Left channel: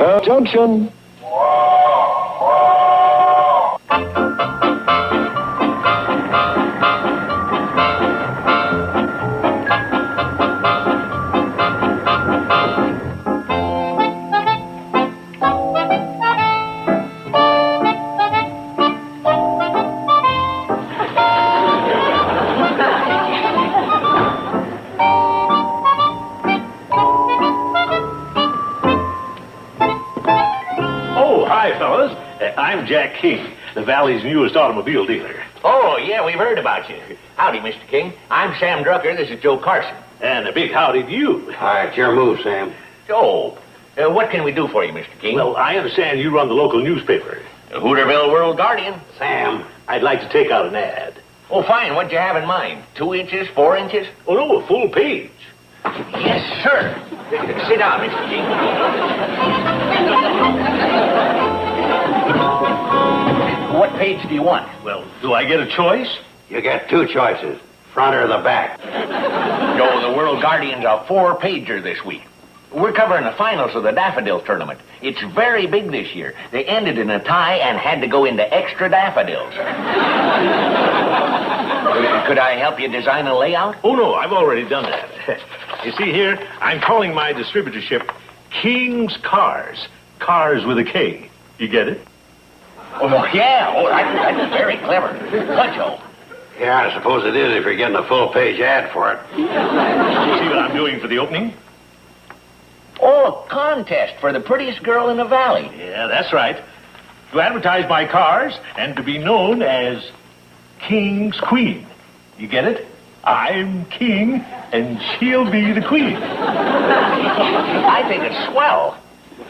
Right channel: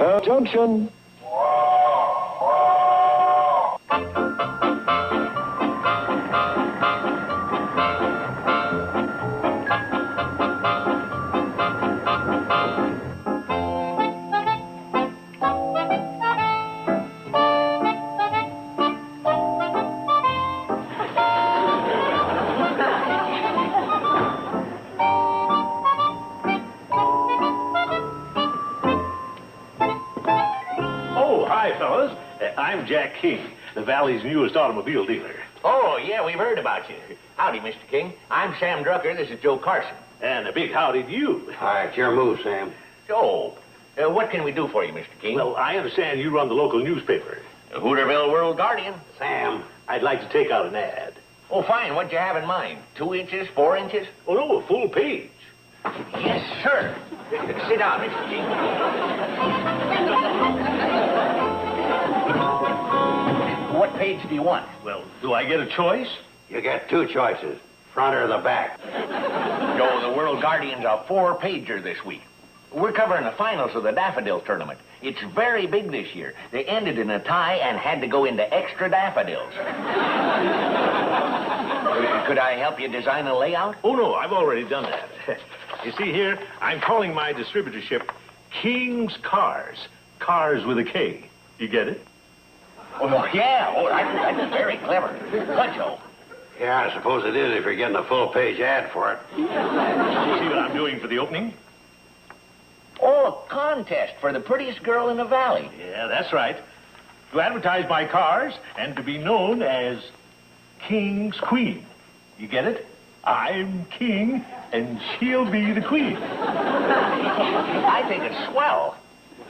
Petticoat Junction. I'm Jack King, the Valley's newest automobile dealer. Oh, yeah, we've heard about you. Howdy, Mr. King. I'm Sam Drucker. This is Joe Carson. And a big howdy to you. All right, your move, Sam. Joe, what can we do for you, Mr. King? Well, I understand you run the local newspaper. The Hooterville World Guardian. Sam. I'd like to take out an ad. Oh, fine. What'd you have in mind? 2 inches, 4 inches? Oh, no, a full page. Yes, sir. Sit down, Mr. King. What page do you want? Well, do I get a choice? You get 2 choices, front or the back. Joe, the World Guardian's a 4-pager this week. We're covering the finals of the Daffodils tournament. It's very big this year. They ended in a tie and had to go into extra daffodils. Could I help you design a layout? Oh, no, I've already done that. You see here, I'm calling my distributorship King's Cars. Cars with a K. You get it? Oh, yeah. Oh, that's very clever. What, Joe? Yeah, I suppose it is if you're getting a full-page ad for it. See what I'm doing for the opening? Oh, a contest for the prettiest girl in the valley. Yeah, that's right. To advertise my cars and to be known as King's Queen. You get it? I'm king, and she'll be the queen. I think it's swell.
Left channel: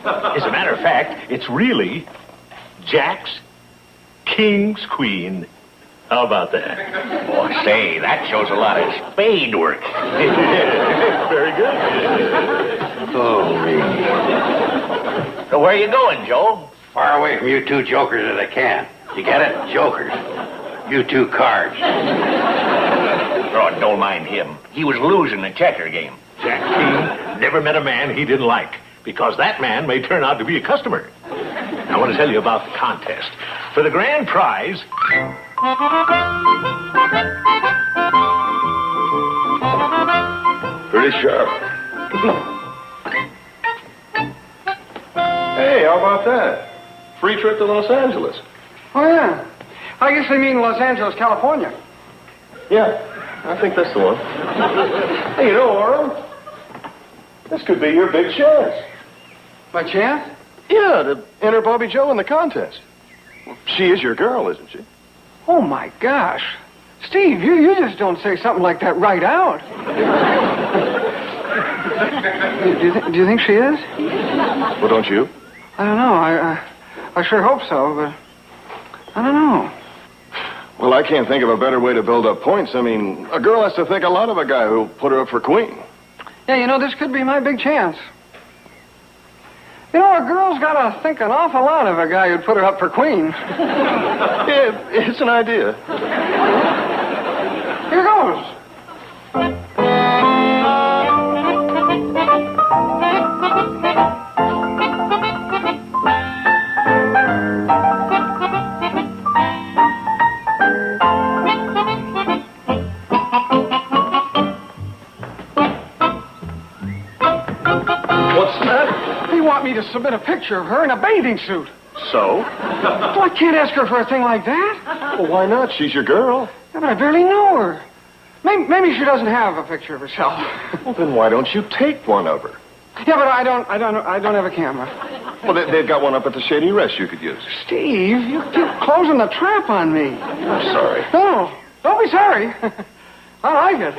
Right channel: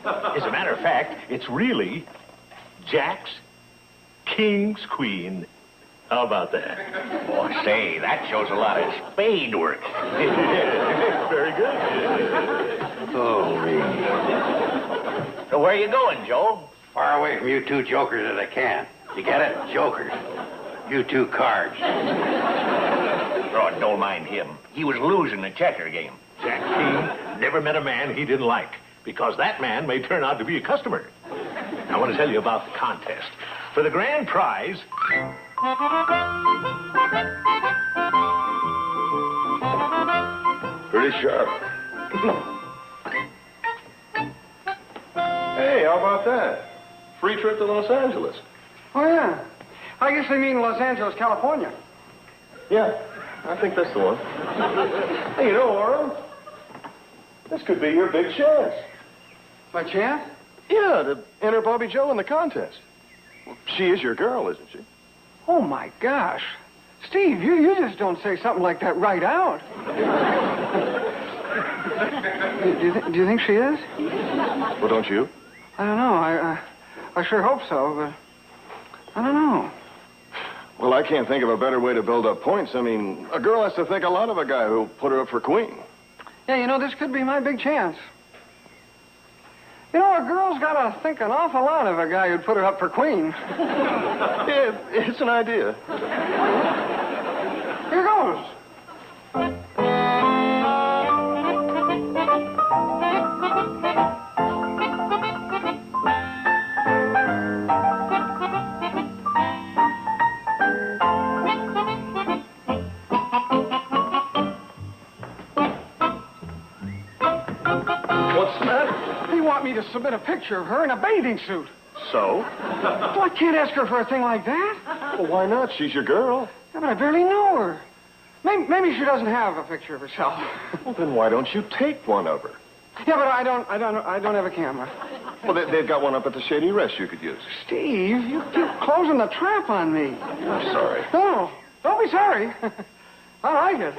As a matter of fact, it's really Jack's King's Queen. How about that? Oh, say, that shows a lot of spade work. Very good. Oh, So where are you going, Joe? far away from you 2 jokers as I can. You get it? Jokers. You 2 cards. Oh, don't mind him. He was losing the checker game. Jack King never met a man he didn't like, because that man may turn out to be a customer. I want to tell you about the contest. For the grand prize... Pretty sharp. Hey, how about that? Free trip to Los Angeles. Oh, yeah. I guess they mean Los Angeles, California. Yeah, I think that's the one. Hey, you know, Earl, this could be your big chance. By chance? Yeah, to enter Bobby Joe in the contest. She is your girl, isn't she? Oh, my gosh. Steve, you just don't say something like that right out. Do you think she is? Well, don't you? I don't know. I sure hope so, but I don't know. Well, I can't think of a better way to build up points. I mean, a girl has to think a lot of a guy who'll put her up for queen. Yeah, you know, this could be my big chance. You know, a girl's got to think an awful lot of a guy who'd put her up for queen. Yeah, it's an idea. Here goes. What's that? They want me to submit a picture of her in a bathing suit. So? Well, I can't ask her for a thing like that. Well, why not? She's your girl. Yeah, but I barely know her. Maybe she doesn't have a picture of herself. Well, then why don't you take one of her? Yeah, but I don't have a camera. Well, they've got one up at the Shady Rest you could use. Steve, you're closing the trap on me. I'm sorry. No, don't be sorry. I like it.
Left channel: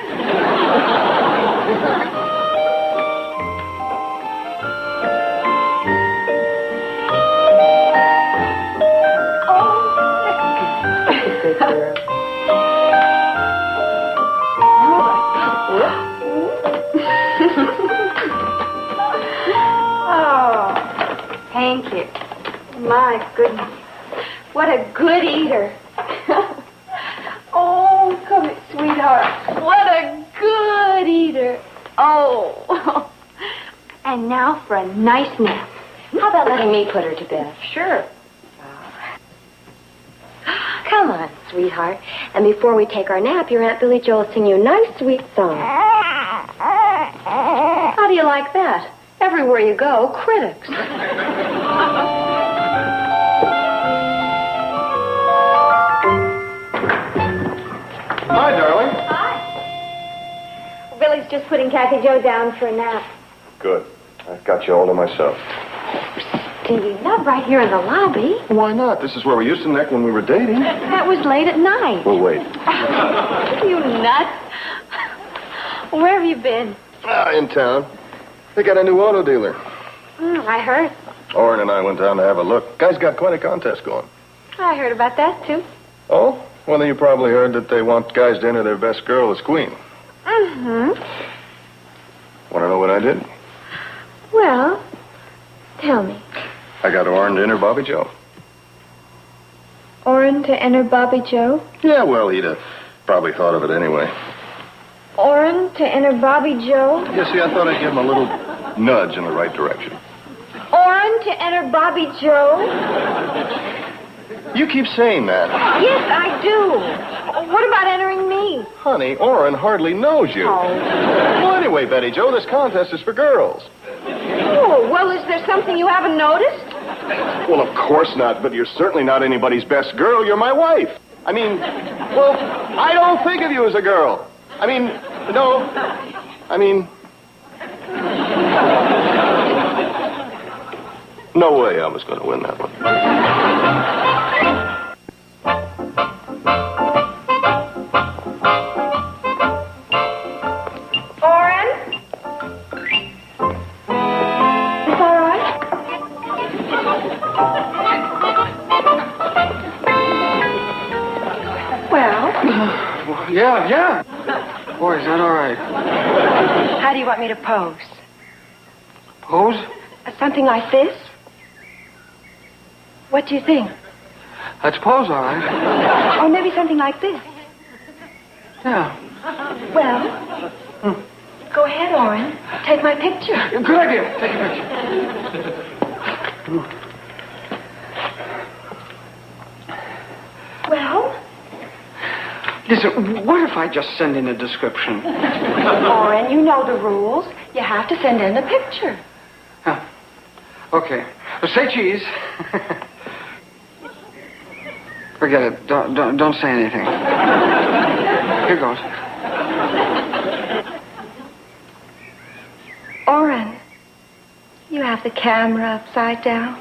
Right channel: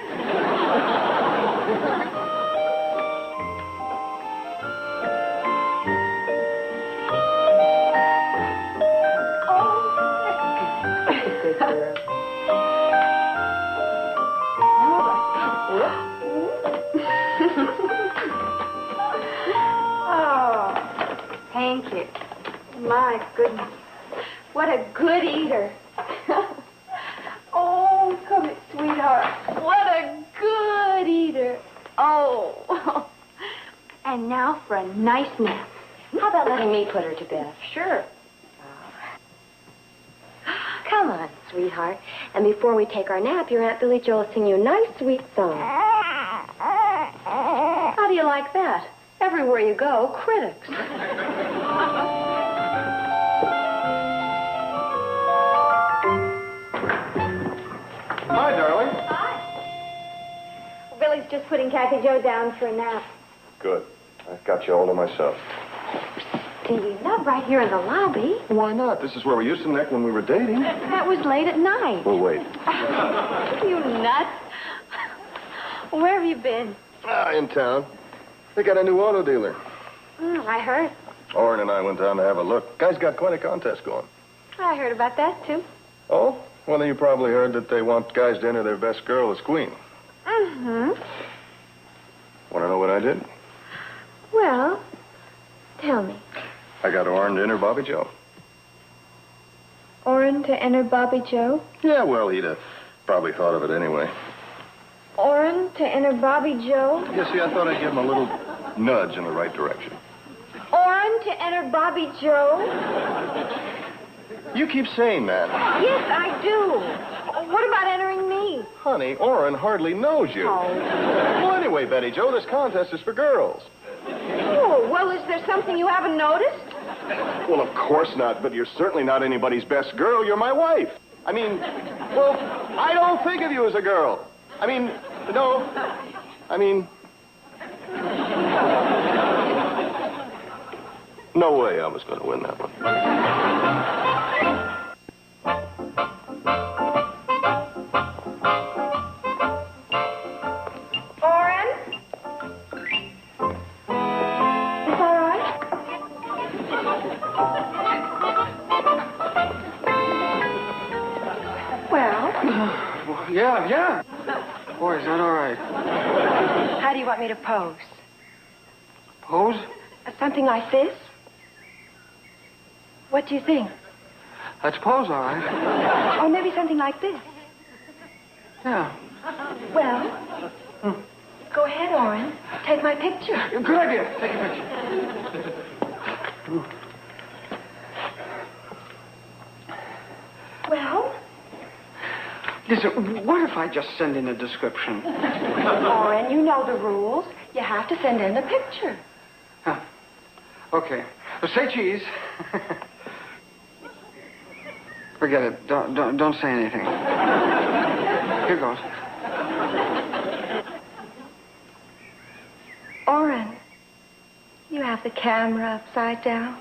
Oh, thank you. My goodness. What a good eater. Oh, come here, sweetheart. What a good eater. Oh. And now for a nice nap. How about letting me put her to bed? Sure. Come on, sweetheart. And before we take our nap, your Aunt Billy Jo will sing you a nice, sweet song. How do you like that? Everywhere you go, critics. Hi, darling. Hi. Billy's just putting Kathy Jo down for a nap. Good. I've got you all to myself. Stevie, not right here in the lobby. Why not? This is where we used to neck when we were dating. That was late at night. Well, wait. You nuts. Where have you been? In town. They got a new auto dealer. I heard. Orrin and I went down to have a look. Guy's got quite a contest going. I heard about that, too. Oh? Well, then you probably heard that they want guys to enter their best girl as queen. Mm-hmm. Want to know what I did? Well, tell me. I got Orrin to enter Bobby Jo. Orrin to enter Bobby Jo? Yeah, well, he'd have probably thought of it anyway. Orrin to enter Bobby Jo? You see, I thought I'd give him a little nudge in the right direction. Orrin to enter Bobby Jo? You keep saying that. Yes, I do. What about entering me? Honey, Orrin hardly knows you. Oh. Well, anyway, Betty Jo, this contest is for girls. Oh, well, is there something you haven't noticed? Well, of course not, but you're certainly not anybody's best girl. You're my wife. I mean, well, I don't think of you as a girl. I mean, no. I mean... No way I was going to win that one. Orrin? Is that all right? Well, Yeah. Boy, is that all right. how do you want me to pose? Pose? Something like this? What do you think? Let's pose, all right. Or maybe something like this. Yeah. Well, go ahead, Orrin. Take my picture. Good idea. Take a picture. Well, Listen, what if I just send in a description? Orrin, you know the rules. You have to send in a picture. Huh. Okay. Say cheese. Forget it. Don't say anything. Here goes. Orrin, you have the camera upside down.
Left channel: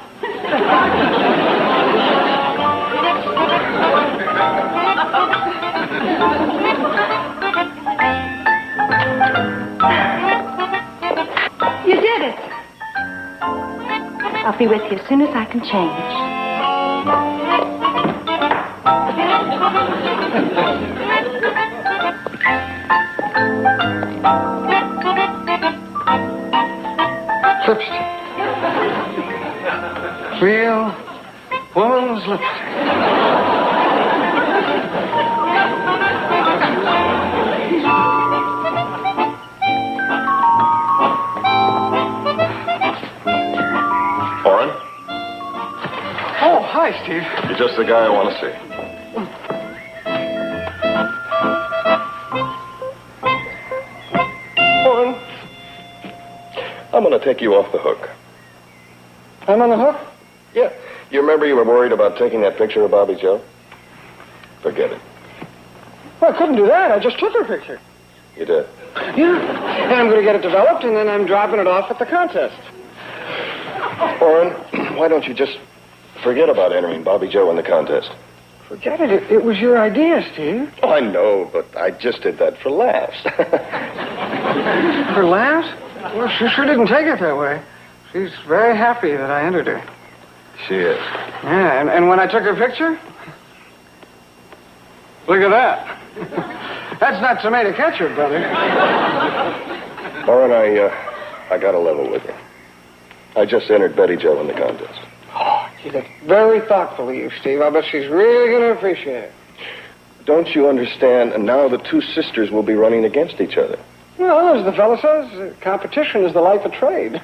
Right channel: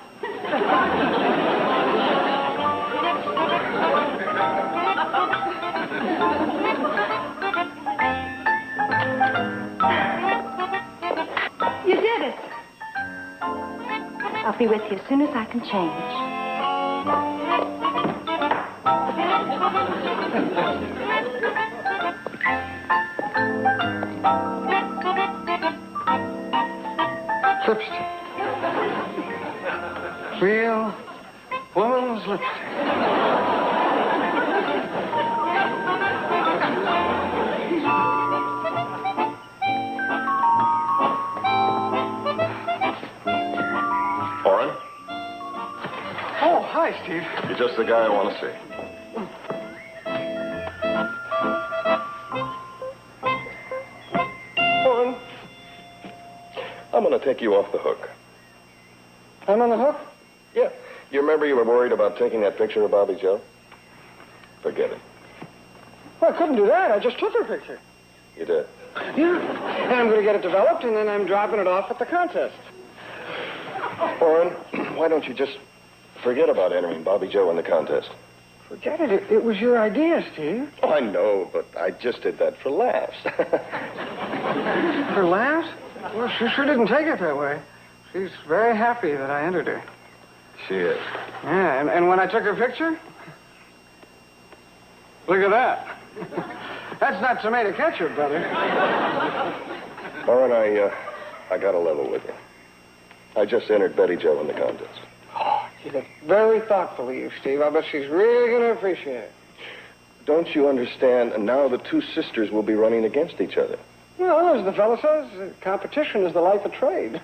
You did it. I'll be with you as soon as I can change. Lipstick. Real woman's lipstick. Orrin, Oh, hi, Steve. you're just the guy I want to see. Orrin, I'm going to take you off the hook. I'm on the hook? Yeah. You remember you were worried about taking that picture of Bobby Jo? Forget it. Well, I couldn't do that. I just took her picture. You did. Yeah. And I'm going to get it developed, and then I'm dropping it off at the contest. Orrin, why don't you just forget about entering Bobby Jo in the contest? Forget it. It was your idea, Steve. Oh, I know, but I just did that for laughs. For laughs? Well, she sure didn't take it that way. She's very happy that I entered her. She is. Yeah, and when I took her picture, look at that. That's not tomato ketchup, brother. Orrin, I got a level with you. I just entered Betty Jo in the contest. Oh, you look very thoughtful of you, Steve. I bet she's really going to appreciate it. Don't you understand? And now the two sisters will be running against each other. Well, as the fellow says, competition is the life of trade.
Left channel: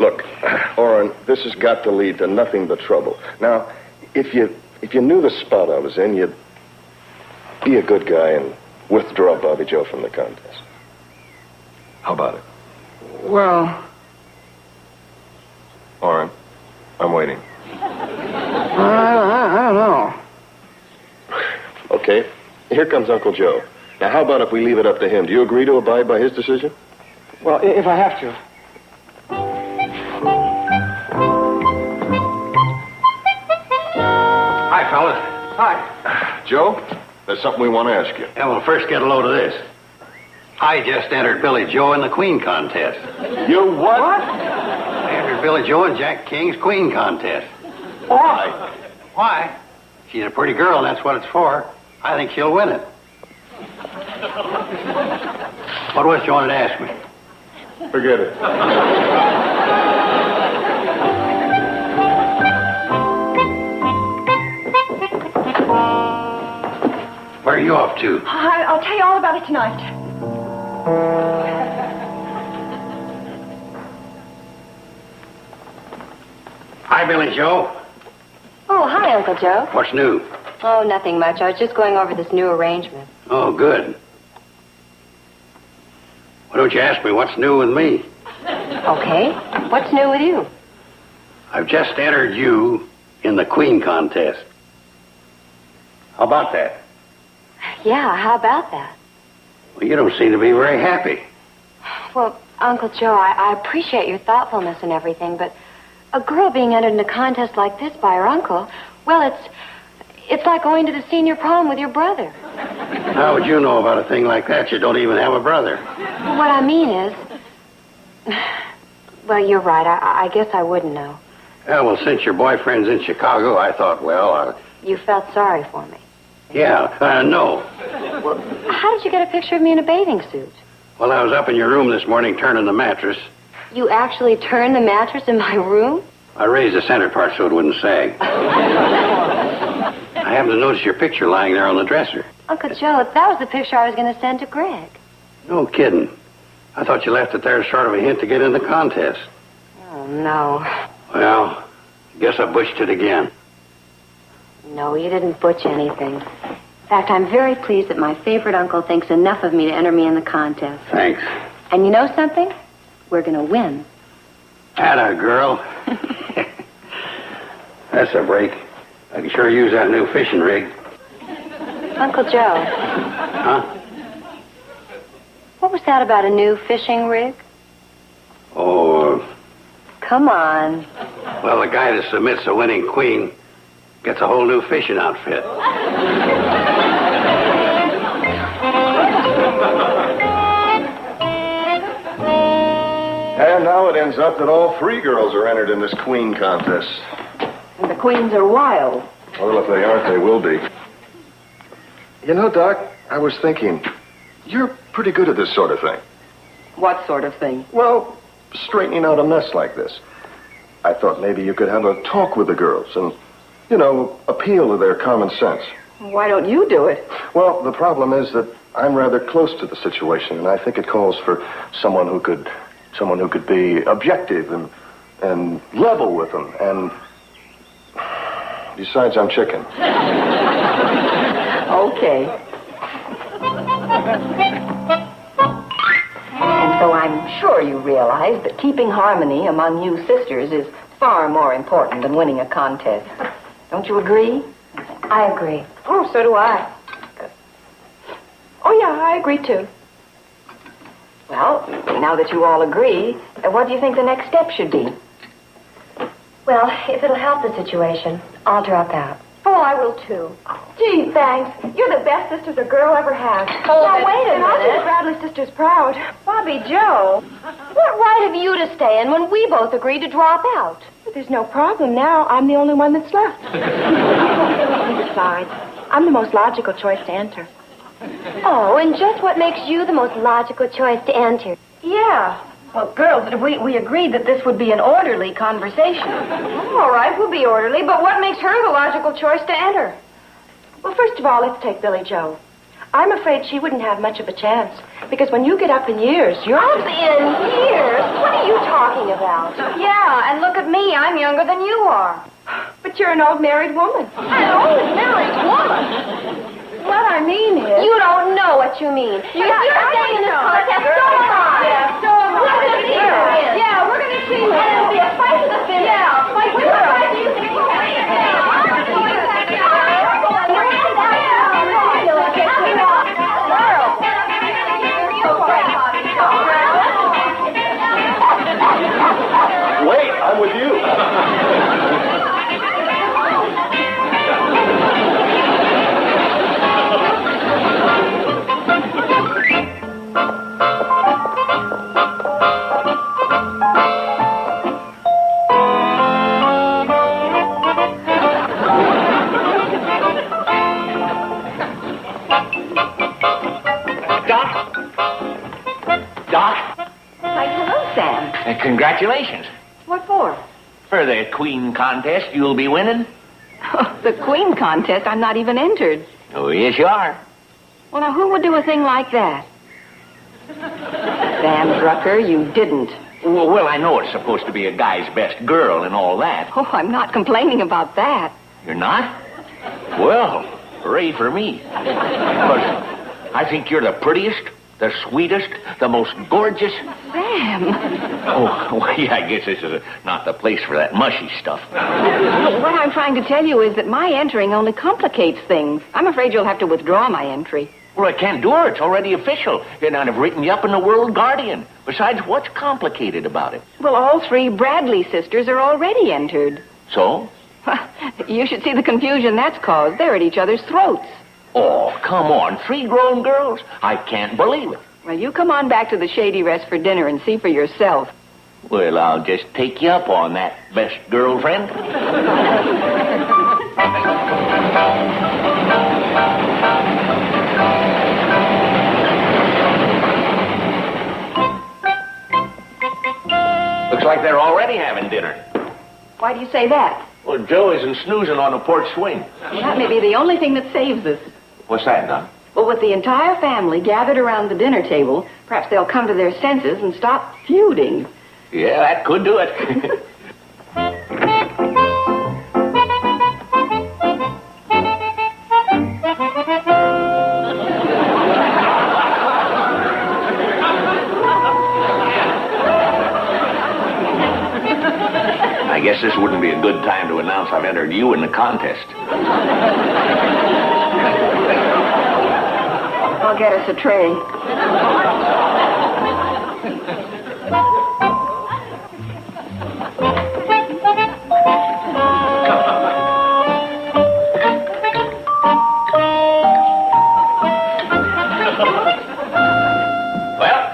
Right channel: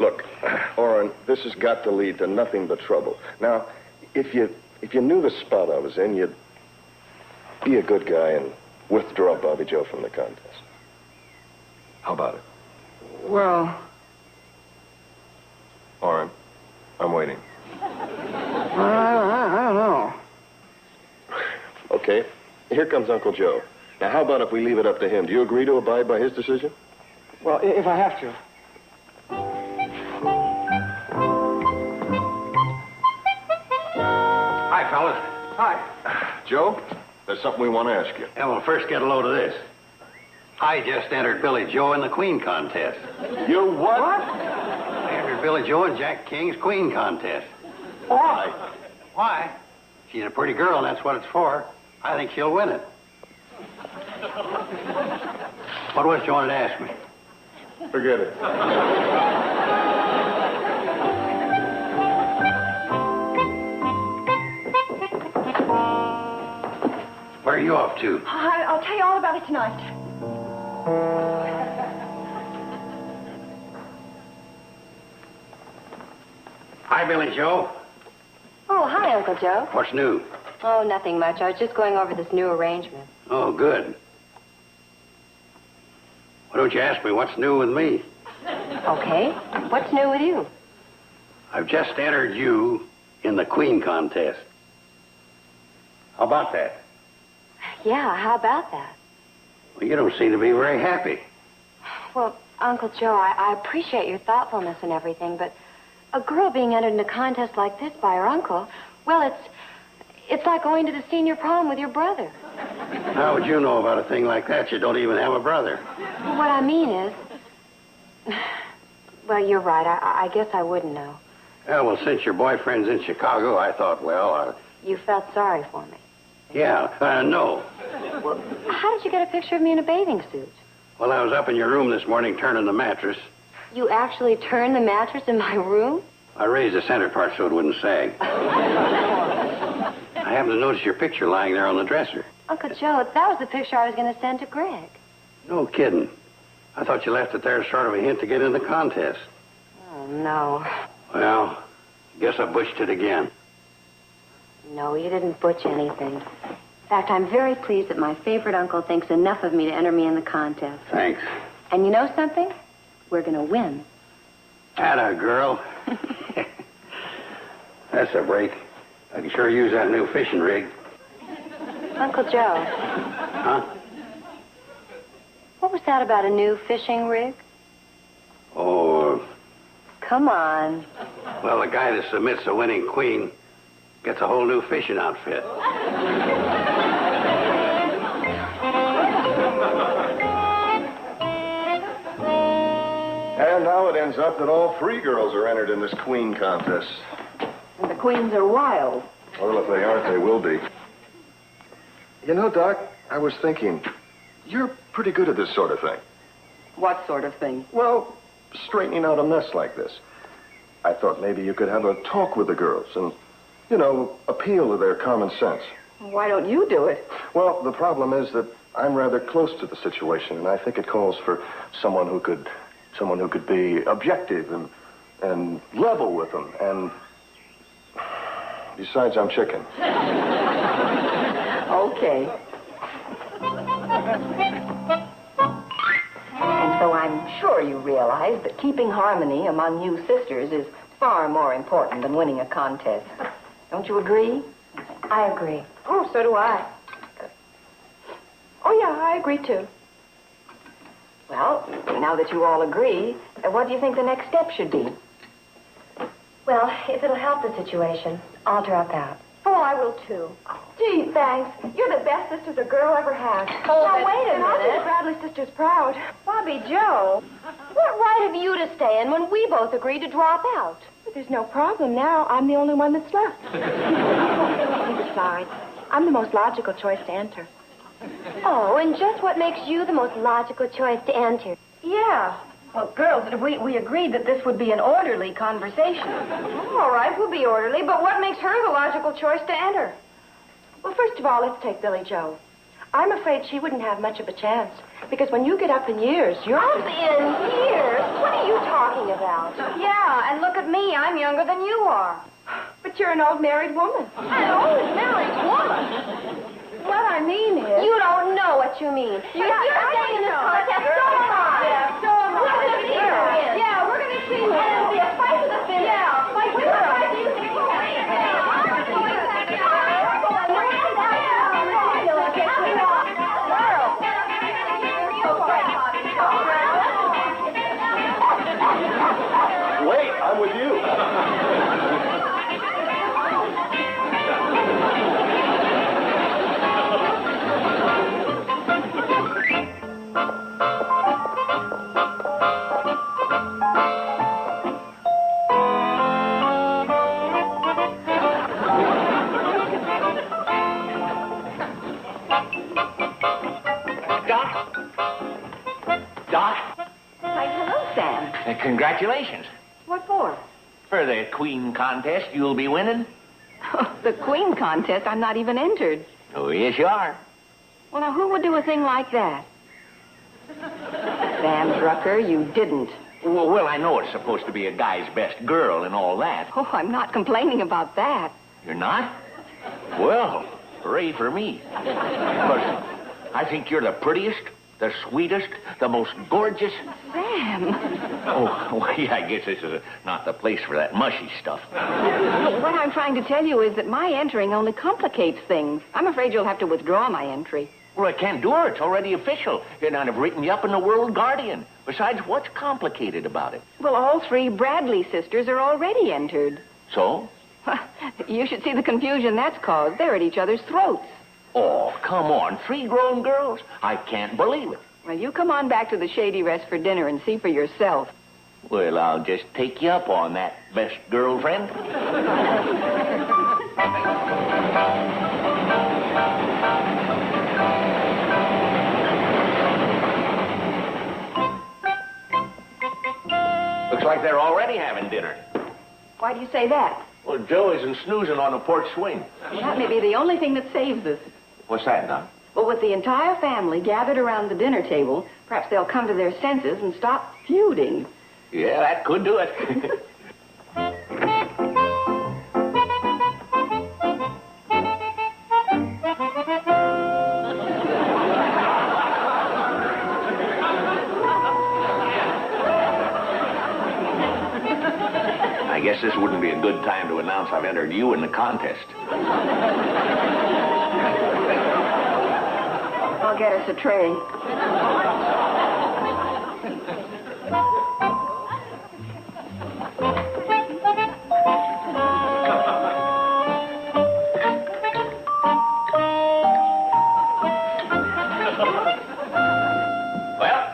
Look, this has got to lead to nothing but trouble. Now, if you knew the spot I was in, you'd be a good guy and withdraw Bobby Joe from the contest. How about it? Well, All right. I'm waiting. I don't know. Okay. Here comes Uncle Joe. Now, how about if we leave it up to him? Do you agree to abide by his decision? Well, if I have to. Hi, fellas. Hi. Joe, there's something we want to ask you. Yeah, well, first get a load of this. I just entered Billy Joe in the Queen contest. You what? I entered Billy Joe in Jack King's Queen contest. Why? Why? She's a pretty girl, and that's what it's for. I think she'll win it. What was you wanted to ask me? Forget it. Where are you off to? I'll tell you all about it tonight. Hi, Billy Joe. Oh, hi, Uncle Joe. What's new? Oh, nothing much. I was just going over this new arrangement. Oh, good. Why don't you ask me what's new with me? Okay. What's new with you? I've just entered you in the Queen contest. How about that? Yeah, how about that? Well, you don't seem to be very happy. Well, Uncle Joe, I appreciate your thoughtfulness and everything, but a girl being entered in a contest like this by her uncle, well, it's like going to the senior prom with your brother. How would you know about a thing like that? You don't even have a brother. What I mean is... Well, you're right. I guess I wouldn't know. Yeah, well, since your boyfriend's in Chicago, I thought, well, You felt sorry for me. no. How did you get a picture of me in a bathing suit? Well, I was up in your room this morning turning the mattress. You actually turned the mattress in my room? I raised the center part so it wouldn't sag. I happened to notice your picture lying there on the dresser. Uncle Joe, that was the picture I was going to send to Greg. No kidding. I thought you left it there as sort of a hint to get in the contest. Oh, no. Well, guess I bushed it again. No, you didn't butch anything. In fact, I'm very pleased that my favorite uncle thinks enough of me to enter me in the contest. Thanks. And you know something? We're going to win. Atta girl. That's a break. I can sure use that new fishing rig. Uncle Joe, Huh? what was that about a new fishing rig? Oh, Come on. well, the guy that submits a winning queen gets a whole new fishing outfit. And now it ends up that all three girls are entered in this Queen contest. And the queens are wild. Well, if they aren't, they will be. You know, Doc, I was thinking, you're pretty good at this sort of thing. What sort of thing? Well, straightening out a mess like this. I thought maybe you could have a talk with the girls and, appeal to their common sense. Why don't you do it? Well, the problem is that I'm rather close to the situation, and I think it calls for someone who could be objective and level with them. And besides, I'm chicken. Okay. And so I'm sure you realize that keeping harmony among you sisters is far more important than winning a contest. Don't you agree? I agree. Oh, so do I. Oh, yeah, I agree, too. Well, now that you all agree, what do you think the next step should be? Well, if it'll help the situation, I'll drop out. Oh, I will, too. Gee, thanks. You're the best sisters a girl ever had. Oh, now, wait a And I'll minute. do Bradley sisters proud. Bobby Joe, what right have you to stay in when we both agreed to drop out? There's no problem now. I'm the only one that's left. Besides, I'm the most logical choice to enter. Oh, and just what makes you the most logical choice to enter? Yeah. Well, girls, we agreed that this would be an orderly conversation. All right, we'll be orderly, but what makes her the logical choice to enter? Well, first of all, let's take Billy Joe. I'm afraid she wouldn't have much of a chance, because when you get up in years, you're... Up in years? What are you talking about? Yeah, and look at me. I'm young younger than you are. But you're an old married woman. An old married woman? What I mean is... You don't know what you mean. If you're staying in this contest, so am I. Yeah, so am I. We're going to see her. Yeah, we're going to see her. And it'll be a fight to the finish. Yeah, a fight to the finish. Wait, I'm with you. Doc, Why, hello, Sam. and congratulations. What for? For the Queen contest you'll be winning. The Queen contest? I'm not even entered. Oh, yes, you are. Well, now, who would do a thing like that? Sam Drucker, you didn't. Well, I know it's supposed to be a guy's best girl and all that. Oh, I'm not complaining about that. You're not? Well, hooray for me. Because I think you're the prettiest, the sweetest, the most gorgeous. Sam. Oh, well, yeah, I guess this is not the place for that mushy stuff. What I'm trying to tell you is that my entering only complicates things. I'm afraid you'll have to withdraw my entry. Well, I can't do it. It's already official. And I've written you up in the World Guardian. Besides, what's complicated about it? Well, all three Bradley sisters are already entered. So? You should see the confusion that's caused. They're at each other's throats. Oh, come on. 3 grown girls? I can't believe it. Well, you come on back to the Shady Rest for dinner and see for yourself. Well, I'll just take you up on that, best girlfriend. Looks like they're already having dinner. Why do you say that? Well, Joe isn't snoozing on the porch swing. That may be the only thing that saves us. What's that, Doc? Well, with the entire family gathered around the dinner table, perhaps they'll come to their senses and stop feuding. Yeah, that could do it. I guess this wouldn't be a good time to announce I've entered you in the contest. I'll get us a tray. Well,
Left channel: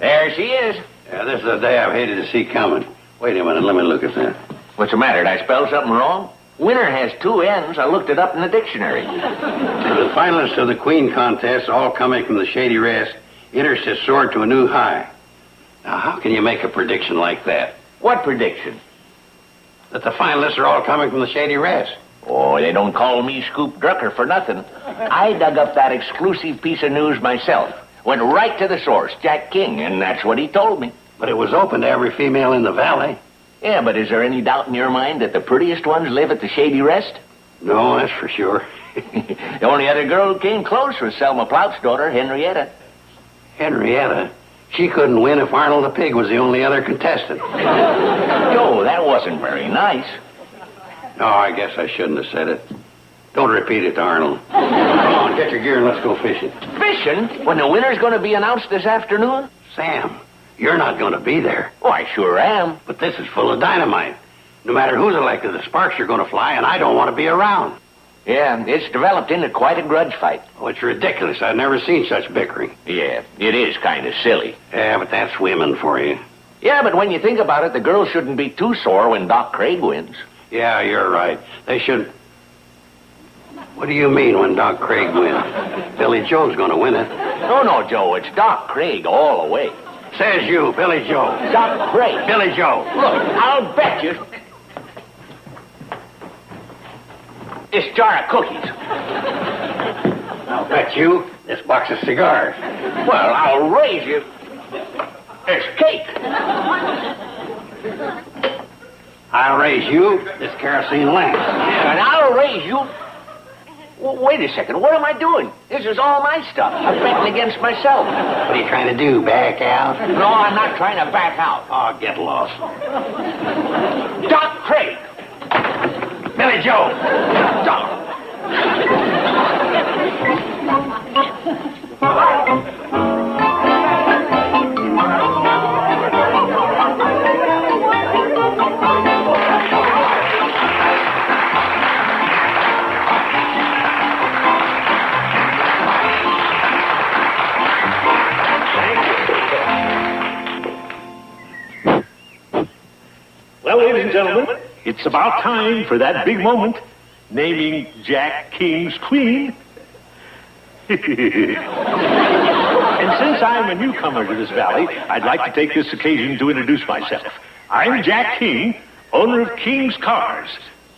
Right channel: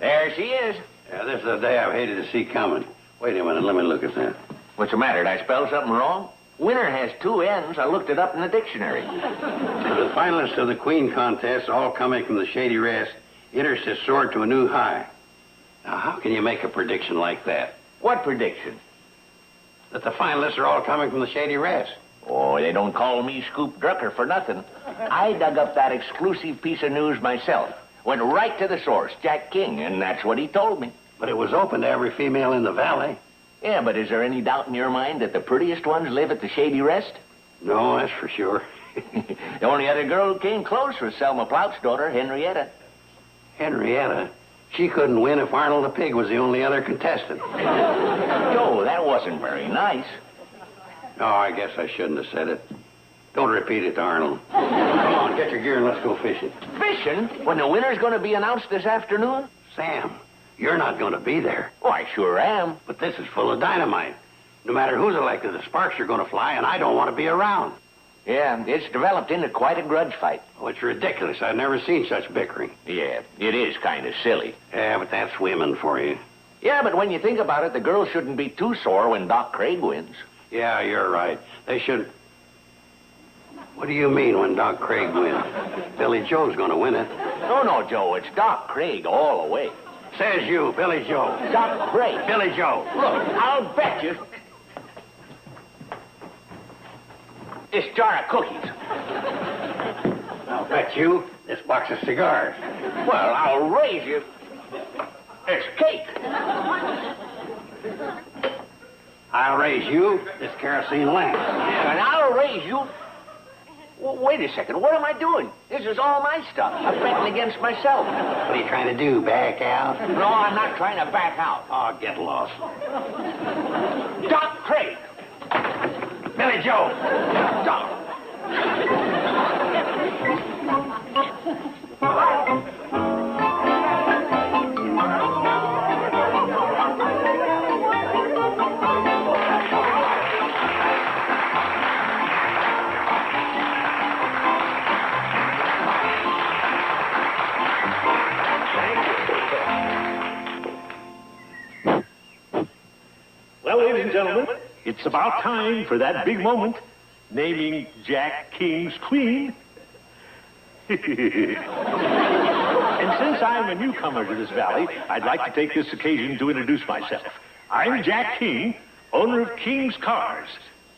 there she is. Yeah, this is the day I've hated to see coming. Wait a minute, let me look at that. What's the matter? Did I spell something wrong? Winner has 2 N's. I looked it up in the dictionary. The finalists of the Queen contest, all coming from the Shady Rest, enters has soared to a new high. Now, how can you make a prediction like that? What prediction? That the finalists are all coming from the Shady Rest. Oh, they don't call me Scoop Drucker for nothing. I dug up that exclusive piece of news myself. Went right to the source, Jack King, and that's what he told me. But it was open to every female in the valley. Yeah, but is there any doubt in your mind that the prettiest ones live at the Shady Rest? No, that's for sure. The only other girl who came close was Selma Plout's daughter, Henrietta. Henrietta? She couldn't win if Arnold the Pig was the only other contestant. No, that wasn't very nice. No, I guess I shouldn't have said it. Don't repeat it to Arnold. Come on, get your gear and let's go fishing. Fishing? When the winner's going to be announced this afternoon? Sam, you're not going to be there. Oh, I sure am. But this is full of dynamite. No matter who's elected, the sparks are going to fly, and I don't want to be around. Yeah, it's developed into quite a grudge fight. Oh, it's ridiculous. I've never seen such bickering. Yeah, it is kind of silly. Yeah, but that's women for you. Yeah, but when you think about it, the girls shouldn't be too sore when Doc Craig wins. Yeah, you're right. They should... What do you mean when Doc Craig wins? Billy Joe's going to win it. No, Joe, it's Doc Craig all the way. Says you, Billy Joe. Doc Craig. Billy Joe. Look, I'll bet you. This jar of cookies. I'll bet you this box of cigars. Well, I'll raise you. There's cake. I'll raise you. This kerosene lamp. Yeah, and I'll raise you. Wait a second. What am I doing? This is all my stuff. I'm betting against myself. What are you trying to do, back out? No, I'm not trying to back out. Oh, get lost. Doc Craig. Billy Joe. Doc. Well, ladies and gentlemen, it's about time for that big moment, naming Jack King's Queen. And since I'm a newcomer to this valley, I'd like to take this occasion to introduce myself. I'm Jack King, owner of King's Cars.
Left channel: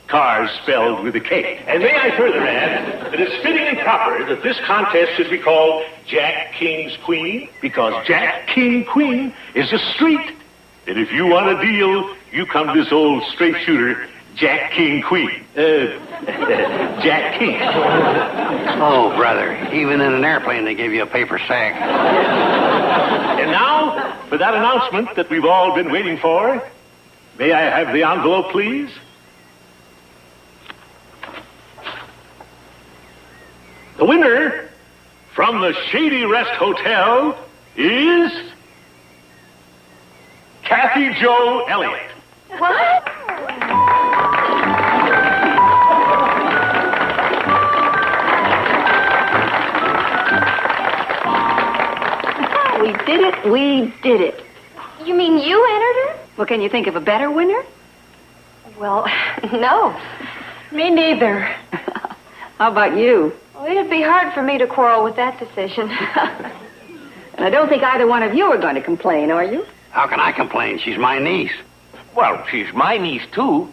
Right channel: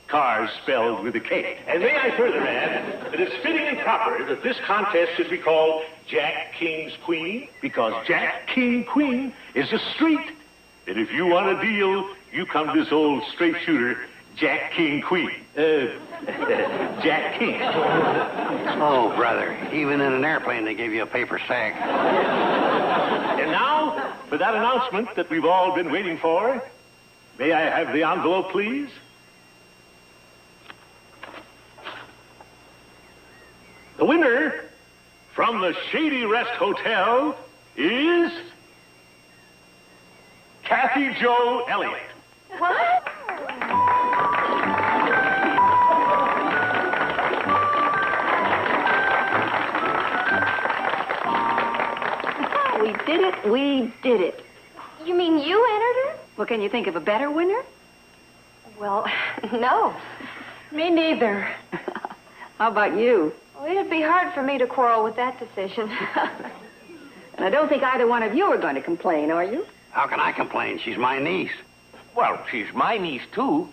Cars spelled with a K. And may I further add that it's fitting and proper that this contest should be called Jack King's Queen, because Jack King Queen is a street. And if you want a deal, you come to this old straight shooter, Jack King Queen. Jack King. Oh, brother, even in an airplane they give you a paper sack. And now, for that announcement that we've all been waiting for, may I have the envelope, please? The winner from the Shady Rest Hotel is Kathy Jo Elliott. What? We did it. We did it. You mean you entered her? Well, can you think of a better winner? Well, no. Me neither. How about you? Well, it'd be hard for me to quarrel with that decision. And I don't think either one of you are going to complain, are you? How can I complain? She's my niece. Well, she's my niece, too.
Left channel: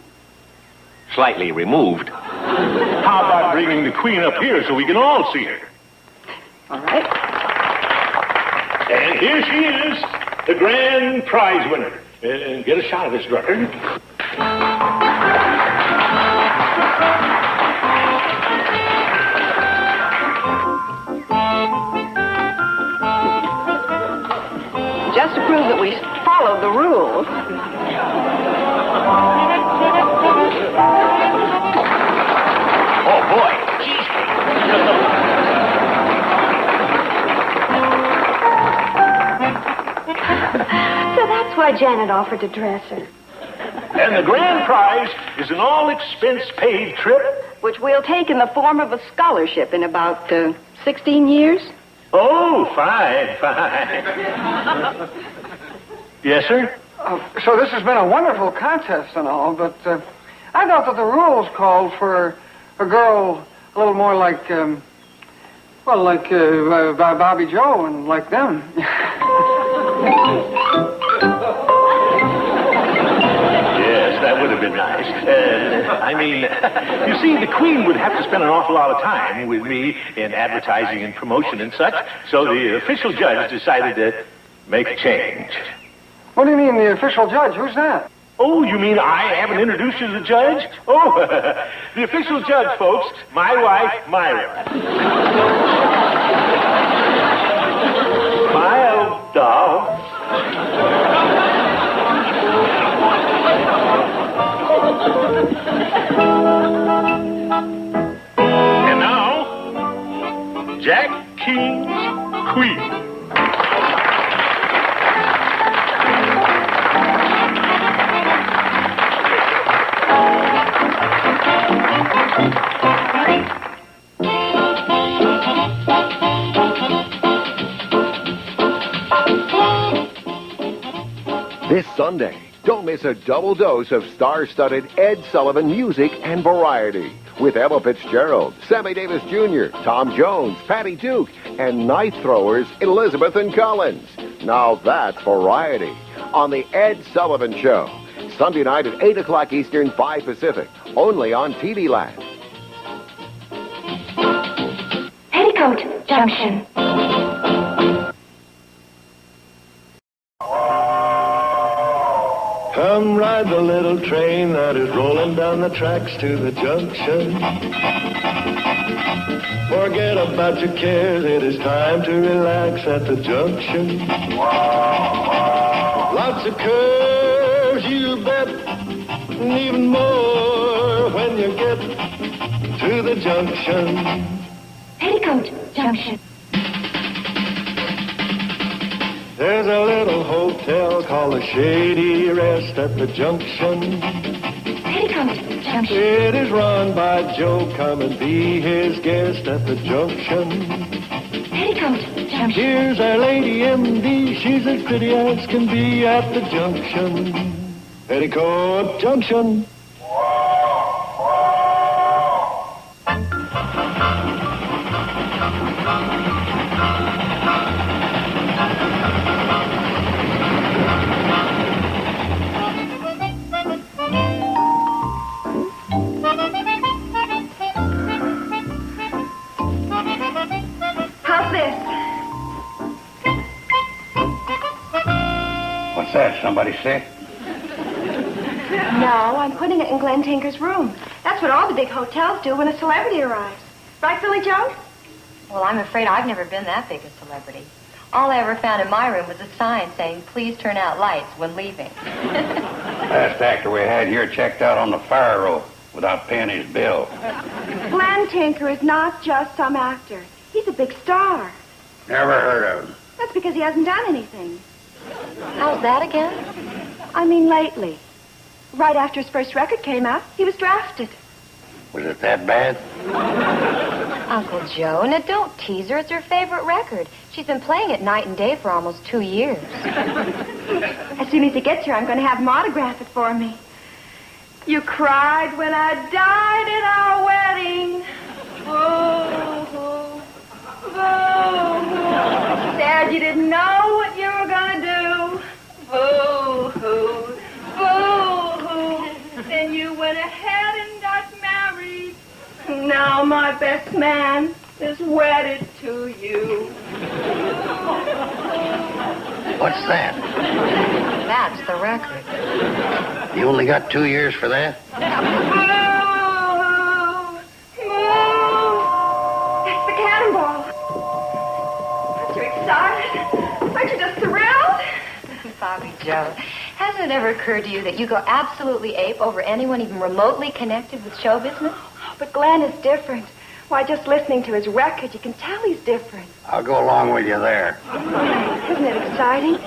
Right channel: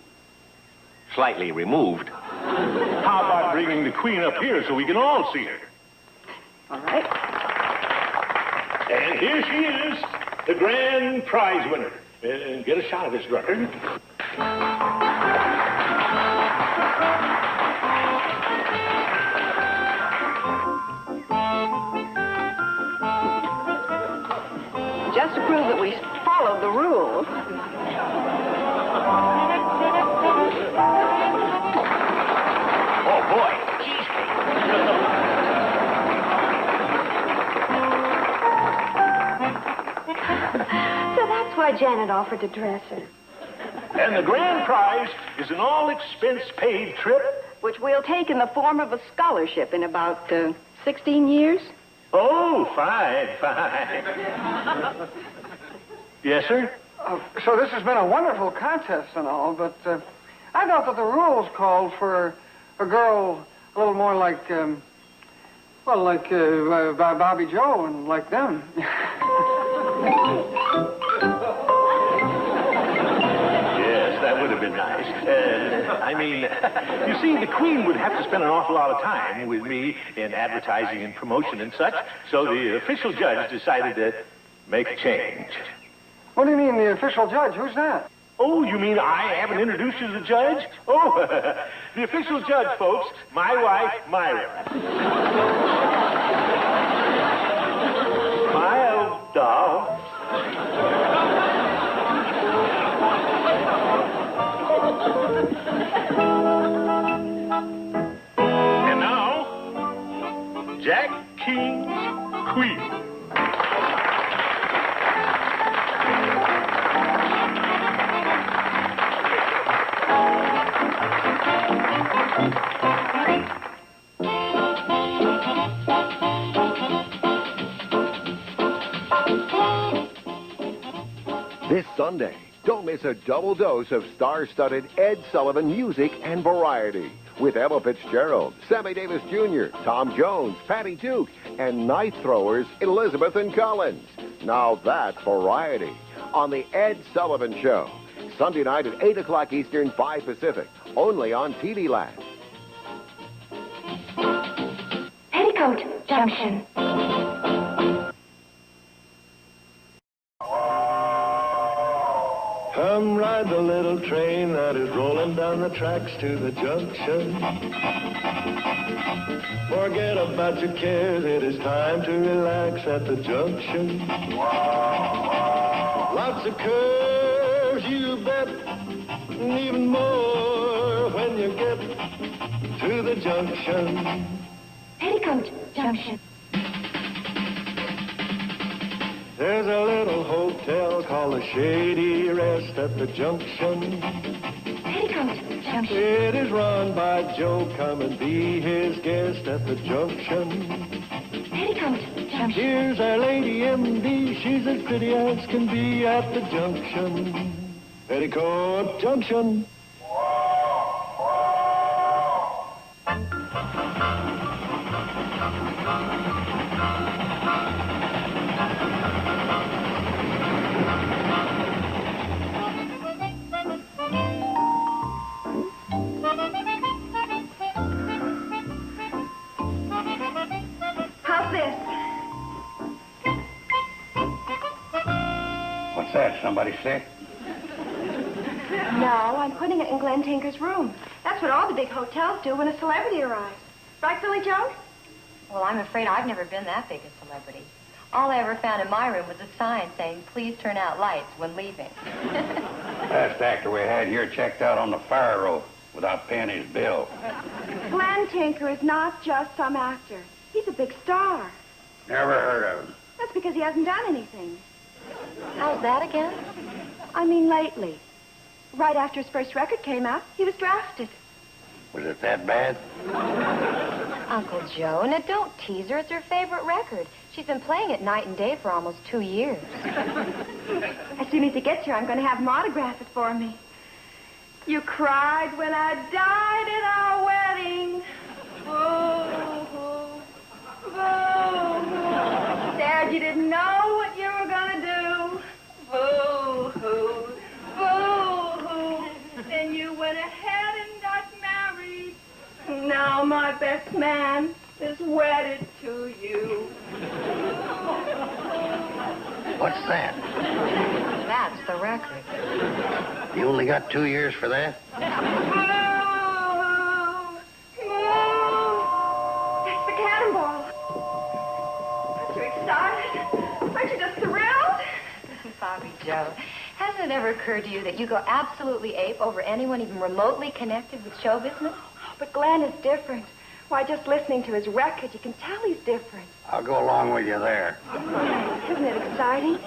Slightly removed. How about bringing the Queen up here so we can all see her? All right. And here she is, the grand prize winner. And get a shot of this, Drucker. Just to prove that we followed the rules. Oh, boy. So that's why Janet offered to dress her. And the grand prize is an all-expense-paid trip. Which we'll take in the form of a scholarship in about 16 years. Oh, fine. Yes, sir? So this has been a wonderful contest and all, but I thought that the rules called for a girl a little more like, like Bobby Joe and like them. Yes, that would have been nice. You see, the Queen would have to spend an awful lot of time with me in advertising and promotion and such, so the official judge decided to make a change. What do you mean, the official judge? Who's that? Oh, you mean I haven't introduced you to the judge? Oh, the official judge, folks, my wife, Myra. My old dog. And now, Jack King's Queen. This Sunday, don't miss a double dose of star-studded Ed Sullivan music and variety with Ella Fitzgerald, Sammy Davis Jr., Tom Jones, Patty Duke, and night throwers Elizabeth and Collins. Now that's variety on the Ed Sullivan Show. Sunday night at 8 o'clock Eastern, 5 Pacific, only on TV Land. Petticoat Junction. Come ride the little train that is rolling down the tracks to the junction. Forget about your cares, it is time to relax at the junction. Lots of curves, you bet, and even more when you get to the junction. Petticoat Junction. There's a little hotel called the Shady Rest at the junction. Petticoat Junction. It is run by Joe. Come and be his guest at the junction. Petticoat Junction. Here's our lady MD. She's as pretty as can be at the junction. Petticoat Junction. How's this? What's that? Somebody sick? No, I'm putting it in Glenn Tinker's room. That's what all the big hotels do when a celebrity arrives. Right, Silly Joe? Well, I'm afraid I've never been that big a celebrity. All I ever found in my room was a sign saying, please turn out lights when leaving. Last actor we had here checked out on the fire roll without paying his bill. Glenn Tinker is not just some actor. He's a big star. Never heard of him. That's because he hasn't done anything. How's that again? I mean, lately. Right after his first record came out, he was drafted. Was it that bad? Uncle Joe, now don't tease her. It's her favorite record. She's been playing it night and day for almost 2 years. As soon as he gets here, I'm going to have him autograph it for me. You cried when I died at our wedding. Boo-hoo, boo-hoo. Said you didn't know what you were going to do. Boo-hoo, boo-hoo. Then you went ahead and got married. Now my best man is wedded to you. What's that? That's the record. You only got 2 years for that? It's the cannonball. Aren't you excited? Aren't you just thrilled? Bobby Joe, hasn't it ever occurred to you that you go absolutely ape over anyone even remotely connected with show business? But Glenn is different. Why, just listening to his record, you can tell he's different. I'll go along with you there. Isn't it exciting?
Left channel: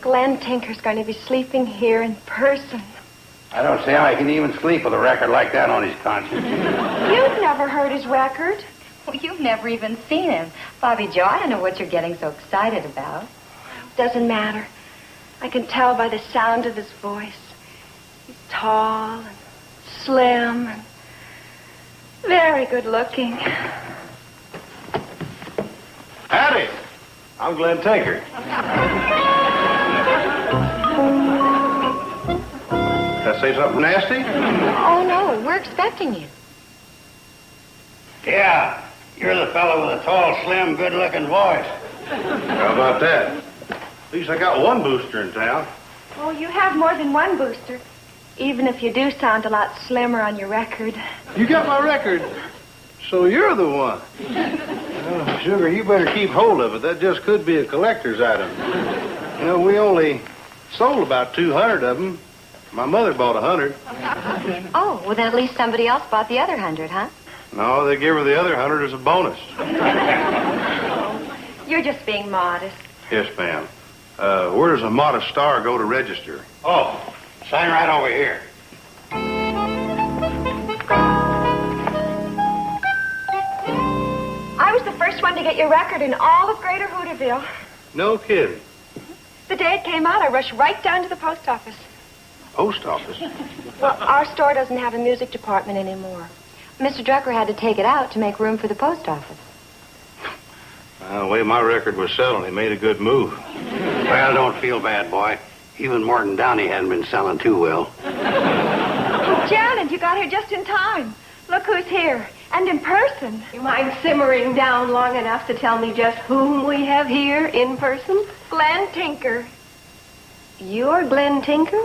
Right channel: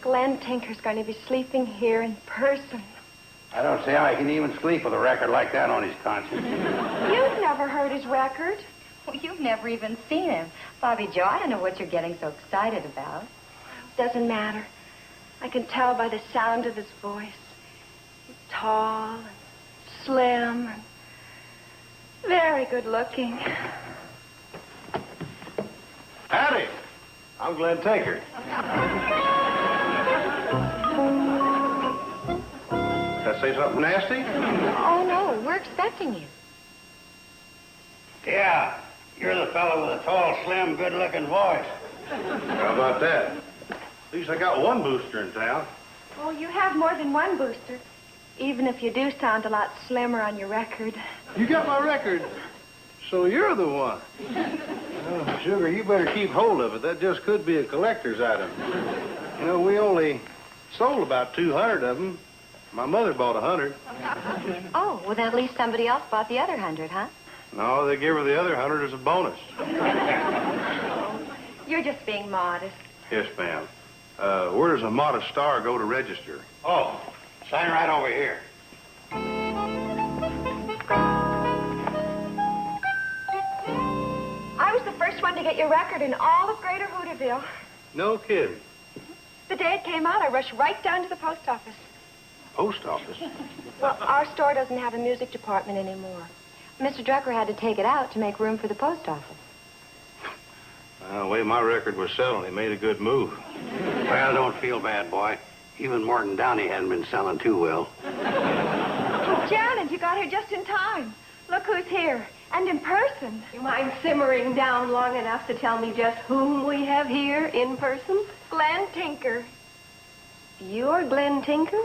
Glenn Tinker's going to be sleeping here in person. I don't see how he can even sleep with a record like that on his conscience. You've never heard his record. Well, you've never even seen him. Bobby Joe, I don't know what you're getting so excited about. Doesn't matter. I can tell by the sound of his voice. He's tall and slim and very good looking. Howdy. I'm Glenn Tinker. Did I say something nasty? Oh, no, we're expecting you. Yeah, you're the fellow with a tall, slim, good-looking voice. How about that? At least I got one booster in town. Oh, you have more than one booster. Even if you do sound a lot slimmer on your record. You got my record, so you're the one. Well, Sugar, you better keep hold of it. That just could be a collector's item. You know, we only sold about 200 of them. My mother bought 100. Oh, well, then at least somebody else bought the other 100, huh? No, they give her the other 100 as a bonus. You're just being modest. Yes, ma'am. Where does a modest star go to register? Oh, sign right over here. I was the first one to get your record in all of Greater Hooterville. No kidding. The day it came out, I rushed right down to the post office. Post office? Well, our store doesn't have a music department anymore. Mr. Drucker had to take it out to make room for the post office. The way my record was selling, he made a good move. Well, don't feel bad, boy. Even Morton Downey hadn't been selling too well. Oh, Janet, you got here just in time. Look who's here, and in person. You mind simmering down long enough to tell me just whom we have here in person? Glenn Tinker. You're Glenn Tinker?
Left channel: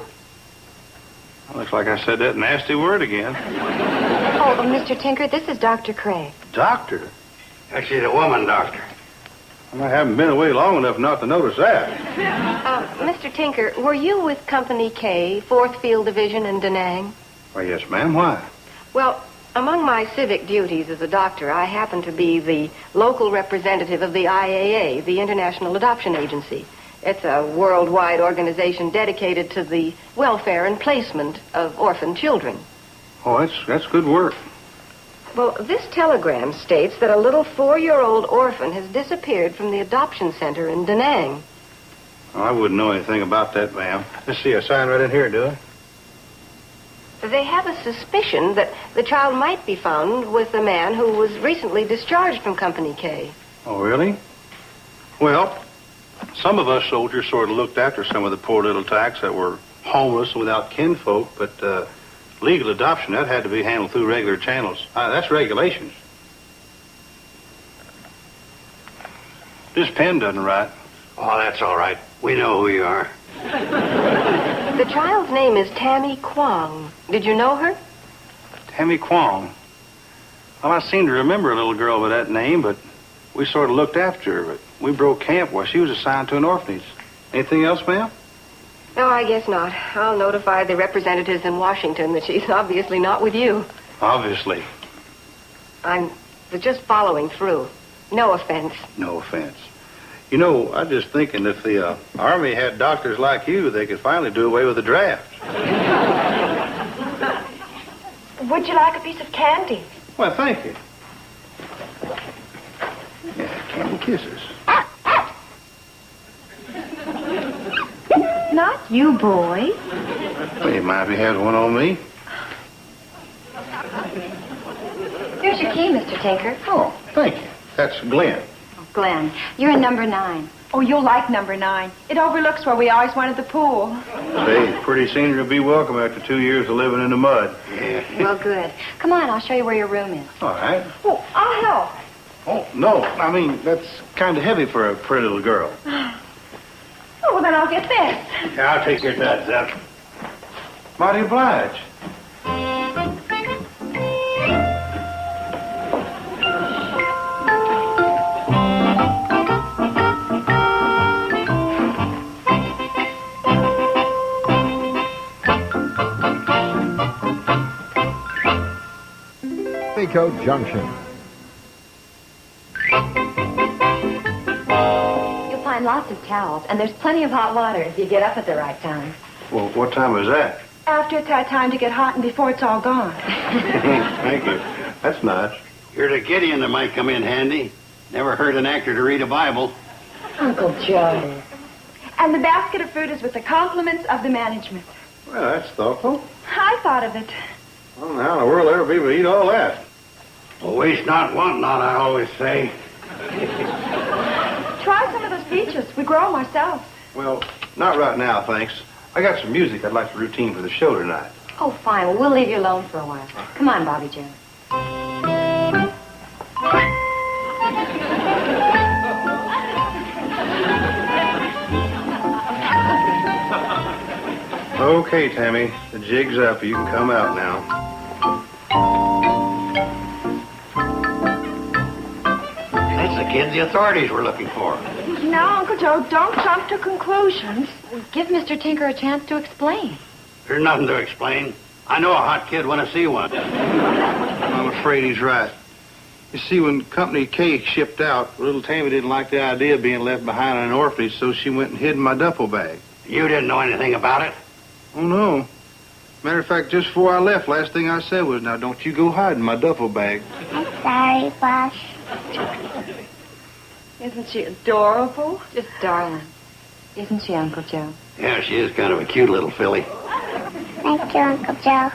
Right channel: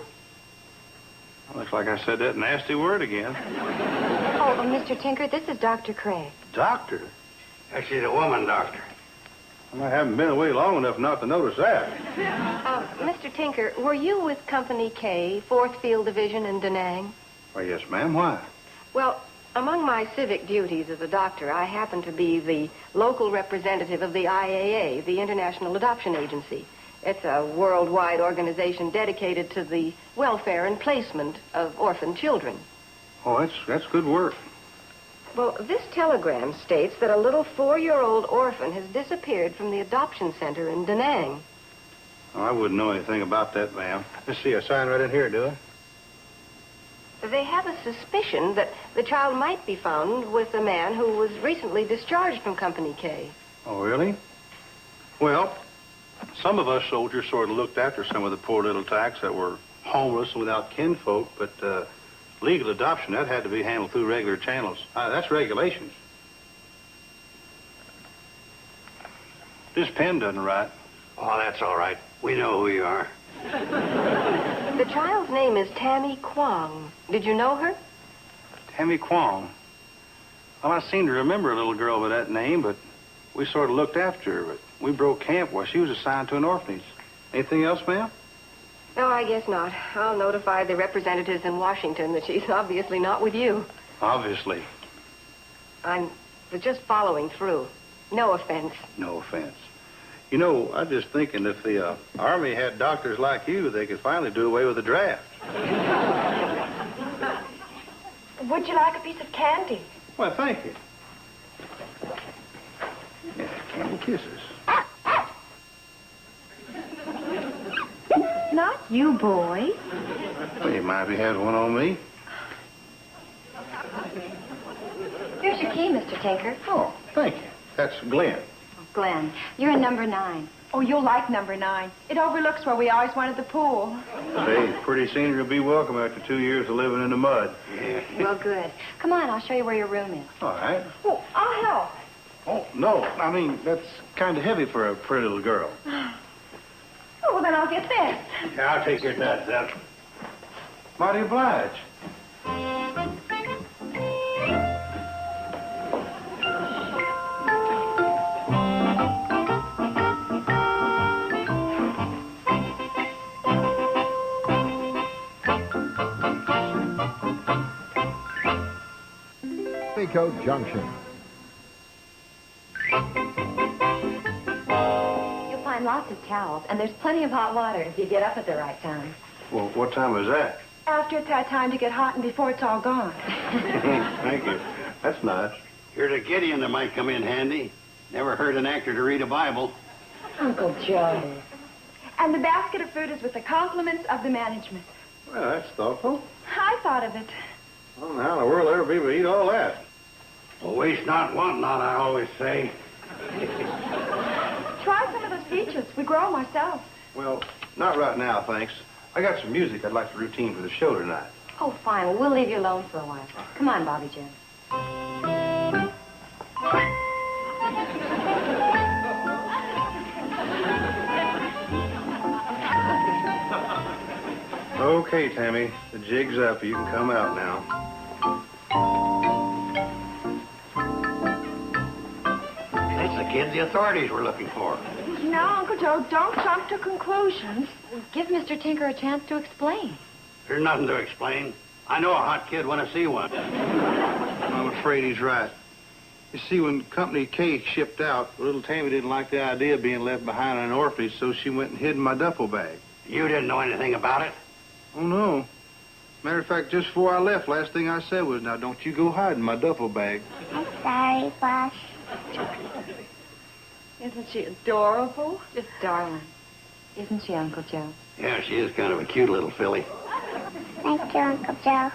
Looks like I said that nasty word again. Oh, Mr. Tinker, this is Dr. Craig. Doctor? Actually, the woman, doctor. I haven't been away long enough not to notice that. Mr. Tinker, were you with Company K, 4th Field Division in Da Nang? Why, yes, ma'am. Why? Well, among my civic duties as a doctor, I happen to be the local representative of the IAA, the International Adoption Agency. It's a worldwide organization dedicated to the welfare and placement of orphan children. Oh, that's good work. Well, this telegram states that a little 4-year-old orphan has disappeared from the adoption center in Da Nang. Oh, I wouldn't know anything about that, ma'am. Let's see, a sign right in here, do I? They have a suspicion that the child might be found with a man who was recently discharged from Company K. Oh, really? Well, some of us soldiers sort of looked after some of the poor little tacks that were homeless without kinfolk, but legal adoption, that had to be handled through regular channels. That's regulations. This pen doesn't write. Oh, that's all right. We know who you are. The child's name is Tammy Kwong. Did you know her? Tammy Kwong. Well, I seem to remember a little girl with that name, but we sort of looked after her. But we broke camp while she was assigned to an orphanage. Anything else, ma'am? No, I guess not. I'll notify the representatives in Washington that she's obviously not with you. Obviously. I'm just following through. No offense. No offense. You know, I'm just thinking if the Army had doctors like you, they could finally do away with the draft. Would you like a piece of candy? Well, thank you. Yeah, candy kisses. Not you, boy. Well, you mind if he has one on me? Here's your key, Mr. Tinker. Oh, thank you. That's Glenn. Glenn, you're in number 9. Oh, you'll like number 9. It overlooks where we always wanted the pool. Say, pretty soon you'll be welcome after 2 years of living in the mud. Well, good. Come on, I'll show you where your room is. All right. Oh, I'll help. Oh, no. I mean, that's kind of heavy for a pretty little girl. Oh, well, then I'll get this. Yeah, I'll take your duds up. Mighty obliged. Petticoat Junction. You'll find lots of towels, and there's plenty of hot water if you get up at the right time. Well, what time is that? After it's had time to get hot and before it's all gone. Thank you. That's nice. You're the Gideon that might come in handy. Never heard an actor to read a Bible. Uncle Joe. And the basket of fruit is with the compliments of the management. Well, that's thoughtful. I thought of it. Well, how in the world ever people eat all that? Well, waste not, want not, I always say. Try some of those peaches. We grow them ourselves. Well, not right now, thanks. I got some music I'd like to routine for the show tonight. Oh, fine. Well, we'll leave you alone for a while. Come on, Bobby Joe. Okay, Tammy. The jig's up. You can come out now. That's the kid the authorities were looking for. Now, Uncle Joe, don't jump to conclusions. Give Mr. Tinker a chance to explain. There's nothing to explain. I know a hot kid when I see one. I'm afraid he's right. You see, when Company K shipped out, little Tammy didn't like the idea of being left behind in an orphanage, so she went and hid in my duffel bag. You didn't know anything about it? Oh, no. Matter of fact, just before I left, last thing I said was, now, don't you go hide in my duffel bag. I'm sorry, Boss. Isn't she adorable? Just darling. Isn't she, Uncle Joe? Yeah, she is kind of a cute little filly. Thank you, Uncle Joe.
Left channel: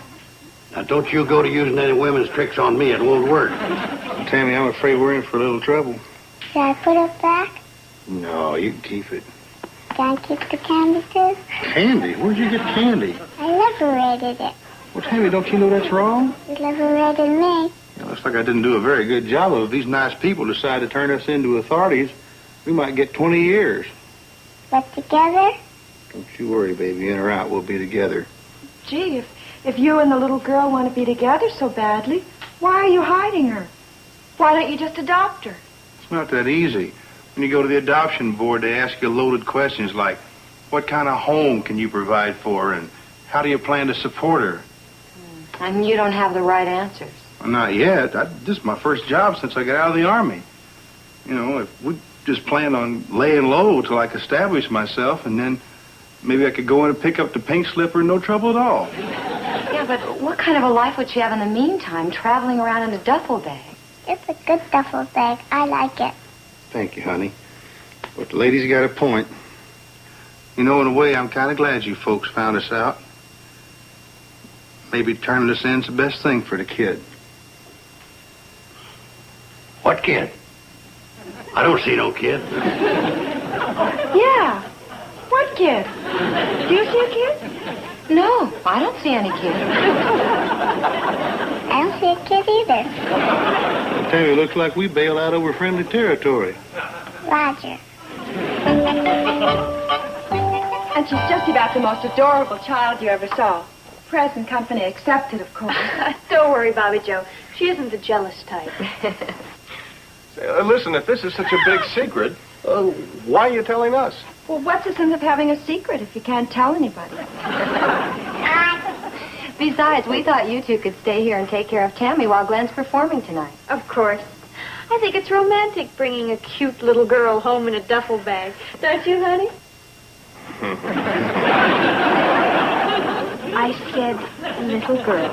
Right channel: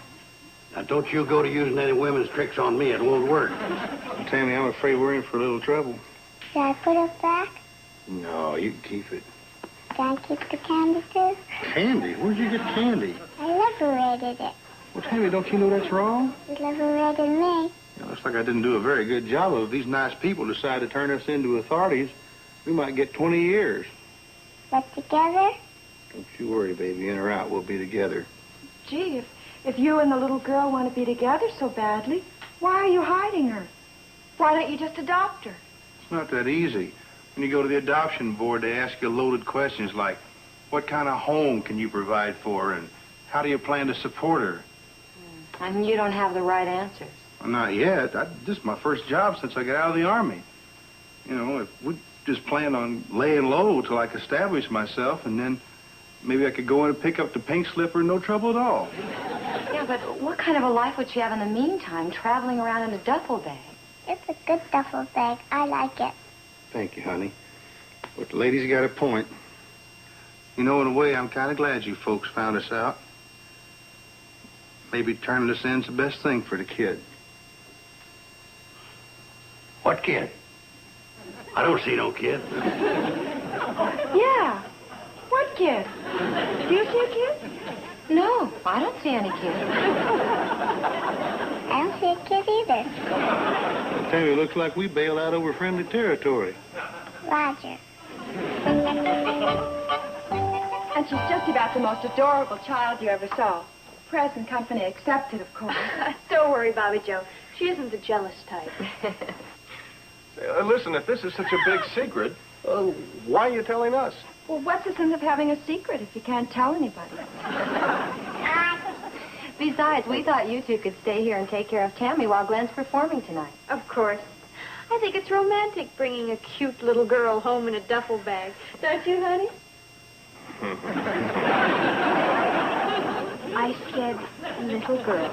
Now, don't you go to using any women's tricks on me. It won't work. Tammy, I'm afraid we're in for a little trouble. Should I put it back? No, you can keep it. Can I keep the candy, too? Candy? Where'd you get candy? I liberated it. Well, Tammy, don't you know that's wrong? You liberated me. It looks like I didn't do a very good job of it. If these nice people decide to turn us into authorities, we might get 20 years. But together? Don't you worry, baby. In or out, we'll be together. Gee, If you and the little girl want to be together so badly, why are you hiding her? Why don't you just adopt her? It's not that easy. When you go to the adoption board, they ask you loaded questions like, what kind of home can you provide for her, and how do you plan to support her? And you don't have the right answers. Well, not yet. This is my first job since I got out of the Army. You know, if we just planned on laying low till I could establish myself, and then maybe I could go in and pick up the pink slipper, no trouble at all. Yeah, but what kind of a life would she have in the meantime, traveling around in a duffel bag? It's a good duffel bag. I like it. Thank you, honey. But the lady's got a point. You know, in a way, I'm kind of glad you folks found us out. Maybe turning us in's the best thing for the kid. What kid? I don't see no kid. Yeah. What kid? Do you see a kid? No, I don't see any kid. I don't see a kid either. I tell you, it looks like we bailed out over friendly territory. Roger. And she's just about the most adorable child you ever saw. Present company accepted, of course. Don't worry, Bobby Joe. She isn't the jealous type. Listen, if this is such a big secret, why are you telling us? Well, what's the sense of having a secret if you can't tell anybody? Besides, we thought you two could stay here and take care of Tammy while Glenn's performing tonight. Of course. I think it's romantic bringing a cute little girl home in a duffel bag. Don't you, honey? I said little girl.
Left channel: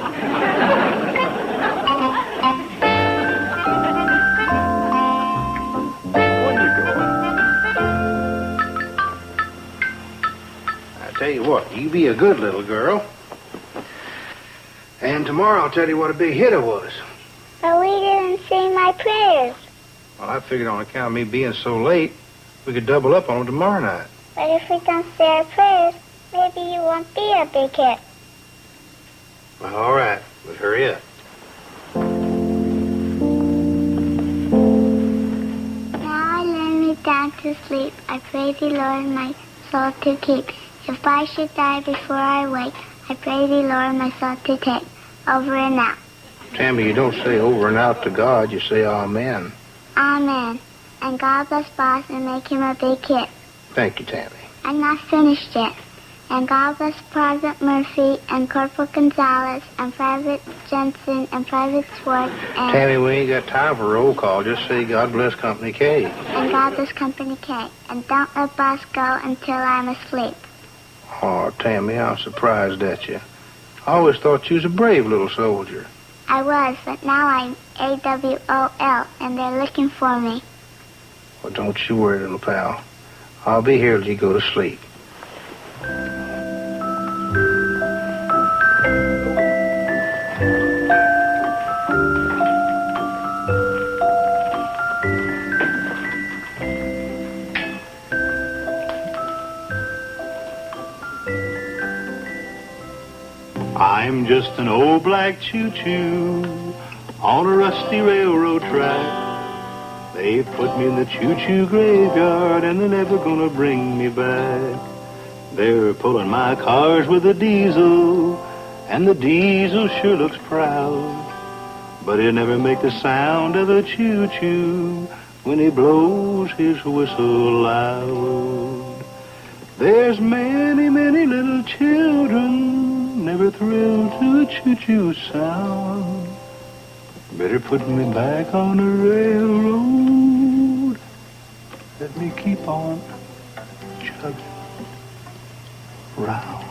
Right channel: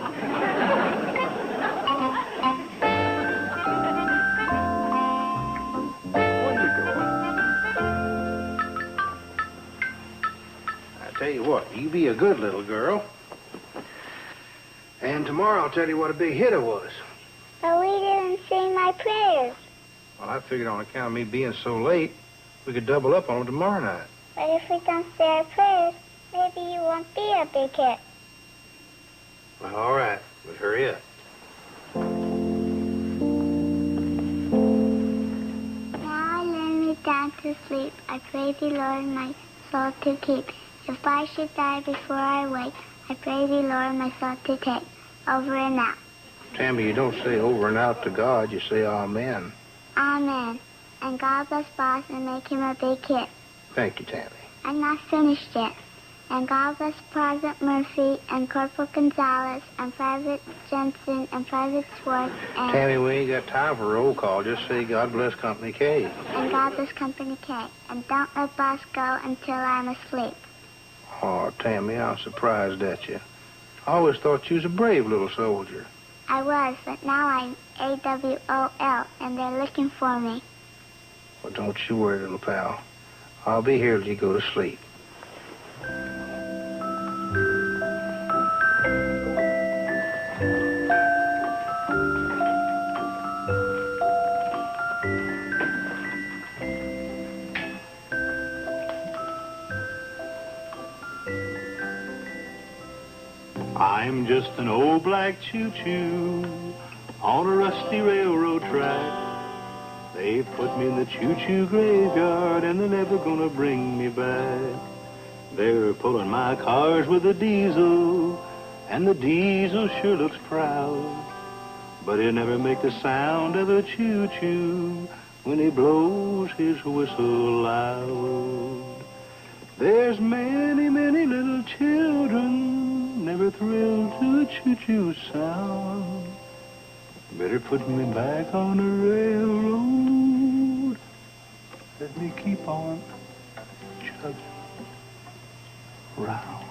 I tell you what, you be a good little girl. And tomorrow I'll tell you what a big hit it was. But we didn't say my prayers. Well, I figured on account of me being so late, we could double up on them tomorrow night. But if we don't say our prayers, maybe you won't be a big hit. Well, all right, but hurry up. Now I lay me down to sleep. I pray thee, Lord, my soul to keep. If I should die before I wake, I pray thee, Lord, my soul to take. Over and out. Tammy, you don't say over and out to God, you say amen. Amen. And God bless Boss and make him a big hit. Thank you, Tammy. I'm not finished yet. And God bless Private Murphy and Corporal Gonzalez and Private Jensen and Private Swartz and... Tammy, we ain't got time for roll call. Just say God bless Company K. And God bless Company K. And don't let Boss go until I'm asleep. Oh, Tammy, I'm surprised at you. I always thought you was a brave little soldier. I was, but now I'm AWOL, and they're looking for me. Well, don't you worry, little pal. I'll be here till you go to sleep. I'm just an old black choo-choo on a rusty railroad track. They put me in the choo-choo graveyard and they're never gonna bring me back. They're pulling my cars with a diesel, and the diesel sure looks proud. But he'll never make the sound of a choo-choo when he blows his whistle loud. There's many, many little children never thrilled to a choo-choo sound. Better put me back on the railroad. Let me keep on chugging round.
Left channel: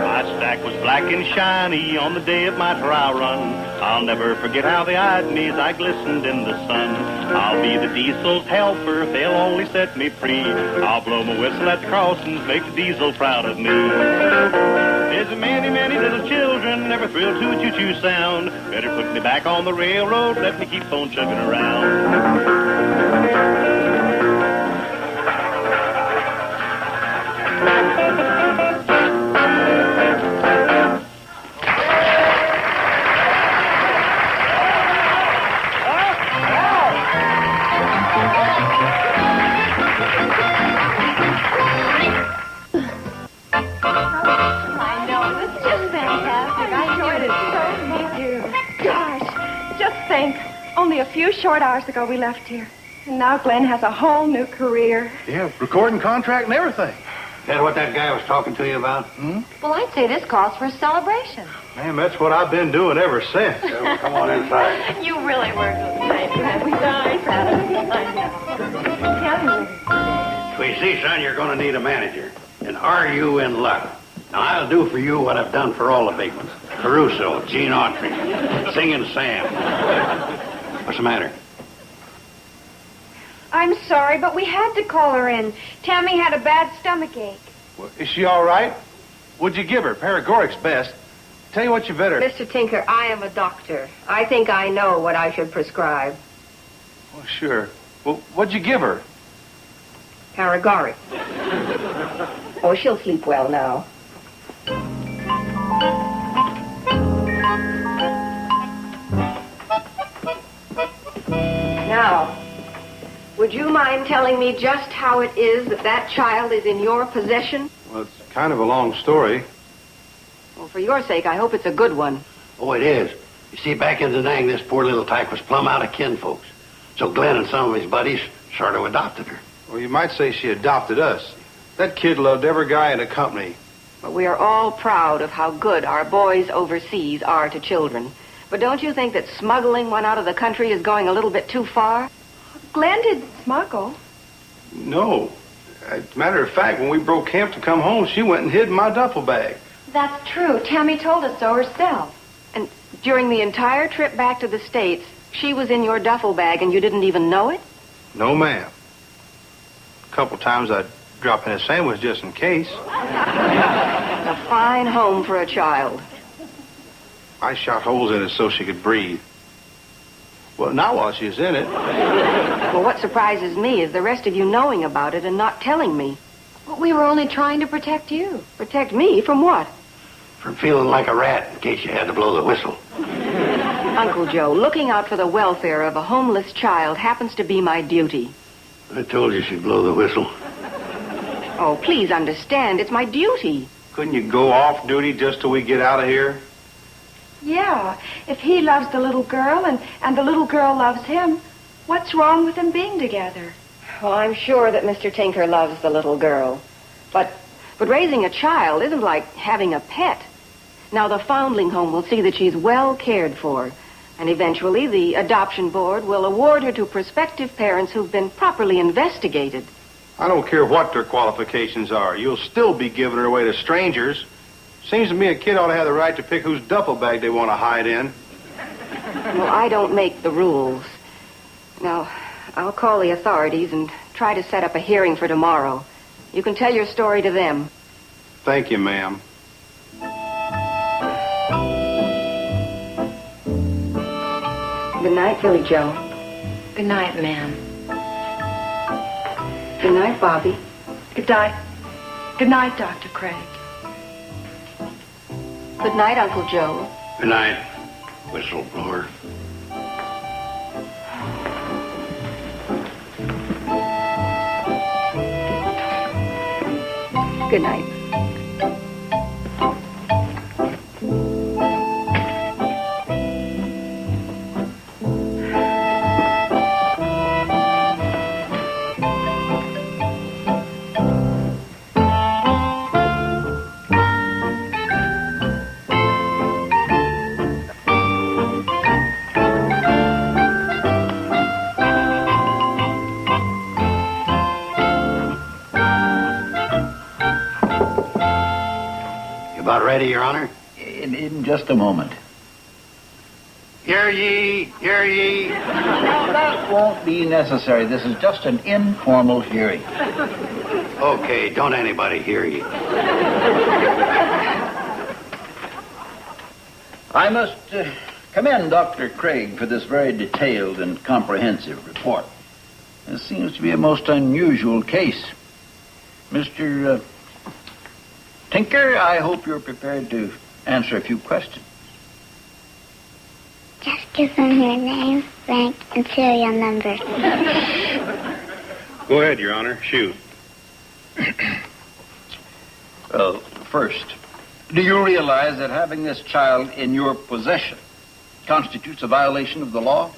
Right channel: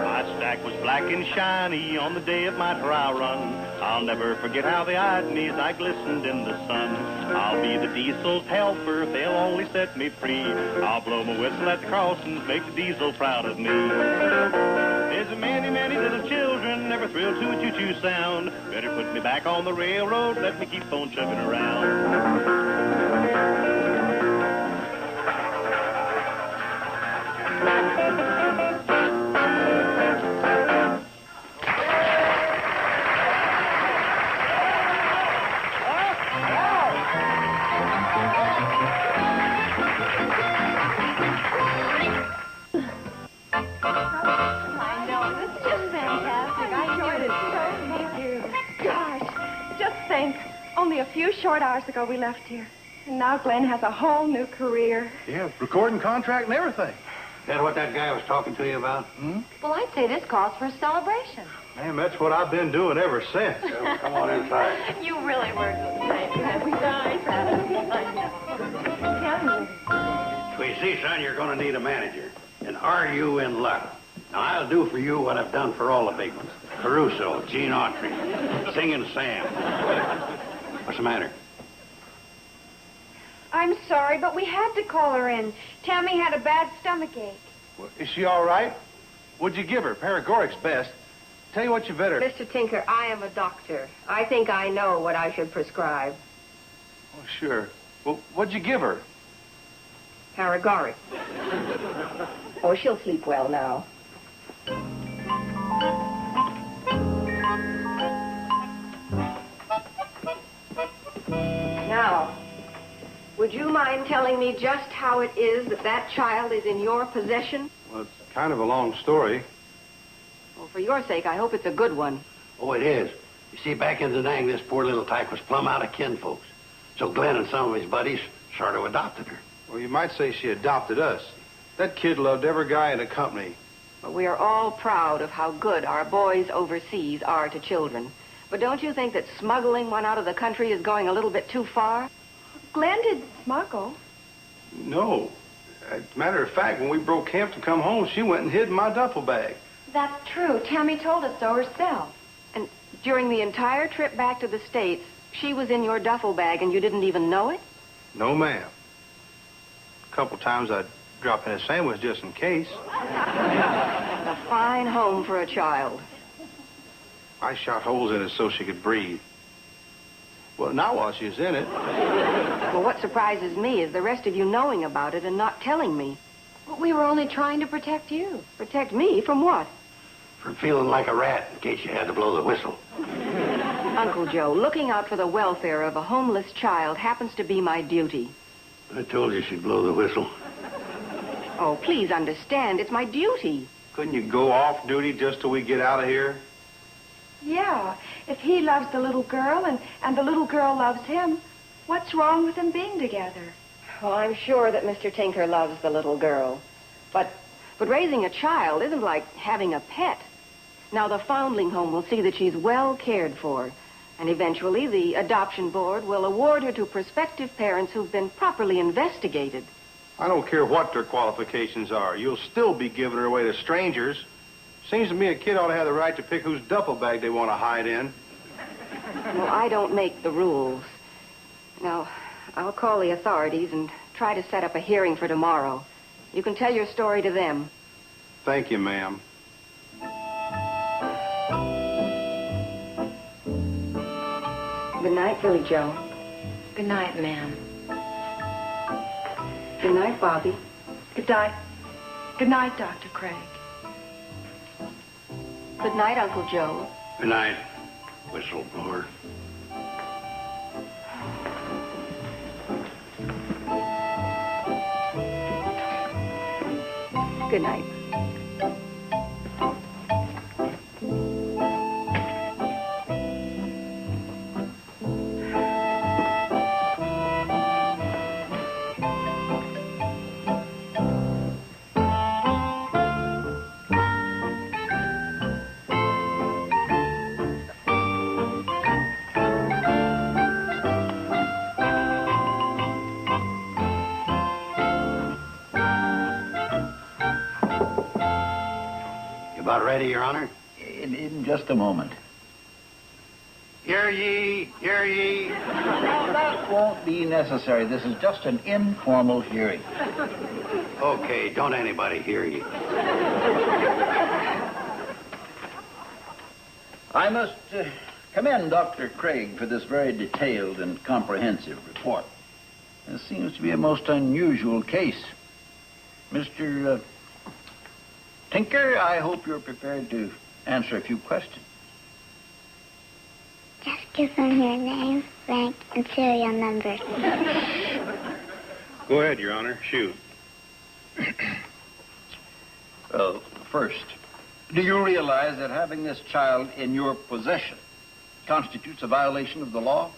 My stack was black and shiny on the day of my trial run. I'll never forget how they eyed me as I glistened in the sun. I'll be the diesel's helper if they'll only set me free. I'll blow my whistle at the crossings, make the diesel proud of me. There's many, many little children never thrilled to a choo-choo sound. Better put me back on the railroad, let me keep on chugging around. hours ago we left here. And now Glenn has a whole new career. Yeah, recording contract and everything. Is that what that guy was talking to you about? Well, I'd say this calls for a celebration. Man, that's what I've been doing ever since. Well, come on inside. You really were. So you see, son, you're going to need a manager. And are you in luck? Now, I'll do for you what I've done for all the big ones. Caruso, Gene Autry, Singing Sam. What's the matter? I'm sorry, but we had to call her in. Tammy had a bad stomachache. Well, is she all right? What'd you give her? Paregoric's best. Tell you what, you better... Mr. Tinker, I am a doctor. I think I know what I should prescribe. Well, sure. Well, what'd you give her? Paregoric. Oh, she'll sleep well now. Now, would you mind telling me just how it is that that child is in your possession? Well, it's kind of a long story. Well, for your sake, I hope it's a good one. Oh, it is. You see, back in the day, this poor little tyke was plumb out of kinfolks. So Glenn and some of his buddies sort of adopted her. Or you might say she adopted us. That kid loved every guy in the company. But we are all proud of how good our boys overseas are to children. But don't you think that smuggling one out of the country is going a little bit too far? Glenn didn't smuggle. No. As a matter of fact, when we broke camp to come home, she went and hid in my duffel bag. That's true. Tammy told us so herself. And during the entire trip back to the States, she was in your duffel bag and you didn't even know it? No, ma'am. A couple times I'd drop in a sandwich just in case. A fine home for a child. I shot holes in it so she could breathe. Well, not while she's in it. Well, what surprises me is the rest of you knowing about it and not telling me. But we were only trying to protect you. Protect me from what? From feeling like a rat in case you had to blow the whistle. Uncle Joe, looking out for the welfare of a homeless child happens to be my duty. I told you she'd blow the whistle. Oh, please understand, it's my duty. Couldn't you go off duty just till we get out of here? Yeah, if he loves the little girl and the little girl loves him, what's wrong with them being together? Well, I'm sure that Mr. Tinker loves the little girl. But raising a child isn't like having a pet. Now, the foundling home will see that she's well cared for. And eventually, the adoption board will award her to prospective parents who've been properly investigated. I don't care what their qualifications are. You'll still be giving her away to strangers. Seems to me a kid ought to have the right to pick whose duffel bag they want to hide in. Well, I don't make the rules. Now, I'll call the authorities and try to set up a hearing for tomorrow. You can tell your story to them. Thank you, ma'am. Good night, Billy Joe. Good night, ma'am. Good night, Bobby. Good night. Good night, Dr. Craig. Good night, Uncle Joe. Good night, whistleblower. Good night. About ready, Your Honor? In just a moment. Hear ye, hear ye. That won't be necessary. This is just an informal hearing. Okay, don't anybody hear ye. I must commend Dr. Craig for this very detailed and comprehensive report. This seems to be a most unusual case. Mr. Tinker, I hope you're prepared to answer a few questions. Just give them your name, rank, and serial number. Go ahead, Your Honor. Shoot. Well, first, do you realize that having this child in your possession constitutes a violation of the law?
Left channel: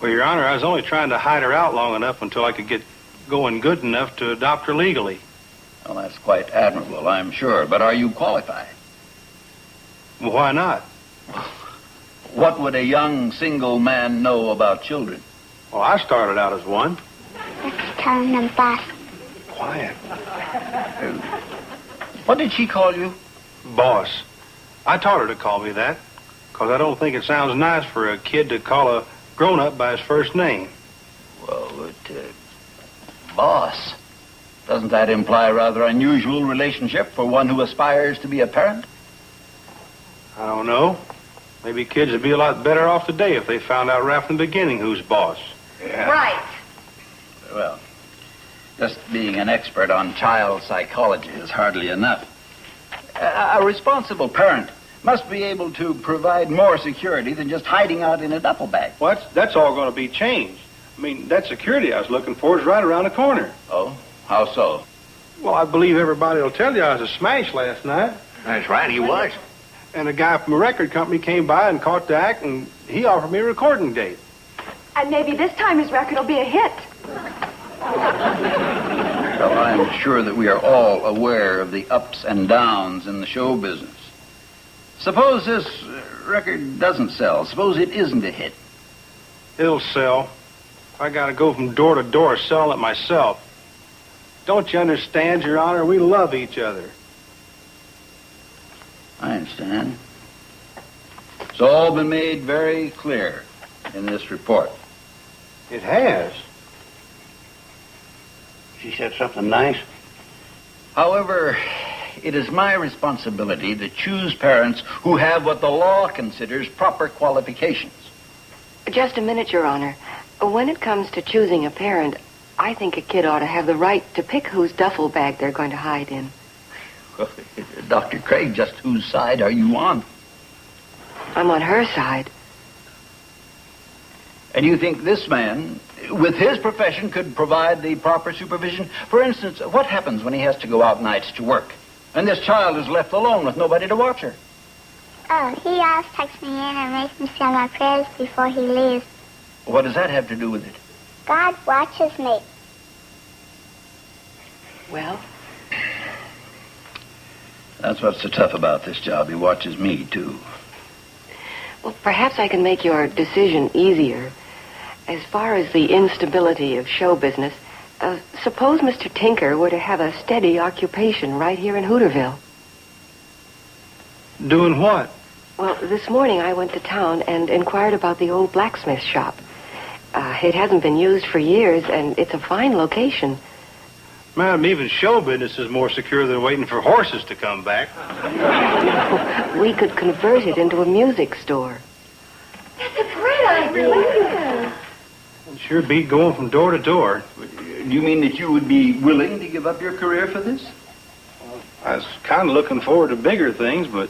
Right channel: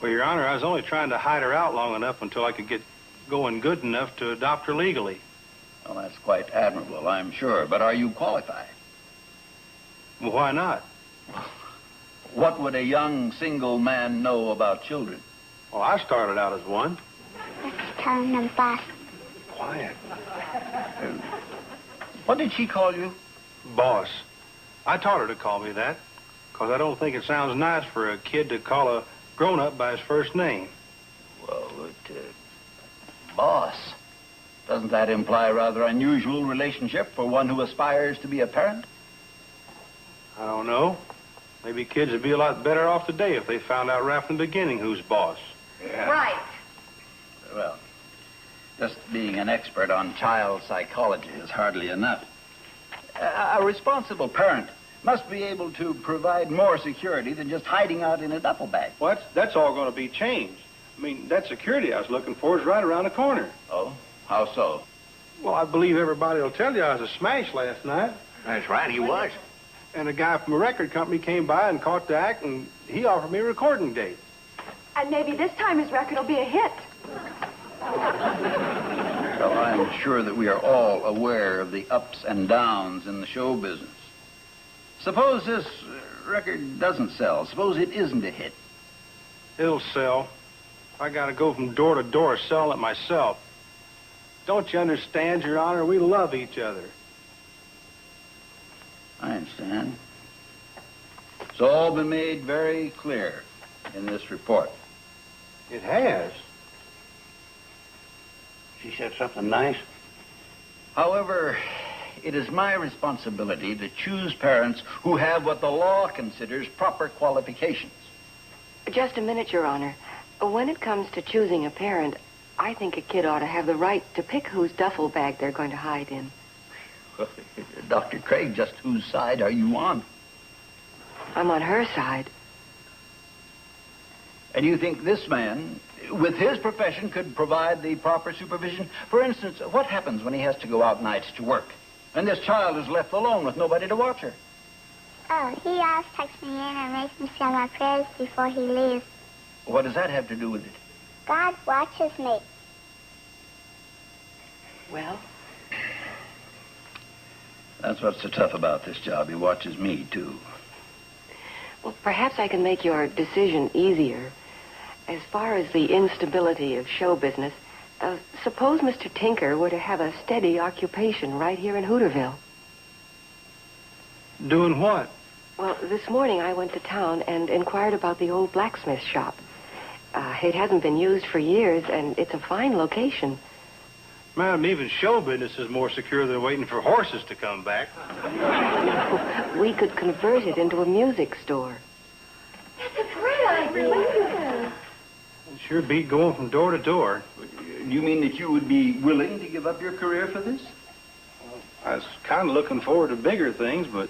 Well, Your Honor, I was only trying to hide her out long enough until I could get going good enough to adopt her legally. Well, that's quite admirable, I'm sure. But are you qualified? Well, why not? What would a young single man know about children? Well, I started out as one. Let's turn them back. Quiet. What did she call you? Boss. I taught her to call me that, because I don't think it sounds nice for a kid to call a grown-up by his first name. Well, boss. Doesn't that imply a rather unusual relationship for one who aspires to be a parent? I don't know. Maybe kids would be a lot better off today if they found out right from the beginning who's boss. Yeah. Right. Well, just being an expert on child psychology is hardly enough. A responsible parent must be able to provide more security than just hiding out in a duffel bag. Well, that's all going to be changed. I mean, that security I was looking for is right around the corner. Oh? How so? Well, I believe everybody will tell you I was a smash last night. That's right, he was. And a guy from a record company came by and caught the act, and he offered me a recording date. And maybe this time his record will be a hit. Well, I'm sure that we are all aware of the ups and downs in the show business. Suppose this record doesn't sell. Suppose it isn't a hit. It'll sell. I got to go from door to door selling it myself. Don't you understand, Your Honor? We love each other. I understand. It's all been made very clear in this report. It has. She said something nice. However, it is my responsibility to choose parents who have what the law considers proper qualifications. Just a minute, Your Honor. When it comes to choosing a parent, I think a kid ought to have the right to pick whose duffel bag they're going to hide in. Dr. Craig, just whose side are you on? I'm on her side. And you think this man, with his profession, could provide the proper supervision? For instance, what happens when he has to go out nights to work, and this child is left alone with nobody to watch her? Oh, he always tucks me in and makes me say my prayers before he leaves. What does that have to do with it? God watches me. Well? That's what's so tough about this job. He watches me, too. Well, perhaps I can make your decision easier. As far as the instability of show business, suppose Mr. Tinker were to have a steady occupation right here in Hooterville. Doing what? Well, this morning I went to town and inquired about the old blacksmith shop. It hasn't been used for years, and it's a fine location. Madam, even show business is more secure than waiting for horses to come back. We could convert it into a music store. That's a great idea. It'd sure be going from door to door. Do you mean that you would be willing to give up your career for this? I was kind of looking forward to bigger things, but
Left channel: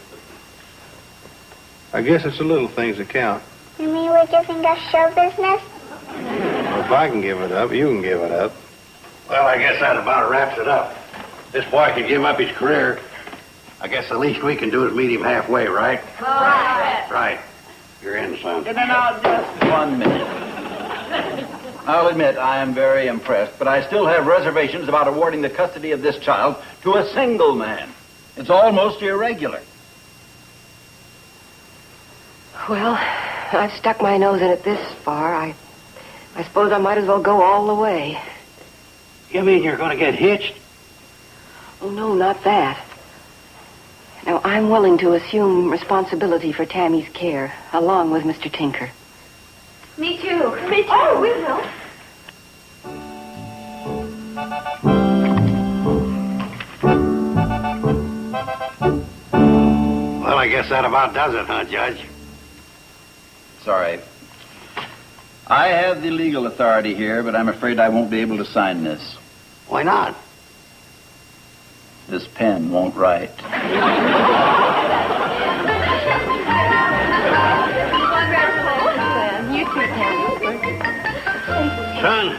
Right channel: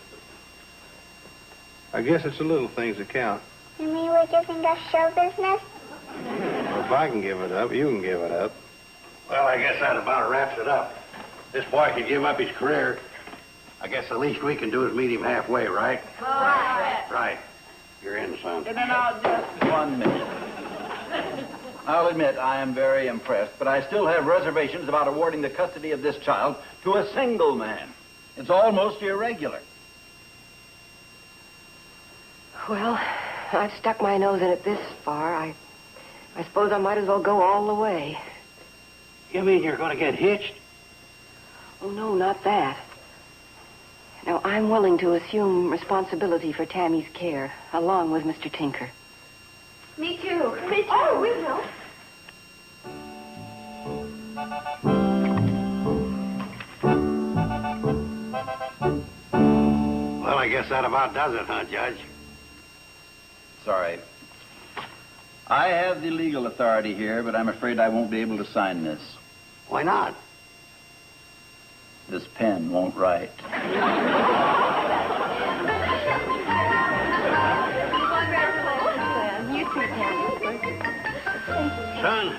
I guess it's the little things that count. You mean we're giving up show business? If I can give it up, you can give it up. Well, I guess that about wraps it up. This boy can give up his career. I guess the least we can do is meet him halfway, right? Right. You're in, son. Now, just 1 minute. I'll admit I am very impressed, but I still have reservations about awarding the custody of this child to a single man. It's almost irregular. Well, I've stuck my nose in it this far. I suppose I might as well go all the way. You mean you're going to get hitched? Oh, no, not that. Now, I'm willing to assume responsibility for Tammy's care, along with Mr. Tinker. Me too. Me too. Oh, we will. Well, I guess that about does it, huh, Judge? Sorry. I have the legal authority here, but I'm afraid I won't be able to sign this. Why not? This pen won't write. Son,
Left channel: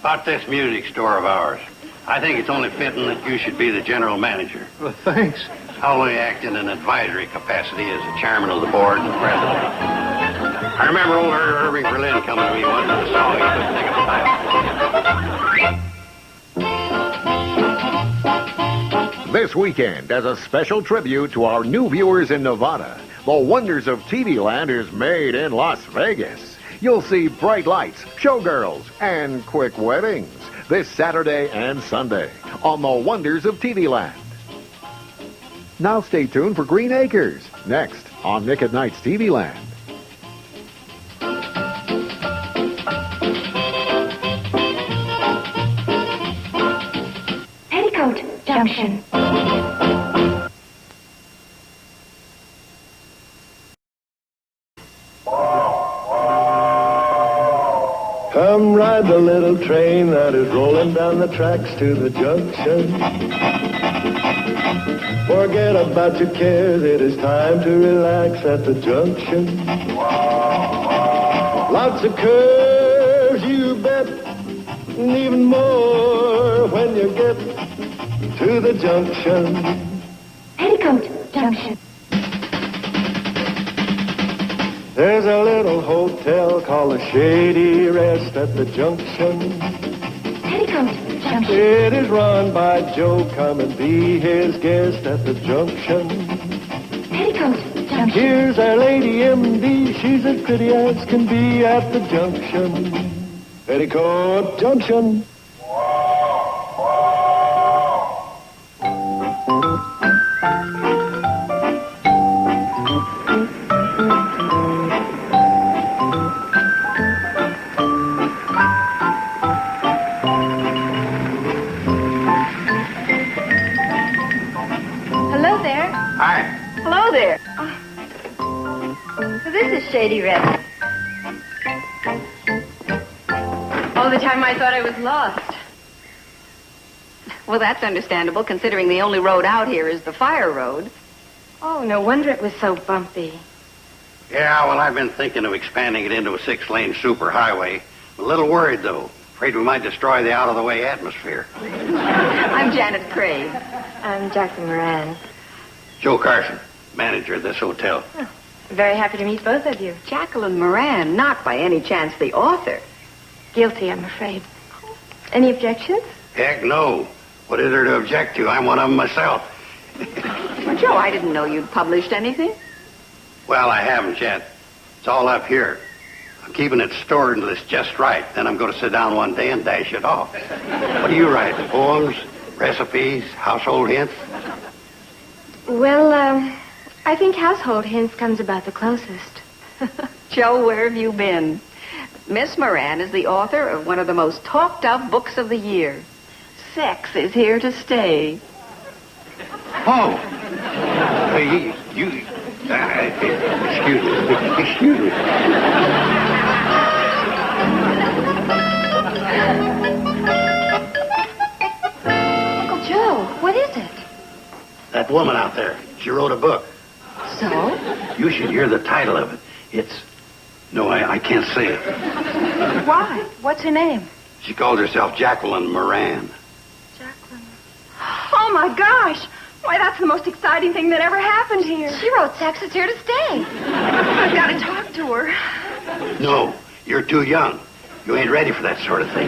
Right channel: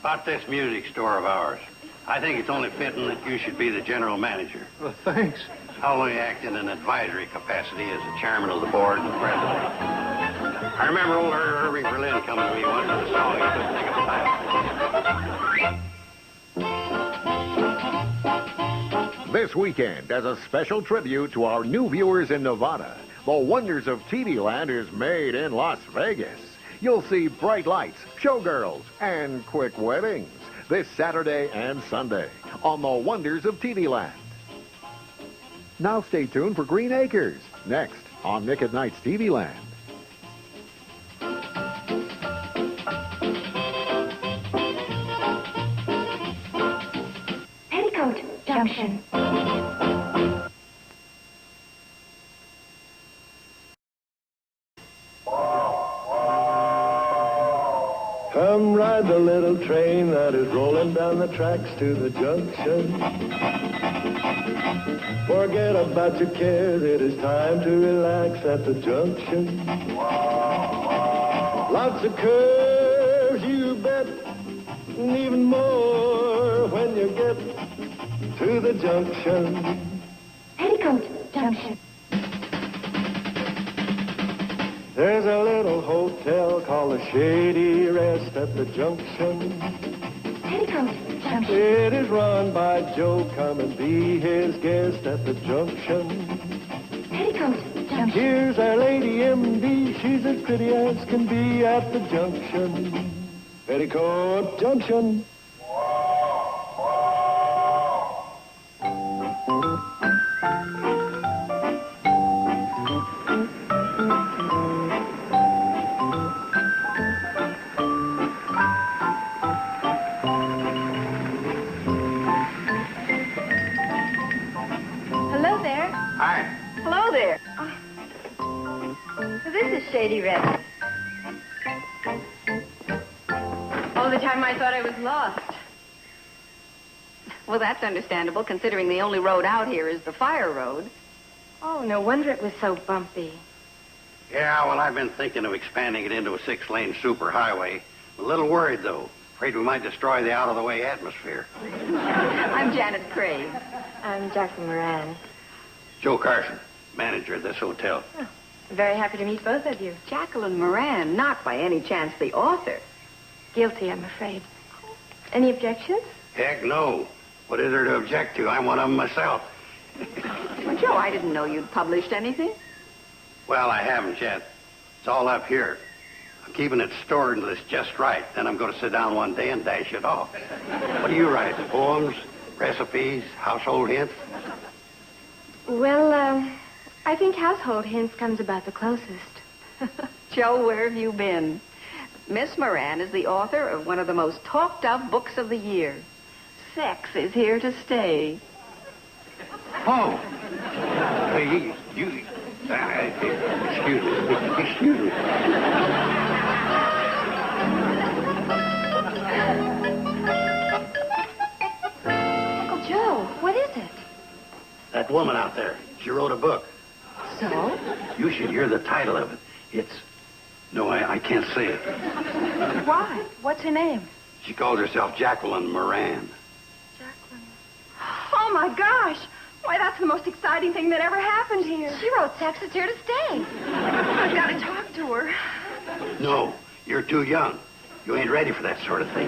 about this music store of ours. I think it's only fitting that you should be the general manager. Well, thanks. I'll only act in an advisory capacity as the chairman of the board and president. I remember old Irving Berlin coming to me once and saw me. This weekend, as a special tribute to our new viewers in Nevada, the Wonders of TV Land is made in Las Vegas. You'll see bright lights, showgirls, and quick weddings this Saturday and Sunday on the Wonders of TV Land. Now stay tuned for Green Acres, next on Nick at Night's TV Land. Petticoat Junction. Come ride the little train that is rolling down the tracks to the junction. Forget about your cares, it is time to relax at the junction. Lots of curves, you bet, and even more when you get to the junction. Petticoat Junction. There's a little hotel called the Shady Rest at the junction. Petticoat Junction. It is run by Joe. Come and be his guest at the junction. Petticoat Junction. Here's our lady M.D. She's as pretty as can be at the junction. Petticoat Junction. Hello there. Hi. Hello there. So this is Shady Rest. All the time I thought I was lost. Well, that's understandable, considering the only road out here is the fire road. Oh, no wonder it was so bumpy. Yeah, well, I've been thinking of expanding it into a 6-lane superhighway. A little worried, though. Afraid we might destroy the out-of-the-way atmosphere. I'm Janet Craig. I'm Jacqueline Moran. Joe Carson, manager of this hotel. Very happy to meet both of you. Jacqueline Moran, not by any chance the author. Guilty, I'm afraid. Any objections? Heck, no. What is there to object to? I'm one of them myself. Well, Joe, I didn't know you'd published anything. Well, I haven't yet. It's all up here. I'm keeping it stored until it's just right. Then I'm going to sit down one day and dash it off. What do you write? Poems, recipes, household hints? Well, I think household hints comes about the closest. Joe, where have you been? Miss Moran is the author of one of the most talked of books of the year. Sex is here to stay. Oh. Hey, you... excuse me. Excuse me. Uncle Joe, what is it? That woman out there, she wrote a book. So? You should hear the title of it. It's... No, I can't say it. Why? What's her name? She calls herself Jacqueline Moran. Oh, my gosh. Why, that's the most exciting thing that ever happened here. She wrote Sex is here to stay. I've got to talk to her. No, you're too young. You ain't ready for that sort of thing.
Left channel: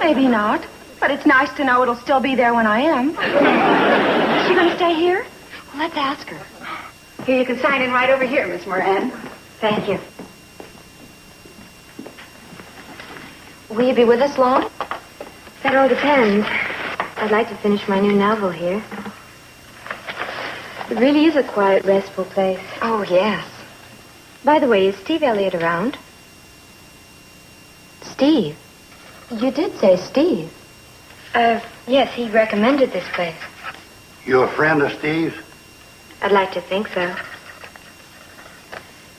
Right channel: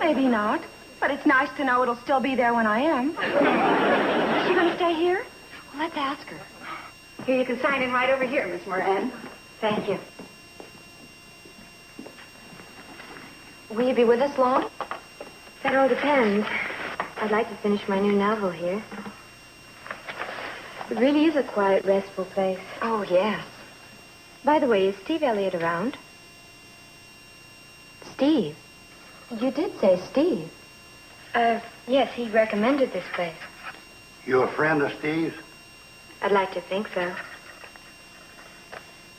Maybe not. But it's nice to know it'll still be there when I am. Is she going to stay here? Well, let's ask her. Here, you can sign in right over here, Miss Moran. Thank you. Will you be with us long? That all depends. I'd like to finish my new novel here. It really is a quiet, restful place. Oh, yes. By the way, is Steve Elliott around? Steve. You did say Steve. Yes, he recommended this place. You a friend of Steve's? I'd like to think so.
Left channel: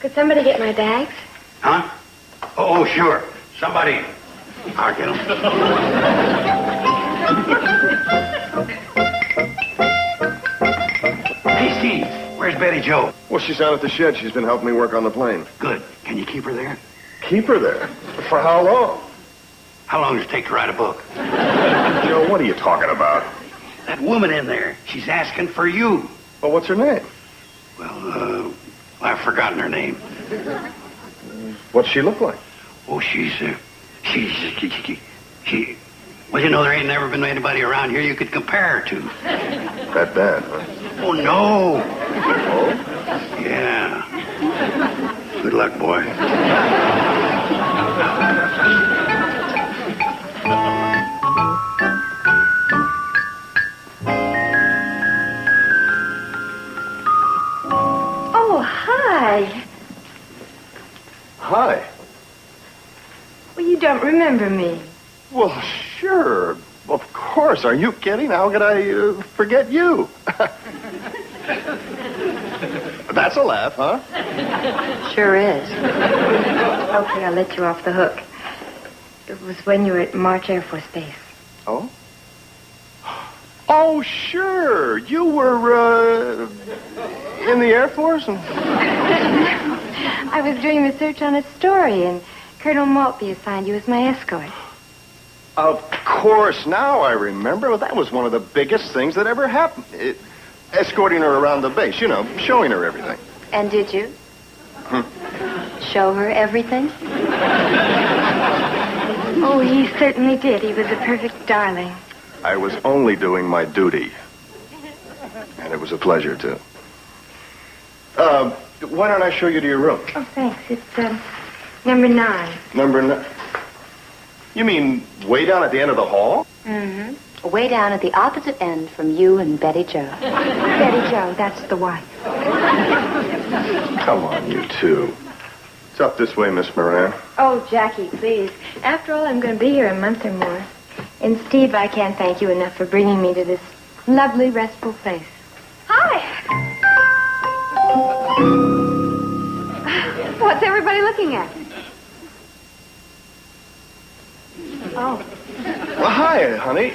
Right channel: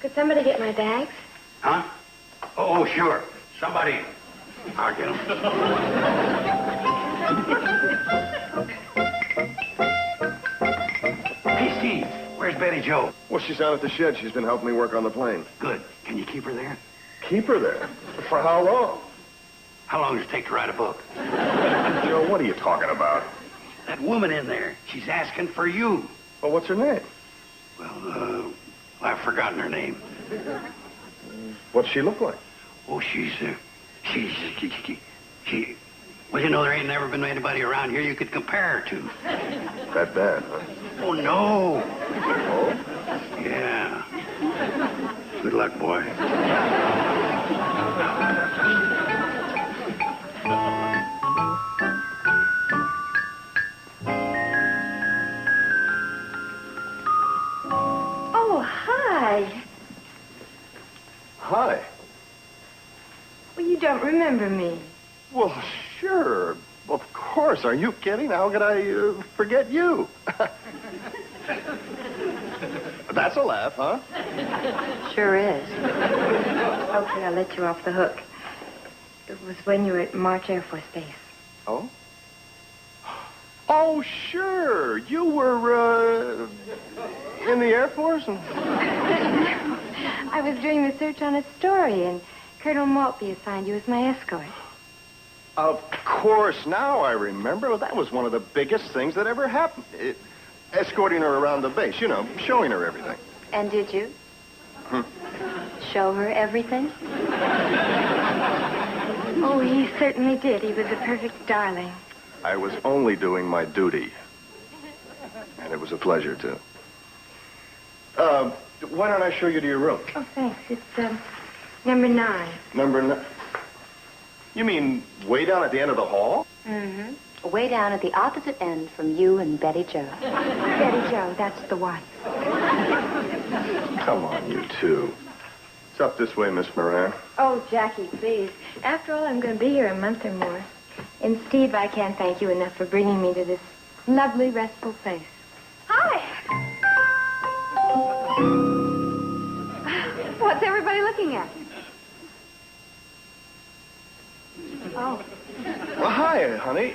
Could somebody get my bags? Huh? Oh, sure. Somebody. I'll get 'em. Hey, Steve. Where's Betty Jo? Well, she's out at the shed. She's been helping me work on the plane. Good. Can you keep her there? Keep her there? For how long? How long does it take to write a book? Joe, what are you talking about? That woman in there, she's asking for you. Well, what's her name? Well, I've forgotten her name. What's she look like? Oh, she. Well, you know, there ain't never been anybody around here you could compare her to. That bad, huh? Oh, no. Oh? Yeah. Good luck, boy. Oh, hi. Hi. Well, you don't remember me. Well, sure. Of course. Are you kidding? How could I forget you? That's a laugh, huh? Sure is. Okay, I'll let you off the hook. It was when you were at March Air Force Base. Oh? Oh, sure. You were, in the Air Force? I was doing research on a story, and Colonel Maltby assigned you as my escort. Of course. Now I remember. Well, that was one of the biggest things that ever happened. Escorting her around the base, you know, showing her everything. And did you? Show her everything? Oh, he certainly did. He was a perfect darling. I was only doing my duty. And it was a pleasure, too. Why don't I show you to your room? Oh, thanks. It's, number 9. Number 9. You mean way down at the end of the hall? Mm-hmm. Way down at the opposite end from you and Betty Jo. Betty Jo, that's the wife. Come on, you two. It's up this way, Miss Moran. Oh, Jackie, please. After all, I'm going to be here a month or more. And, Steve, I can't thank you enough for bringing me to this lovely, restful place. Hi. What's everybody looking at? Oh. Well, hi, honey.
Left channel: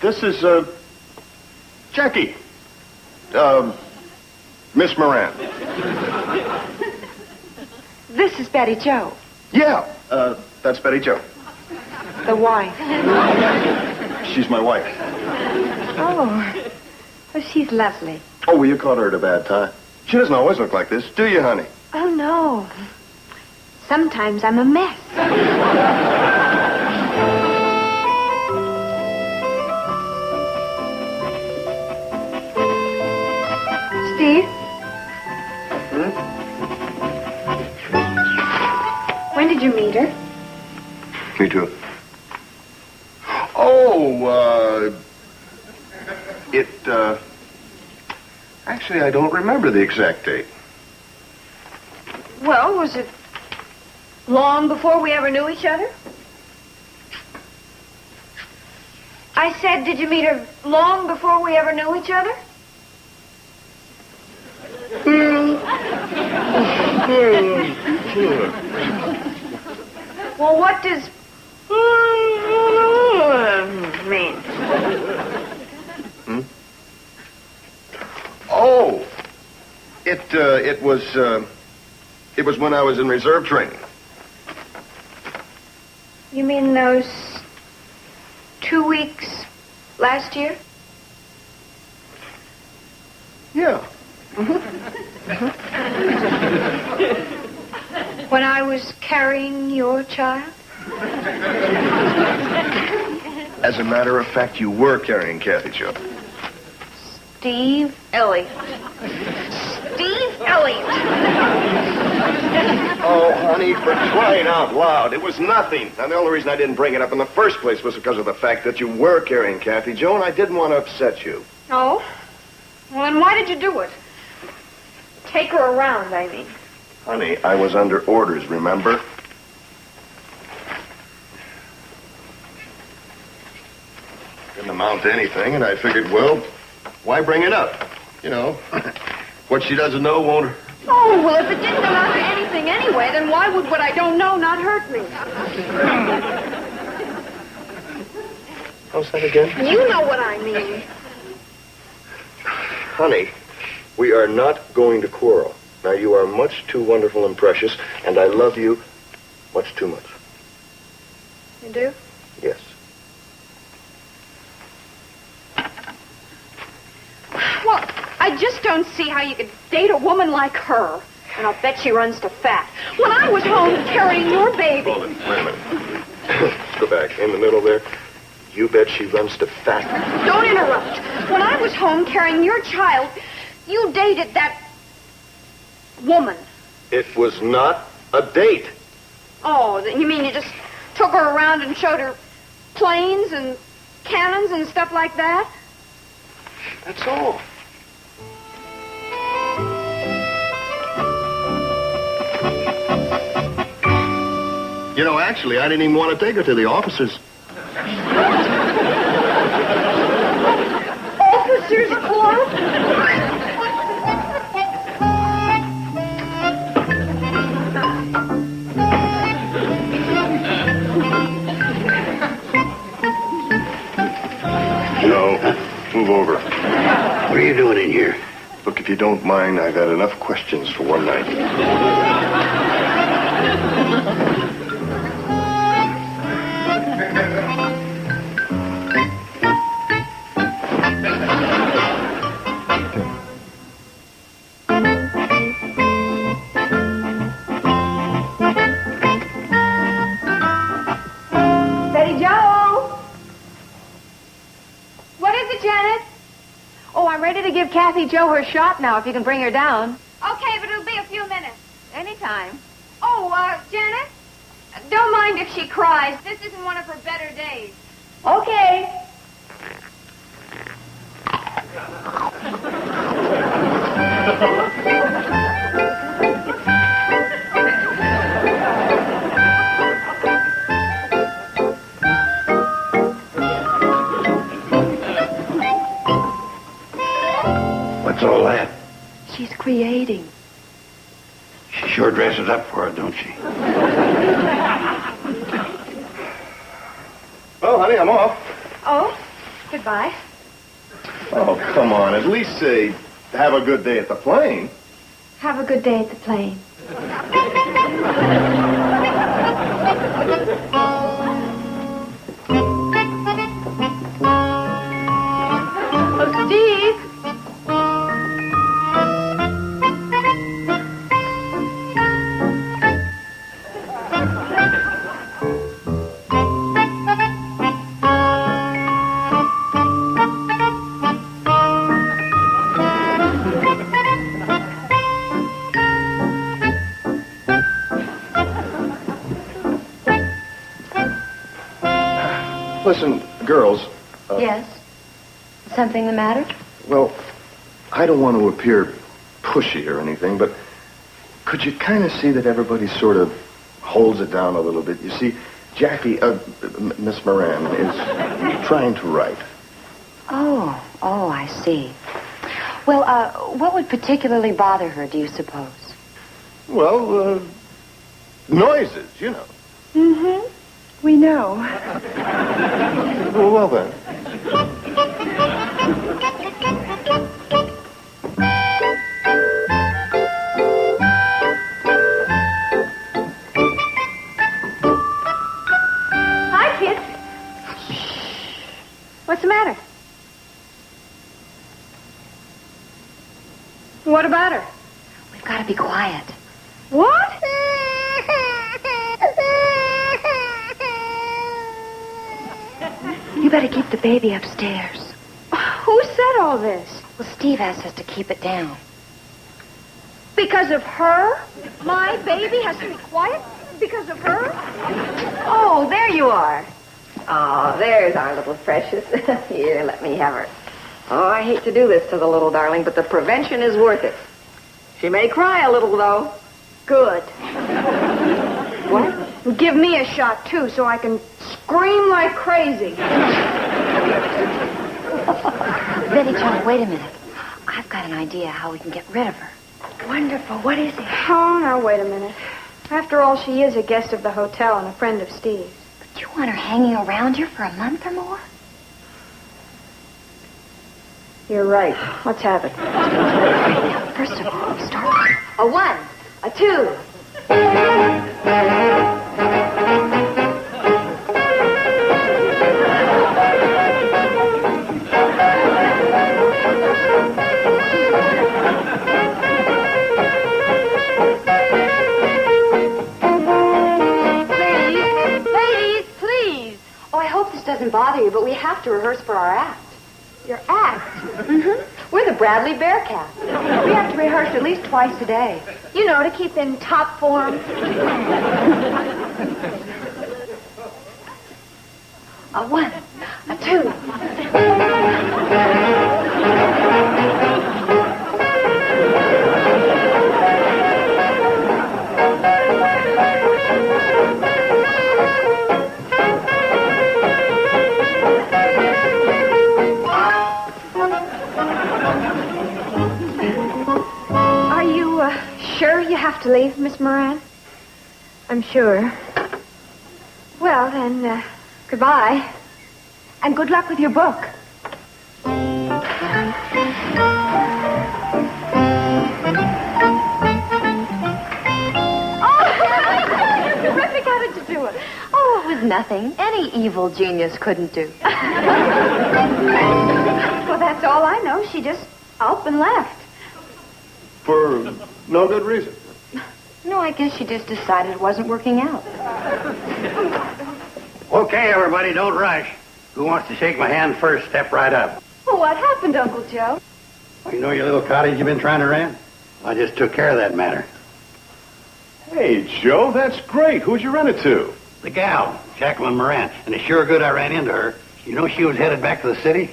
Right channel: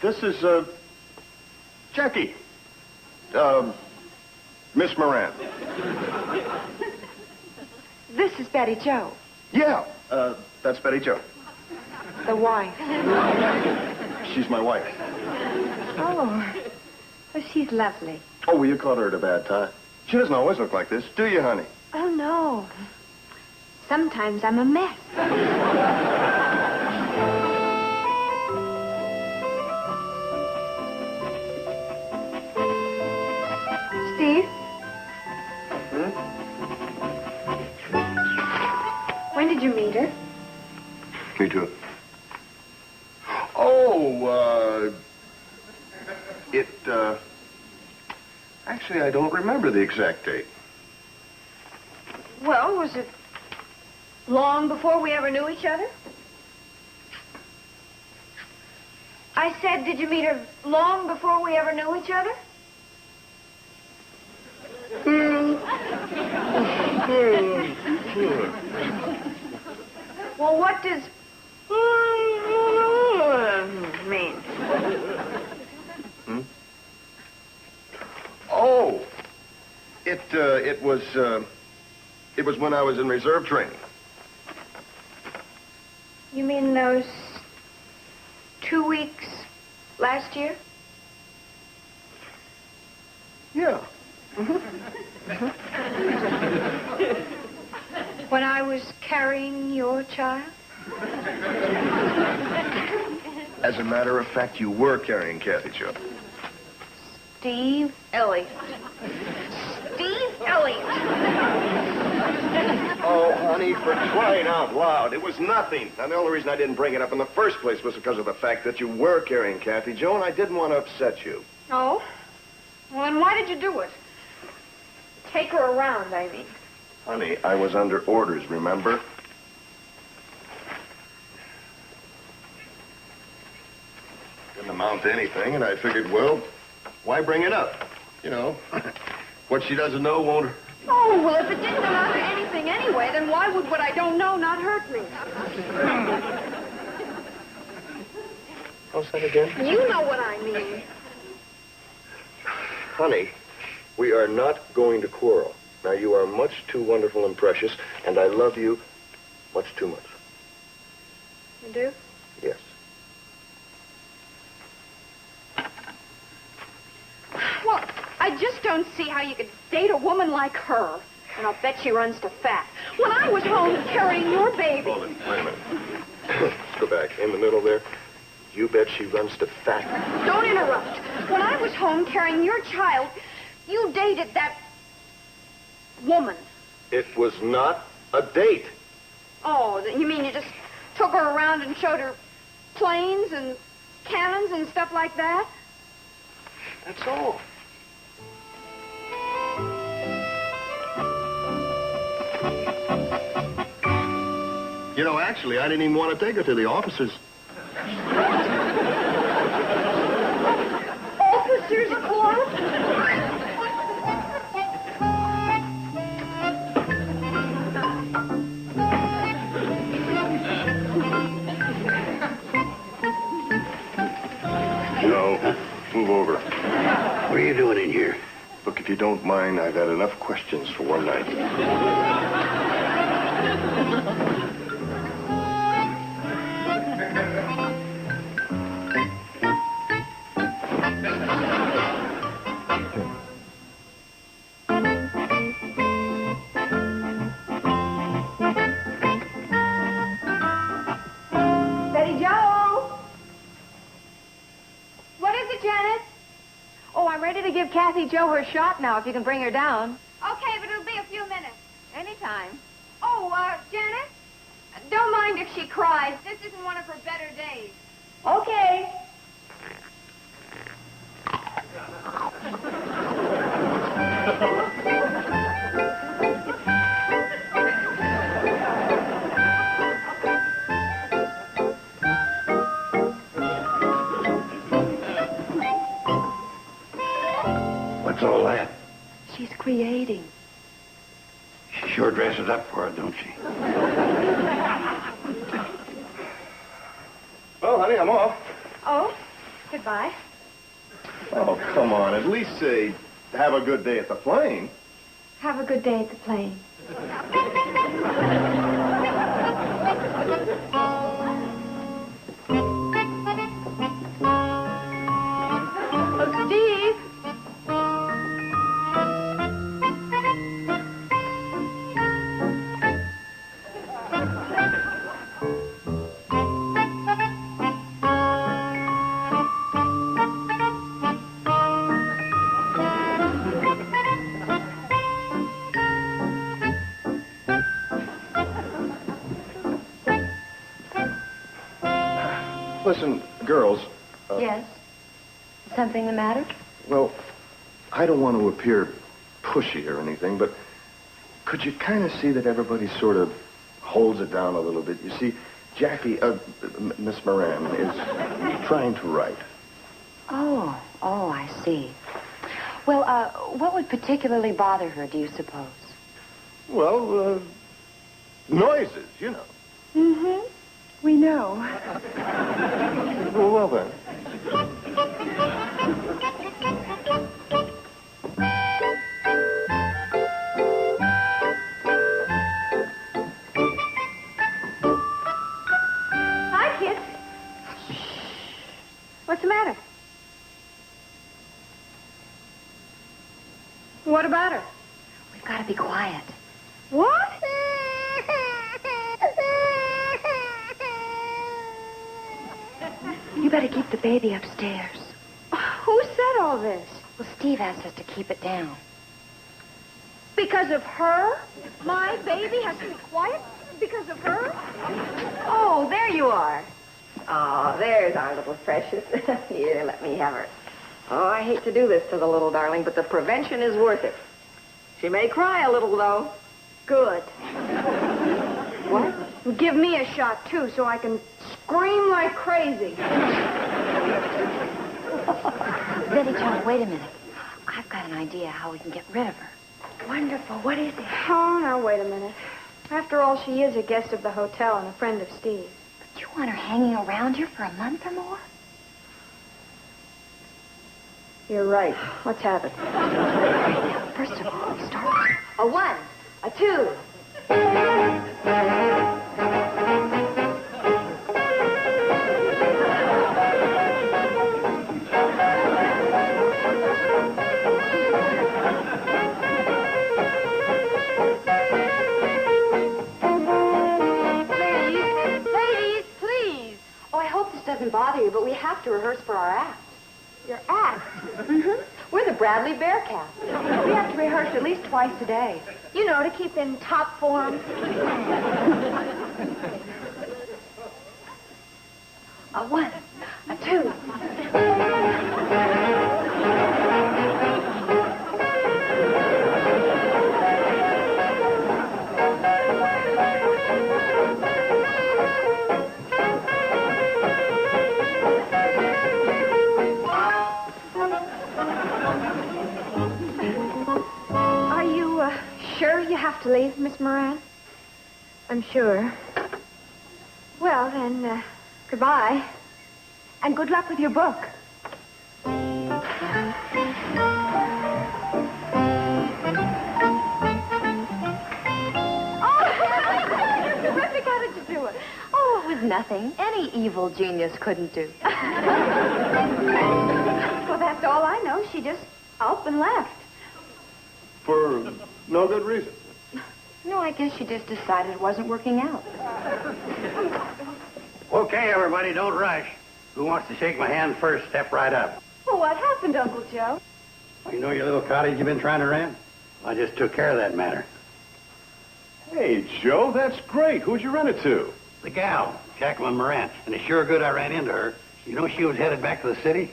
This is, Jackie. Miss Moran. This is Betty Jo, Yeah, that's Betty Jo. the wife. She's my wife. Oh, well, she's lovely. Oh, well, you caught her at a bad time. She doesn't always look like this, do you, honey? Oh, no. Sometimes I'm a mess. Steve? When did you meet her? Me too. Oh, actually, I don't remember the exact date. Well, was it long before we ever knew each other? I said, did you meet her long before we ever knew each other? Well, what does mean? Oh, it was when I was in reserve training. You mean those 2 weeks last year? Yeah. When I was carrying your child? As a matter of fact, you were carrying Kathy, Joe. Steve Elliott. Steve Elliott! Oh, honey, for crying out loud. It was nothing. And the only reason I didn't bring it up in the first place was because of the fact that you were carrying Kathy, Joe, and I didn't want to upset you. Oh? Well, then why did you do it? Take her around, I mean. Honey, I was under orders, remember? Didn't amount to anything, and I figured, well, why bring it up? You know, what she doesn't know won't... Oh, well, if it didn't amount to anything anyway, then why would what I don't know not hurt me? How's that again? You know what I mean. Honey, we are not going to quarrel. Now, you are much too wonderful and precious, and I love you much too much. You do? Yes. Well, I just don't see how you could date a woman like her And I'll bet she runs to fat. When I was home carrying your baby. Wait a minute. Go back. In the middle there. You bet she runs to fat. Don't interrupt. When I was home carrying your child, you dated that woman. It was not a date. Oh, you mean you just took her around and showed her planes and cannons and stuff like that? That's all. You know, actually, I didn't even want to take her to the officers. Officers Club? No. Move over. What are you doing in here? Look, if you don't mind, I got enough questions for one night. Betty Joe! What is it, Janet? Oh, I'm ready to give Kathy Jo her shot now, if you can bring her down. Okay, but it'll be a few minutes. Anytime. Oh, Janet? Don't mind if she cries. This isn't one of her better days. Okay. What's all that? She's creating. She sure dresses up for it, don't she? Oh, honey, I'm off. Oh, goodbye. Oh, come on. At least say, have a good day at the plane. Have a good day at the plane. Oh, Steve! Listen, girls. Yes? Something the matter? Well, I don't want to appear pushy or anything, but could you kind of see that everybody sort of holds it down a little bit? You see, Jackie, Miss Moran, is trying to write. Oh, I see. Well, what would particularly bother her, do you suppose? Well, noises, you know. Mm-hmm. We know. Well, then. Hi, kids. What's the matter? What about her? We've got to be quiet. What? You better keep the baby upstairs. Who said all this? Well, Steve asked us to keep it down. Because of her? My baby has to be quiet? Because of her? Oh, there you are. Oh, there's our little precious. Here, let me have her. Oh, I hate to do this to the little darling, but the prevention is worth it. She may cry a little, though. Good. What? Give me a shot, too, so I can scream like crazy. Betty Jo, wait a minute. I've got an idea how we can get rid of her. Wonderful. What is it? Oh, now, wait a minute. After all, she is a guest of the hotel and a friend of Steve's. But you want her hanging around here for a month or more? You're right. Let's have it. First of all, start with A 1, a 2. rehearse for our act. Your act? Mm-hmm. We're the Bradley Bearcats. We have to rehearse at least twice a day. You know, to keep in top form. A one, a two. Are you sure you have to leave, Miss Moran? I'm sure. Well, then, goodbye. And good luck with your book. Terrific. How did you do it? Oh, it was nothing. Any evil genius couldn't do. Well, that's all I know. She just up and left. For no good reason. No, I guess she just decided it wasn't working out. Okay, everybody, don't rush. Who wants to shake my hand first? Step right up. Well, what happened, Uncle Joe? You know your little cottage you've been trying to rent? I just took care of that matter. Hey, Joe, that's great. Who'd you rent it to? The gal, Jacqueline Moran. And it's sure good I ran into her. You know she was headed back to the city?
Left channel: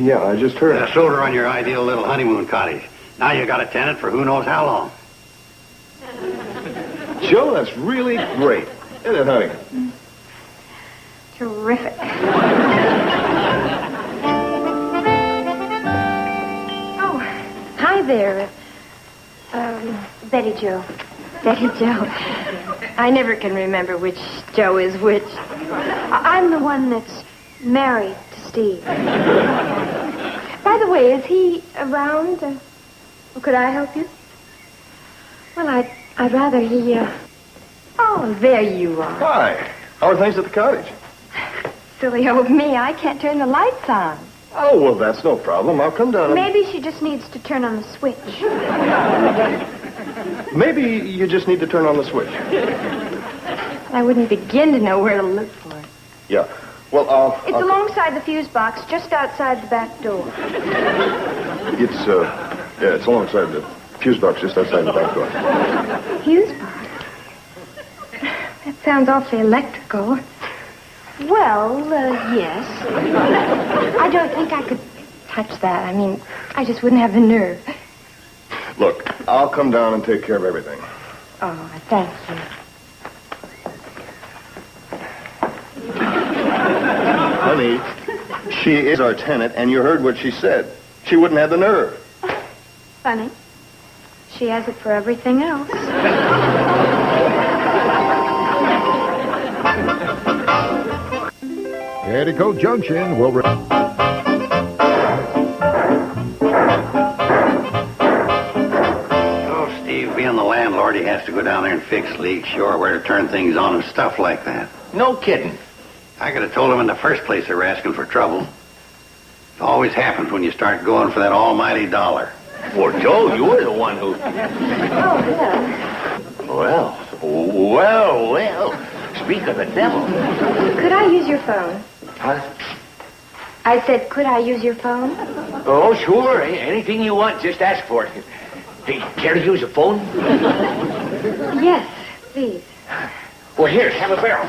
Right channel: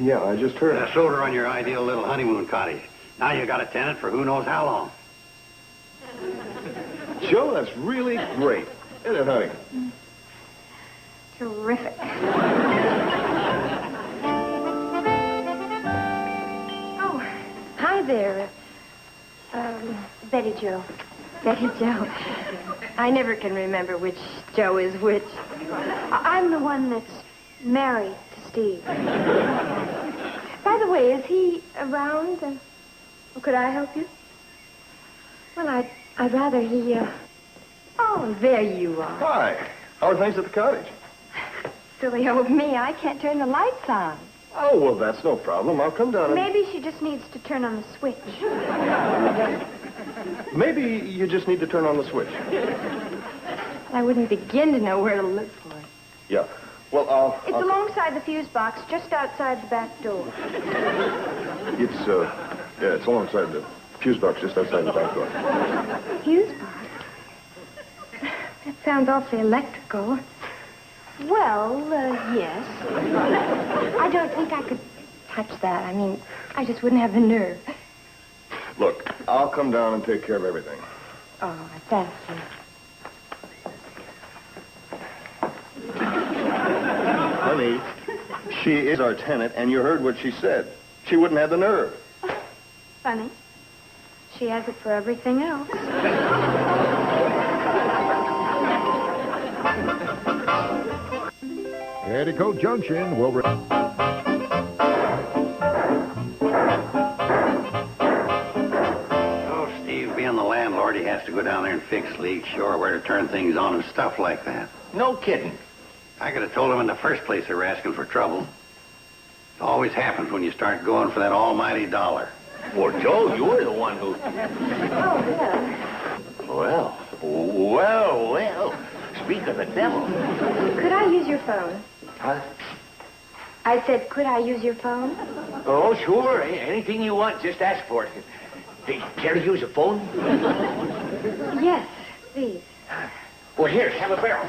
Yeah, I just heard. I sold her on your ideal little honeymoon cottage. Now you got a tenant for who knows how long. Joe, that's really great. Isn't it, honey? Terrific. Oh, hi there. Betty Jo. Betty Jo. I never can remember which Joe is which. I'm the one that's married to Steve. By the way, is he around? Could I help you? Well, I'd rather he, Oh, there you are. Hi. How are things at the cottage? Silly old me, I can't turn the lights on. Oh, well, that's no problem. I'll come down. Maybe she just needs to turn on the switch. Maybe you just need to turn on the switch. I wouldn't begin to know where to look for it. Yeah. Well, It's alongside the fuse box, just outside the back door. It's alongside the fuse box just outside the back door. Fuse box? That sounds awfully electrical. Well, yes. I don't think I could touch that. I mean, I just wouldn't have the nerve. Look, I'll come down and take care of everything. Oh, thank you. Honey, she is our tenant, and you heard what she said. She wouldn't have the nerve. Funny. She has it for everything else. Petticoat Junction will... Oh, Steve, being the landlord, he has to go down there and fix leaks, show her where to turn things on and stuff like that. No kidding. I could have told him in the first place they were asking for trouble. It always happens when you start going for that almighty dollar. Well, Joe, you were the one who... Oh, Well. Speak of the devil. could I use your phone? Huh? I said, could I use your phone? Oh, sure. Anything you want, just ask for it. Hey, care to use a phone? Yes, please. Well, here, have a barrel.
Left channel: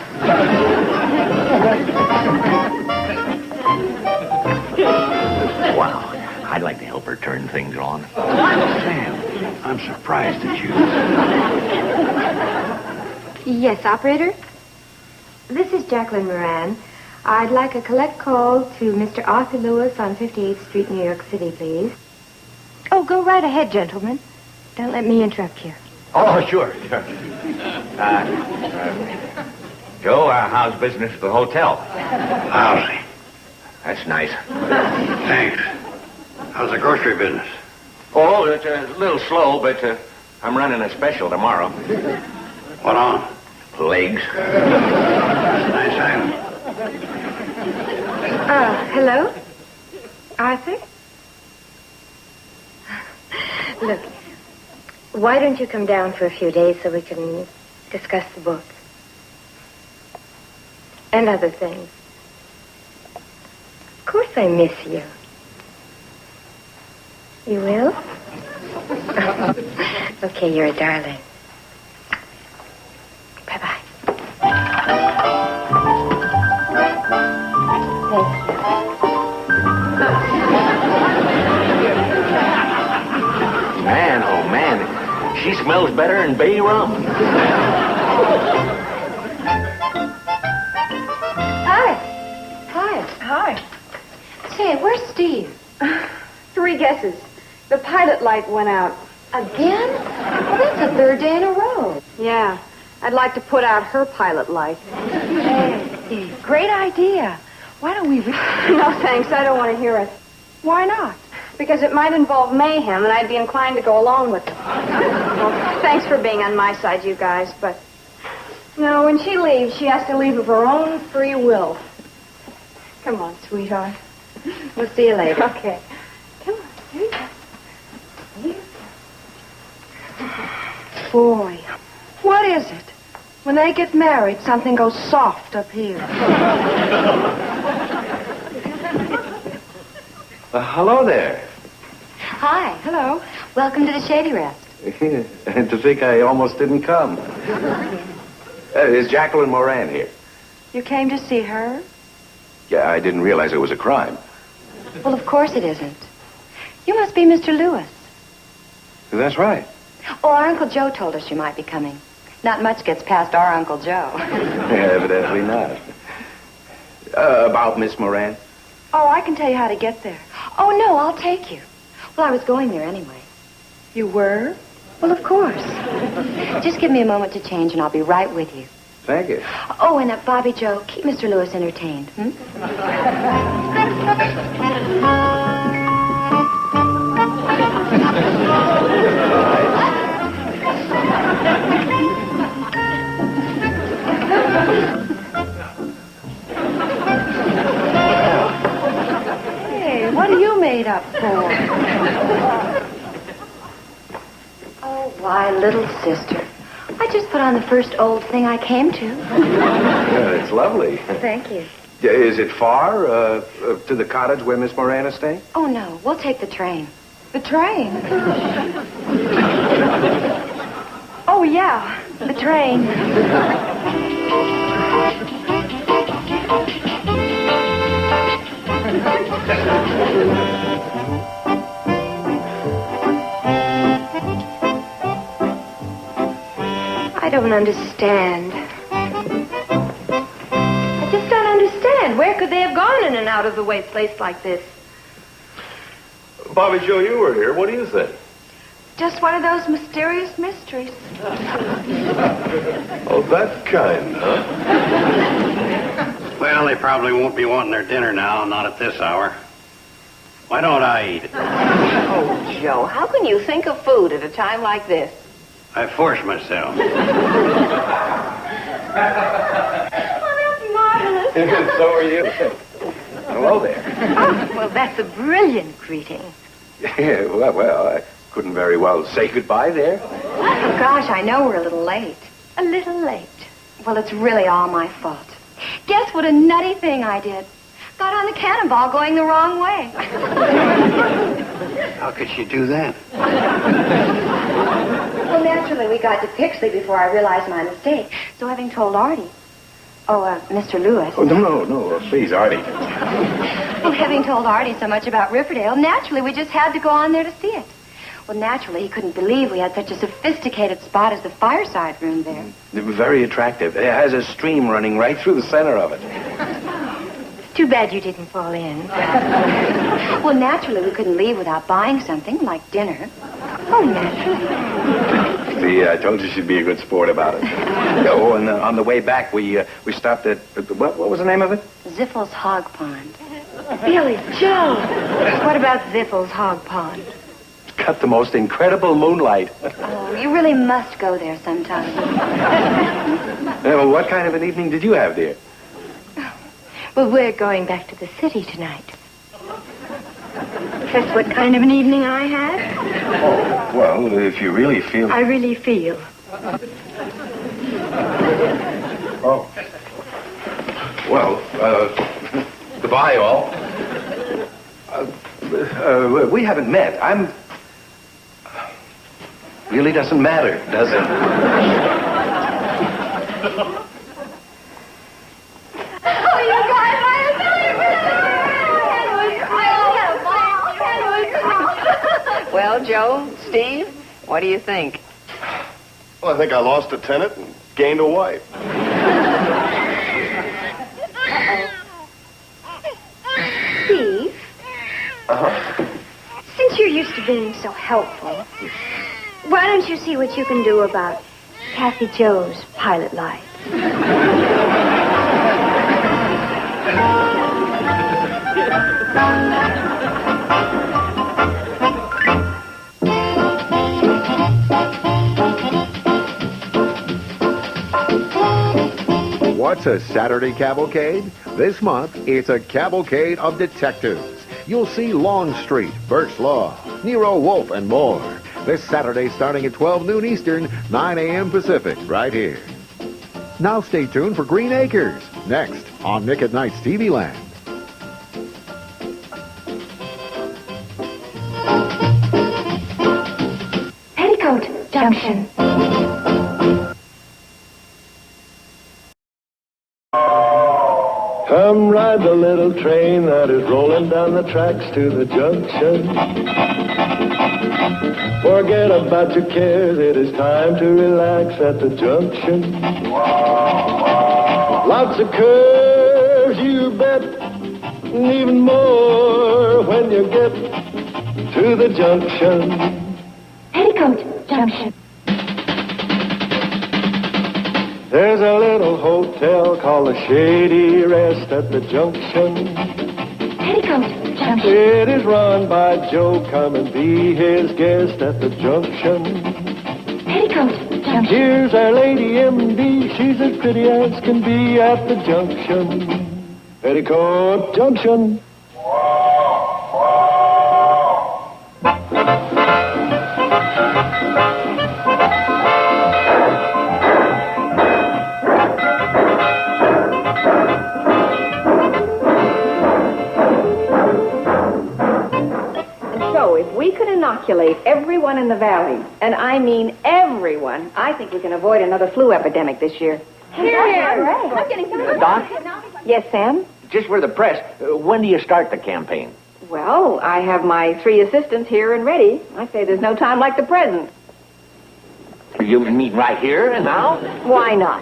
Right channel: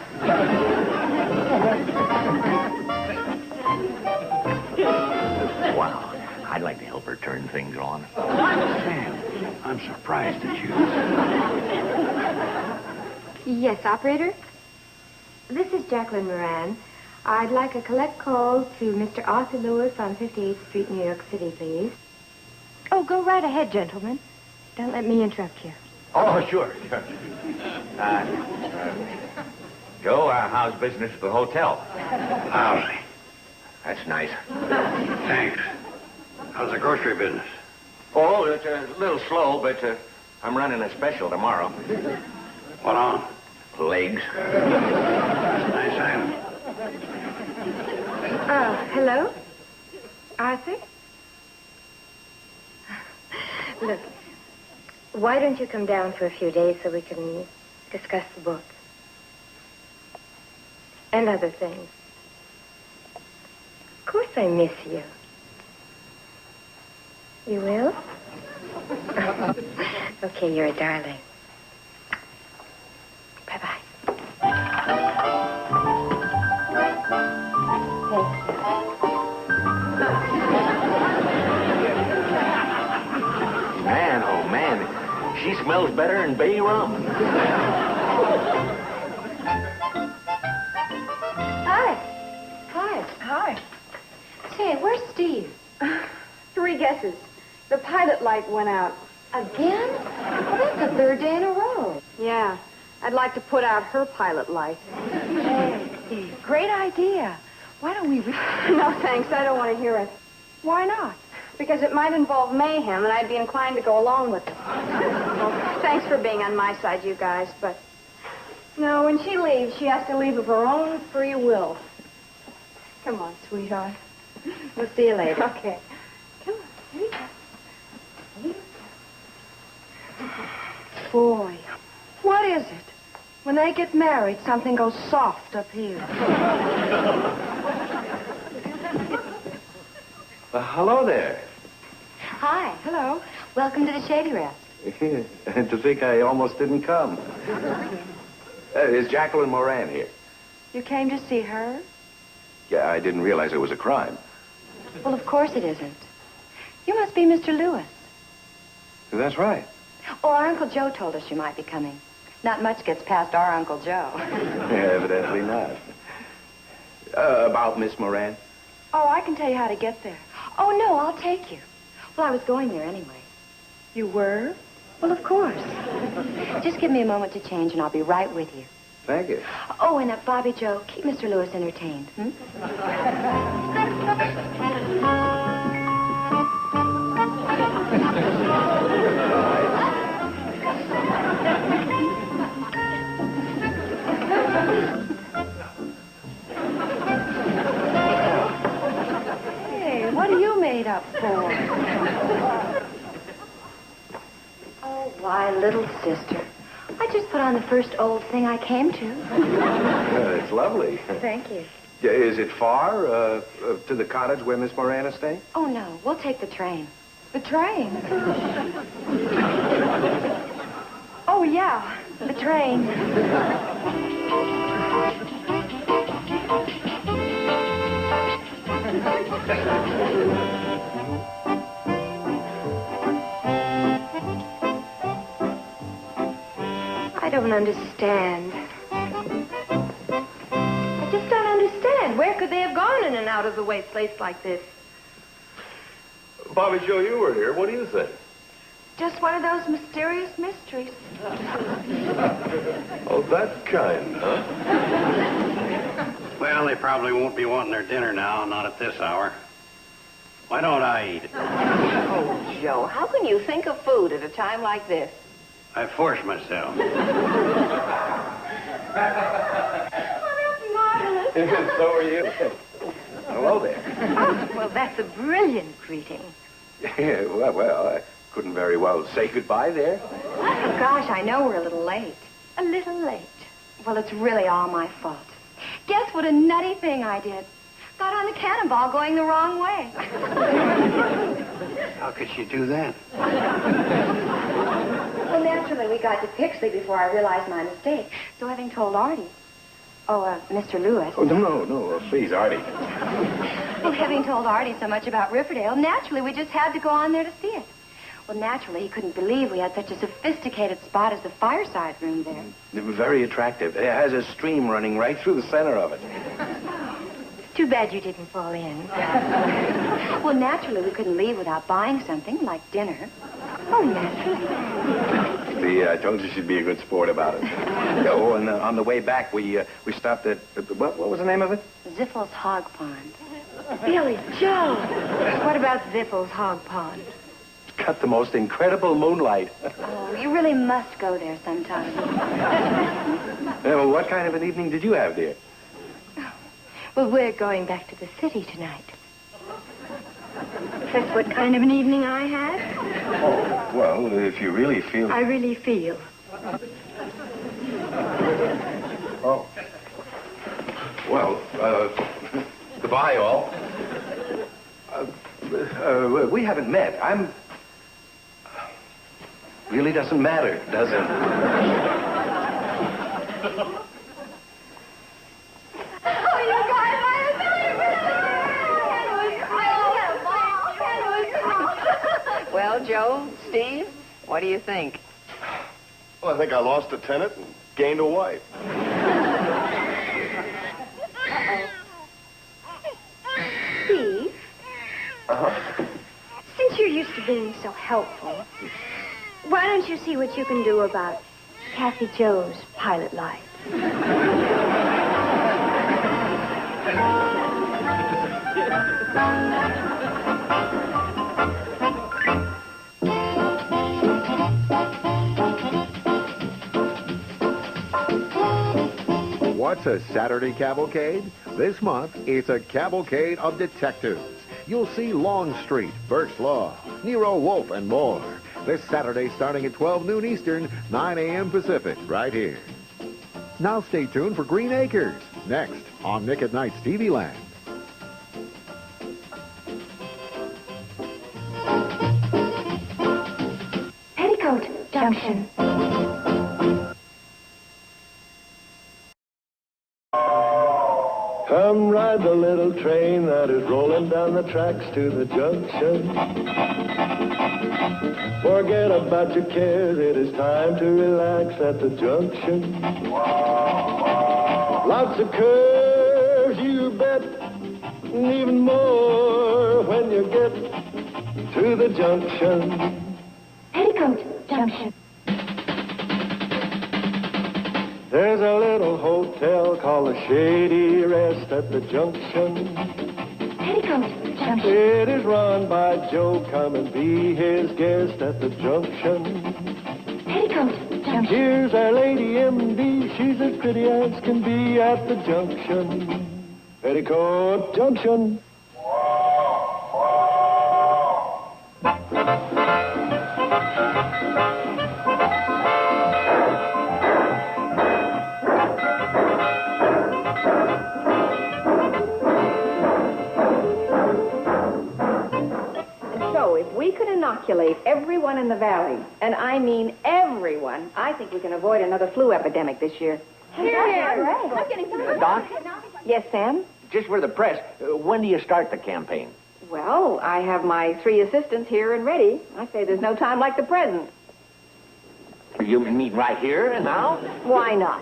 Wow. I'd like to help her turn things on. Sam, I'm surprised at you. Yes, operator? This is Jacqueline Moran. I'd like a collect call to Mr. Arthur Lewis on 58th Street, New York City, please. Oh, go right ahead, gentlemen. Don't let me interrupt you. Oh, sure. Joe, how's business at the hotel? Lousy. That's nice. Thanks. How's the grocery business? Oh, it's a little slow, but I'm running a special tomorrow. What on? Legs. Nice item. Hello? Arthur? Look, why don't you come down for a few days so we can discuss the book? And other things. course I miss you. You will? Okay, you're a darling. Bye-bye. Thank you. Man, oh man, she smells better than bay rum. Hi. Hi. Hi. Say, where's Steve? 3 guesses. The pilot light went out. Again? Well, that's the 3rd day in a row. Yeah. I'd like to put out her pilot light. Great idea. Why don't we... No, thanks. I don't want to hear it. Why not? Because it might involve mayhem, and I'd be inclined to go along with it. Well, thanks for being on my side, you guys, but... No, when she leaves, she has to leave of her own free will. Come on, sweetheart. We'll see you later. Okay. Come on. Boy, what is it? When they get married, something goes soft up here. Hello there. Hi. Hello. Welcome to the Shady Rest. And to think I almost didn't come. Is Jacqueline Moran here? You came to see her? Yeah, I didn't realize it was a crime. Well, of course it isn't. You must be Mr. Lewis. That's right. Oh, our Uncle Joe told us you might be coming. Not much gets past our Uncle Joe. Evidently not. About Miss Moran? Oh, I can tell you how to get there. Oh, no, I'll take you. Well, I was going there anyway. You were? Well, of course. Just give me a moment to change, and I'll be right with you. Thank you. Oh, and Bobby Joe, keep Mr. Lewis entertained. Hey, what are you made up for? Oh, why, little sister. I just put on the first old thing I came to. Yeah, it's lovely. Thank you. Yeah, is it far to the cottage where Miss Moran is staying? Oh, no, we'll take the train. The train? Oh, yeah, the train. I don't understand. I just don't understand. Where could they have gone in and out of the way place like this? Bobby Joe, you were here. What do you think? Just one of those mysterious mysteries. Oh, that kind, huh? Well, they probably won't be wanting their dinner now, not at this hour. Why don't I eat it? Oh, Joe, how can you think of food at a time like this? I force myself. Oh, that's marvelous. So are you. Hello there. Oh, well, that's a brilliant greeting. Yeah, well, I couldn't very well say goodbye there. Oh, gosh, I know we're a little late. A little late. Well, it's really all my fault. Guess what a nutty thing I did. Got on the cannonball going the wrong way. How could she do that? Well, naturally, we got to Pixley before I realized my mistake. So having told Artie... Mr. Lewis. Oh, no, please, Artie. Well, having told Artie so much about Riverdale, naturally, we just had to go on there to see it. Well, naturally, he couldn't believe we had such a sophisticated spot as the fireside room there. Very attractive. It has a stream running right through the center of it. Too bad you didn't fall in. Well, naturally, we couldn't leave without buying something, like dinner. Oh, naturally. See, I told you she'd be a good sport about it. Oh, and on the way back, we stopped at, what was the name of it? Ziffel's Hog Pond. Billy Joe. What about Ziffel's Hog Pond? It's got the most incredible moonlight. Oh, you really must go there sometime. What kind of an evening did you have, dear? Well, we're going back to the city tonight. That's what kind of an evening I had? Oh, well, if you really feel... I really feel. Oh. Well, goodbye, all. We haven't met. Really doesn't matter, does it? Well, Joe, Steve, what do you think? Well, I think I lost a tenant and gained a wife. Steve, Uh-huh. since you're used to being so helpful, why don't you see what you can do about Kathy Joe's pilot light? What's a Saturday cavalcade? This month, it's a cavalcade of detectives. You'll see Longstreet, Birch Law, Nero Wolfe, and more. This Saturday starting at 12 noon Eastern, 9 a.m. Pacific, right here. Now stay tuned for Green Acres, next on Nick at Night's TV Land. Petticoat Junction. Come ride the little train that is rolling down the tracks to the junction. Forget about your cares, it is time to relax at the junction. Lots of curves, you bet, and even more when you get to the junction. Petticoat Junction. There's a little hotel called the Shady Rest at the junction. Petticoat Junction. It is run by Joe. Come and be his guest at the junction. Petticoat Junction. Here's our lady M.D. She's as pretty as can be at the junction. Petticoat Junction. Inoculate everyone in the valley, and I mean everyone, I think we can avoid another flu epidemic this year. Doc? Yes, Sam? Just for the press, when do you start the campaign? Well, I have my 3 assistants here and ready. I say there's no time like the present. You mean right here and now? Why not?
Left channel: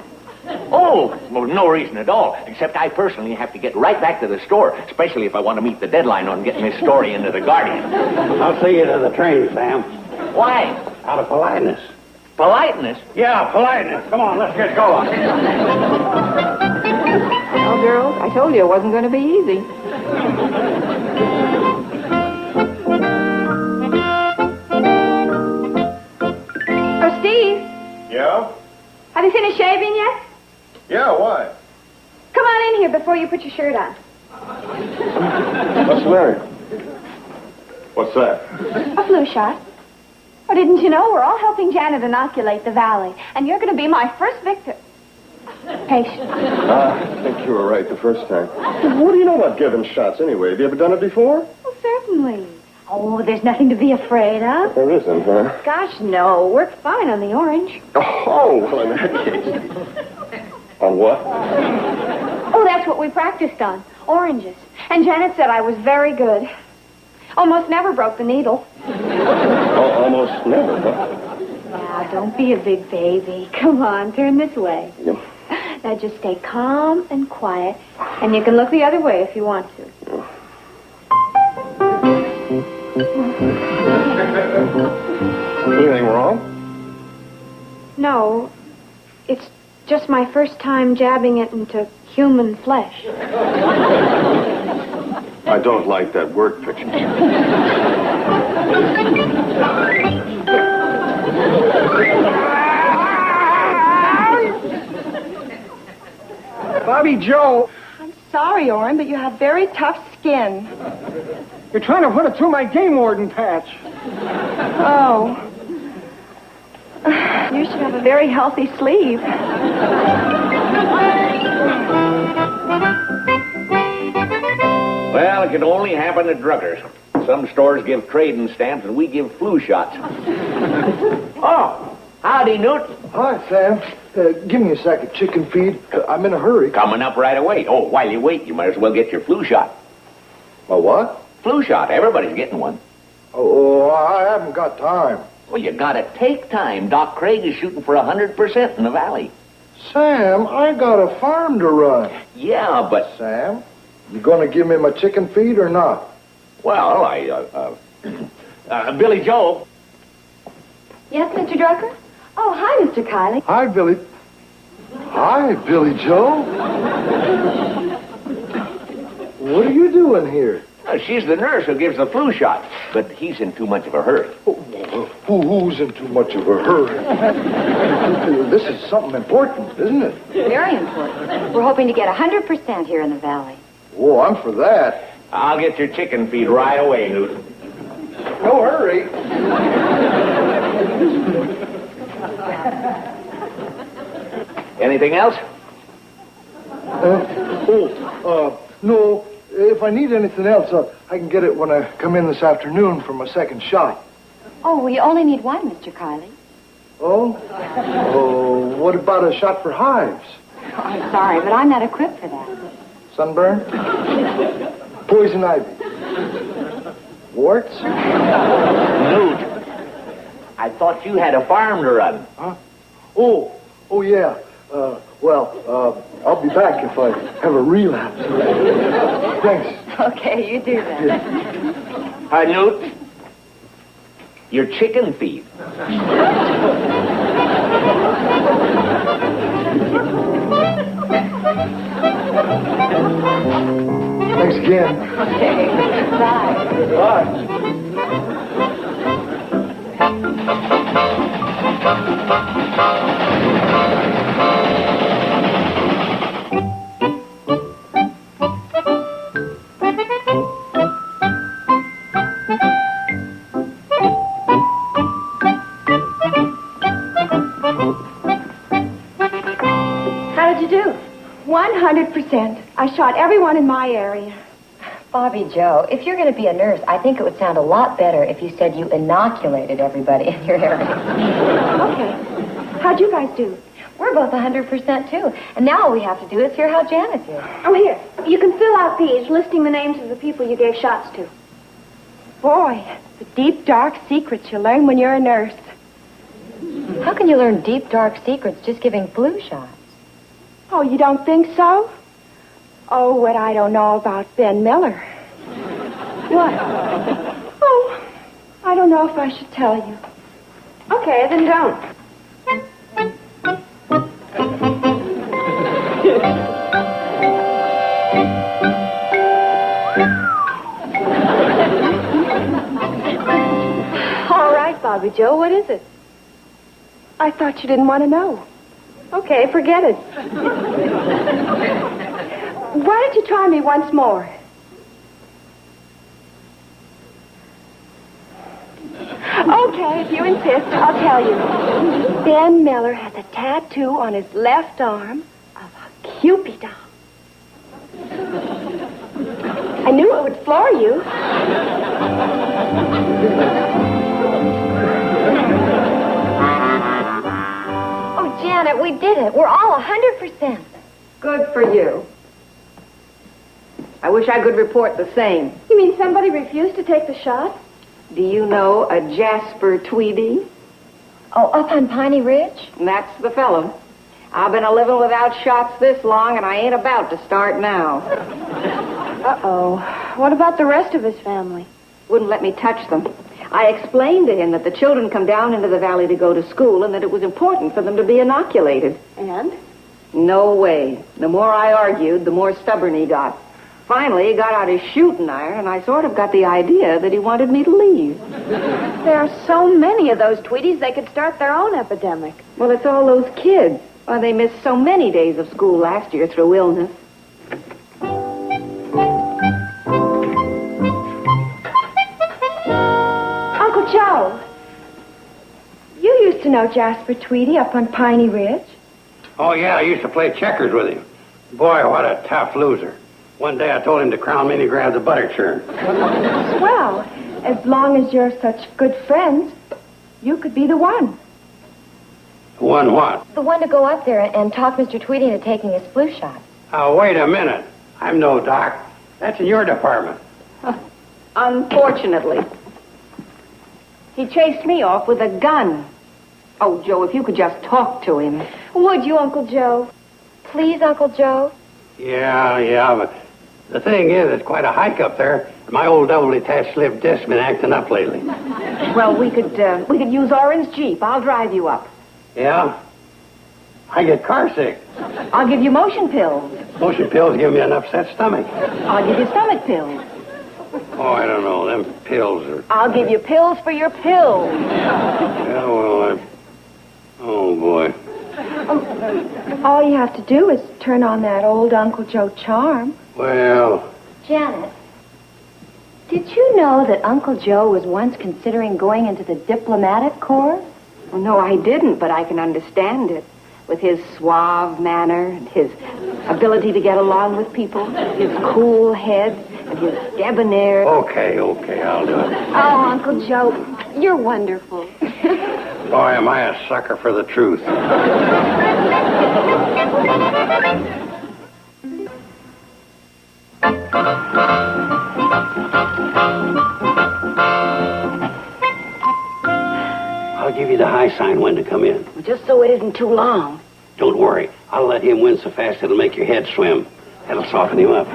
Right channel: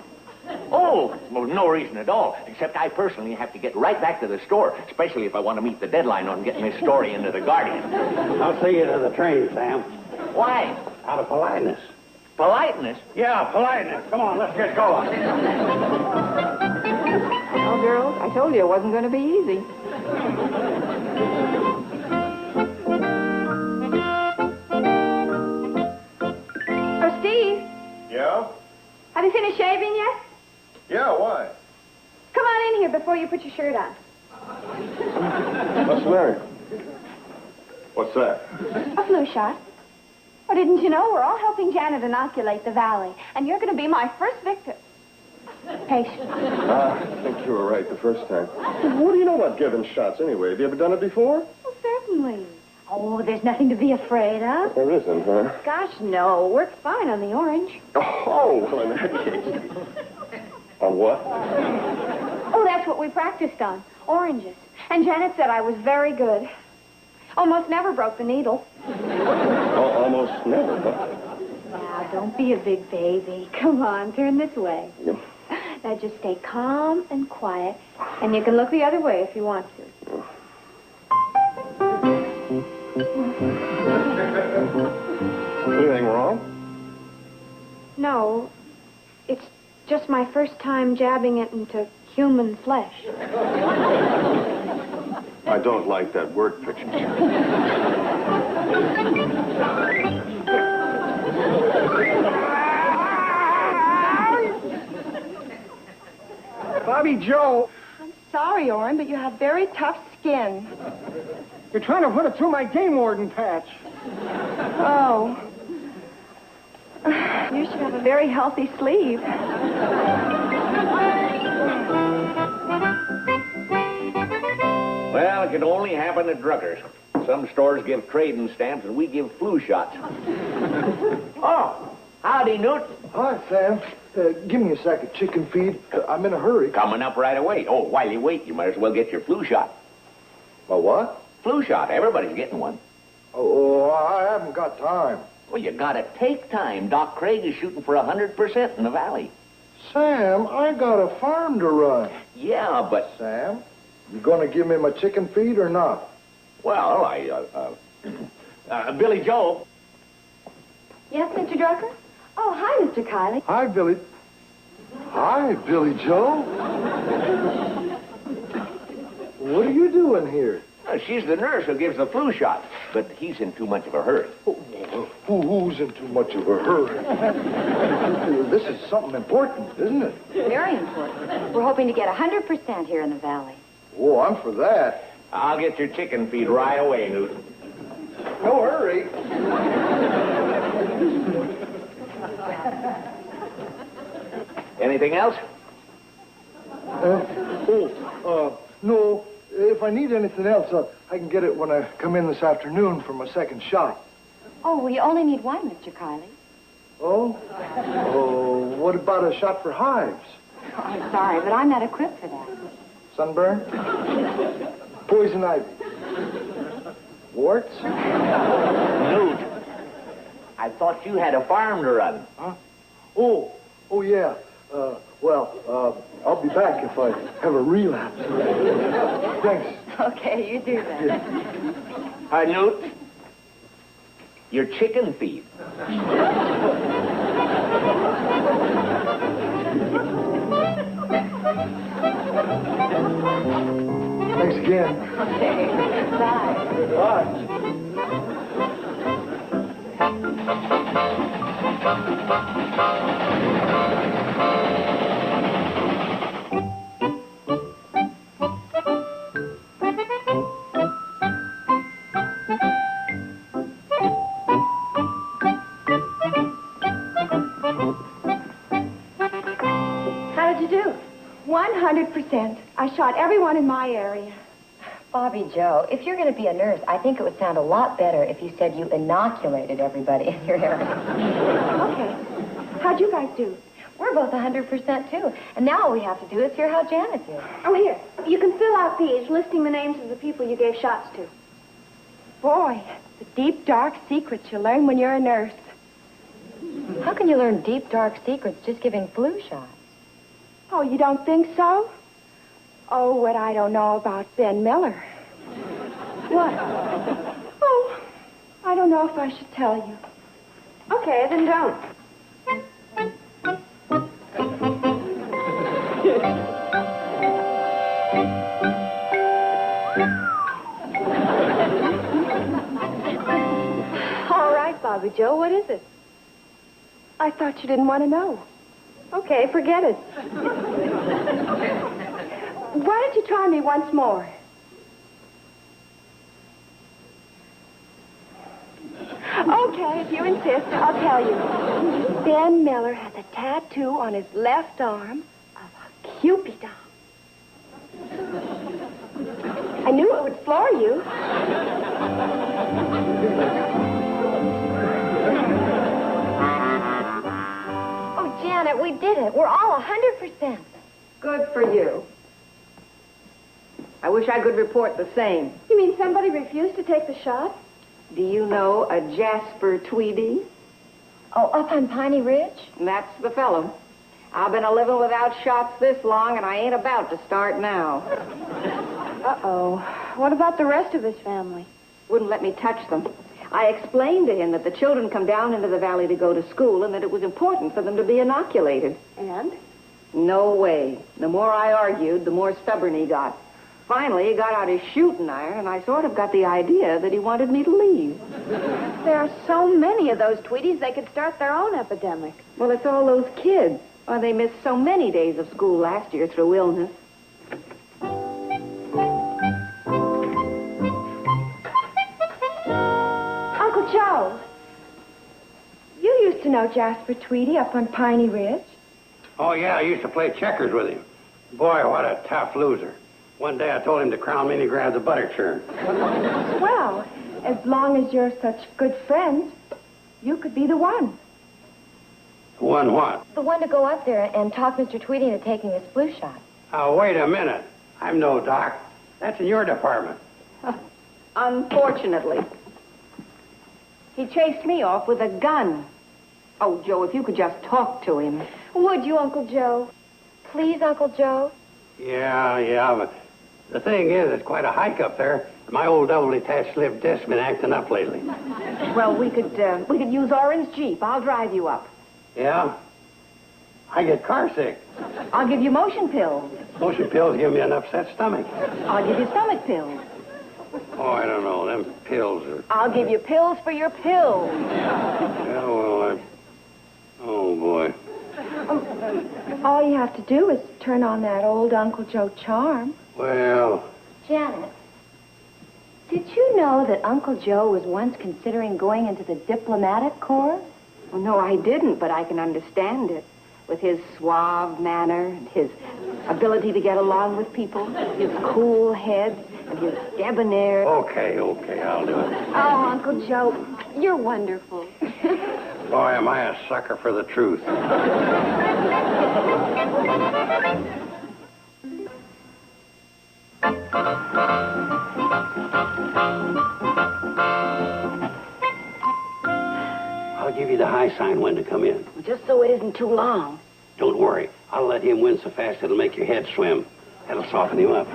Oh, well, no reason at all, except I personally have to get right back to the store, especially if I want to meet the deadline on getting this story into the Guardian. I'll see you to the train, Sam. Why? Out of politeness. Politeness? Yeah, politeness. Come on, let's get going. Well, girls, I told you it wasn't going to be easy. Oh, Steve, Yeah? have you finished shaving yet? Yeah, why? Come on in here before you put your shirt on. What's the matter? What's that? A flu shot. Oh, didn't you know? We're all helping Janet inoculate the valley, and you're going to be my first victim. Patient. I think you were right the first time. What do you know about giving shots anyway? Have you ever done it before? Well, certainly. Oh, there's nothing to be afraid of. There isn't, huh? Gosh, no. We're fine on the orange. Oh, well, in that case. On what? Oh, that's what we practiced on. Oranges. And Janet said I was very good. Almost never broke the needle. Oh, almost never, huh? Now, don't be a big baby. Come on, turn this way. Yeah. Now, just stay calm and quiet, and you can look the other way if you want to. Anything wrong? No, it's just my first time jabbing it into human flesh. I don't like that word picture. Bobby Joe, I'm sorry, Orrin, but you have very tough skin. you're trying to run it through my game warden patch. Oh. You should have a very healthy sleeve. Well, it can only happen to druggers. Some stores give trading stamps and we give flu shots. Oh, howdy, Newt. Hi, Sam. Give me a sack of chicken feed. I'm in a hurry. Coming up right away. Oh, while you wait, you might as well get your flu shot. A what? Flu shot. Everybody's getting one. Oh, I haven't got time. Well, you gotta take time. Doc Craig is shooting for 100% in the valley. Sam, I got a farm to run. Yeah, but... Sam, you gonna give me my chicken feed or not? Well, Billy Joe. Yes, Mr. Drucker? Oh, hi, Mr. Kiley. Hi, Billy. Hi, Billy Joe. What are you doing here? She's the nurse who gives the flu shot, but he's in too much of a hurry. Who's in too much of a hurry? This is something important, isn't it? Very important. We're hoping to get 100% here in the valley. Oh, I'm for that. I'll get your chicken feed right away, Newt. No hurry. Anything else? No. If I need anything else, I can get it when I come in this afternoon for my second shot. Oh, we only need one, Mr. Kiley. Oh? Oh, what about a shot for hives? Oh, I'm sorry, but I'm not equipped for that. Sunburn? Poison ivy? Warts? Newt, I thought you had a farm to run. Huh? Oh, yeah. I'll be back if I have a relapse. Thanks. Okay, you do that. Hi, Newt. Your chicken feed. Thanks again. Okay. Bye. Bye. How did you do? 100%. I shot everyone in my area. Bobby Joe, if you're going to be a nurse, I think it would sound a lot better if you said you inoculated everybody in your area. Okay. How'd you guys do? We're both 100% too. And now all we have to do is hear how Janet did. Oh, here. You can fill out these listing the names of the people you gave shots to. Boy, the deep, dark secrets you learn when you're a nurse. How can you learn deep, dark secrets just giving flu shots? Oh, you don't think so? Oh, what I don't know about Ben Miller. What? Oh, I don't know if I should tell you. Okay, then don't. All right, Bobby Joe, what is it? I thought you didn't want to know. Okay, forget it. Why don't you try me once more? Okay, if you insist, I'll tell you. Ben Miller has a tattoo on his left arm of a Cupid doll. I knew it would floor you. Oh, Janet, we did it. We're all 100%. Good for you. I wish I could report the same. You mean somebody refused to take the shot? Do you know a Jasper Tweedy? Oh, up on Piney Ridge? That's the fellow. I've been a-living without shots this long, and I ain't about to start now. Uh-oh. What about the rest of his family? Wouldn't let me touch them. I explained to him that the children come down into the valley to go to school and that it was important for them to be inoculated. And? No way. The more I argued, the more stubborn he got. Finally, he got out his shooting iron, and I sort of got the idea that he wanted me to leave. There are so many of those Tweedies, they could start their own epidemic. Well, it's all those kids. Why, they missed so many days of school last year through illness. Uncle Joe, you used to know Jasper Tweedy up on Piney Ridge. Oh, yeah, I used to play checkers with him. Boy, what a tough loser. One day I told him to crown me and he grabbed a butter churn. Well, as long as you're such good friends, you could be the one. One what? The one to go up there and talk Mr. Tweedy into taking his flu shot. Oh, wait a minute. I'm no doc. That's in your department. Unfortunately. He chased me off with a gun. Oh, Joe, if you could just talk to him. Would you, Uncle Joe? Please, Uncle Joe? Yeah, but the thing is, it's quite a hike up there. My old double-detached slip disc's been acting up lately. Well, we could use Orin's Jeep. I'll drive you up. Yeah? I get car sick. I'll give you motion pills. Motion pills give me an upset stomach. I'll give you stomach pills. Oh, I don't know. Them pills are... I'll give you pills for your pills. Yeah, well, oh, boy. All you have to do is turn on that old Uncle Joe charm. Well... Janet, did you know that Uncle Joe was once considering going into the diplomatic corps? Well, no, I didn't, but I can understand it. With his suave manner, and his ability to get along with people, his cool head, and his debonair... Okay, I'll do it. Oh, Uncle Joe, you're wonderful. Boy, am I a sucker for the truth. I'll give you the high sign when to come in. Just so it isn't too long. Don't worry. I'll let him win so fast it'll make your head swim. That'll soften him up.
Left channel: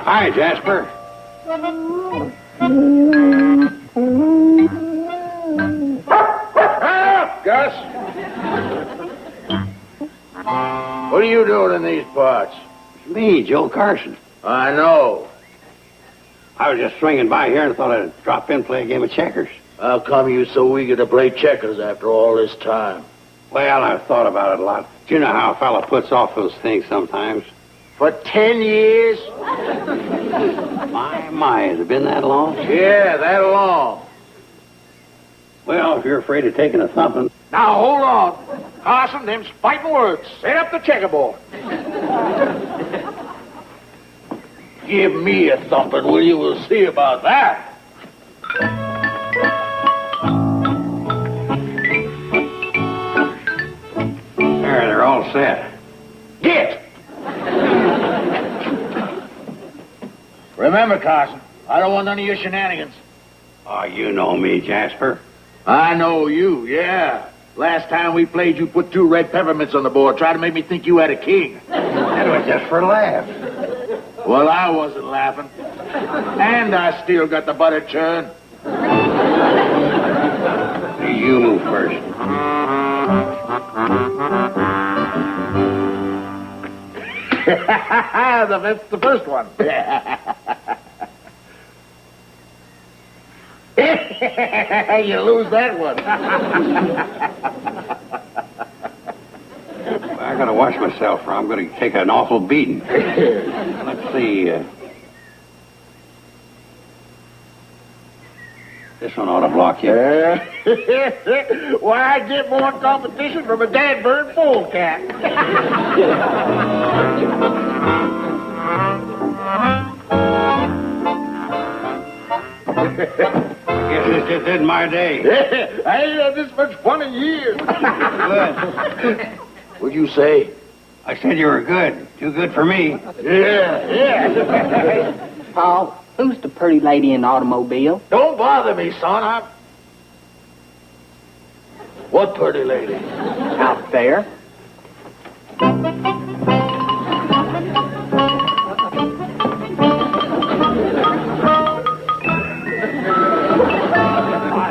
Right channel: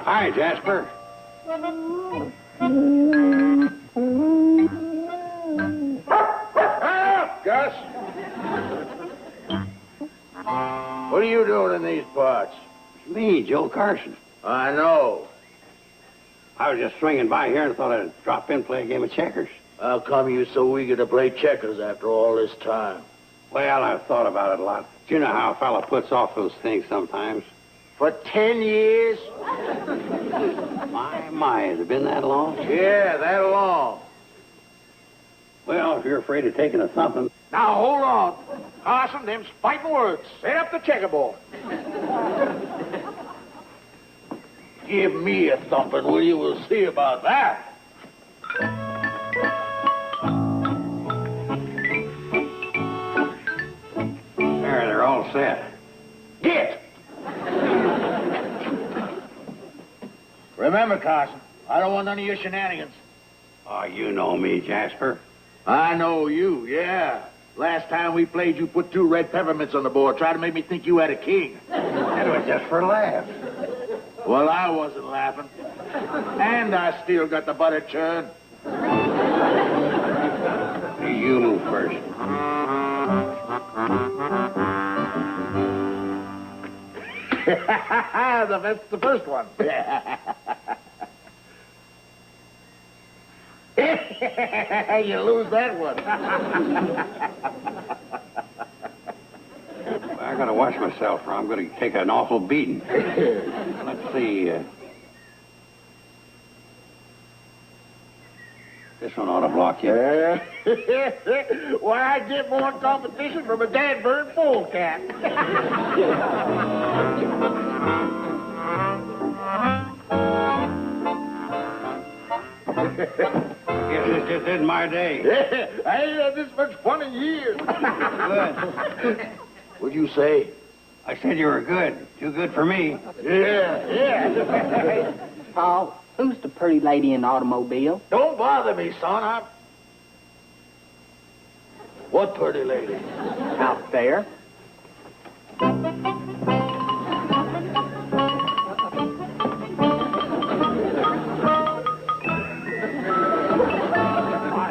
Hi, Jasper. Gus? What are you doing in these parts? Me, Joe Carson. I know. I was just swinging by here and thought I'd drop in, play a game of checkers. How come you so eager to play checkers after all this time? Well, I've thought about it a lot. Do you know how a fella puts off those things sometimes? For 10 years? My, has it been that long? Yeah, that long. Well, if you're afraid of taking a thumping... Now, hold on. Carson, them's fighting words. Set up the checkerboard. Give me a thumping, will you? We'll see about that. There, they're all set. Get! Remember, Carson, I don't want none of your shenanigans. Oh, you know me, Jasper. I know you, yeah. Last time we played, you put 2 red peppermints on the board, trying to make me think you had a king. That was just for a laugh. Well, I wasn't laughing. And I still got the butter churn. You move first. That's the first one. You lose that one. I gotta watch myself, or I'm gonna take an awful beating. Let's see. This one ought to block you. Why, I get more competition from a dad-bird polecat. Guess this isn't my day. I ain't had this much fun in years. What'd you say? I said you were good. Too good for me. Yeah. Paul, who's the pretty lady in the automobile? Don't bother me, son. What pretty lady? Out there.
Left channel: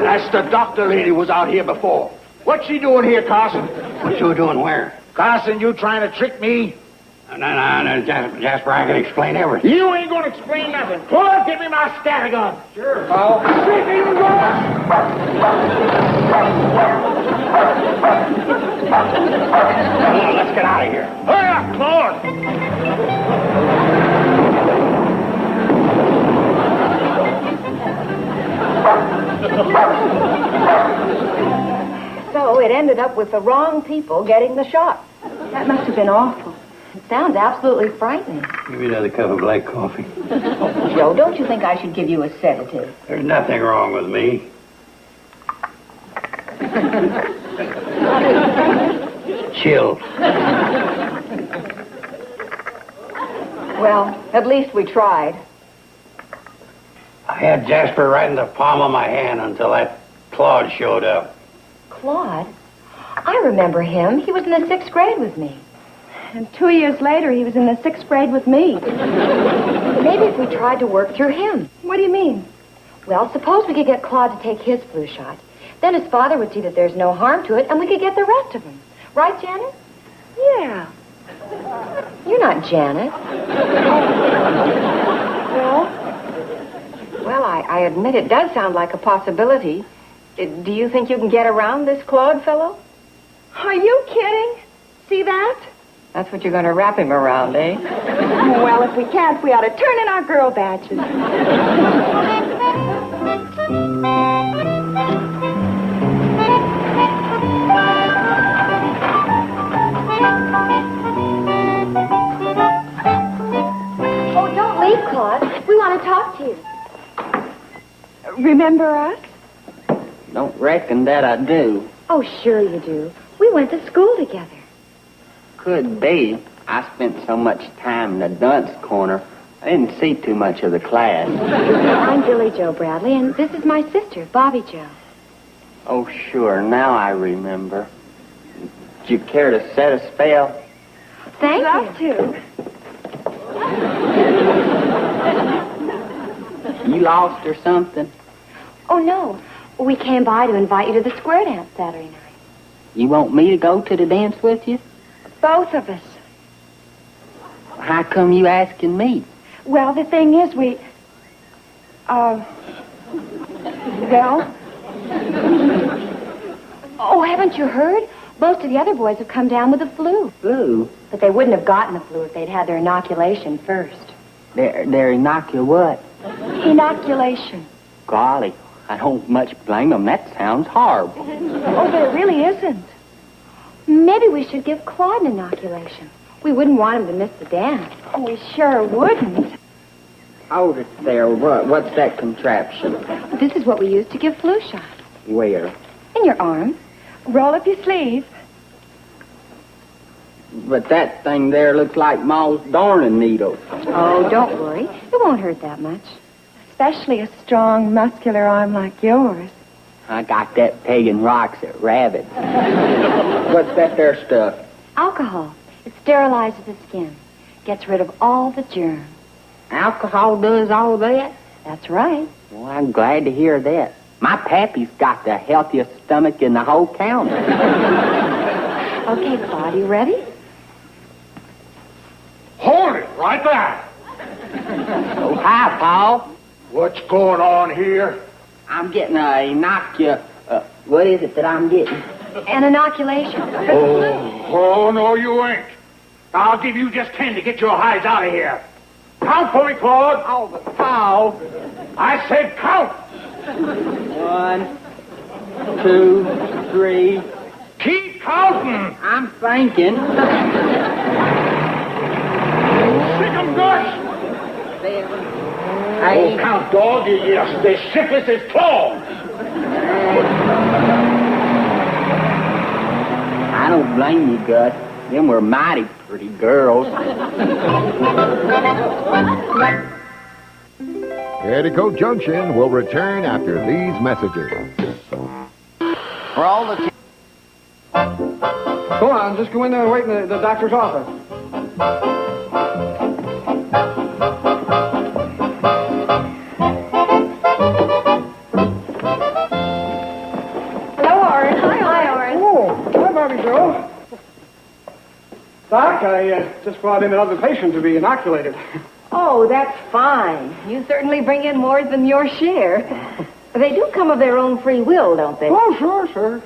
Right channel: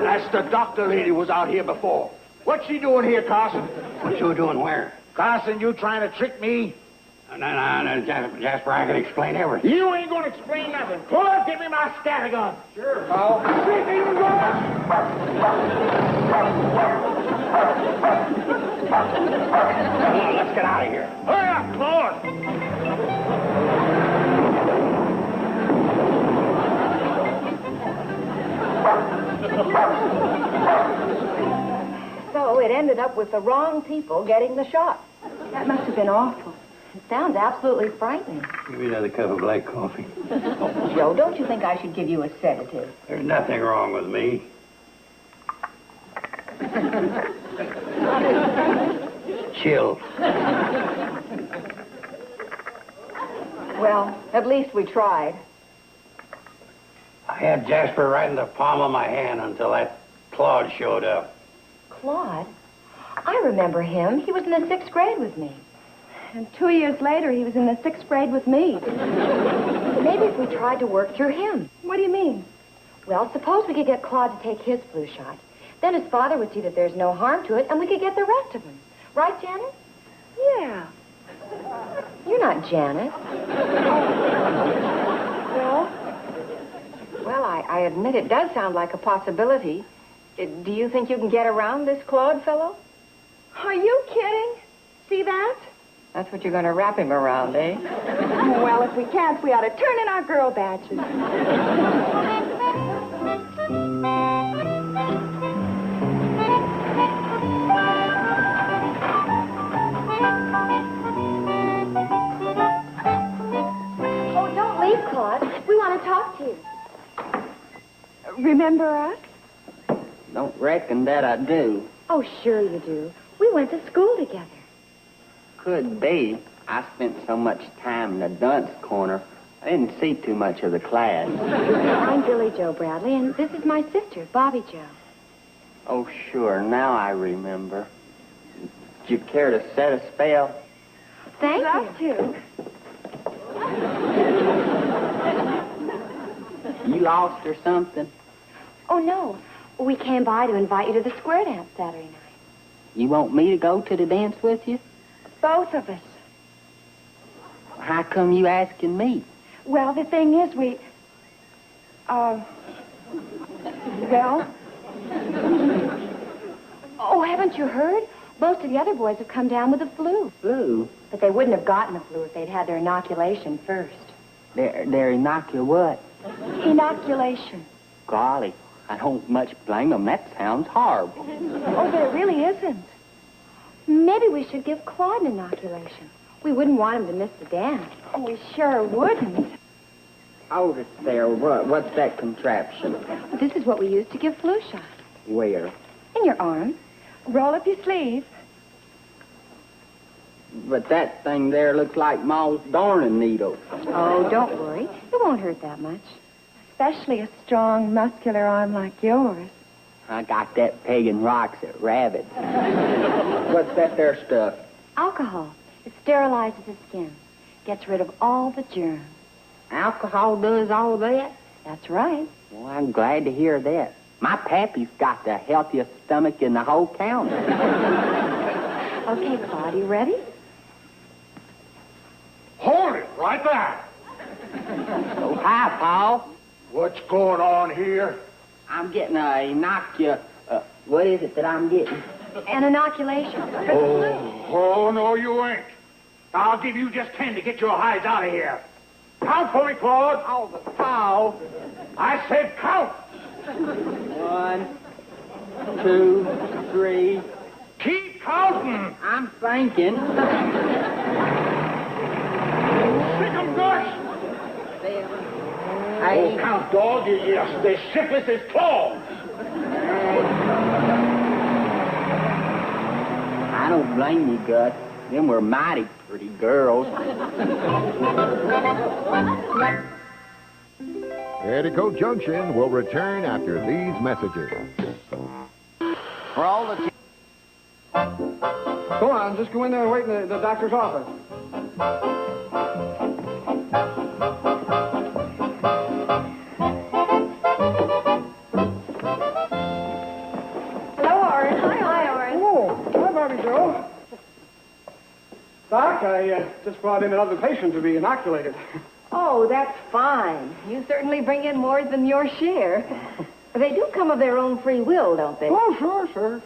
That's the doctor lady was out here before. What's she doing here, Carson? What you doing where? Carson, you trying to trick me? No, Jasper, I can explain everything. You ain't gonna explain nothing. Pull up, give me my static gun. Sure. Oh. Let's get out of here. Hurry up, Claude. So it ended up with the wrong people getting the shot. That must have been awful. It sounds absolutely frightening. Give me another cup of black coffee. Joe, don't you think I should give you a sedative? There's nothing wrong with me. Chills. Well, at least we tried. I had Jasper right in the palm of my hand until that Claude showed up. Claude? I remember him. He was in the 6th grade with me. And 2 years later, he was in the 6th grade with me. Maybe if we tried to work through him. What do you mean? Well, suppose we could get Claude to take his flu shot. Then his father would see that there's no harm to it, and we could get the rest of them. Right, Janet? Yeah. You're not Janet. Well, I admit it does sound like a possibility. Do you think you can get around this Claude fellow? Are you kidding? See that? That's what you're going to wrap him around, eh? Well, if we can't, we ought to turn in our girl badges. Oh, don't leave, Claude. We want to talk to you. Remember us? Don't reckon that I do. Oh, sure you do. We went to school together. Could be. I spent so much time in the dunce corner, I didn't see too much of the class. I'm Billy Joe Bradley, and this is my sister, Bobby Joe. Oh, sure. Now I remember. Would you care to set a spell? Thank you. you. You lost or something? Oh, no. We came by to invite you to the square dance Saturday night. You want me to go to the dance with you? Both of us. How come you asking me? Well, the thing is, well... Oh, haven't you heard? Most of the other boys have come down with the flu. Flu? But they wouldn't have gotten the flu if they'd had their inoculation first. They're inoculate what? Inoculation. Golly, I don't much blame them. That sounds horrible. Oh, but it really isn't. Maybe we should give Claude an inoculation. We wouldn't want him to miss the dance. Oh, we sure wouldn't. Hold it there. What's that contraption? This is what we use to give flu shots. Where? In your arm. Roll up your sleeve. But that thing there looks like Ma's darning needle. Oh, don't worry. It won't hurt that much. Especially a strong, muscular arm like yours. I got that pegging rocks at Rabbit. What's that there stuff? Alcohol. It sterilizes the skin. Gets rid of all the germs. Alcohol does all that? That's right. Well, I'm glad to hear that. My pappy's got the healthiest stomach in the whole county. Okay, Claude, you ready? Hold it right there. Oh, hi, Paul. What's going on here? I'm getting what is it that I'm getting? An inoculation. Oh, no, you ain't. I'll give you just 10 to get your hides out of here. Count for me, Claude. Oh, but Paul. I said count. 1, 2, 3. Keep counting. I'm thinking. 6 guts. 7, Oh, 8. count, dog. Yes, the sickest is claw. I don't blame you, Gus. Them were mighty pretty girls. Petticoat Junction will return after these messages. For all the... Go on, just go in there and wait in the doctor's office. Hello, Orange. Hi, Orange. Oh, hi, Bobby Joe. Doc, I just brought in another patient to be inoculated. Oh, that's fine. You certainly bring in more than your share. They do come of their own free will, don't they? Oh, sure.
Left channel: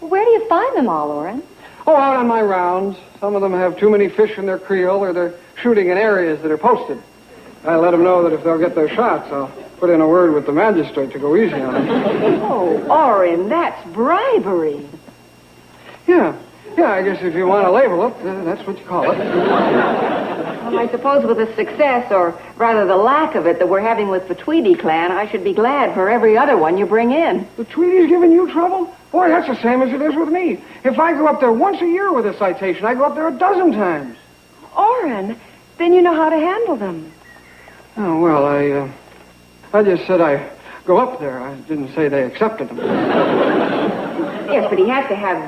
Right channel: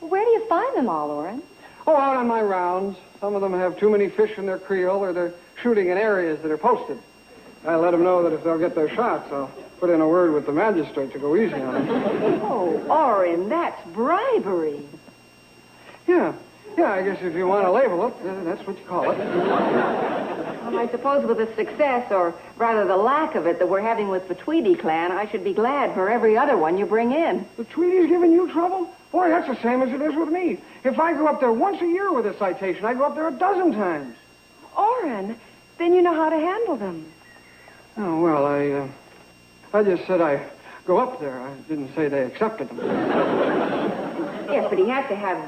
Where do you find them all, Orrin? Oh, out on my rounds. Some of them have too many fish in their creel, or they're shooting in areas that are posted. I let them know that if they'll get their shots, I'll put in a word with the magistrate to go easy on them. Oh, Orrin, that's bribery. Yeah, I guess if you want to label it, that's what you call it. Well, I suppose with the success, or rather the lack of it, that we're having with the Tweedy clan, I should be glad for every other one you bring in. The Tweedy's giving you trouble? Boy, that's the same as it is with me. If I go up there once a year with a citation, I go up there 12 times. Orrin, then you know how to handle them. Oh, well, I just said I go up there. I didn't say they accepted them. Yes, but he has to have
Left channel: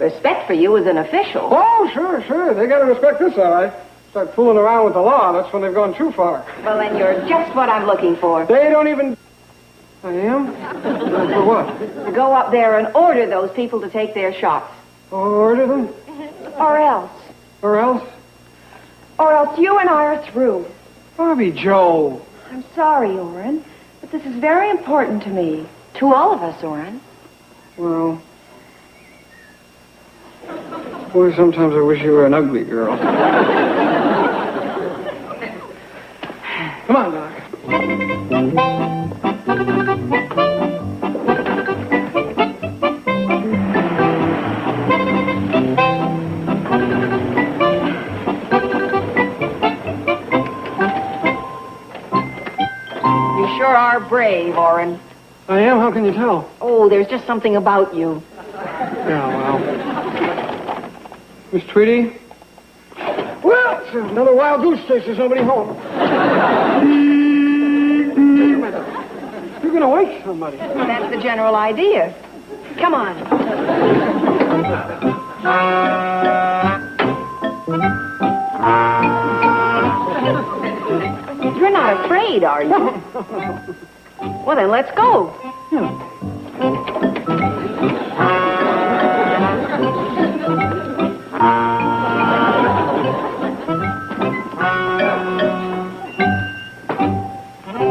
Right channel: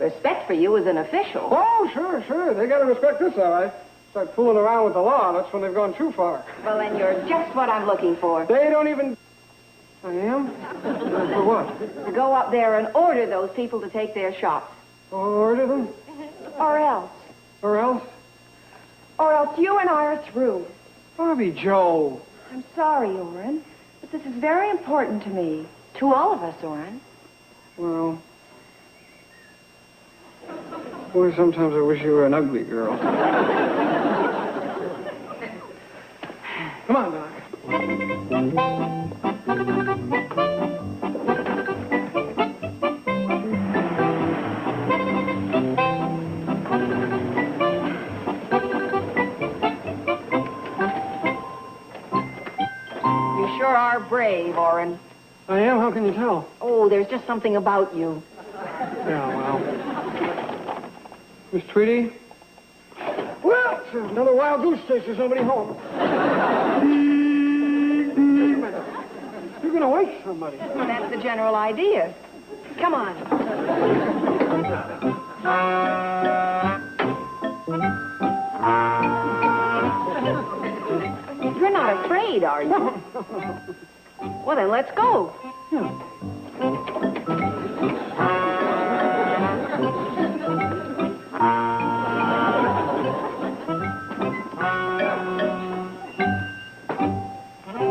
respect for you as an official. Oh, sure. They got to respect this, all right. Start fooling around with the law, that's when they've gone too far. Well, then you're just what I'm looking for. They don't even... I am? For what? To go up there and order those people to take their shots. Order them? Or else. Or else? Or else you and I are through. Bobby Joe. I'm sorry, Orrin, but this is very important to me. To all of us, Orrin. Well... Boy, sometimes I wish you were an ugly girl. Come on, Doc. You sure are brave, Orrin. I am? How can you tell? Oh, there's just something about you. Yeah, well... Miss Tweedy? Well, it's another wild goose chase. There's nobody home. You're going to wake somebody. That's the general idea. Come on. You're not afraid, are you? Well, then let's go.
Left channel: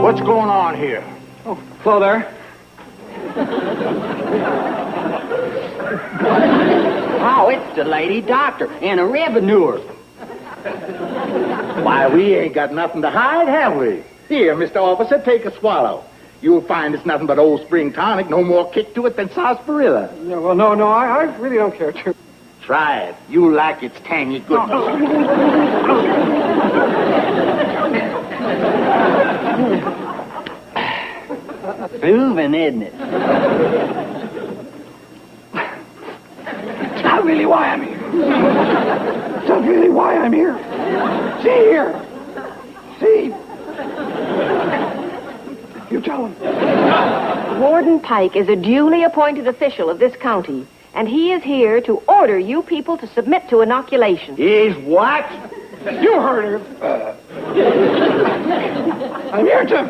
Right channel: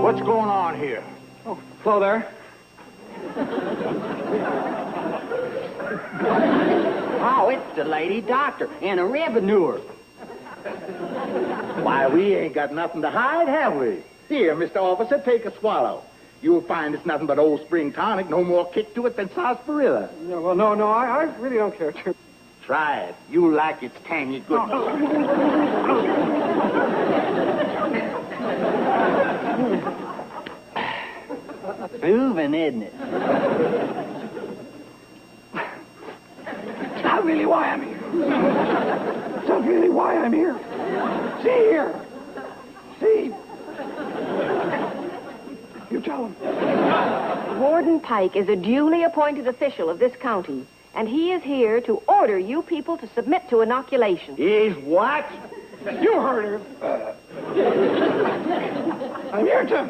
What's going on here? Oh, hello there. Oh, it's the lady doctor and a revenuer. Why, we ain't got nothing to hide, have we? Here, Mr. Officer, take a swallow. You'll find it's nothing but old spring tonic, no more kick to it than sarsaparilla. No, well, no, I really don't care to. Try it. You'll like its tangy goodness. Proving, isn't it? It's not really why I'm here. It's not really why I'm here. See here. See. You tell him. Warden Pike is a duly appointed official of this county, and he is here to order you people to submit to inoculation. Is what? You heard her. I'm here to...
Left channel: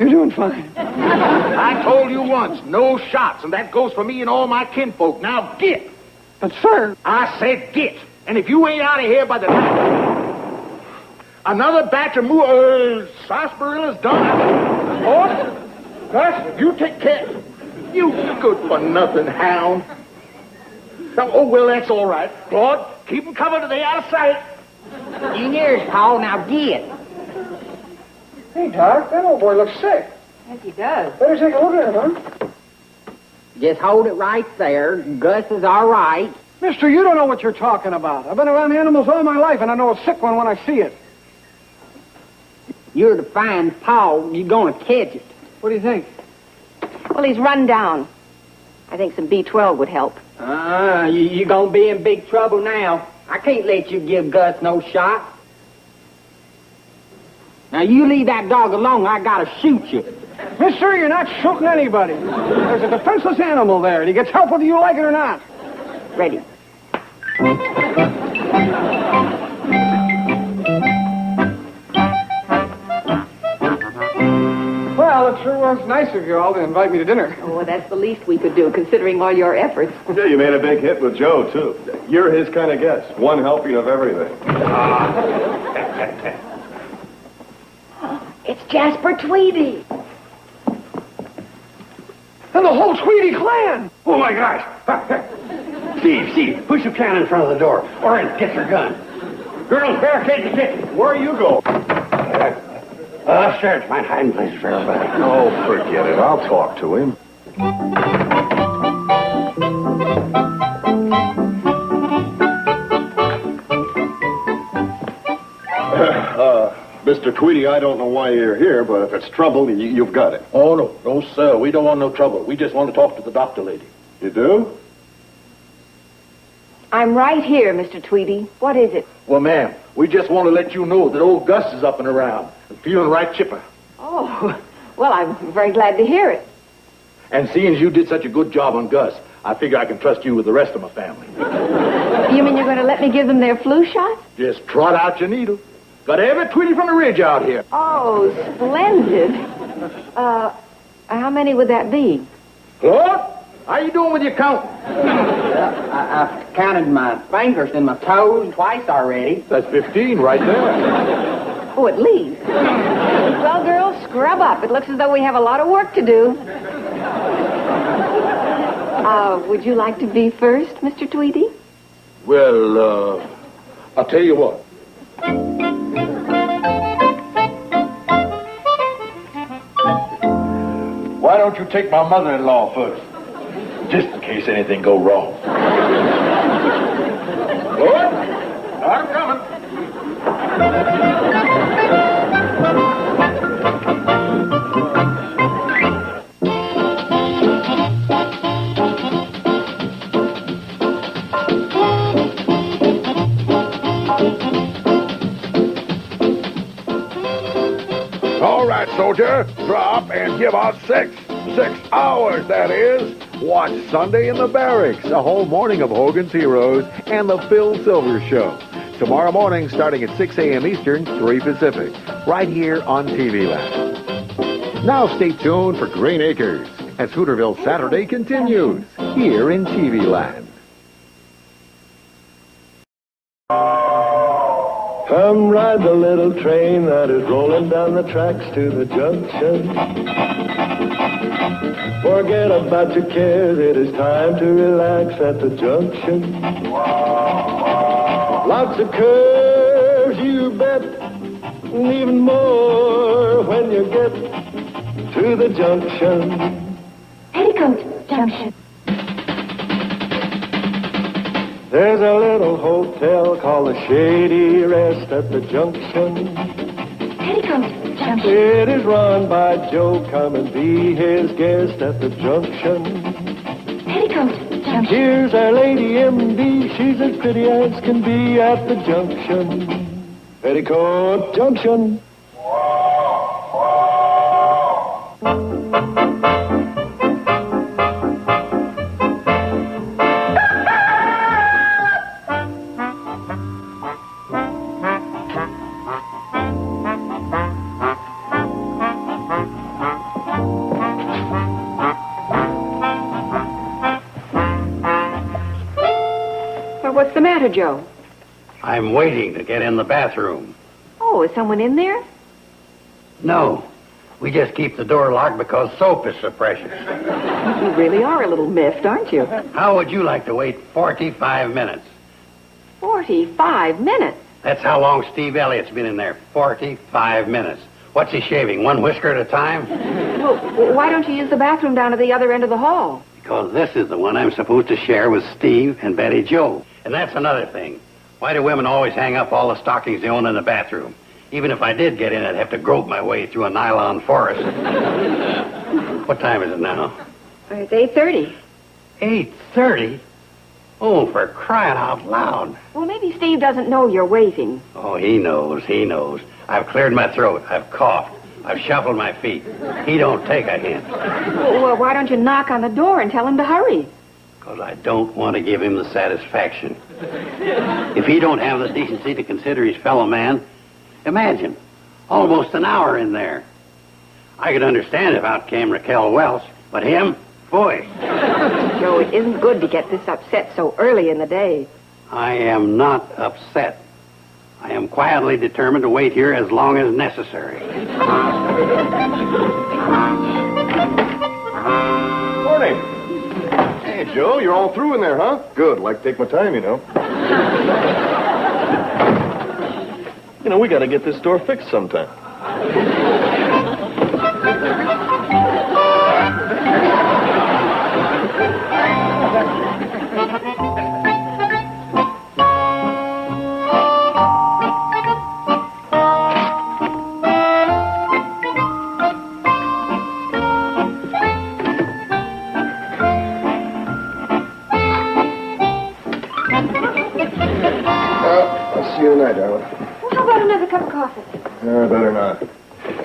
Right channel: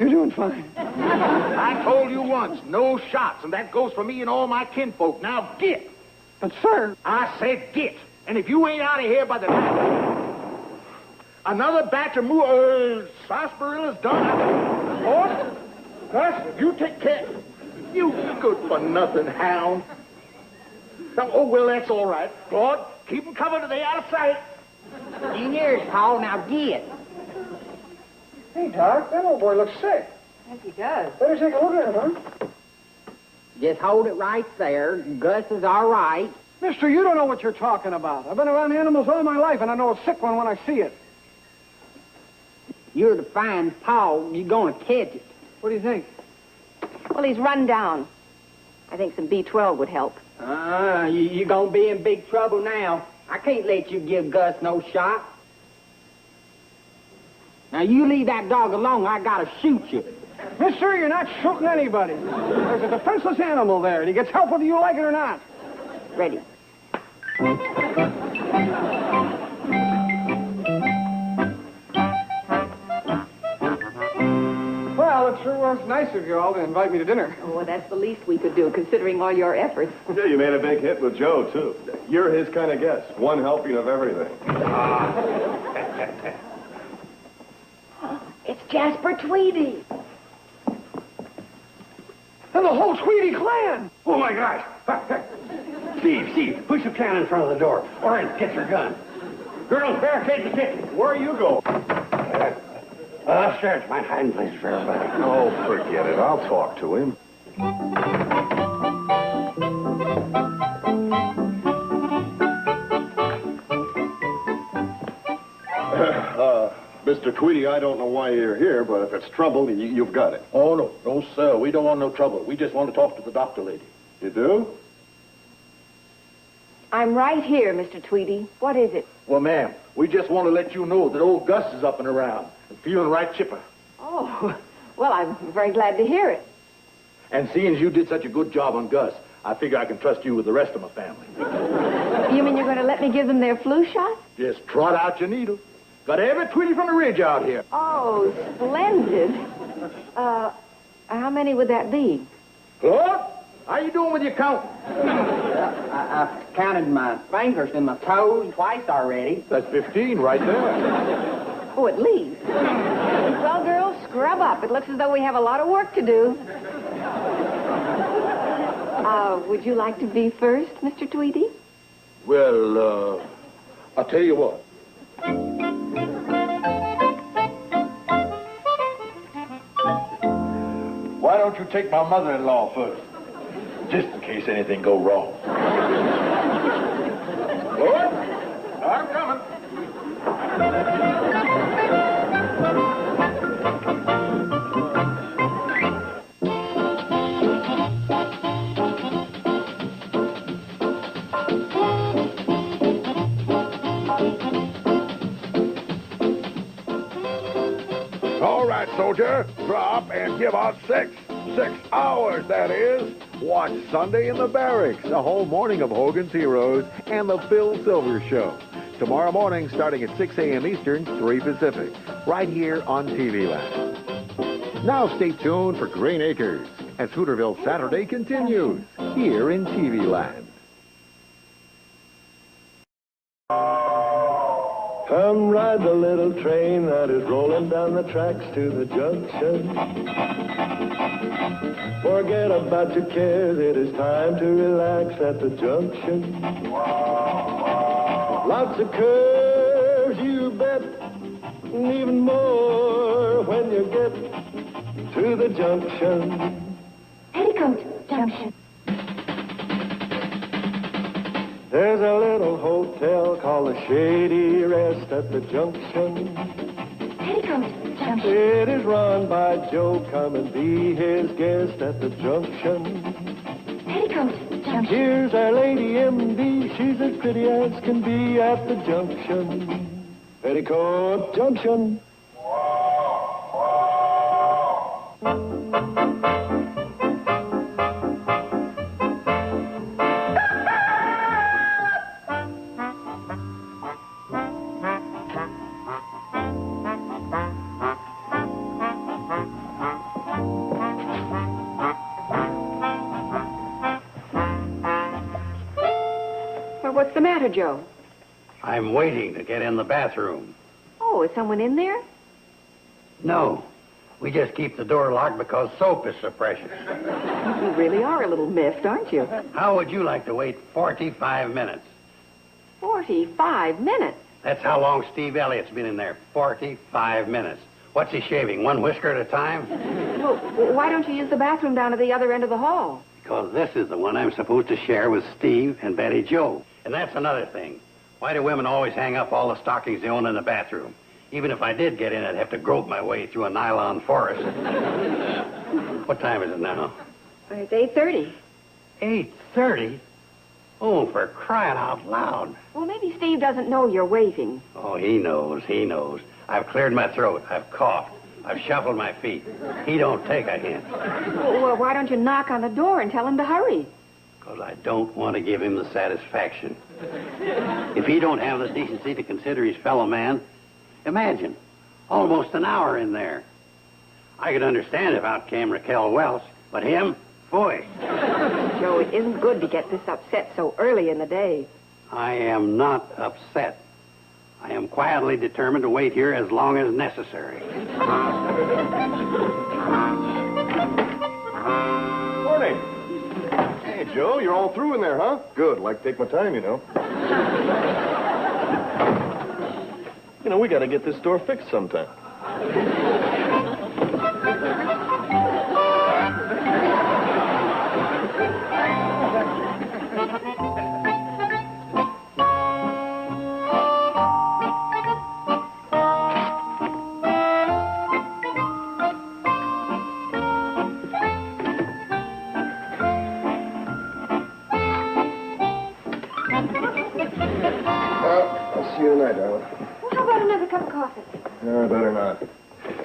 You're doing fine. I told you once, no shots, and that goes for me and all my kinfolk. Now get. But, sir... I said get. And if you ain't out of here by the night, another batch of sarsaparilla's done. Oh, Gus, you take care. You good-for-nothing hound. Oh, well, that's all right. Claude, keep them covered till they out of sight. In yours, Paul. Now get. Hey, Doc, that old boy looks sick. Yes, he does. Better take a look at him, huh? Just hold it right there. Gus is all right. Mister, you don't know what you're talking about. I've been around animals all my life, and I know a sick one when I see it. You're to find Paul. You're going to catch it. What do you think? Well, he's run down. I think some B12 would help. You're going to be in big trouble now. I can't let you give Gus no shot. Now, you leave that dog alone, I gotta shoot you. Mister, you're not shooting anybody. There's a defenseless animal there, and he gets help whether you like it or not. Ready. Well, it sure was nice of you all to invite me to dinner. Oh, that's the least we could do, considering all your efforts. Yeah, you made a big hit with Joe, too. You're his kind of guest. One helping of everything. It's Jasper Tweedy. And the whole Tweedy clan. Oh, my gosh. Steve, push your can in front of the door. Or get your gun. Girls, barricade the kitchen. Where you go? Sure, it's my hiding place for everybody. Oh, forget it. I'll talk to him. Mr. Tweedy, I don't know why you're here, but if it's trouble, you've got it. Oh, no, sir. We don't want no trouble. We just want to talk to the doctor lady. You do? I'm right here, Mr. Tweedy. What is it? Well, ma'am, we just want to let you know that old Gus is up and around and feeling right chipper. Oh, well, I'm very glad to hear it. And seeing as you did such a good job on Gus, I figure I can trust you with the rest of my family. You mean you're going to let me give them their flu shot? Just trot out your needle. Got every Tweety from the ridge out here. Oh, splendid. How many would that be? What? How you doing with your count? I've counted my fingers and my toes twice already. That's 15 right there. Oh, at least. Well, girls, scrub up. It looks as though we have a lot of work to do. Would you like to be first, Mr. Tweedy? Well, I'll tell you what. Why don't you take my mother-in-law first? Just in case anything go wrong. Lord, I'm coming. All right, soldier, drop and give out 6 hours, that is. Watch Sunday in the Barracks, a whole morning of Hogan's Heroes and the Phil Silvers Show. Tomorrow morning, starting at 6 a.m. Eastern, 3 Pacific, right here on TV Land. Now stay tuned for Green Acres as Hooterville Saturday continues here in TV Land. Come ride the little train that is rolling down the tracks to the junction. Forget about your cares, it is time to relax at the junction. Lots of curves, you bet, and even more when you get to the junction. Petticoat Junction. There's a little hotel called the Shady Rest at the junction. Petticoat Junction. It is run by Joe. Come and be his guest at the junction. Petticoat Junction. Here's our lady M.D. She's as pretty as can be at the junction. Petticoat Junction. What's the matter, Joe? I'm waiting to get in the bathroom. Oh, is someone in there? No. We just keep the door locked because soap is so precious. You really are a little miffed, aren't you? How would you like to wait 45 minutes? 45 minutes? That's how long Steve Elliott's been in there. 45 minutes. What's he shaving? One whisker at a time? Well, why don't you use the bathroom down at the other end of the hall? Because this is the one I'm supposed to share with Steve and Betty Jo. And that's another thing. Why do women always hang up all the stockings they own in the bathroom? Even if I did get in, I'd have to grope my way through a nylon forest. What time is it now? It's 8:30. 8:30? Oh, for crying out loud. Well, maybe Steve doesn't know you're waiting. Oh, he knows. I've cleared my throat. I've coughed. I've shuffled my feet. He don't take a hint. Well, why don't you knock on the door and tell him to hurry? Because I don't want to give him the satisfaction. If he don't have the decency to consider his fellow man, imagine, almost an hour in there. I could understand if out came Raquel Welch, but him, boy. Joe, it isn't good to get this upset so early in the day. I am not upset. I am quietly determined to wait here as long as necessary. Morning. Hey, Joe, you're all through in there, huh? Good. Like to take my time, you know. You know, we got to get this store fixed sometime. I'll see you tonight, darling. Well, how about another cup of coffee? Better not.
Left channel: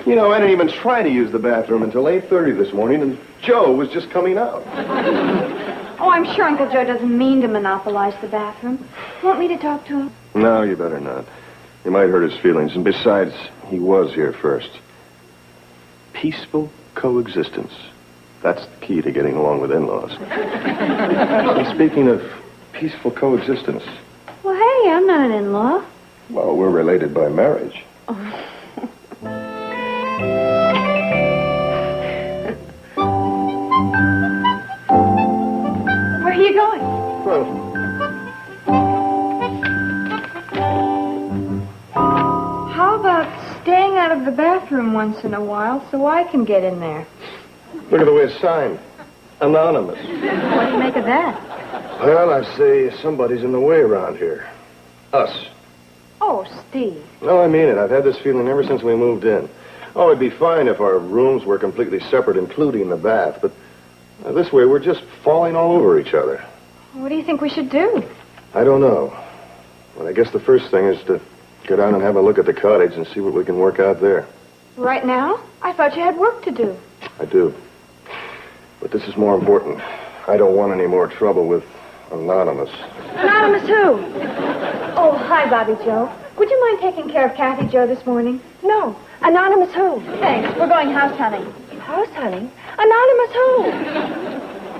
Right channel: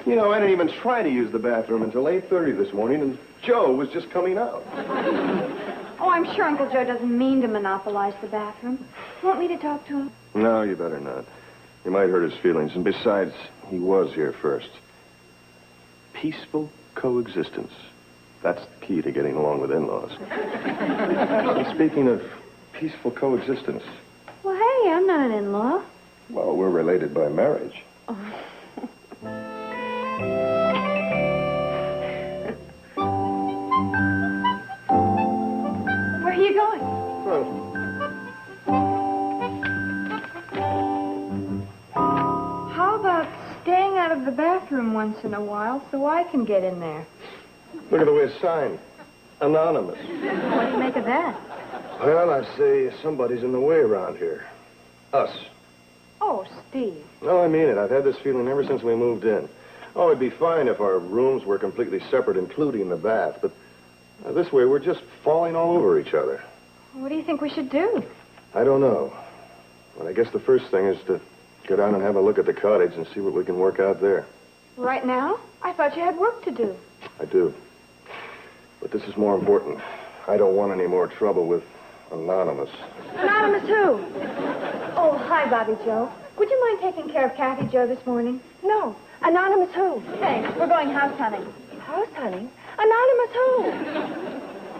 You know, I didn't even try to use the bathroom until 8:30 this morning, and Joe was just coming out. Oh, I'm sure Uncle Joe doesn't mean to monopolize the bathroom. Want me to talk to him? No, you better not. You might hurt his feelings, and besides, he was here first. Peaceful coexistence. That's the key to getting along with in-laws. And speaking of peaceful coexistence, Well, hey, I'm not an in-law. well, we're related by marriage. Where are you going? Well, How about staying out of the bathroom once in a while so I can get in there? look at the way it's signed. Anonymous. What do you make of that? Well, I say somebody's in the way around here. Us. Oh, Steve. No, I mean it. I've had this feeling ever since we moved in. Oh, it'd be fine if our rooms were completely separate, including the bath, but this way we're just falling all over each other. What do you think we should do? I don't know. Well, I guess the first thing is to go down and have a look at the cottage and see what we can work out there. Right now? I thought you had work to do. I do. But this is more important. I don't want any more trouble with Anonymous. Anonymous who? Oh, hi, Bobby Joe. Would you mind taking care of Kathy Joe this morning? No. Anonymous who? Thanks. We're going house hunting. House hunting? Anonymous who?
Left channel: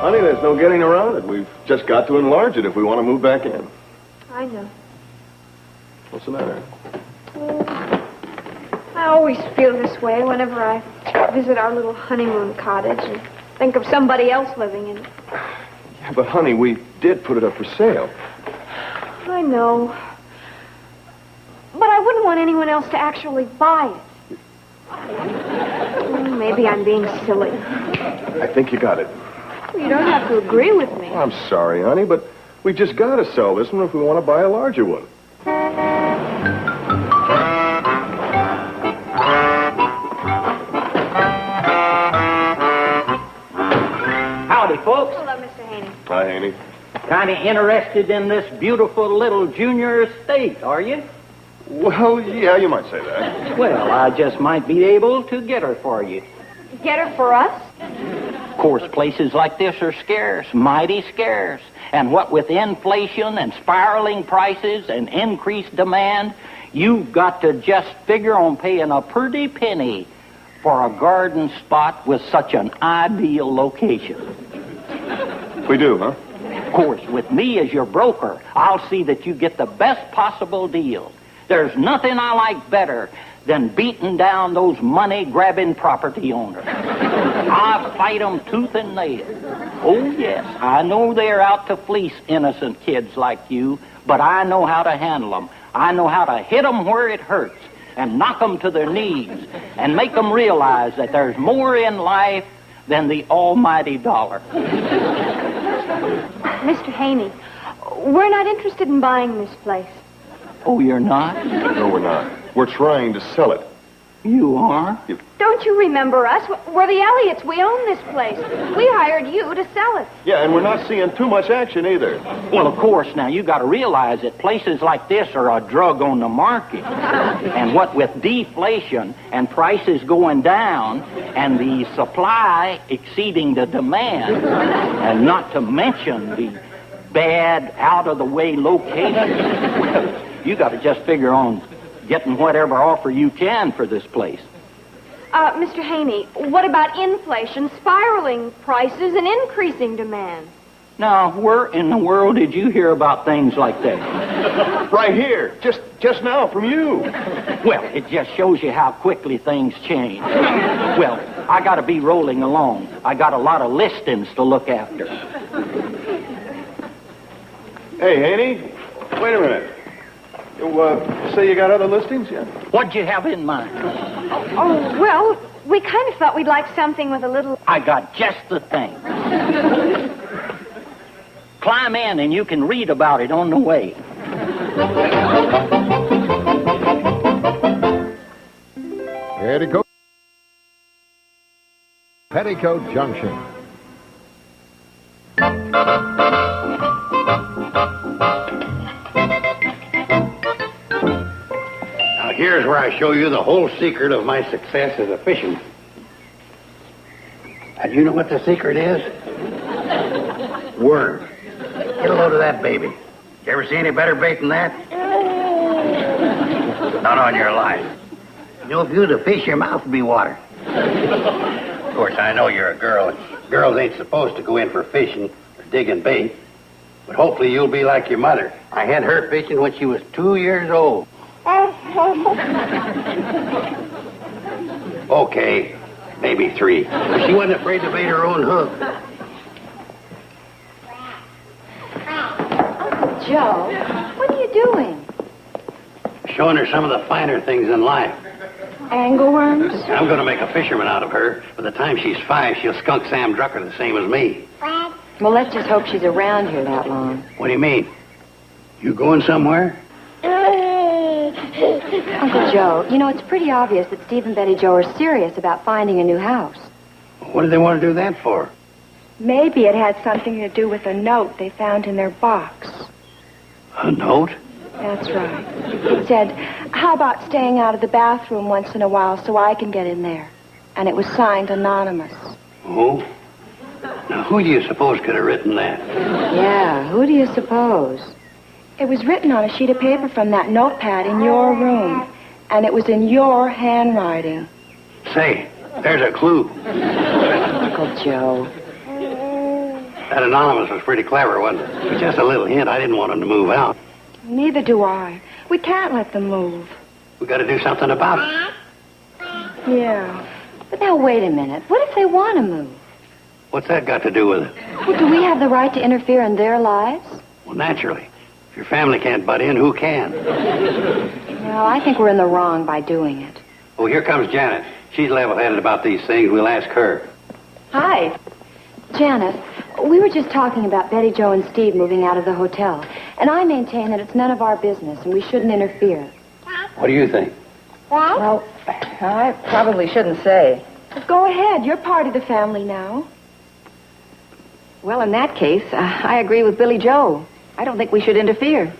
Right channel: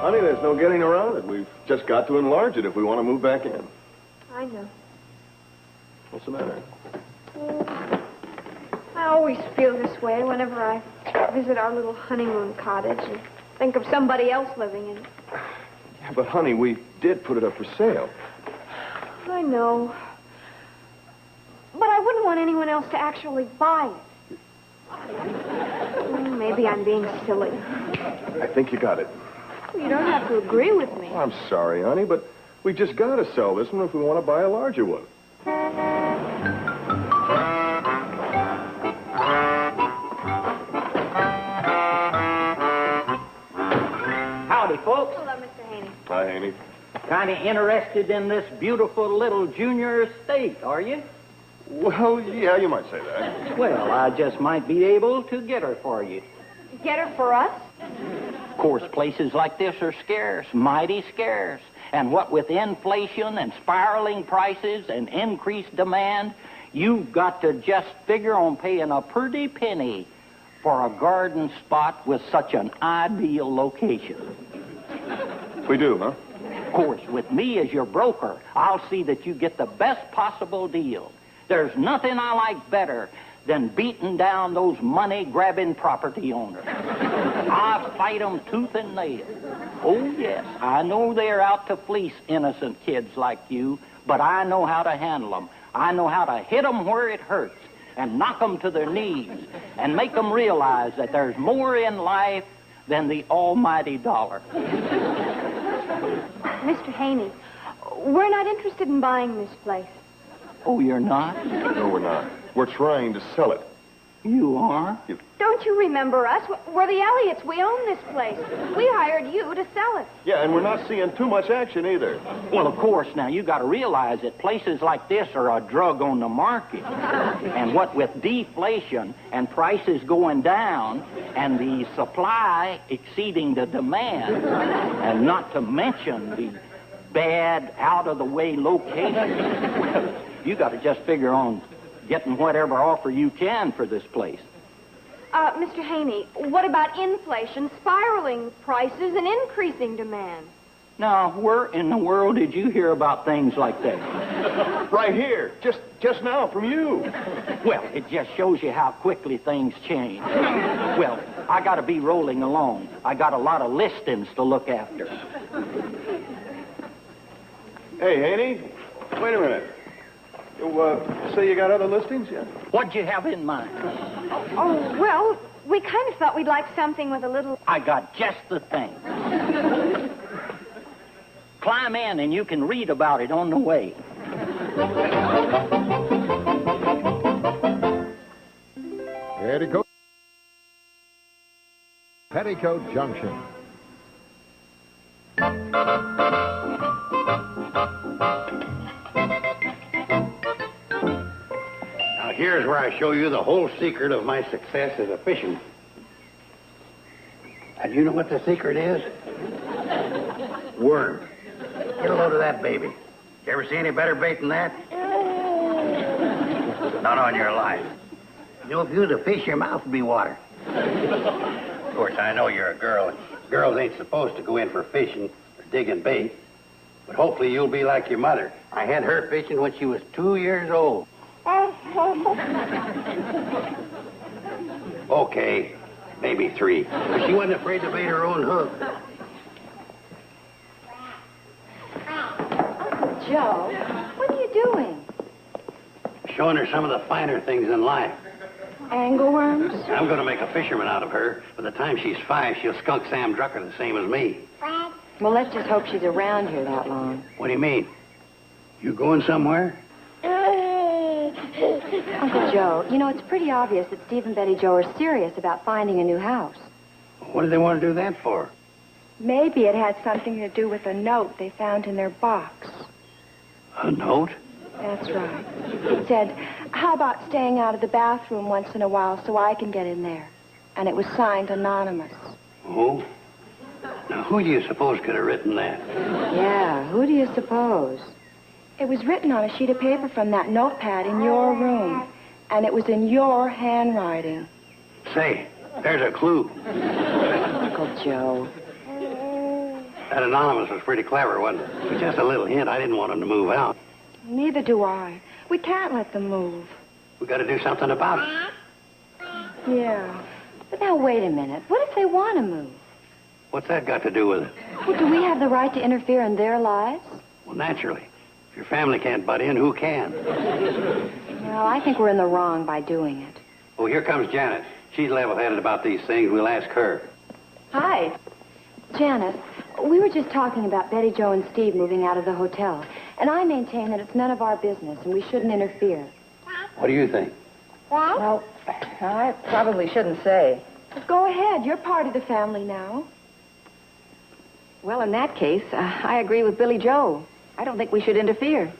Honey, there's no getting around it. We've just got to enlarge it if we want to move back in. I know. What's the matter? I always feel this way whenever I visit our little honeymoon cottage and think of somebody else living in it. Yeah, but honey, we did put it up for sale. I know. But I wouldn't want anyone else to actually buy it. Well, maybe I'm being silly. I think you got it. You don't have to agree with me. I'm sorry, honey, but we just got to sell this one if we want to buy a larger one. Howdy, folks. Hello, Mr. Haney. Hi, Haney. Kind of interested in this beautiful little junior estate, are you? Well, yeah, you might say that. Well, I just might be able to get her for you. Get her for us? Of course, places like this are scarce, mighty scarce. And what with inflation and spiraling prices and increased demand, you've got to just figure on paying a pretty penny for a garden spot with such an ideal location. We do, huh? Of course, with me as your broker, I'll see that you get the best possible deal. There's nothing I like better than beating down those money-grabbing property owners. I fight them tooth and nail. Oh, yes, I know they're out to fleece innocent kids like you, but I know how to handle them. I know how to hit them where it hurts and knock them to their knees and make them realize that there's more in life than the almighty dollar. Mr. Haney, we're not interested in buying this place. Oh, you're not? No, we're not. We're trying to sell it. You are? Don't you remember us? We're the Elliots. We own this place. We hired you to sell it. Yeah, and we're not seeing too much action either. Well, of course, now you got to realize that places like this are a drug on the market. And what with deflation and prices going down and the supply exceeding the demand, and not to mention the bad, out-of-the-way location, you got to just figure on getting whatever offer you can for this place. Mr. Haney, what about inflation, spiraling prices, and increasing demand? Now, where in the world did you hear about things like that? Right here, just now from you. Well, it just shows you how quickly things change. Well, I got to be rolling along. I got a lot of listings to look after. Hey, Haney, wait a minute. You say you got other listings? Yeah. What'd you have in mind? Oh, well, we kind of thought we'd like something with a little... I got just the thing. Climb in and you can read about it on the way. Petticoat Junction. Now, here's where I show you the whole secret of my success as a fisherman. And you know what the secret is? Worm. Get a load of that baby. You ever see any better bait than that? Not on your life. No good to fish, your mouth will be water. Of course, I know you're a girl. Girls ain't supposed to go in for fishing or digging bait. But hopefully you'll be like your mother. I had her fishing when she was 2 years old. Okay, maybe 3. But she wasn't afraid to bait her own hook. Joe, what are you doing? Showing her some of the finer things in life. Angleworms? I'm going to make a fisherman out of her. By the time she's 5, she'll skunk Sam Drucker the same as me. Well, let's just hope she's around here that long. What do you mean? You going somewhere? Uncle Joe, you know, it's pretty obvious that Steve and Betty Jo are serious about finding a new house. What do they want to do that for? Maybe it had something to do with a note they found in their box. A note? That's right. It said, how about staying out of the bathroom once in a while so I can get in there? And it was signed anonymous. Oh? Now, who do you suppose could have written that? Yeah, who do you suppose? It was written on a sheet of paper from that notepad in your room. And it was in your handwriting. Say, there's a clue. Uncle Joe. That anonymous was pretty clever, wasn't it? It was just a little hint. I didn't want him to move out. Neither do I. We can't let them move. We got to do something about it. Yeah. But now, wait a minute. What if they want to move? What's that got to do with it? Well, do we have the right to interfere in their lives? Well, naturally. If your family can't butt in, who can? Well, I think we're in the wrong by doing it. Oh, here comes Janet. She's level-headed about these things. We'll ask her. Hi. Janet, we were just talking about Betty Jo and Steve moving out of the hotel. And I maintain that it's none of our business and we shouldn't interfere. What do you think? Well, I probably shouldn't say. Go ahead. You're part of the family now. Well, in that case, I agree with Billy Joe. I don't think we should interfere.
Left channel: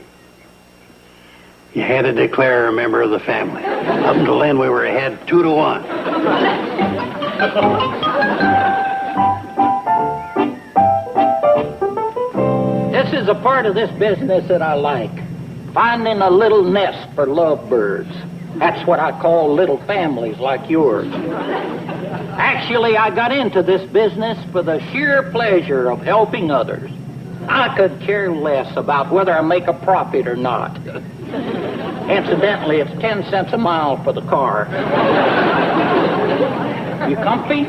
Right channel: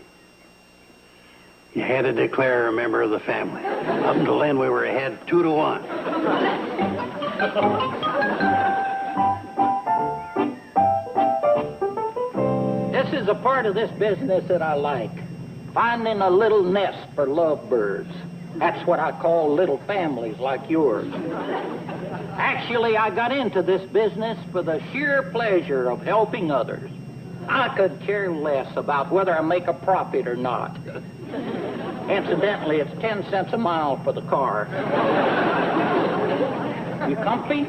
You had to declare her a member of the family. Up until then, we were ahead 2-1. This is a part of this business that I like. Finding a little nest for lovebirds. That's what I call little families like yours. Actually, I got into this business for the sheer pleasure of helping others. I could care less about whether I make a profit or not. Incidentally, it's 10 cents a mile for the car. You comfy?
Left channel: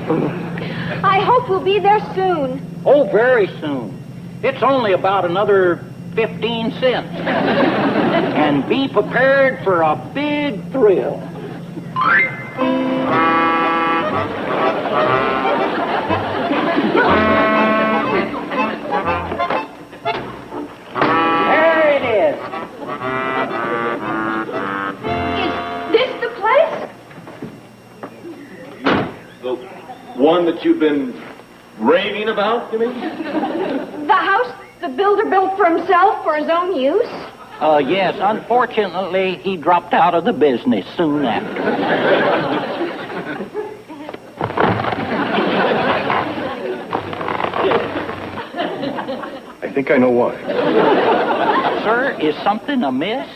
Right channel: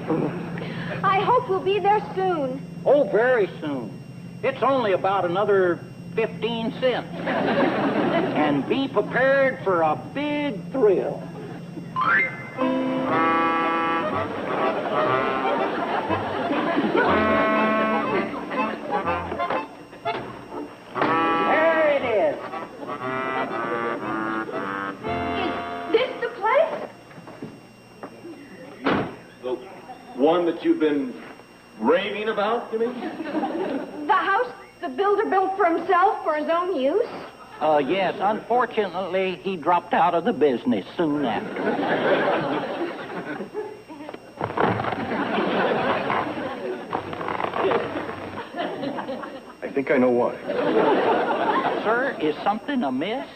I hope we'll be there soon. Oh, very soon. It's only about another 15 cents. And be prepared for a big thrill. There it is. Is this the place? The one that you've been raving about, you mean? The house the builder built for himself for his own use? Yes, unfortunately, he dropped out of the business soon after. I think I know why. Sir, is something amiss?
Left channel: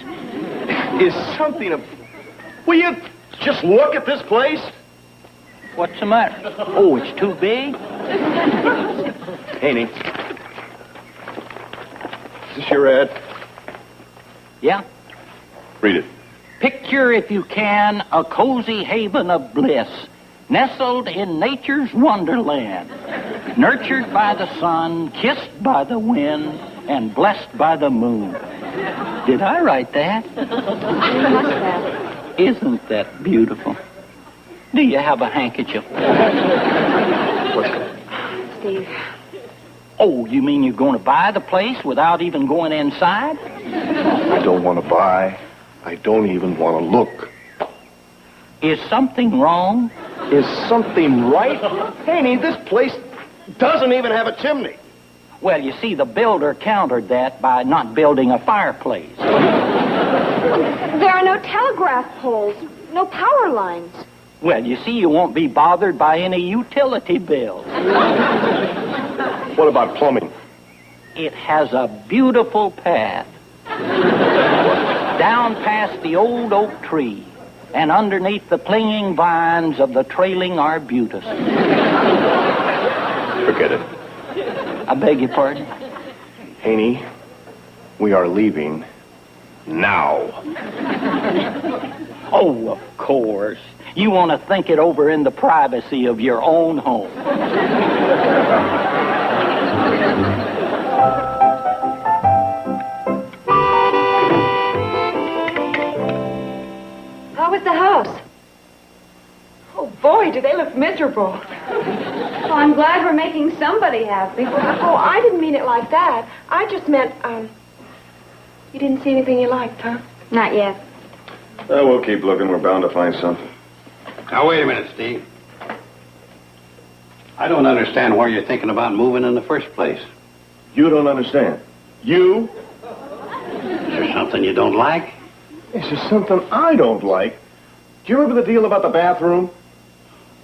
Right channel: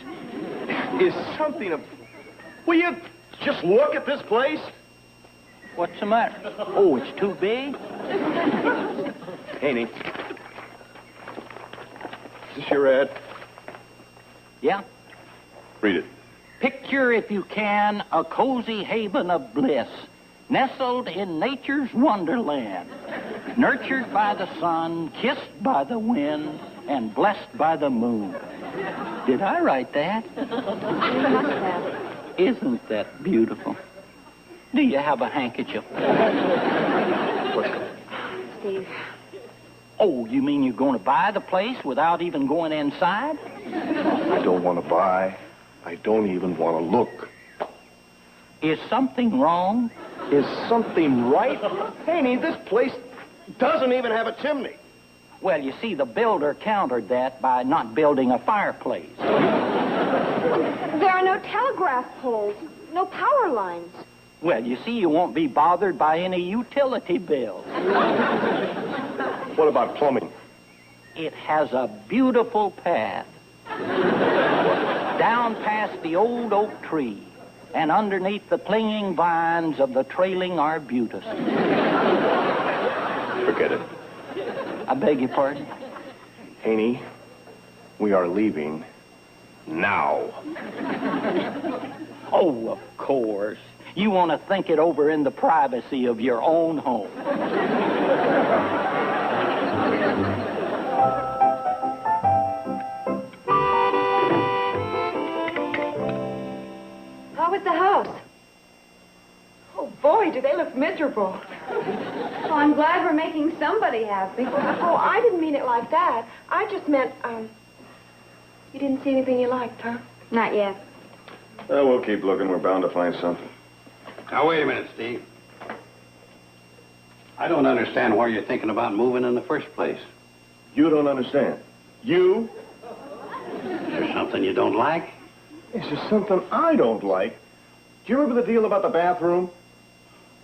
Is something Will you just look at this place? What's the matter? Oh, it's too big? Haney. Is this your ad? Yeah. Read it. Picture, if you can, a cozy haven of bliss, nestled in nature's wonderland, nurtured by the sun, kissed by the wind, and blessed by the moon. Did I write that? Isn't that beautiful? Do you have a handkerchief? What's that? Steve. Oh, you mean you're going to buy the place without even going inside? I don't want to buy. I don't even want to look. Is something wrong? Is something right? Haney, this place doesn't even have a chimney. Well, you see, the builder countered that by not building a fireplace. There are no telegraph poles, no power lines. Well, you see, you won't be bothered by any utility bills. What about plumbing? It has a beautiful path. Down past the old oak tree and underneath the clinging vines of the trailing arbutus. Forget it. I beg your pardon? Haney, we are leaving now. Oh, of course. You want to think it over in the privacy of your own home. How was the house? Oh, boy, do they look miserable. Well, I'm glad we're making somebody happy. Oh, I didn't mean it like that. I just meant, you didn't see anything you liked, huh? Not yet. We'll keep looking. We're bound to find something. Now, wait a minute, Steve. I don't understand where you're thinking about moving in the first place. You don't understand. You? Is there something you don't like? This is something I don't like. Do you remember the deal about the bathroom?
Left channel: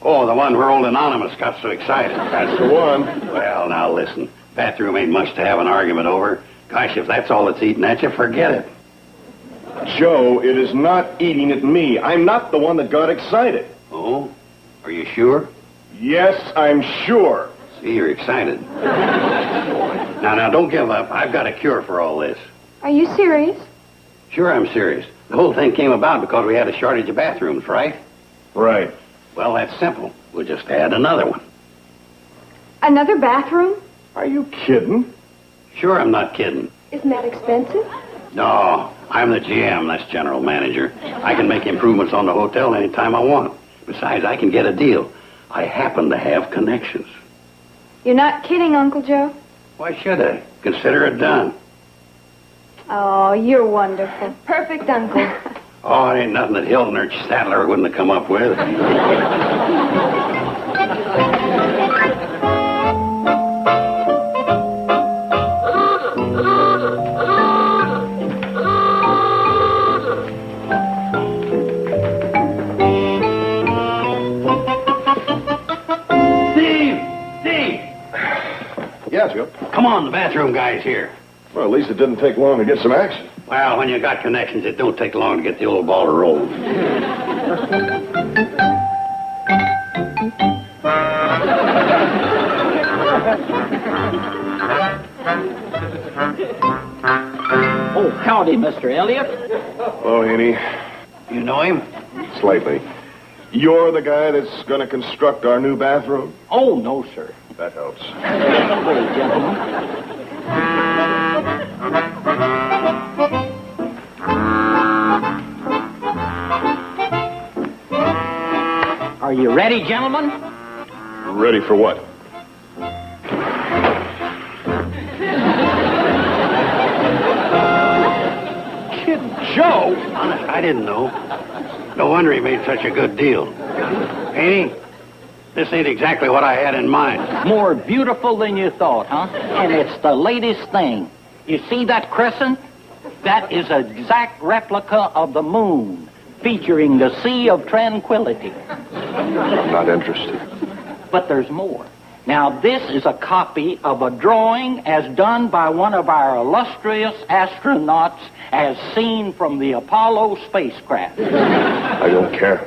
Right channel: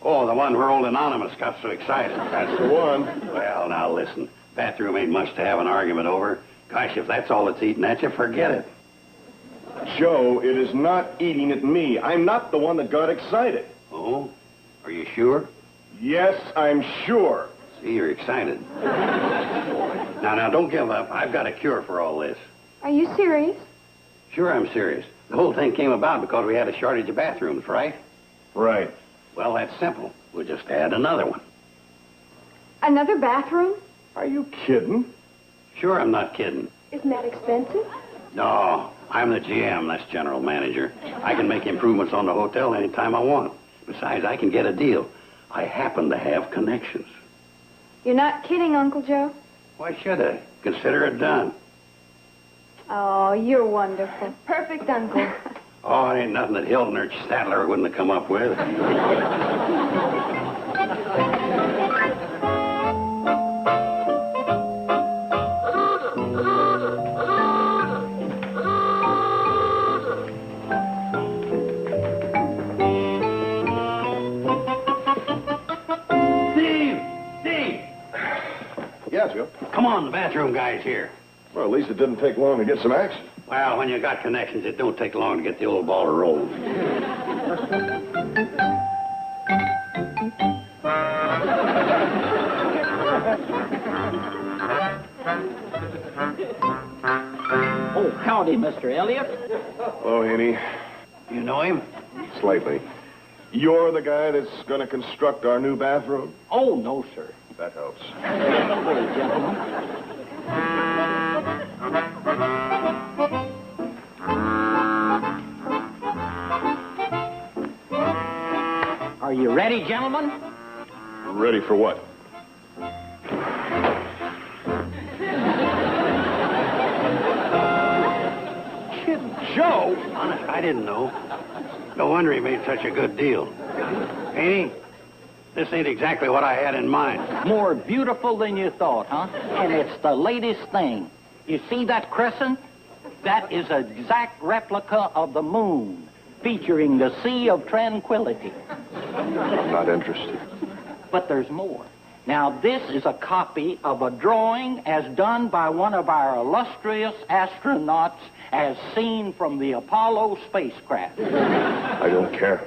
Oh, the one where old Anonymous got so excited. That's the one. Well, now listen. Bathroom ain't much to have an argument over. Gosh, if that's all that's eating at you, forget it. Joe, it is not eating at me. I'm not the one that got excited. Oh? Are you sure? Yes, I'm sure. See, you're excited. Now, don't give up. I've got a cure for all this. Are you serious? Sure, I'm serious. The whole thing came about because we had a shortage of bathrooms, right? Right. Well, that's simple. We'll just add another one. Another bathroom? Are you kidding? Sure, I'm not kidding. Isn't that expensive? No, I'm the GM, that's general manager. I can make improvements on the hotel anytime I want. Besides, I can get a deal. I happen to have connections. You're not kidding, Uncle Joe? Why should I? Consider it done. Oh, you're wonderful. Perfect uncle. Oh, it ain't nothing that Hilton or Statler wouldn't have come up with. Steve! Yeah, Joe. Come on, the bathroom guy's here. Well, at least it didn't take long to get some action. Well, when you got connections, it don't take long to get the old ball to roll. Oh, howdy, Mr. Elliott. Oh, Haney. You know him? Slightly. You're the guy that's going to construct our new bathroom? Oh, no, sir. That helps. Hello, gentlemen. Are you ready, gentlemen? Ready for what? Kid Joe? Honest, I didn't know. No wonder he made such a good deal. Ain't he? This ain't exactly what I had in mind. More beautiful than you thought, huh? And it's the latest thing. You see that crescent? That is an exact replica of the moon, featuring the Sea of Tranquility. I'm not interested. But there's more. Now, this is a copy of a drawing as done by one of our illustrious astronauts as seen from the Apollo spacecraft. I don't care.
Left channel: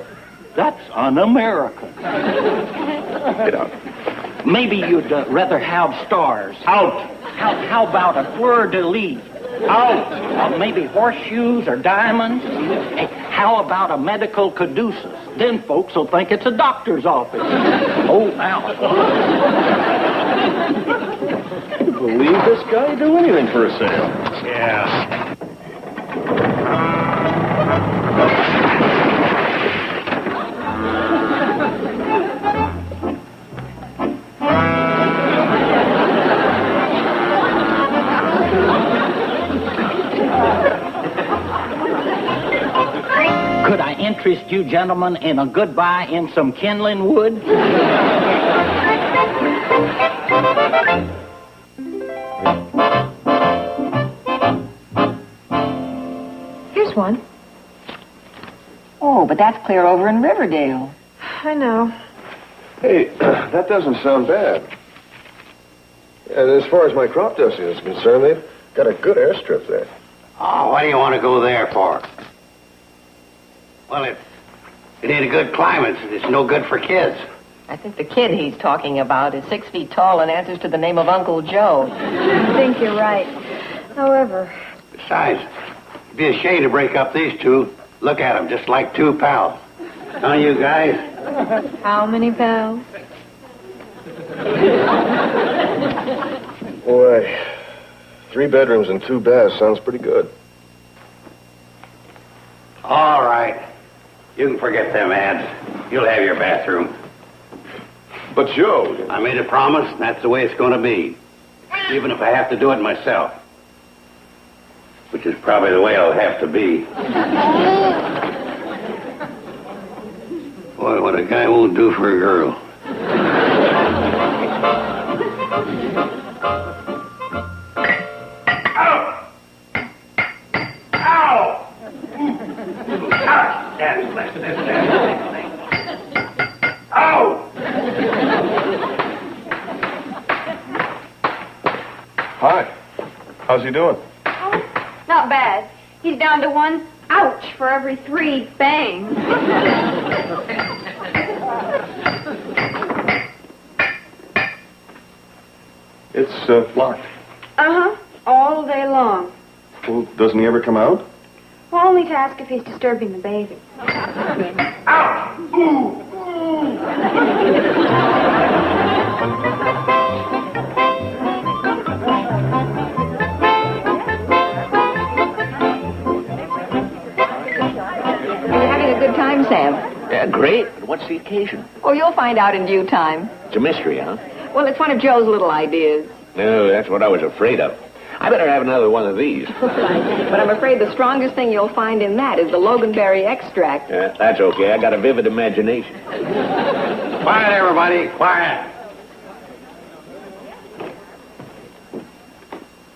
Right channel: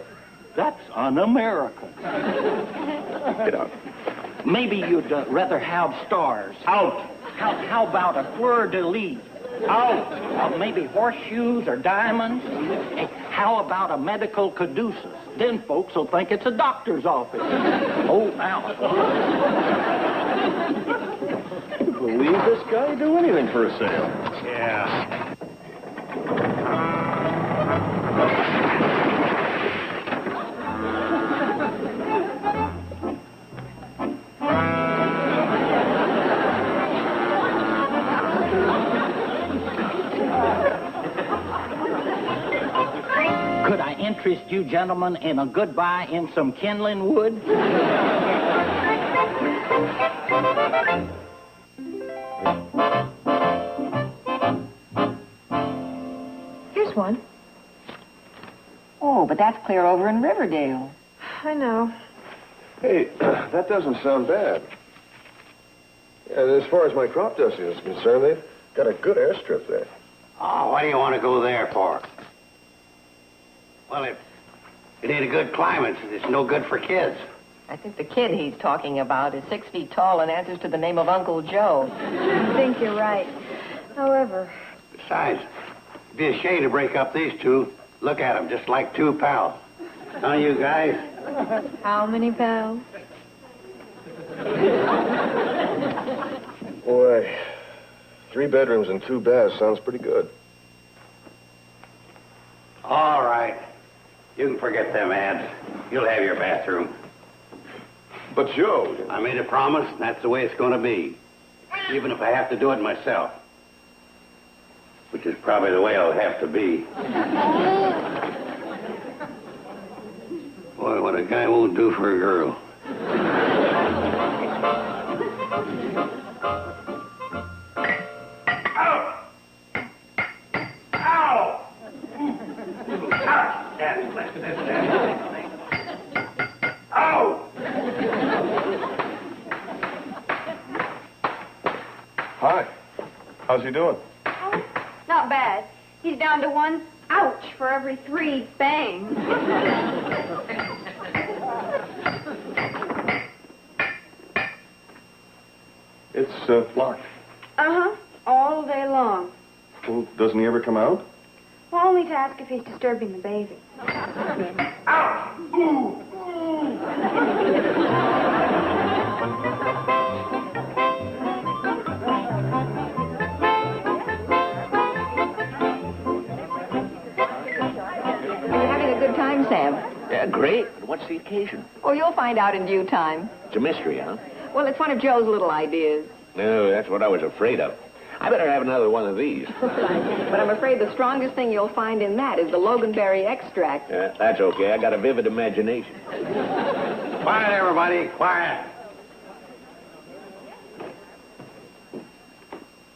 That's un-American. Get out. Maybe you'd rather have stars. Out. How about a fleur-de-lis? Out. Maybe horseshoes or diamonds. Hey, how about a medical caduceus? Then folks will think it's a doctor's office. Oh, out. I can't believe this guy would do anything for a sale. Yeah. Could I interest you gentlemen in a goodbye in some kindling wood? Here's one. Oh, but that's clear over in Riverdale. I know. Hey, that doesn't sound bad. And as far as my crop dusting is concerned, they've got a good airstrip there. Oh, why do you want to go there for? Well, it ain't a good climate. It's no good for kids. I think the kid he's talking about is 6 feet tall and answers to the name of Uncle Joe. I think you're right. However... Besides, it'd be a shame to break up these two. Look at them, just like two pals. Don't you guys? How many pals? Boy, 3 bedrooms and 2 baths sounds pretty good. All right. You can forget them ads. You'll have your bathroom. But, Joe... I made a promise, and that's the way it's going to be. Even if I have to do it myself. Which is probably the way I'll have to be. Boy, what a guy won't do for a girl. Hi. How's he doing? Not bad. He's down to 1 ouch for every 3 bangs. It's, locked. Uh-huh. All day long. Well, doesn't he ever come out? Well, only to ask if he's disturbing the baby. We're having a good time, Sam. Yeah, great. But what's the occasion? Oh, you'll find out in due time. It's a mystery, huh? Well, it's one of Joe's little ideas. No, that's what I was afraid of. I better have another one of these. But I'm afraid the strongest thing you'll find in that is the loganberry extract. Yeah, that's okay. I got a vivid imagination. Quiet, everybody. Quiet.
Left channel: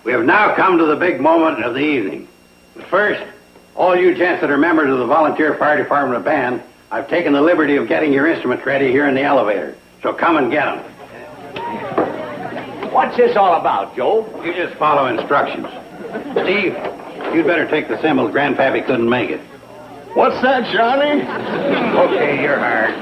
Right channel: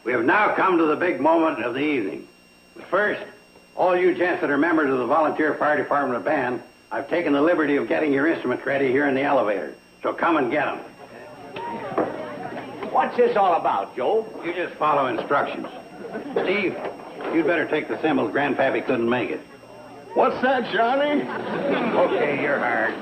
We have now come to the big moment of the evening. First, all you gents that are members of the volunteer fire department band, I've taken the liberty of getting your instruments ready here in the elevator. So come and get them. What's this all about, Joe? You just follow instructions. Steve, you'd better take the cymbals. Grandpappy couldn't make it. What's that, Johnny? Okay, you're hard.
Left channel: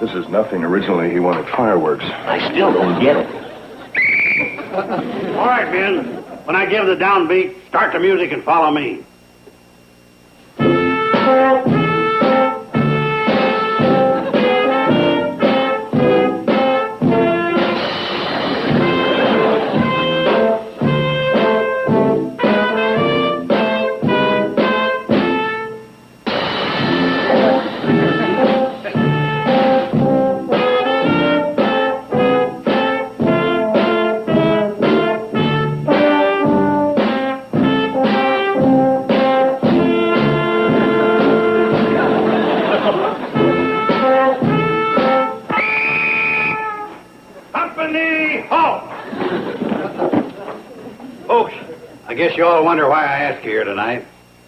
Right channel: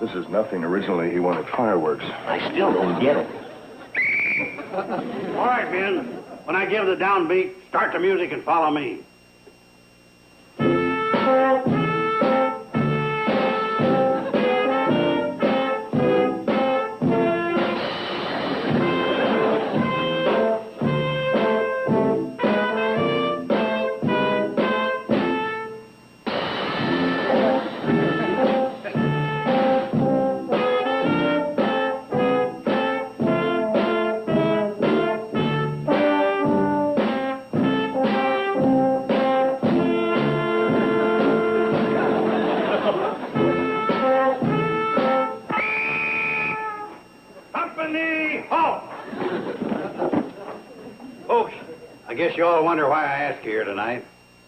This is nothing. Originally, he wanted fireworks. I still don't get it. All right, Ben. When I give the downbeat, start the music and follow me. I guess you all wonder why I asked you here tonight.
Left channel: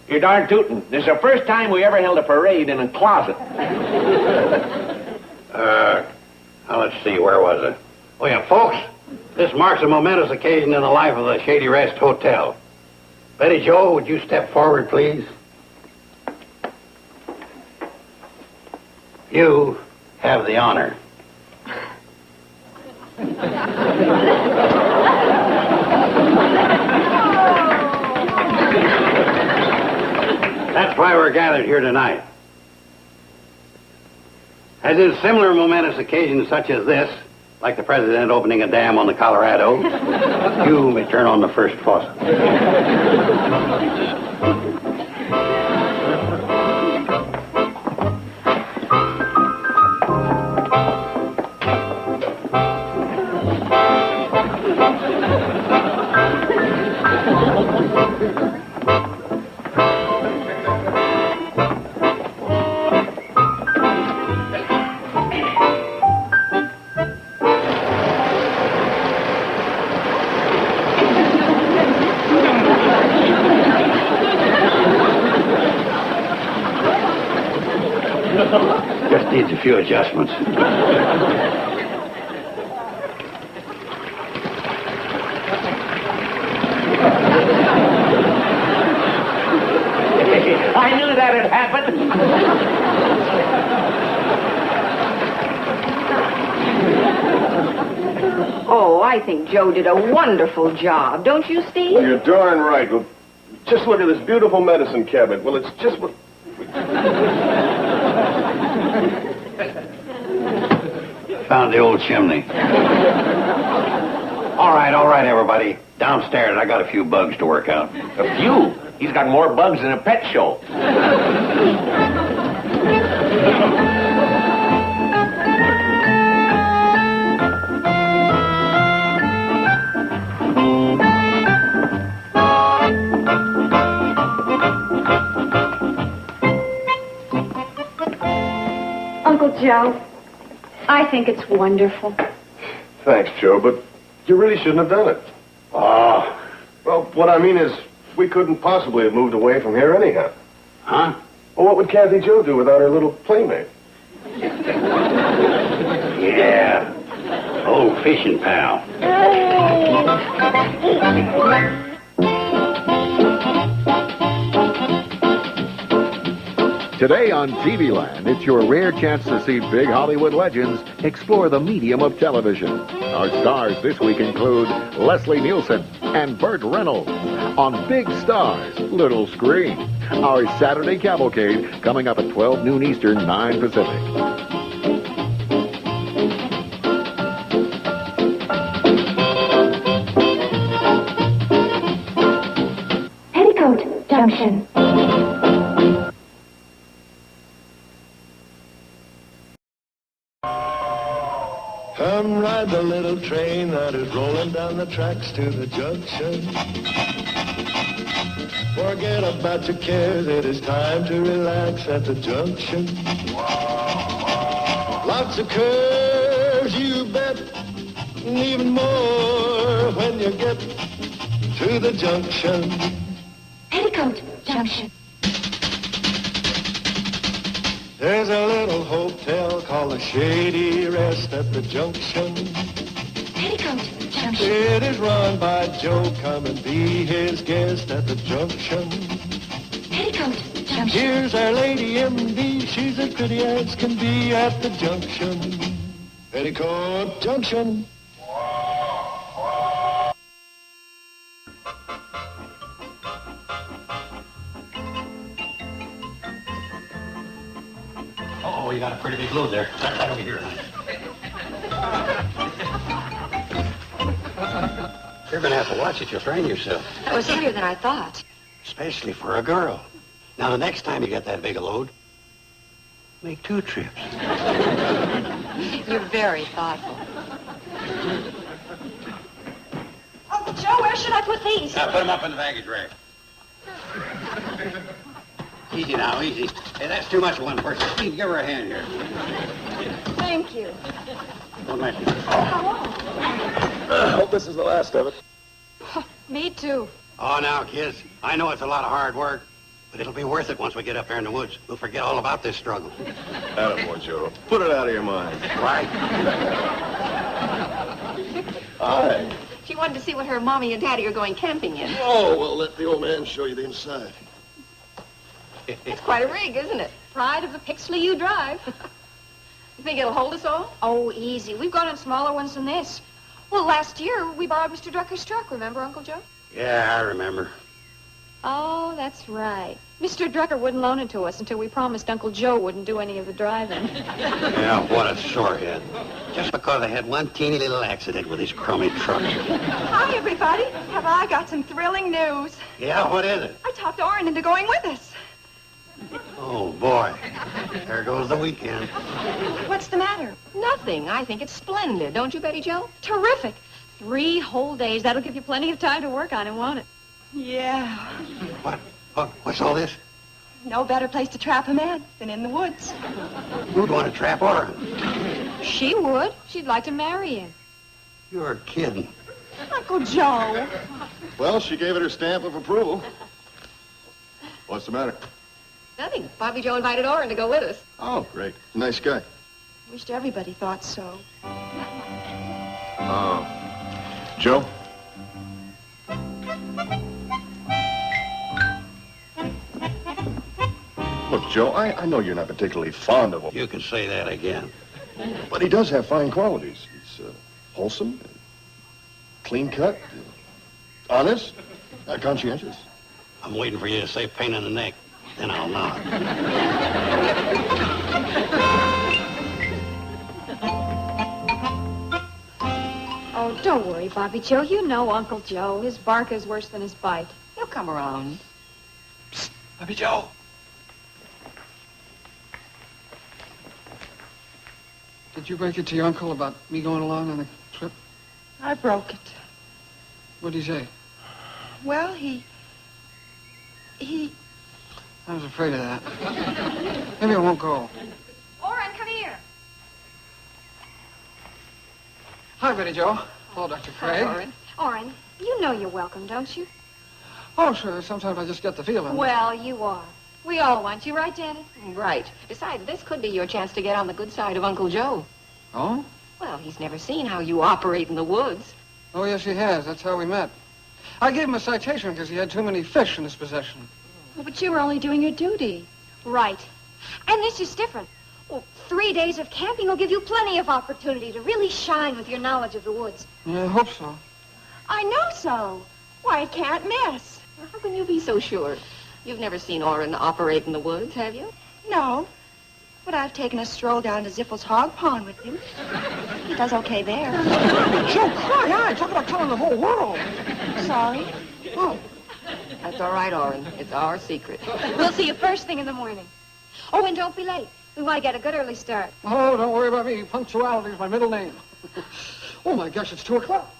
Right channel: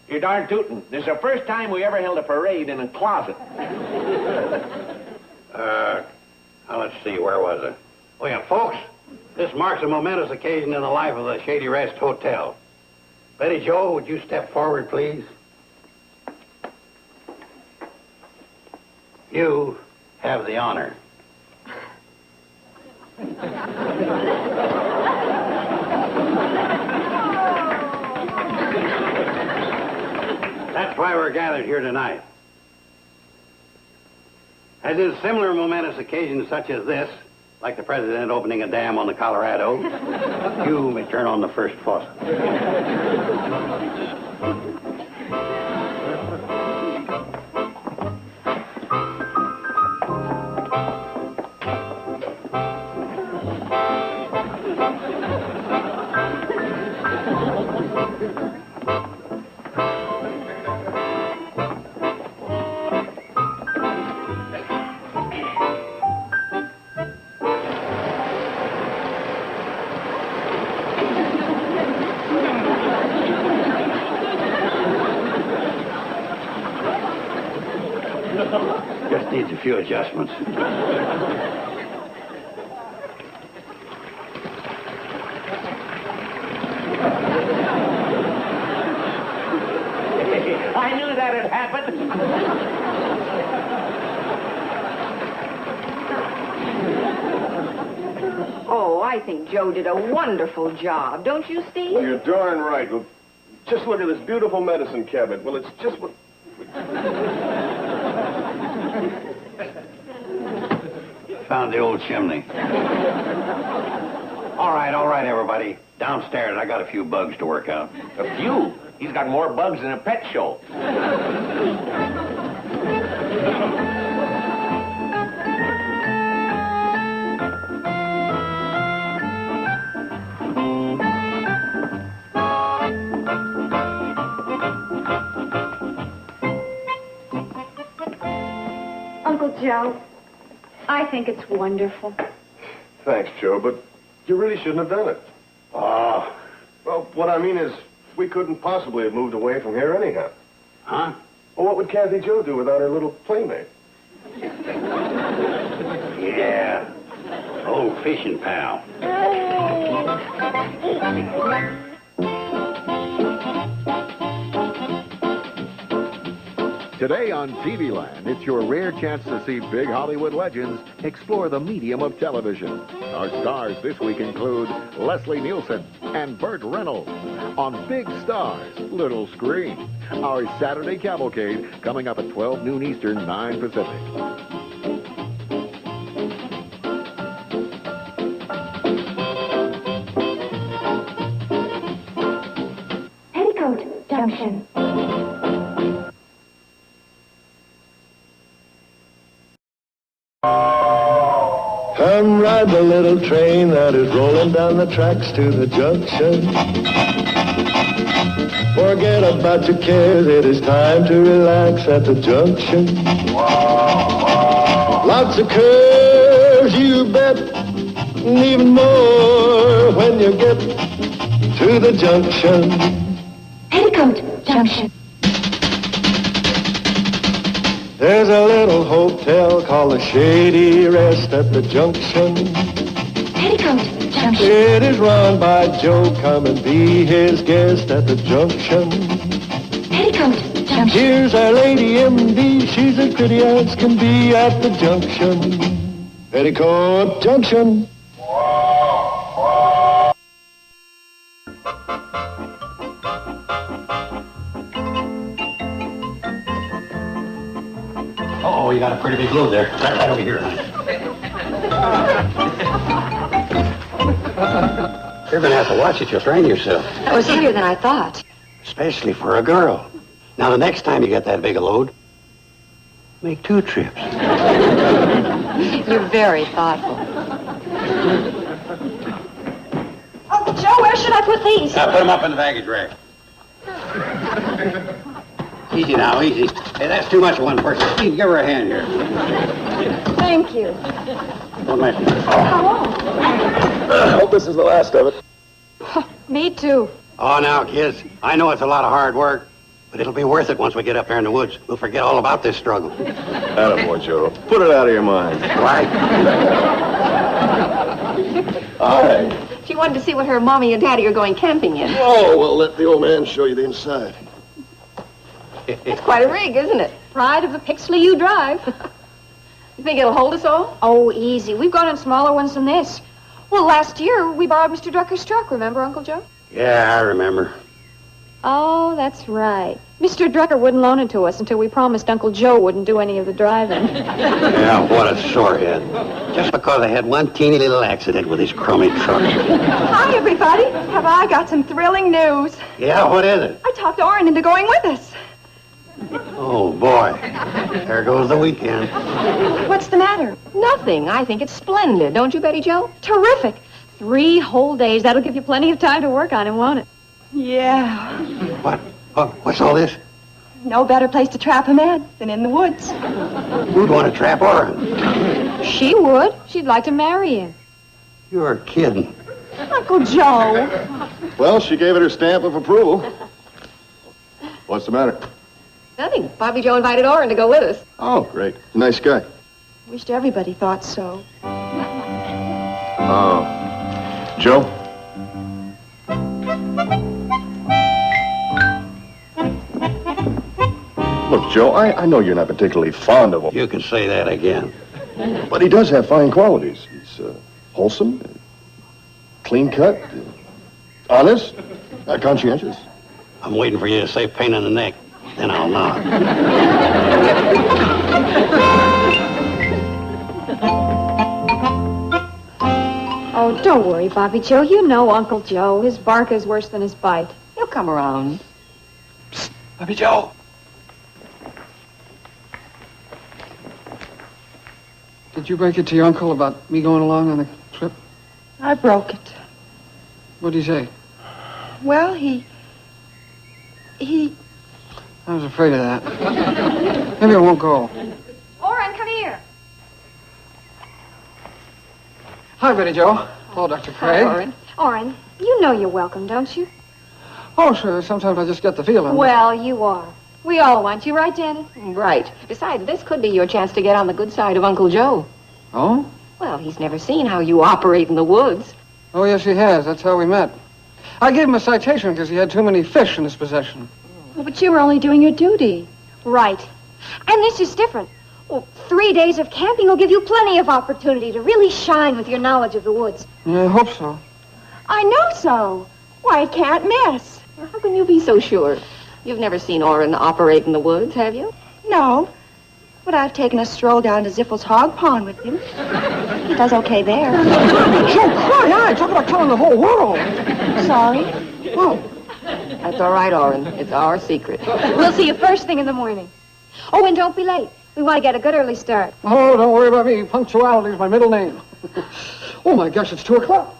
You're darn tootin'. This is the first time we ever held a parade in a closet. Now let's see, where was it? Oh, yeah, folks, this marks a momentous occasion in the life of the Shady Rest Hotel. Betty Jo, would you step forward, please? You have the honor. That's why we're gathered here tonight. As in similar momentous occasions such as this, like the president opening a dam on the Colorado, you may turn on the first faucet. Just needs a few adjustments. I knew that had happened. Oh, I think Joe did a wonderful job. Don't you, Steve? You're darn right. Well, just look at this beautiful medicine cabinet. Well, it's just... Found the old chimney. All right, everybody. Downstairs, I got a few bugs to work out. A few? He's got more bugs than a pet show. Uncle Joe, I think it's wonderful. Thanks, Joe, but you really shouldn't have done it. Oh. Well, what I mean is, we couldn't possibly have moved away from here anyhow. Huh? Well, what would Kathy Jo do without her little playmate? Yeah. Old fishing pal. Today on TV Land, it's your rare chance to see big Hollywood legends explore the medium of television. Our stars this week include Leslie Nielsen and Burt Reynolds on Big Stars, Little Screen. Our Saturday Cavalcade coming up at 12 noon Eastern, 9 Pacific. Petticoat Junction. Come ride the little train that is rolling down the tracks to the junction. Forget about your cares, it is time to relax at the junction. Lots of curves, you bet, and even more when you get to the junction. Petticoat Junction. There's a little hotel called the Shady Rest at the junction. Petticoat Junction. It is run by Joe. Come and be his guest at the junction. Petticoat Junction. Here's our lady M.D. She's as pretty as can be at the junction. Petticoat Junction. Oh, you got a pretty big load there. Right over here, honey. You're going to have to watch it. You'll strain yourself. That was heavier than I thought. Especially for a girl. Now, the next time you get that big a load, make 2 trips. You're very thoughtful. Uncle Joe, where should I put these? Now, put them up in the baggage rack. Easy now, easy. Hey, that's too much for one person. Steve, give her a hand here. Thank you. Don't mention it. How long? I hope this is the last of it. Me too. Oh, now, kids, I know it's a lot of hard work, But it'll be worth it once we get up there in the woods. We'll forget all about this struggle. Attaboy, Joe. Put it out of your mind. Right. Aye. She wanted to see what her mommy and daddy are going camping in. Oh, well, let the old man show you the inside. It's quite a rig, isn't it? Pride of the Pixley you drive. You think it'll hold us all? Oh, easy. We've gone in smaller ones than this. Well, last year we borrowed Mr. Drucker's truck, remember, Uncle Joe? Yeah, I remember. Oh, that's right. Mr. Drucker wouldn't loan it to us until we promised Uncle Joe wouldn't do any of the driving. Yeah, what a sorehead. Just because I had one teeny little accident with his crummy truck. Hi, everybody. Have I got some thrilling news? Yeah, what is it? I talked Orrin into going with us. Oh, boy. There goes the weekend. What's the matter? Nothing. I think it's splendid. Don't you, Betty Jo? Terrific. 3 whole days. That'll give you plenty of time to work on it, won't it? Yeah. What's all this? No better place to trap a man than in the woods. Who'd want to trap Orrin? She would. She'd like to marry him. You're kidding. Uncle Joe. Well, she gave it her stamp of approval. What's the matter? Nothing. Bobby Joe invited Orrin to go with us. Oh, great. Nice guy. Wished everybody thought so. Joe? Look, Joe, I know you're not particularly fond of him. You can say that again. But he does have fine qualities. He's wholesome, clean-cut, honest, conscientious. I'm waiting for you to say pain in the neck. Then I'll nod. Oh, don't worry, Bobby Joe. You know Uncle Joe. His bark is worse than his bite. He'll come around. Psst, Bobby Joe. Did you break it to your uncle about me going along on the trip? I broke it. What'd he say? Well, he... I was afraid of that. Maybe I won't go. Orrin, come here. Hi, Betty Joe. Hello, Dr. Craig. Hi, Orrin. Orrin, you know you're welcome, don't you? Oh, sure. Sometimes I just get the feeling. Well, you are. We all want you, right, Janet? Right. Besides, this could be your chance to get on the good side of Uncle Joe. Oh? Well, he's never seen how you operate in the woods. Oh, yes, he has. That's how we met. I gave him a citation because he had too many fish in his possession. Oh, but you were only doing your duty. Right. And this is different. Well, 3 days of camping will give you plenty of opportunity to really shine with your knowledge of the woods. Yeah, I hope so. I know so. Why, it can't miss. How can you be so sure? You've never seen Orrin operate in the woods, have you? No. But I've taken a stroll down to Zippel's hog pond with him. He does okay there. Joe, cry out. Talk about telling the whole world. Sorry. Oh. That's all right, Orrin. It's our secret. We'll see you first thing in the morning. Oh, and don't be late. We want to get a good early start. Oh, don't worry about me. Punctuality is my middle name. Oh, my gosh, it's 2 o'clock.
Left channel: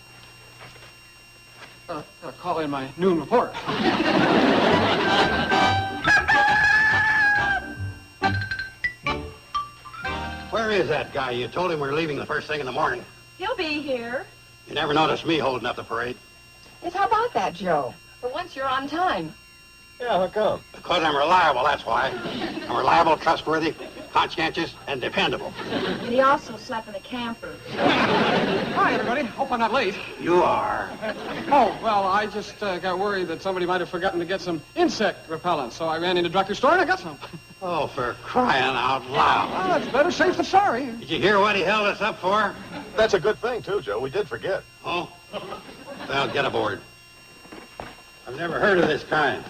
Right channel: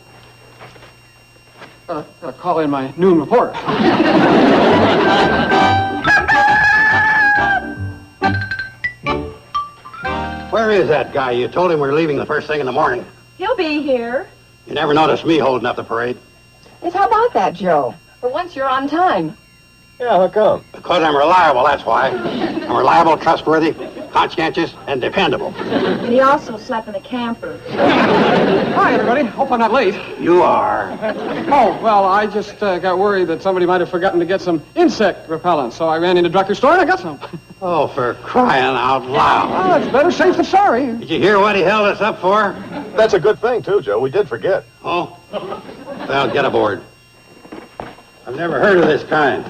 Gotta call in my noon report. Where is that guy? You told him we're leaving the first thing in the morning. He'll be here. You never noticed me holding up the parade. Yes, how about that, Joe? For once, you're on time. Yeah, how come? Because I'm reliable, that's why. I'm reliable, trustworthy, conscientious, and dependable. And he also slept in the camper. Hi, everybody. Hope I'm not late. You are. Oh, well, I just got worried that somebody might have forgotten to get some insect repellent, so I ran into Drucker's store and I got some. Oh, for crying out loud. Well, that's better safe than sorry. Did you hear what he held us up for? That's a good thing, too, Joe. We did forget. Oh? Well, get aboard. I've never heard of this kind.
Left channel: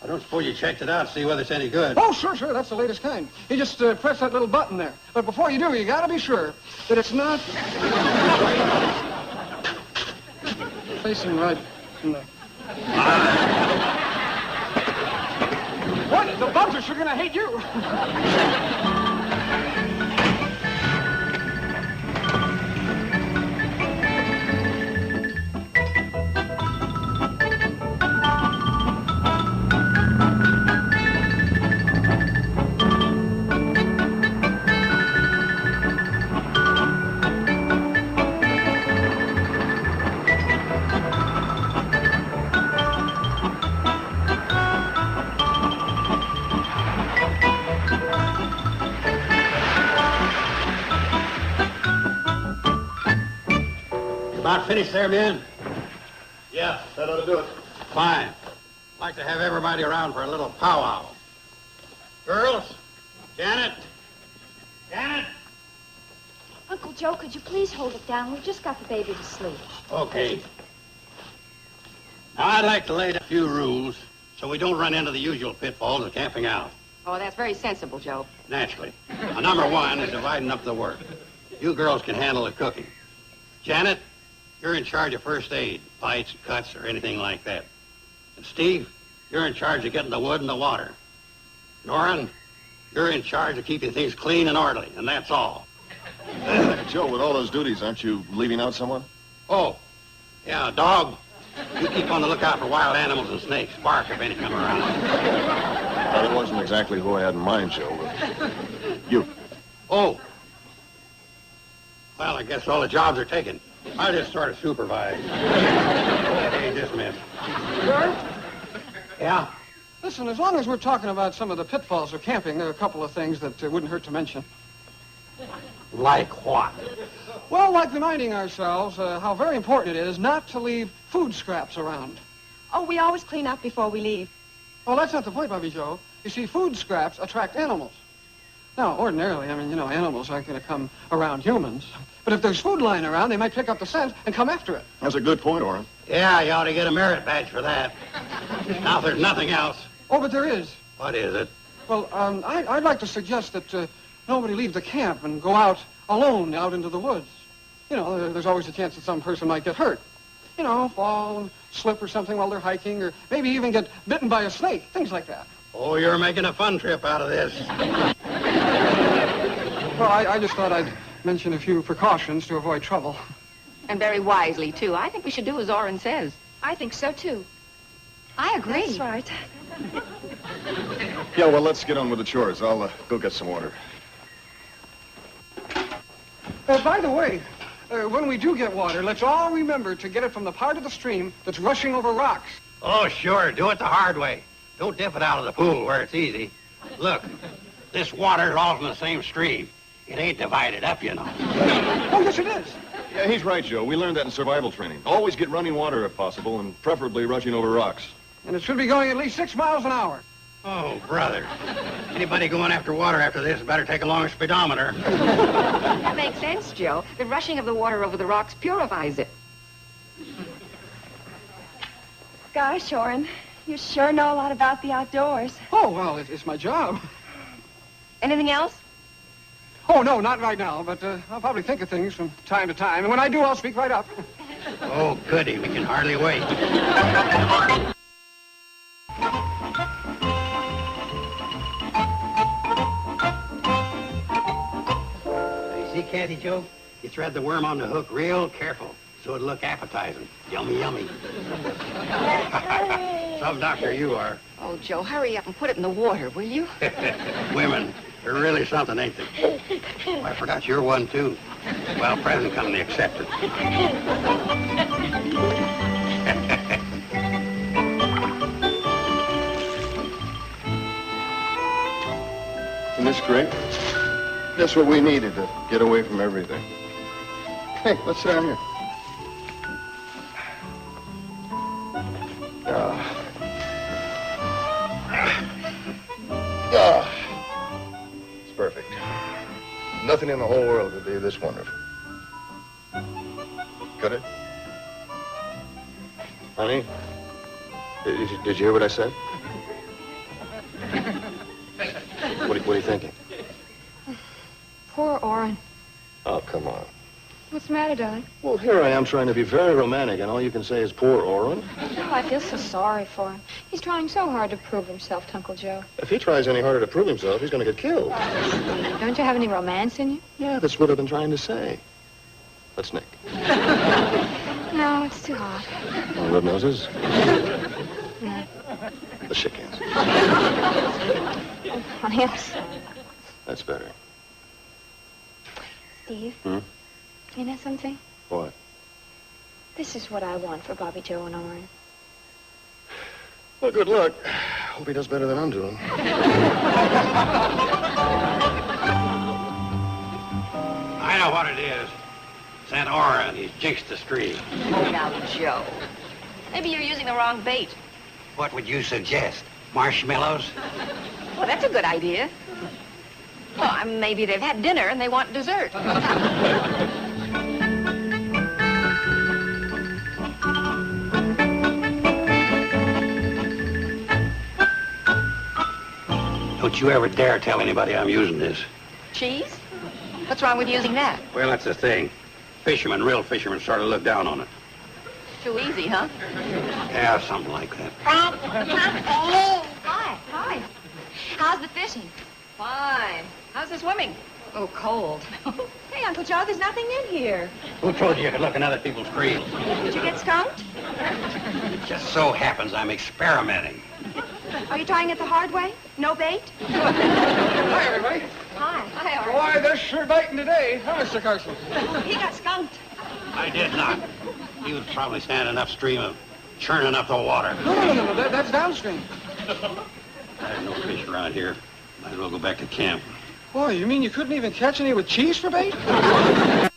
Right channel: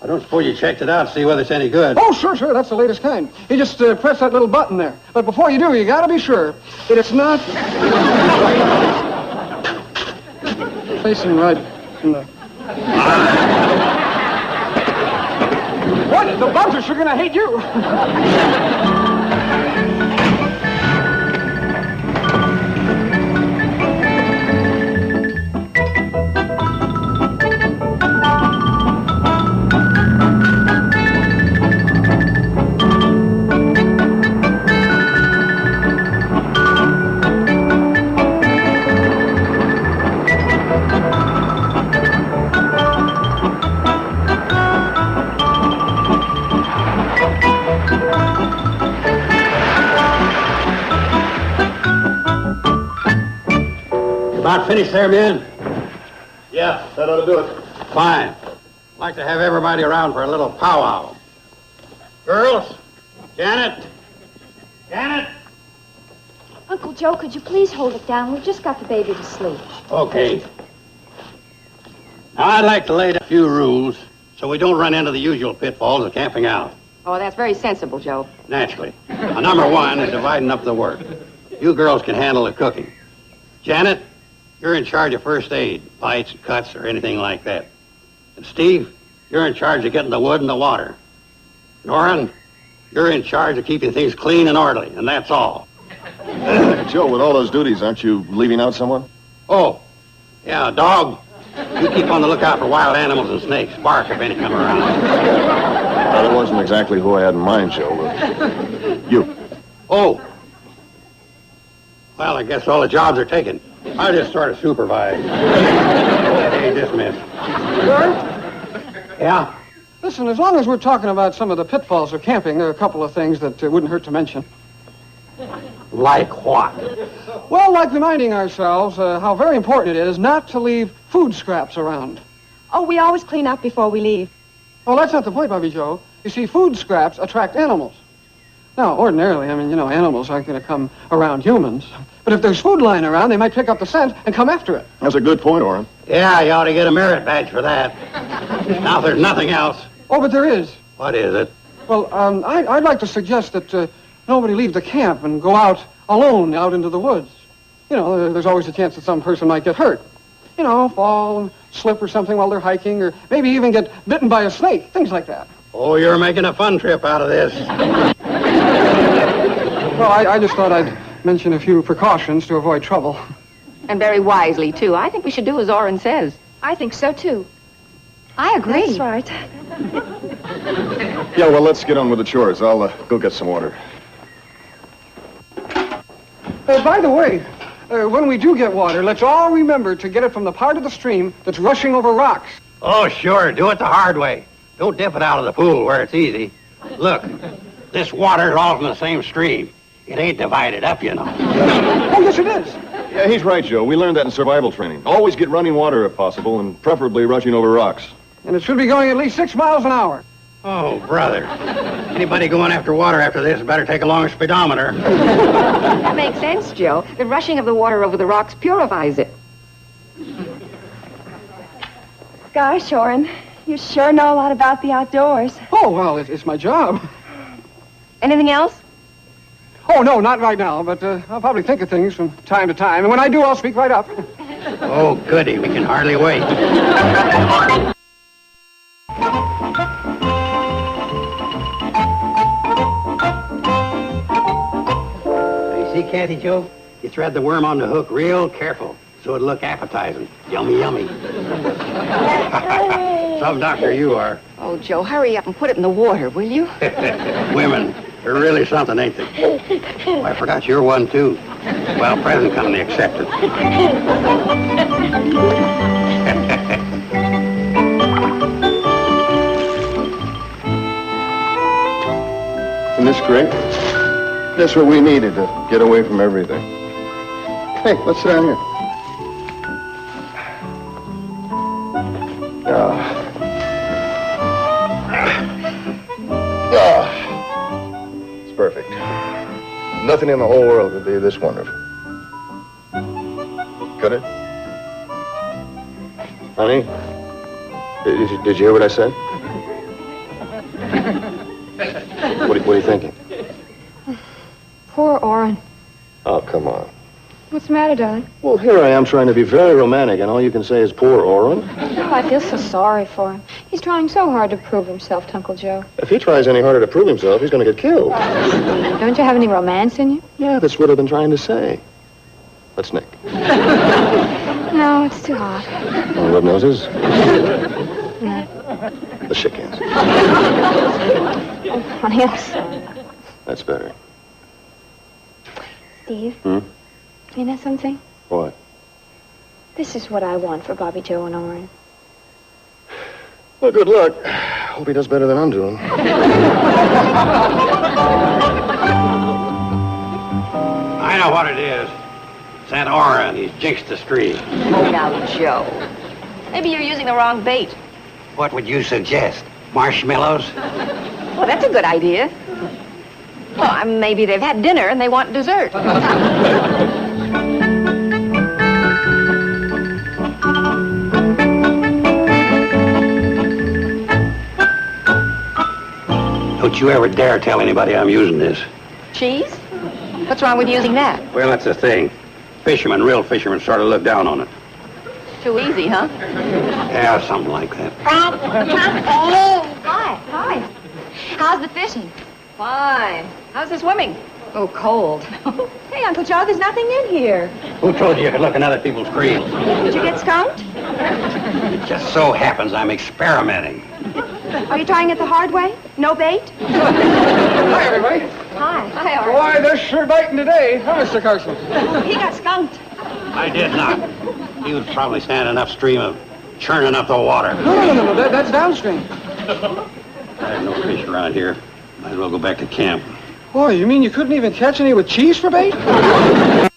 I don't suppose you checked it out to see whether it's any good. Oh, sure. That's the latest kind. You just press that little button there. But before you do, you gotta be sure that it's not... facing right in the... What? The bugs are sure gonna hate you. About finished there, men? Yeah, that ought to do it. Fine. I'd like to have everybody around for a little powwow. Girls, Janet. Janet. Uncle Joe, could you please hold it down? We've just got the baby to sleep. Okay. Now, I'd like to lay down a few rules so we don't run into the usual pitfalls of camping out. Oh, that's very sensible, Joe. Naturally. Now, number one is dividing up the work. You girls can handle the cooking. Janet, you're in charge of first aid, bites, cuts, or anything like that. And Steve, you're in charge of getting the wood and the water. Norrin, you're in charge of keeping things clean and orderly, and that's all. Joe, with all those duties, aren't you leaving out someone? Oh, yeah, dog. You keep on the lookout for wild animals and snakes. Bark if any come around. Well, that wasn't exactly who I had in mind, Joe. You. Oh. Well, I guess all the jobs are taken. I'll just sort of supervise. Hey, dismissed. Sir? Yeah? Listen, as long as we're talking about some of the pitfalls of camping, there are a couple of things that wouldn't hurt to mention. Like what? Well, like reminding ourselves how very important it is not to leave food scraps around. Oh, we always clean up before we leave. Well, that's not the point, Bobby Joe. You see, food scraps attract animals. Now, ordinarily, I mean, animals aren't going to come around humans. But if there's food lying around, they might pick up the scent and come after it. That's a good point, Orrin. Yeah, you ought to get a merit badge for that. Now, if there's nothing else. Oh, but there is. What is it? Well, I'd like to suggest that nobody leave the camp and go out alone out into the woods. There's always a chance that some person might get hurt. Fall and slip or something while they're hiking, or maybe even get bitten by a snake, things like that. Oh, you're making a fun trip out of this. Well, I just thought I'd mention a few precautions to avoid trouble. And very wisely, too. I think we should do as Orrin says. I think so, too. I agree. That's right. Yeah, well, let's get on with the chores. I'll go get some water. By the way, when we do get water, let's all remember to get it from the part of the stream that's rushing over rocks. Oh, sure. Do it the hard way. Don't dip it out of the pool where it's easy. Look, this water's all from the same stream. It ain't divided up, you know. Oh, yes, it is. Yeah, he's right, Joe. We learned that in survival training. Always get running water if possible, and preferably rushing over rocks. And it should be going at least 6 miles an hour. Oh, brother. Anybody going after water after this better take along a speedometer. That makes sense, Joe. The rushing of the water over the rocks purifies it. Gosh, Orrin, you sure know a lot about the outdoors. Oh, well, it's my job. Anything else? Oh, no, not right now, but I'll probably think of things from time to time. And when I do, I'll speak right up. Oh, goody. We can hardly wait. See, Kathy Joe? You thread the worm on the hook real careful so it'll look appetizing. Yummy, yummy. Some doctor you are. Oh, Joe, hurry up and put it in the water, will you? Women, they're really something, ain't they? Oh, I forgot you're one, too. Well, present company accepted. Isn't this great? That's what we needed to get away from everything. Hey, let's sit down here. It's perfect. Nothing in the whole world could be this wonderful. Could it? Honey, did you hear what I said? What are you thinking? Poor Orrin. Oh, come on. What's the matter, darling? Well, here I am trying to be very romantic, and all you can say is poor Orrin. Oh, I feel so sorry for him. He's trying so hard to prove himself to Uncle Joe. If he tries any harder to prove himself, he's going to get killed. Don't you have any romance in you? Yeah, that's what I've been trying to say. Let's Nick. No, it's too hot. Oh, rub noses? No. The shit cans. Oh, honey, I'm sorry. That's better. Steve, Hmm? you know something? What? This is what I want for Bobby Joe and Orrin. Well, good luck. Hope he does better than I'm doing. I know what it is. It's that Oren. He's jinxed the stream. Oh, now, Joe. Maybe you're using the wrong bait. What would you suggest? Marshmallows? Well, that's a good idea. Well, maybe they've had dinner and they want dessert. Don't you ever dare tell anybody I'm using this. Cheese? What's wrong with using that? Well, that's the thing. Fishermen, real fishermen, sort of look down on it. Too easy, huh? Yeah, something like that. Hi. Hi. How's the fishing? Fine. How's the swimming? Oh, cold. Hey, Uncle Joe, there's nothing in here. Who told you you could look in other people's creams? Did you get skunked? It just so happens I'm experimenting. Are you trying it the hard way? No bait? Hi, everybody. Hi. Hi, Art. Boy, they're sure biting today, huh, Mr. Carson? He got skunked. I did not. He was probably standing upstream of churning up the water. No. That's downstream. I have no fish around here. Might as well go back to camp. Boy, you mean you couldn't even catch any with cheese for bait? Oh,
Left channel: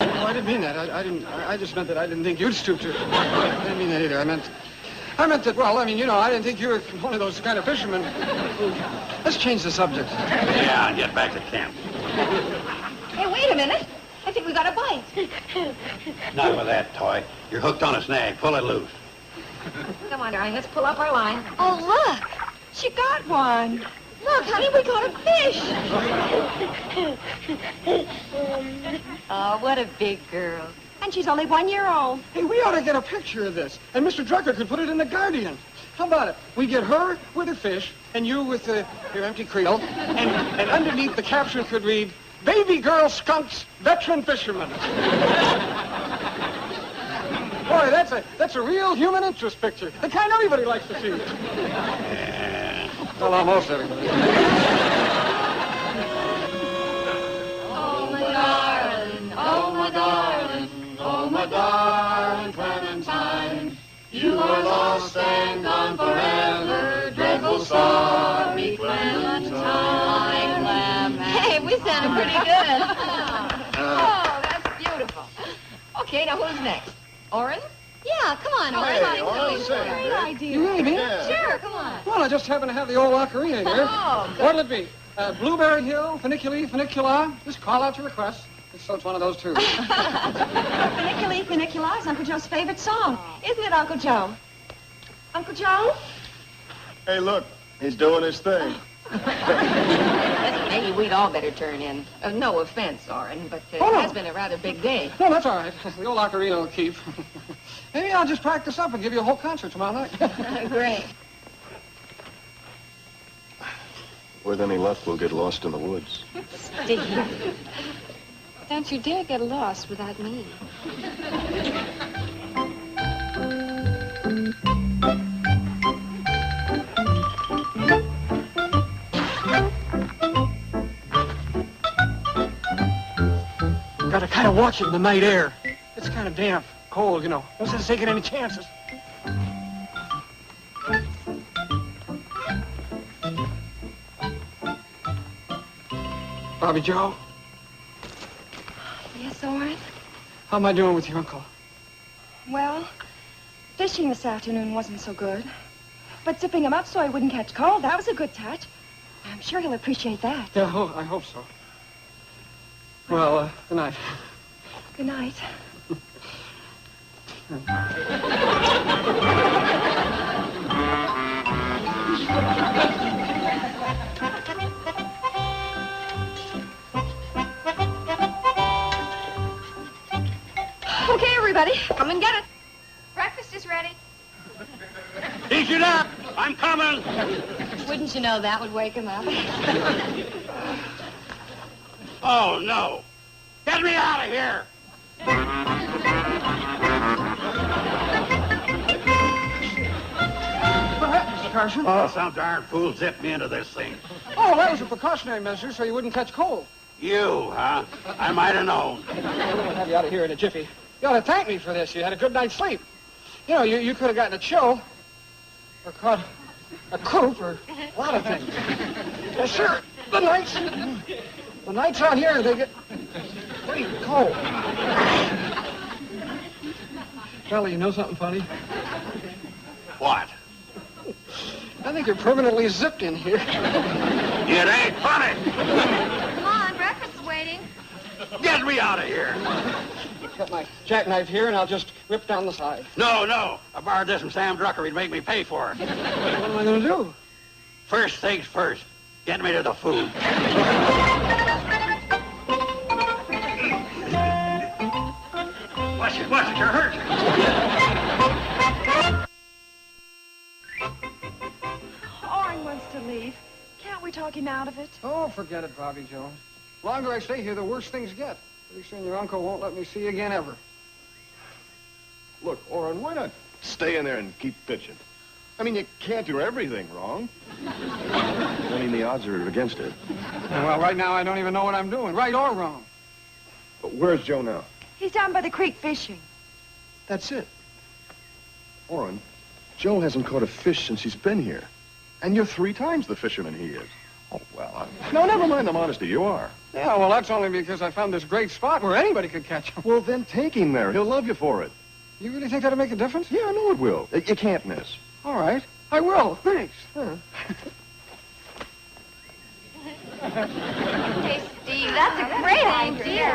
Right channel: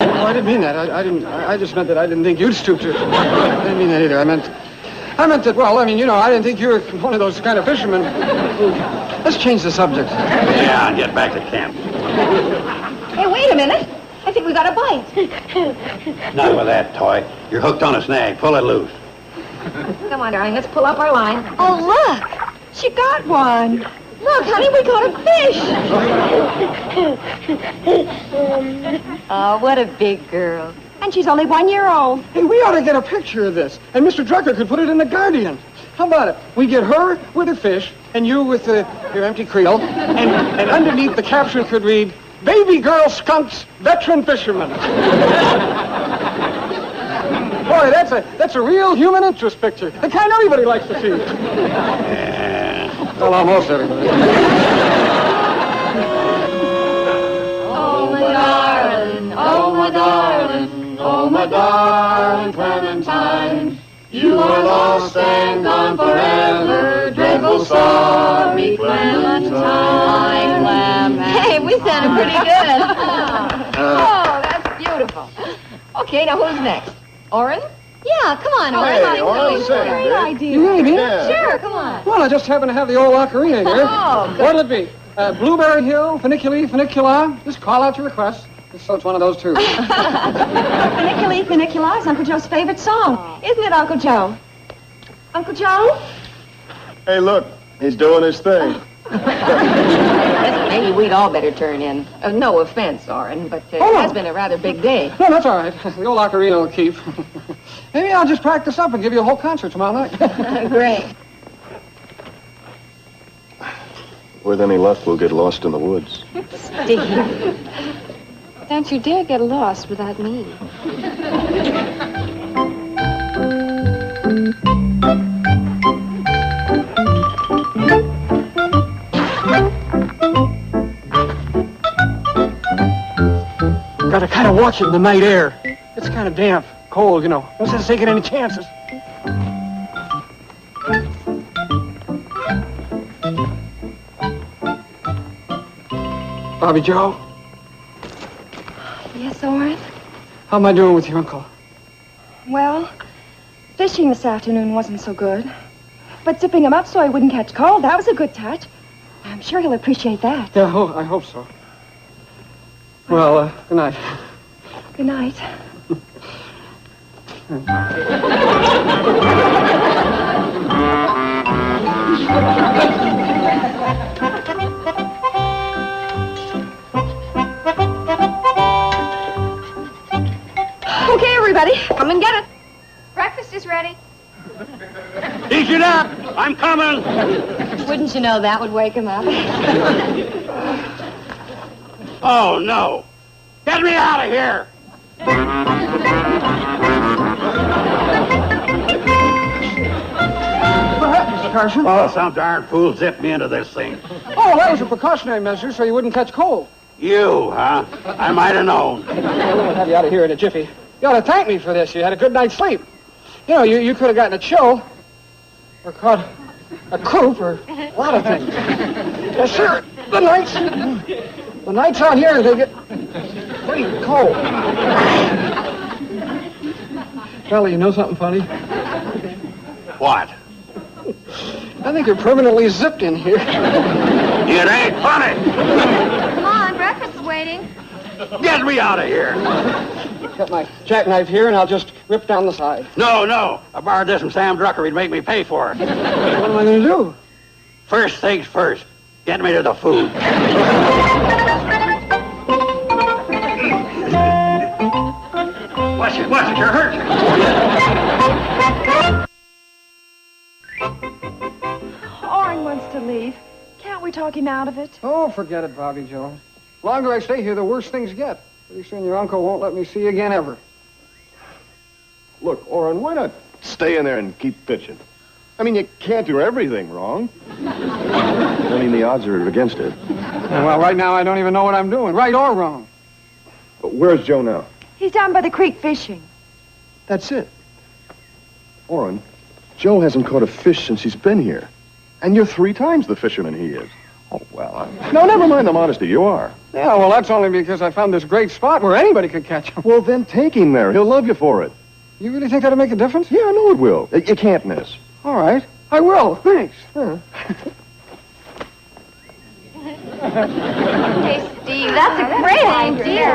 I didn't mean that. I just meant that I didn't think you'd stoop to it. I didn't mean that either. I meant that, well, I didn't think you were one of those kind of fishermen. Let's change the subject. Yeah, and get back to camp. Hey, wait a minute. I think we got a bite. Not with that toy. You're hooked on a snag. Pull it loose. Come on, darling. Let's pull up our line. Oh, look. She got one. Look, honey, we got a fish. Oh, what a big girl. And she's only 1 year old. Hey, we ought to get a picture of this, and Mr. Drucker could put it in the Guardian. How about it? We get her with her fish, and you with your empty creel, and underneath the caption could read, "Baby girl skunks, veteran fisherman." Boy, that's a real human interest picture. The kind everybody likes to see. Well, almost everybody. Oh, my darling, oh, my darling, oh, my darling Clementine. You are lost and gone forever, dreadful sorry Clementine. Hey, we sounded pretty good. Oh, that's beautiful. Okay, now who's next? Oren? Yeah, come on, Oren. Hey, Oren, say, Great Dick. idea. You really mean it? Yeah. Sure, come on. Well, I just happen to have the old ocarina here. Oh, good. What'll it be? Blueberry Hill, Funiculi, Funicula? Just call out your request. So it's one of those two. Funiculi, Funicula is Uncle Joe's favorite song. Isn't it, Uncle Joe? Uncle Joe? Hey, look, he's doing his thing. Maybe we'd all better turn in. No offense, Oren, but it has been a rather big day. No, that's all right. The old ocarina will keep. Maybe I'll just practice up and give you a whole concert tomorrow night. Great. With any luck, we'll get lost in the woods. Steve, don't you dare get lost without me. Gotta kind of watch it in the night air. It's kind of damp, cold, No sense taking any chances. Bobby Joe, Yes, Oren? how am I doing with your uncle? Well, fishing this afternoon wasn't so good. But zipping him up so he wouldn't catch cold, that was a good touch. I'm sure he'll appreciate that. Yeah, I hope so. Well, good night. Good night. Okay, everybody, come and get it. Breakfast is ready. Dish it up! I'm coming! Wouldn't you know that would wake him up? Oh, no! Get me out of here! What happened, Mr. Carson? Oh, some darn fool zipped me into this thing. Oh, that was a precautionary measure so you wouldn't catch cold. You, huh? I might have known. We'll have you out of here in a jiffy. You ought to thank me for this. You had a good night's sleep. You could have gotten a chill, or caught a croup, or a lot of things. Yes, sir. The nights out here, they get Hey, Cole. Charlie, you know something funny? What? I think you're permanently zipped in here. It ain't funny. Come on, breakfast is waiting. Get me out of here. Got my jackknife here, and I'll just rip down the side. No. I borrowed this from Sam Drucker. He'd make me pay for it. What am I going to do? First things first. Get me to the food. Watch it. You're hurt. Oren wants to leave. Can't we talk him out of it? Oh, forget it, Bobby Joe. The longer I stay here, the worse things get. Pretty soon your uncle won't let me see you again ever. Look, Orrin, why not stay in there and keep pitching? I mean, you can't do everything wrong. I mean, the odds are against it. Well, right now I don't even know what I'm doing, right or wrong. But where's Joe now? He's down by the creek fishing. That's it. Orrin, Joe hasn't caught a fish since he's been here. And you're 3 times the fisherman he is. Oh, well, no, never mind the modesty. You are. Yeah, well, that's only because I found this great spot where anybody could catch him. Well, then take him there. He'll love you for it. You really think that'll make a difference? Yeah, I know it will. You can't miss. All right. I will. Thanks. Hey, Steve, that's a great idea.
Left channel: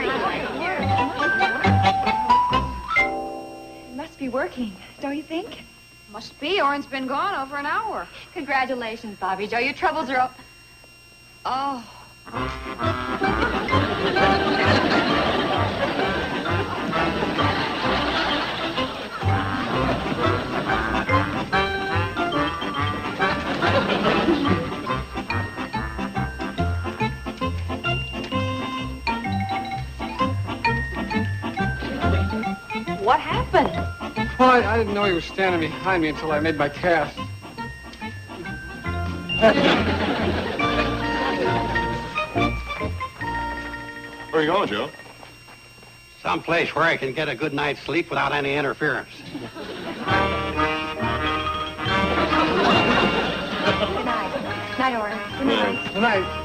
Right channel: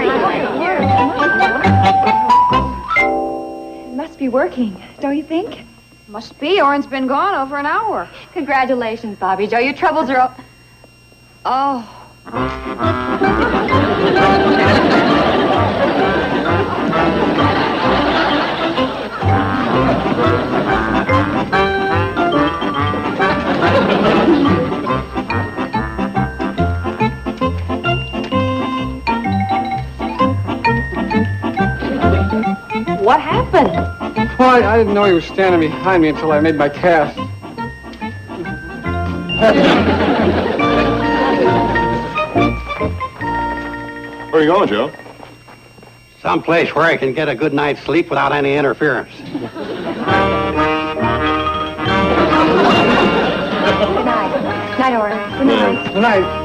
It must be working, don't you think? Must be. Oren's been gone over an hour. Congratulations, Bobby Joe. Your troubles are up. Oh. What happened? Well, I didn't know he was standing behind me until I made my cast. Where are you going, Joe? Someplace where I can get a good night's sleep without any interference. Good night. Night, Oren. Good night. Good night.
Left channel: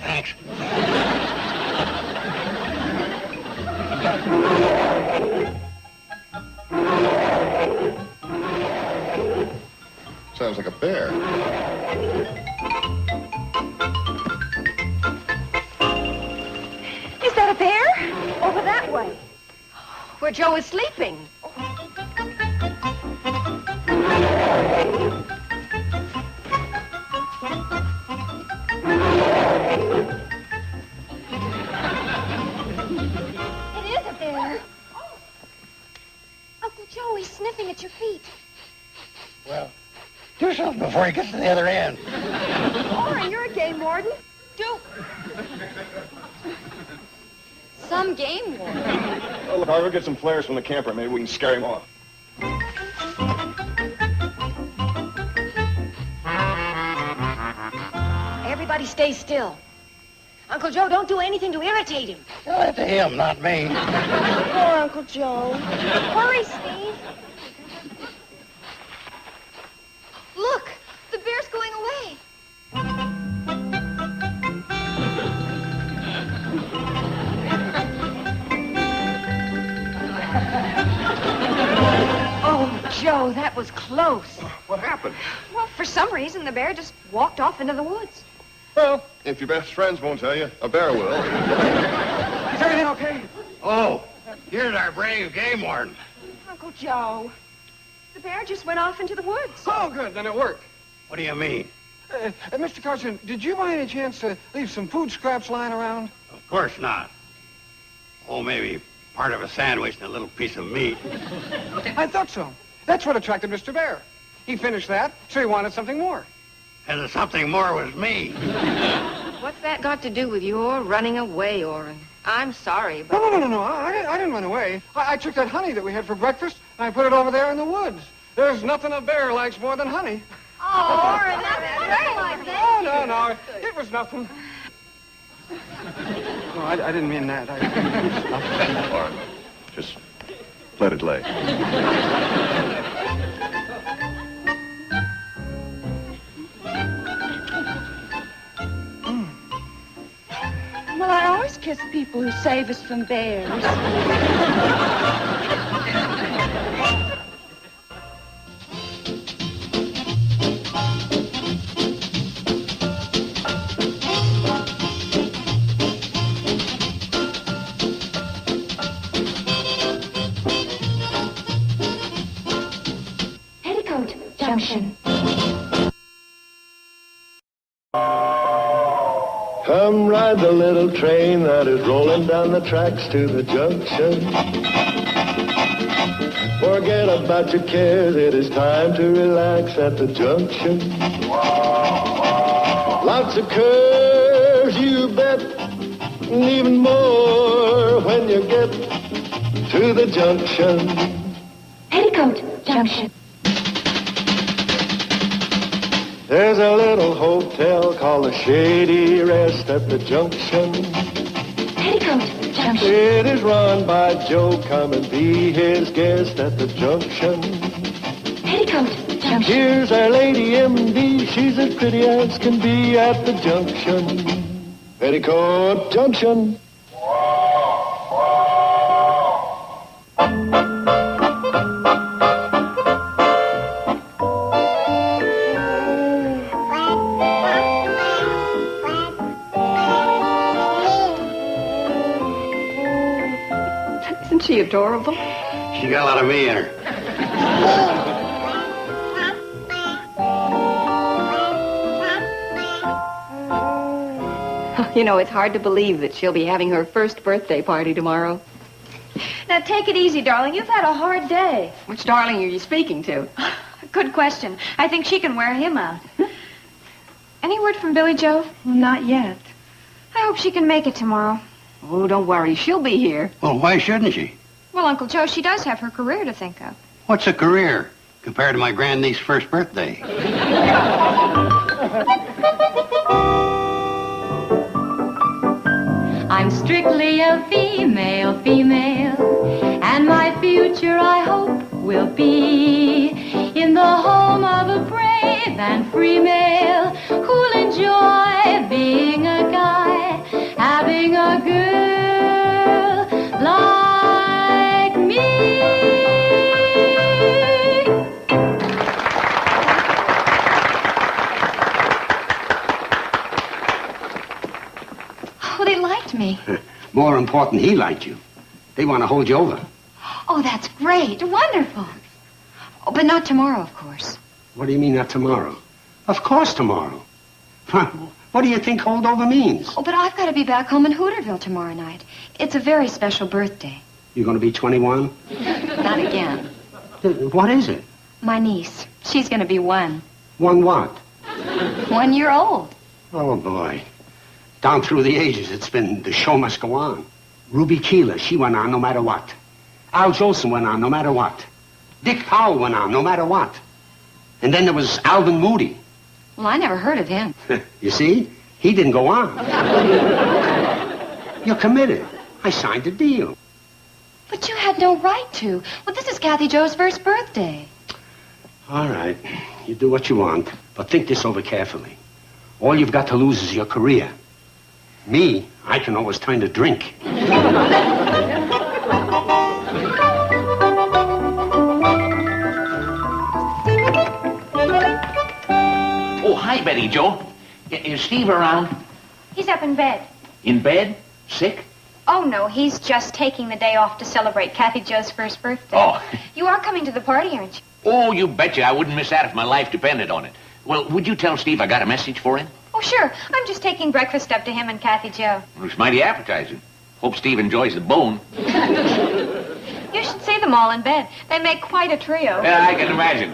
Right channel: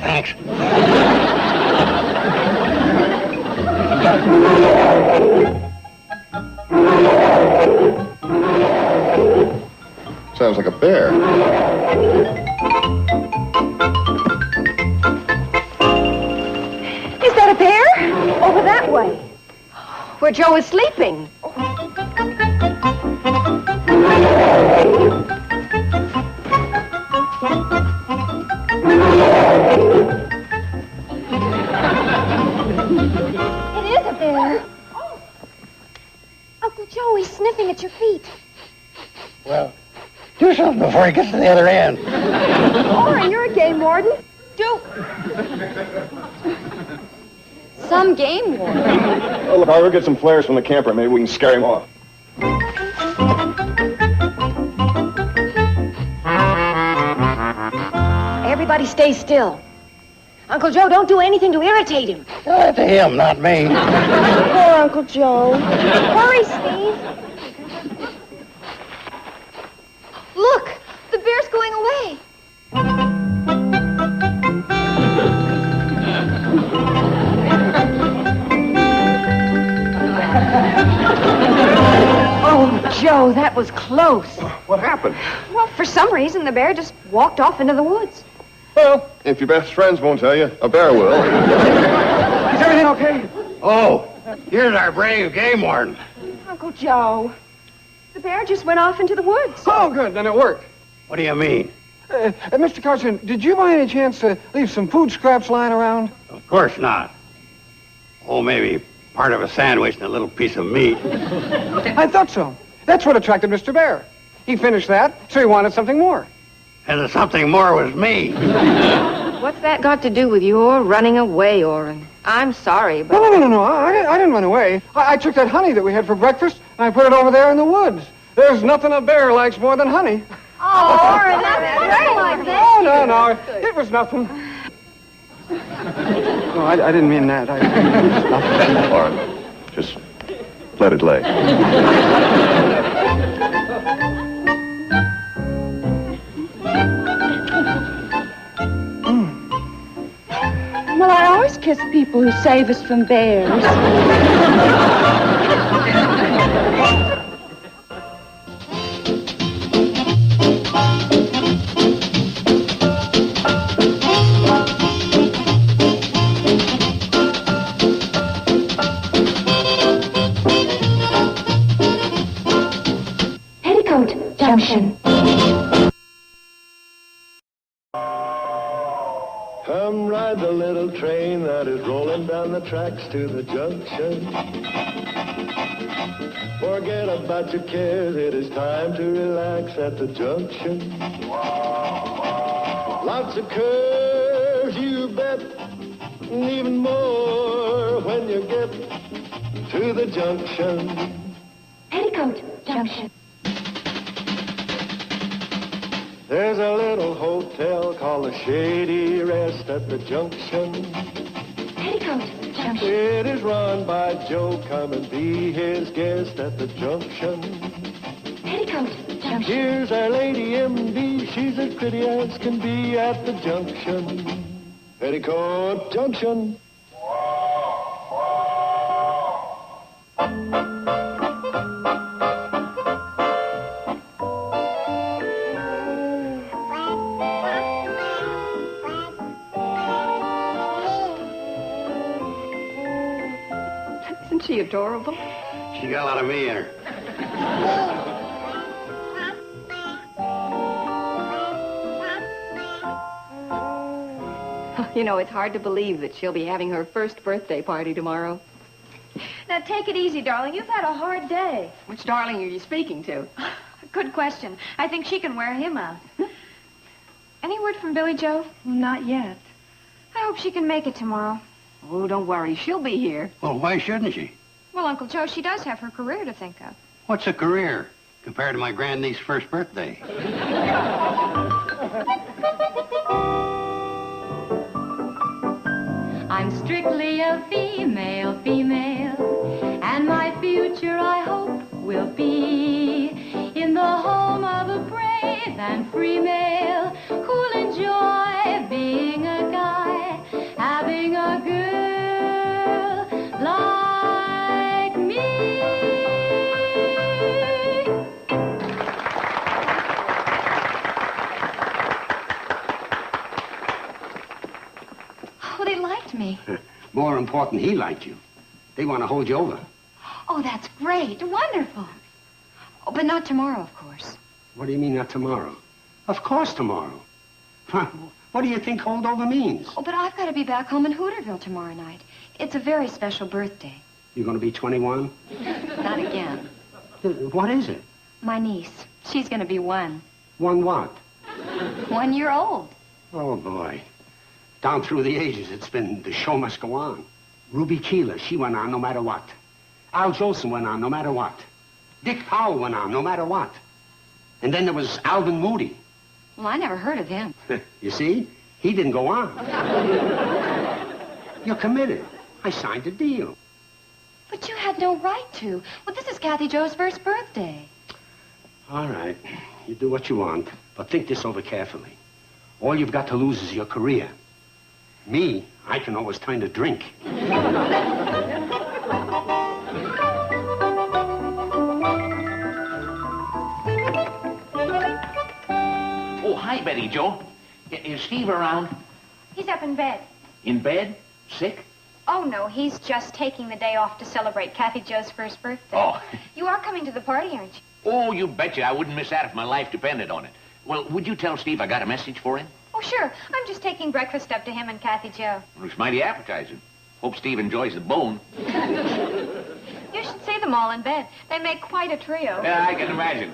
Thanks. Sounds like a bear. Is that a bear? Over that way. Where Joe is sleeping. It is a bear. Oh. Uncle Joe, he's sniffing at your feet. Well, do something before he gets to the other end. Oren, you're a game warden. Do. Some game warden. Oh, look, I'll go get some flares from the camper. Maybe we can scare him off. Everybody stay still. Uncle Joe, don't do anything to irritate him. Tell that to him, not me. Poor Uncle Joe. Hurry, Steve. Look, the bear's going away. Oh, Joe, that was close. What happened? Well, for some reason, the bear just walked off into the woods. Well, if your best friends won't tell you, a bear will. everything okay? Oh, here's our brave game warden. Uncle Joe, the bear just went off into the woods. Oh, good. Then it worked. What do you mean? Mr. Carson, did you by any chance leave some food scraps lying around? Of course not. Oh, maybe part of a sandwich and a little piece of meat. I thought so. That's what attracted Mr. Bear. He finished that, so he wanted something more. And the something more was me. What's that got to do with your running away, Orrin? I'm sorry, but... No. I didn't run away. I took that honey that we had for breakfast, and I put it over there in the woods. There's nothing a bear likes more than honey. Oh, Orrin, that's great like that. Oh, no. It was nothing. No, I didn't mean that. Orrin, just let it lay. Well, I always kiss people who save us from bears. Petticoat Junction. Come ride the little train that is rolling down the tracks to the junction. Forget about your cares, it is time to relax at the junction. Lots of curves, you bet, and even more when you get to the junction. Petticoat Junction. There's a little hotel called the Shady Rest at the junction. Petticoat Junction. It is run by Joe. Come and be his guest at the junction. Petticoat Junction. Here's our lady M.D. She's as pretty as can be at the junction. Petticoat Junction. Isn't she adorable? She got a lot of me in her. You know, it's hard to believe that she'll be having her first birthday party tomorrow. Now, take it easy, darling. You've had a hard day. Which darling are you speaking to? Good question. I think she can wear him out. Any word from Billy Joe? Not yet. I hope she can make it tomorrow. Oh, don't worry. She'll be here. Well, why shouldn't she? Well, Uncle Joe, she does have her career to think of. What's a career compared to my grandniece's first birthday? I'm strictly a female, and my future, I hope, will be in the home of a brave and free male who'll enjoy being a guy, having a girl like me. Oh, they liked me. More important, he liked you. They want to hold you over. Oh, that's great. Wonderful. Oh, but not tomorrow, of course. What do you mean, not tomorrow? Of course tomorrow. What do you think holdover means? Oh, but I've got to be back home in Hooterville tomorrow night. It's a very special birthday. You're going to be 21? Not again. What is it? My niece. She's going to be 1. 1 what? 1 year old. Oh, boy. Down through the ages, it's been the show must go on. Ruby Keeler, she went on no matter what. Al Jolson went on no matter what. Dick Powell went on no matter what. And then there was Alvin Moody. Well, I never heard of him. You see? He didn't go on. You're committed. I signed a deal. But you had no right to. Well, this is Kathy Joe's first birthday. All right. You do what you want, but think this over carefully. All you've got to lose is your career. Me, I can always turn to drink. Oh, hi, Betty Joe. Is Steve around? He's up in bed. In bed? Sick? Oh, no, he's just taking the day off to celebrate Kathy Jo's first birthday. Oh. You are coming to the party, aren't you? Oh, you betcha. I wouldn't miss that if my life depended on it. Well, would you tell Steve I got a message for him? Oh, sure. I'm just taking breakfast up to him and Kathy Jo. Looks mighty appetizing. Hope Steve enjoys the bone. You should see them all in bed. They make quite a trio. Yeah, I can imagine.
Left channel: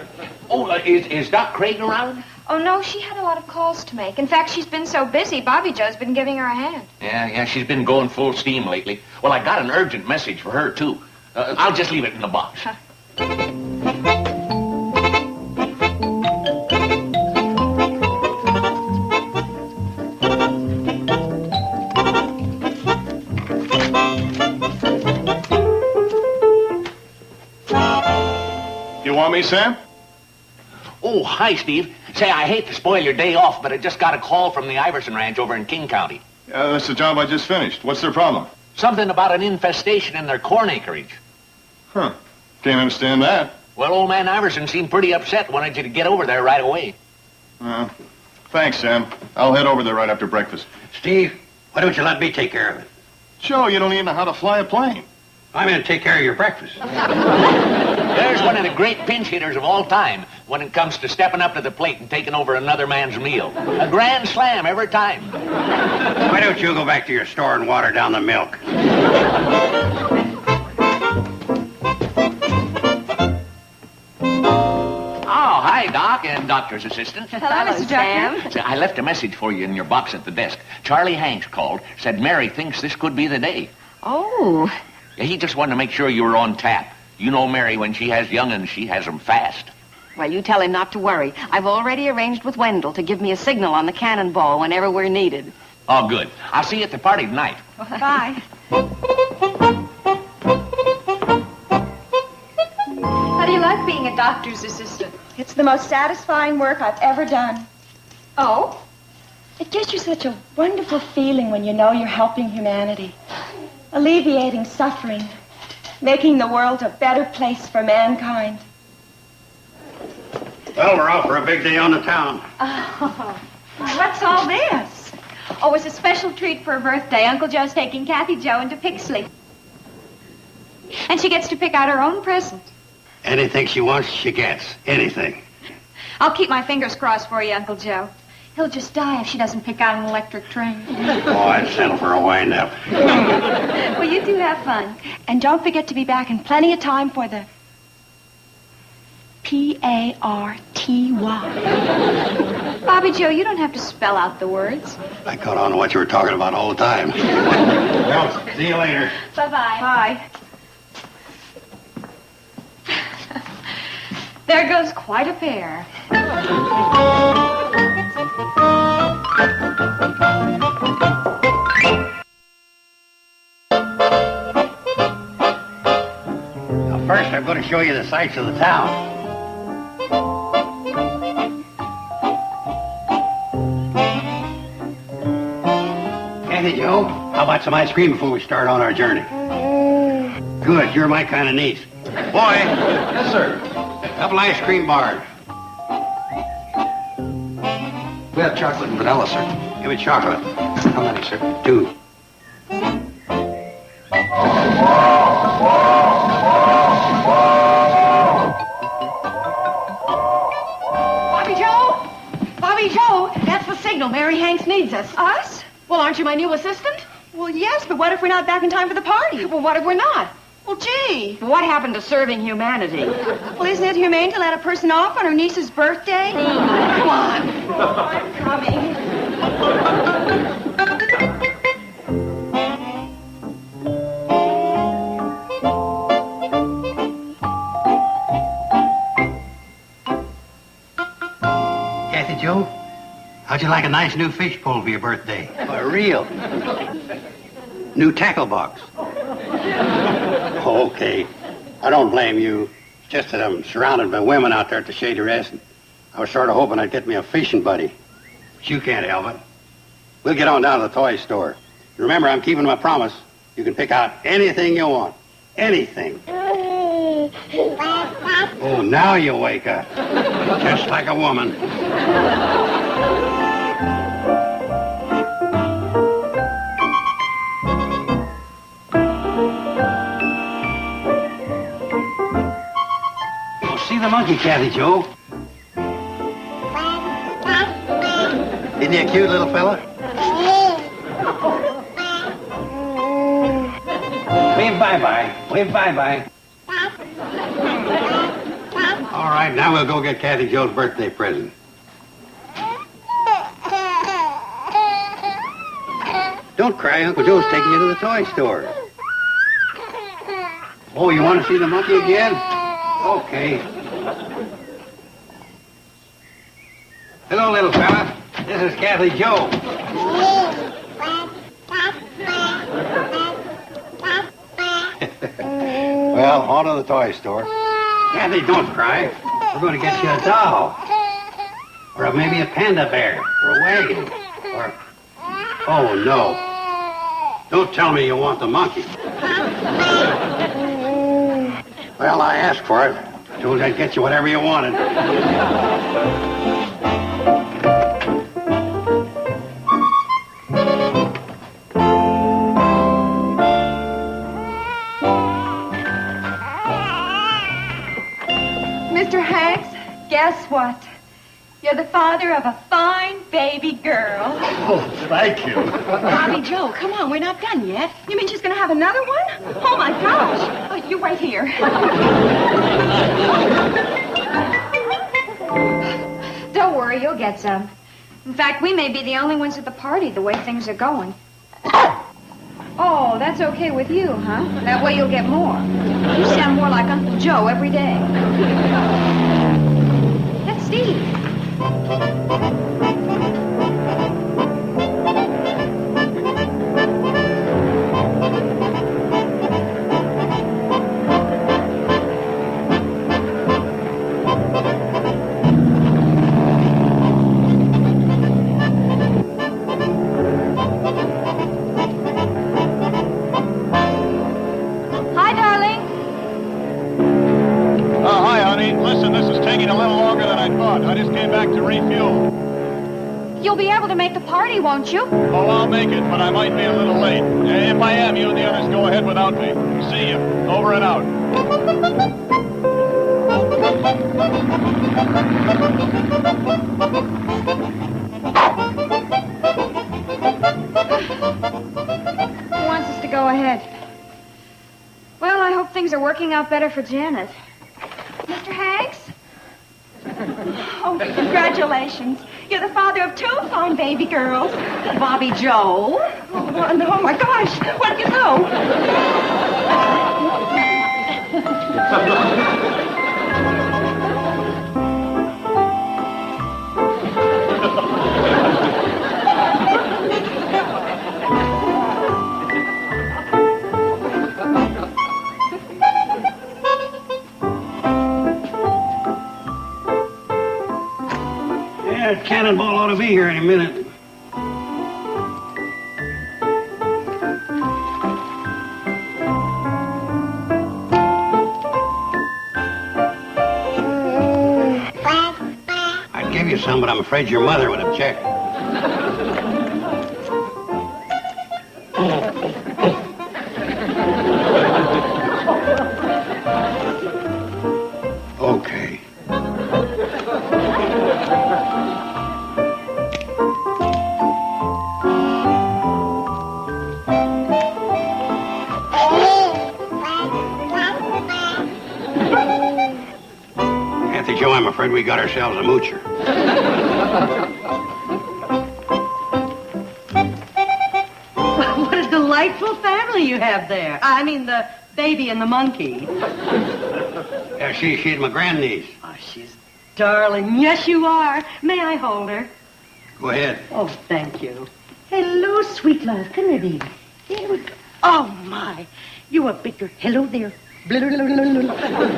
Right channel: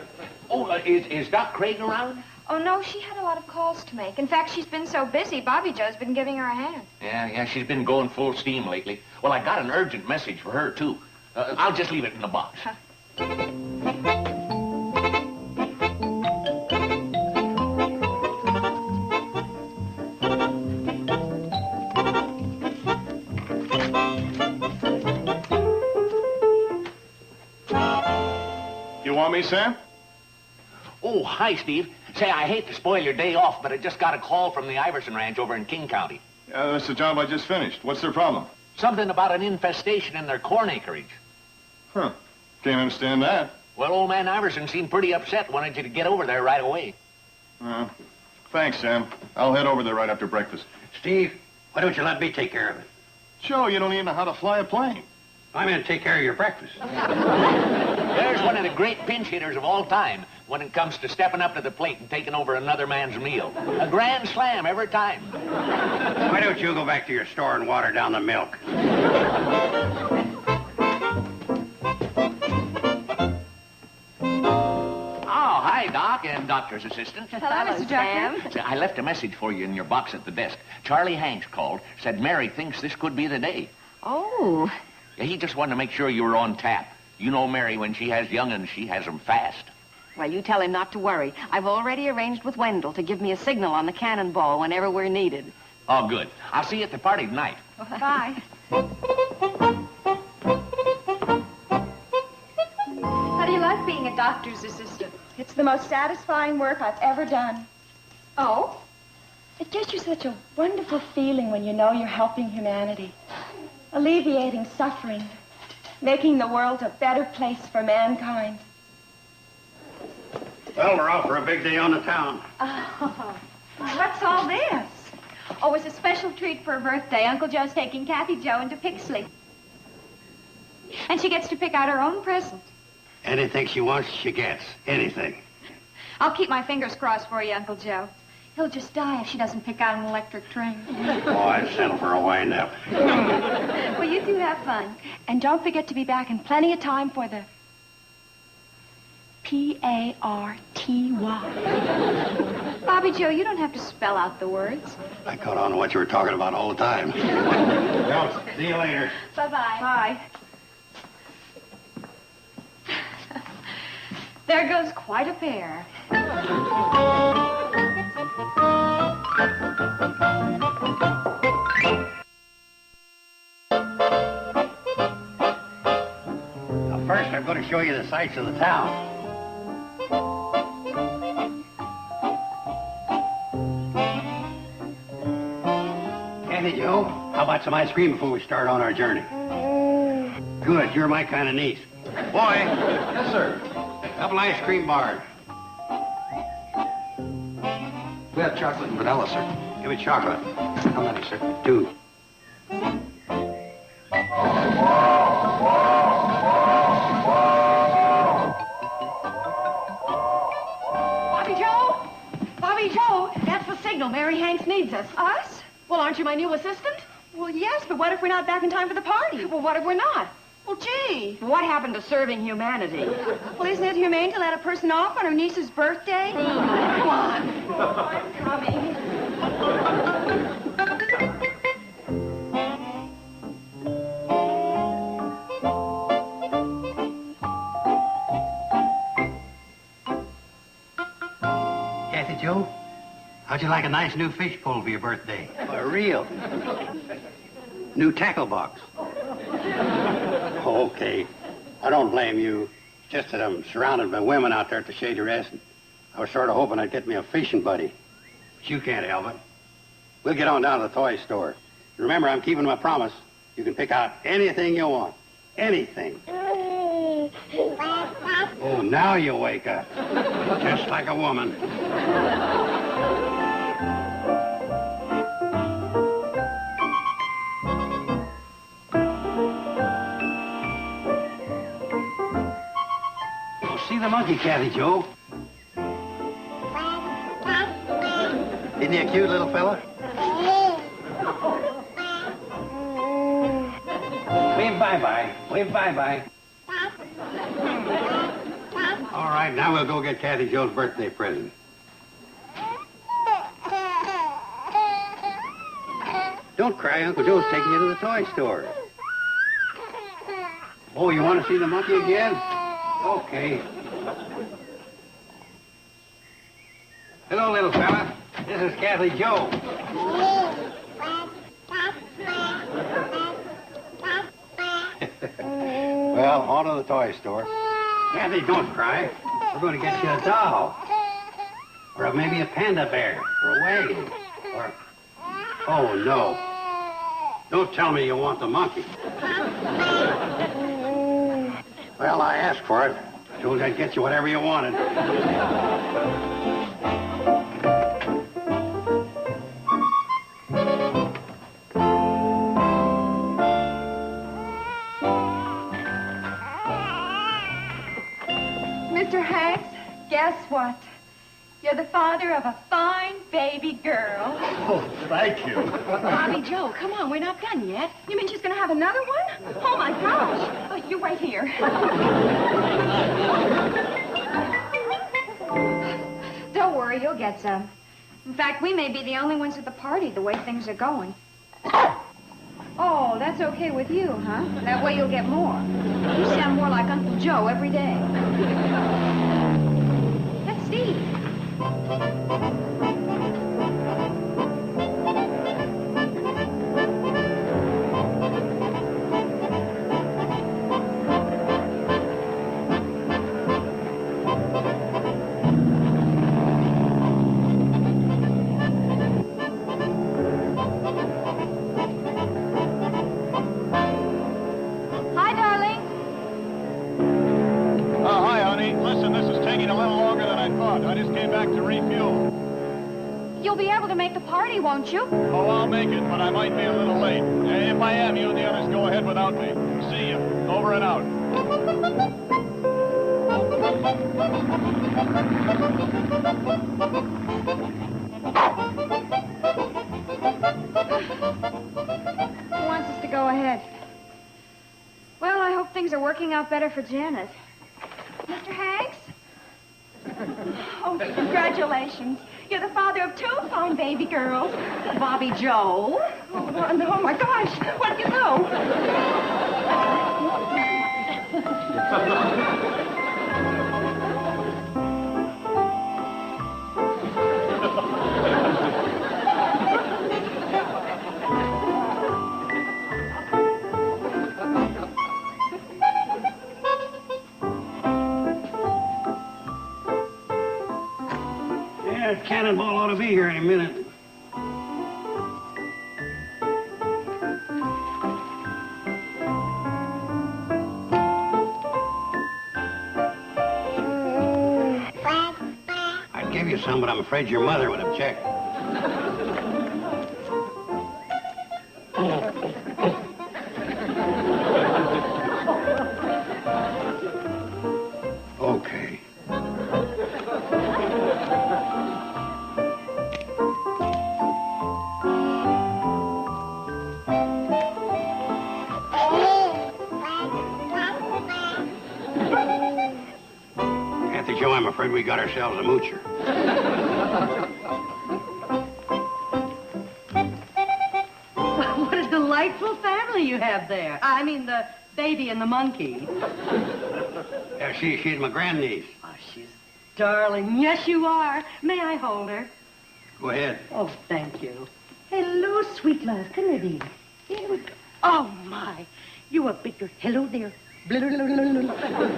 Oh, is Doc Craig around? Oh, no, she had a lot of calls to make. In fact, she's been so busy, Bobby Jo's been giving her a hand. Yeah, she's been going full steam lately. Well, I got an urgent message for her, too. I'll just leave it in the box. You want me, Sam? Oh, hi, Steve. Say, I hate to spoil your day off, but I just got a call from the Iverson Ranch over in King County. That's the job I just finished. What's their problem? Something about an infestation in their corn acreage. Huh. Can't understand that. Well, old man Iverson seemed pretty upset. Wanted you to get over there right away. Thanks, Sam. I'll head over there right after breakfast. Steve, why don't you let me take care of it? Joe, you don't even know how to fly a plane. I'm going to take care of your breakfast. There's one of the great pinch hitters of all time when it comes to stepping up to the plate and taking over another man's meal. A grand slam every time. Why don't you go back to your store and water down the milk? Oh, hi, Doc, and Doctor's assistant. Hello, Mr. Sam. So I left a message for you in your box at the desk. Charlie Hanks called, said Mary thinks this could be the day. Oh. Yeah, he just wanted to make sure you were on tap. You know Mary, when she has young'uns, she has them fast. Well, you tell him not to worry. I've already arranged with Wendell to give me a signal on the cannonball whenever we're needed. Oh, good. I'll see you at the party tonight. Bye. How do you like being a doctor's assistant? It's the most satisfying work I've ever done. Oh? It gives you such a wonderful feeling when you know you're helping humanity, alleviating suffering, making the world a better place for mankind. Well, we're out for a big day on the town. Oh, what's all this? Oh, it's a special treat for her birthday. Uncle Joe's taking Kathy Jo into Pixley. And she gets to pick out her own present. Anything she wants, she gets. Anything. I'll keep my fingers crossed for you, Uncle Joe. He'll just die if she doesn't pick out an electric train. Oh, I'd settle for a wind-up. Well, you two have fun. And don't forget to be back in plenty of time for the P-A-R-T-Y. Bobby Joe, you don't have to spell out the words. I caught on to what you were talking about all the time. Well, see you later. Bye-bye. Bye. There goes quite a pair. First, I'm going to show you the sights of the town. Kathy Joe, how about some ice cream before we start on our journey? Good, you're my kind of niece. Boy. Yes, sir. Couple ice cream bars. We have chocolate and vanilla, sir. Give me chocolate. How many, sir? 2. Bobby Joe! Bobby Joe! That's the signal. Mary Hanks needs us. Us? Well, aren't you my new assistant? Well, yes, but what if we're not back in time for the party? Well, what if we're not? Well, gee. What happened to serving humanity? Well, isn't it humane to let a person off on her niece's birthday? Come on. Oh, I'm coming. Kathy Joe, how'd you like a nice new fish pole for your birthday? A reel. New tackle box. Oh, okay. I don't blame you. It's just that I'm surrounded by women out there at the Shady Rest. I was sort of hoping I'd get me a fishing buddy. But you can't help it. We'll get on down to the toy store. Remember, I'm keeping my promise. You can pick out anything you want. Anything. Oh, now you wake up. Just like a woman. the monkey, Kathy Joe. Isn't he a cute little fella? Wave bye-bye. Wave bye-bye. All right, now we'll go get Kathy Joe's birthday present. Don't cry, Uncle Joe's taking you to the toy store. Oh, you want to see the monkey again? Okay. Hello, little fella. This is Kathy Joe. Well, on to the toy store. Kathy, don't cry. We're going to get you a doll. Or maybe a panda bear. Or a wagon. Or... Oh, no. Don't tell me you want the monkey. Well, I asked for it. So I'd get you whatever you wanted. Mr. Hanks, guess what? You're the father of a fine baby girl. Oh, thank you. Bobby Joe, come on, we're not done yet. You mean she's going to have another one? Oh, my gosh. Oh, you wait here. Don't worry, you'll get some. In fact, we may be the only ones at the party the way things are going. Oh, that's okay with you, huh? That way you'll get more. You sound more like Uncle Joe every day. That's Steve. Hi, darling. Hi, honey. Listen, this is taking a little longer than I thought. I just came back to refuel. You'll be able to make the party, won't you? Well, I'll make it, but I might be a little late. If I am, you and the others go ahead without me. See you. Over and out. Who wants us to go ahead? Well, I hope things are working out better for Janet. Mr. Hanks? Oh, congratulations. You're the father of 2 fine baby girls. Bobby Joe. Oh my gosh. Where'd you go? Yeah, Cannonball ought to be here any minute. I'd give you some, but I'm afraid your mother would object. Okay. Kathy Joe, I'm afraid we got ourselves a moocher. What a delightful family you have there. I mean, the baby and the monkey. Yeah, she's my grandniece. Oh, she's darling. Yes, you are. May I hold her? Go ahead. Oh, thank you. Hello, sweet love. Come here, baby. Oh, my. You are bigger. Hello there.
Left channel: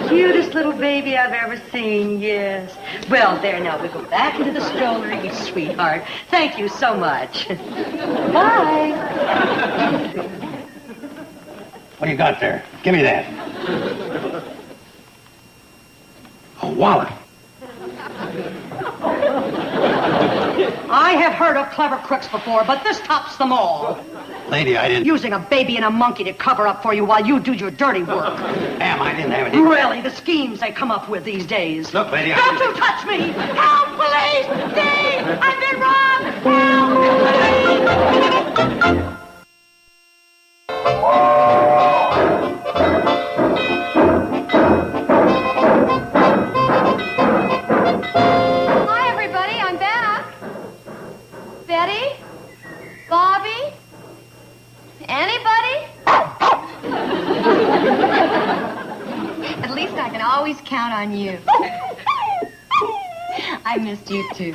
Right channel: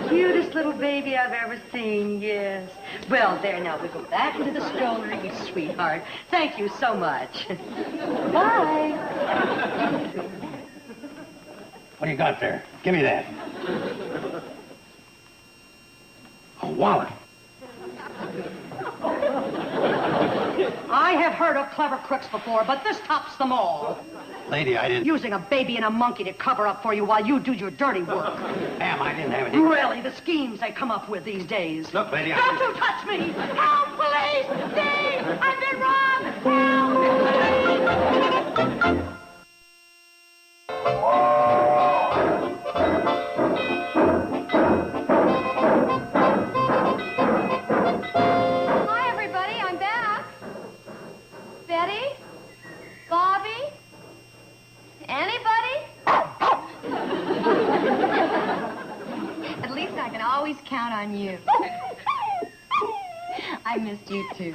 Cutest little baby I've ever seen, yes. Well, there, now we'll go back into the stroller, you sweetheart. Thank you so much. Bye. What do you got there? Give me that. A wallet. I I have heard of clever crooks before, but this tops them all. Lady, I didn't... Using a baby and a monkey to cover up for you while you do your dirty work. Ma'am, I didn't have any... Really, the schemes they come up with these days. Look, lady, Don't you touch me! Help, police! Steve! I've been robbed! Help! Hi, everybody. I'm back. Betty? Bobby? Anybody? At least I can always count on you. I missed you, too.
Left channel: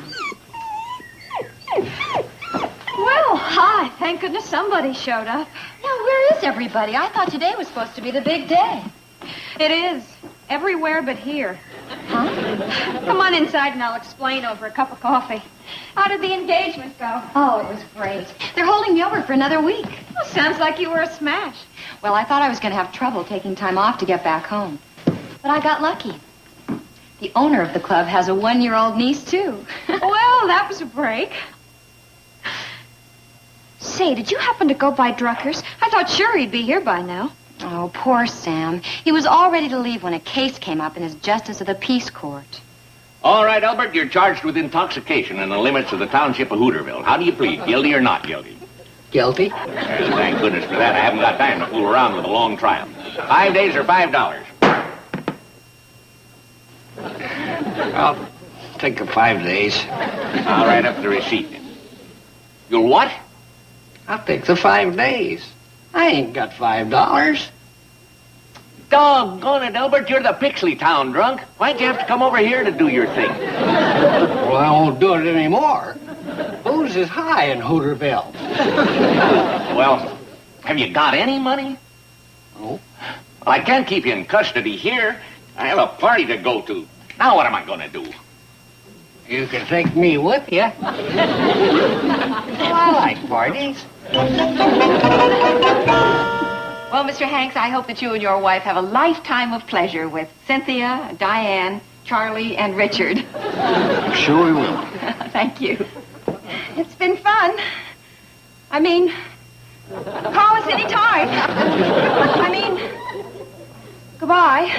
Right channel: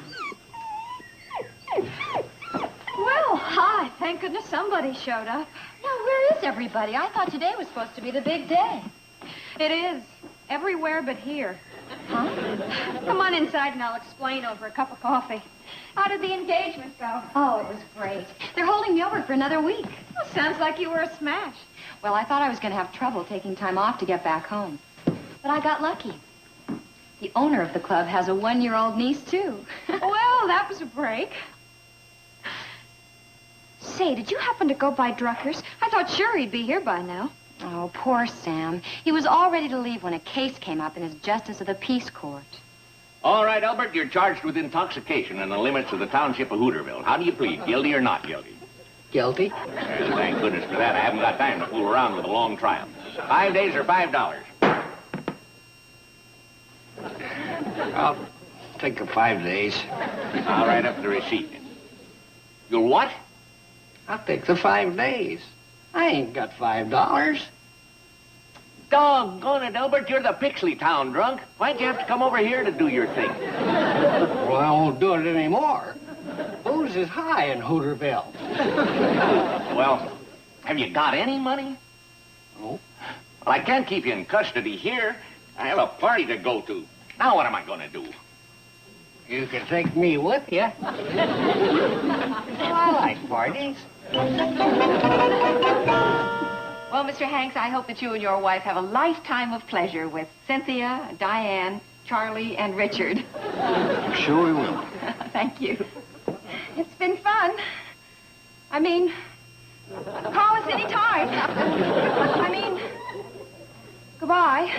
Well, hi. Thank goodness somebody showed up. Now, where is everybody? I thought today was supposed to be the big day. It is. Everywhere but here. Huh? Come on inside and I'll explain over a cup of coffee. How did the engagement go? Oh, it was great. They're holding me over for another week. Well, sounds like you were a smash. Well, I thought I was going to have trouble taking time off to get back home. But I got lucky. The owner of the club has a 1-year-old niece, too. Well, that was a break. Say, did you happen to go by Drucker's? I thought sure he'd be here by now. Oh, poor Sam. He was all ready to leave when a case came up in his Justice of the Peace Court. All right, Albert, you're charged with intoxication in the limits of the township of Hooterville. How do you plead, guilty or not guilty? Guilty? Thank goodness for that. I haven't got time to fool around with a long trial. 5 days or $5. I'll take the 5 days. I'll write up the receipt. You'll what? I'll take the 5 days. I ain't got $5. Doggone it, Albert, you're the Pixley Town drunk. Why'd you have to come over here to do your thing? Well, I won't do it anymore. Booze is high in Hooterville. Well, have you got any money? No. I can't keep you in custody here. I have a party to go to. Now what am I going to do? You can take me with you. Well, I like parties. Well, Mr. Hanks, I hope that you and your wife have a lifetime of pleasure with Cynthia, Diane, Charlie, and Richard. Sure we will. Thank you. It's been fun. I mean, call us any time. I mean, goodbye.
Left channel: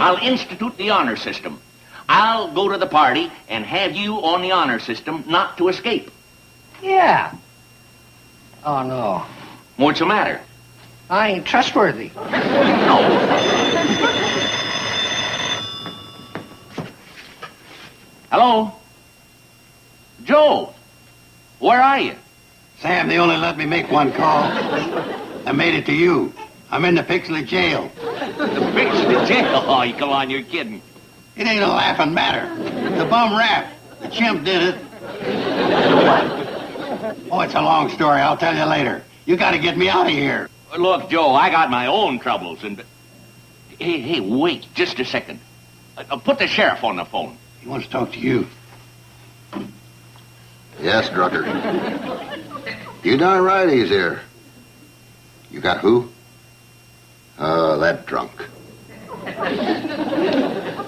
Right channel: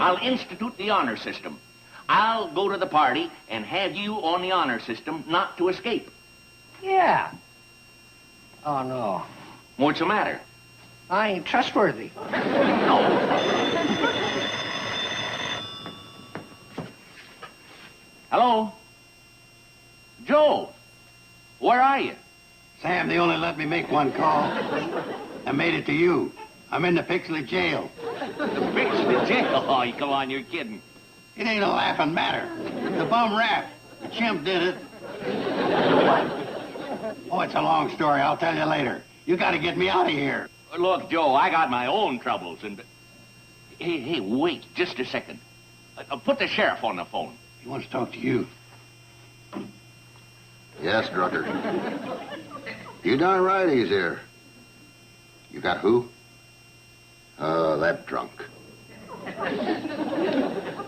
I'll institute the honor system. I'll go to the party and have you on the honor system not to escape. Yeah. Oh, no. What's the matter? I ain't trustworthy. Hello? Joe, where are you? Sam, they only let me make one call. I made it to you. I'm in the Pixley jail. The Pixley jail? Oh, come on, you're kidding. It ain't a laughing matter. The bum rap. The chimp did it. Oh, it's a long story. I'll tell you later. You got to get me out of here. Look, Joe, I got my own troubles, and... Hey, wait just a second. Put the sheriff on the phone. He wants to talk to you. Yes, Drucker. You darn right he's here. You got who? That drunk.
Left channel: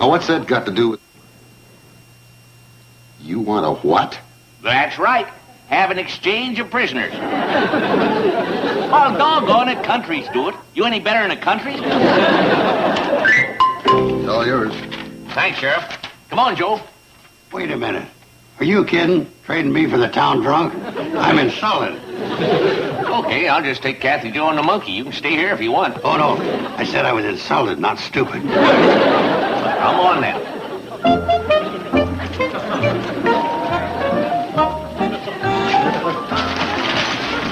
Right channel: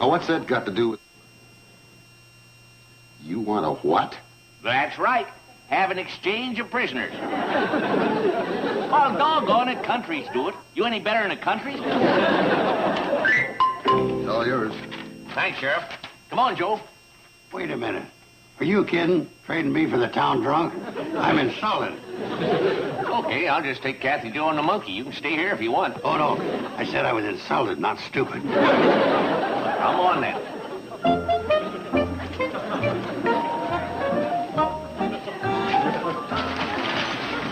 Now, what's that got to do with... You want a what? That's right. Have an exchange of prisoners. Oh, doggone it, countries do it. You any better in a country? It's all yours. Thanks, Sheriff. Come on, Joe. Wait a minute. Are you kidding? Trading me for the town drunk? I'm insulted. Okay, I'll just take Kathy Joe and the monkey. You can stay here if you want. Oh, no. I said I was insulted, not stupid. Come on, now.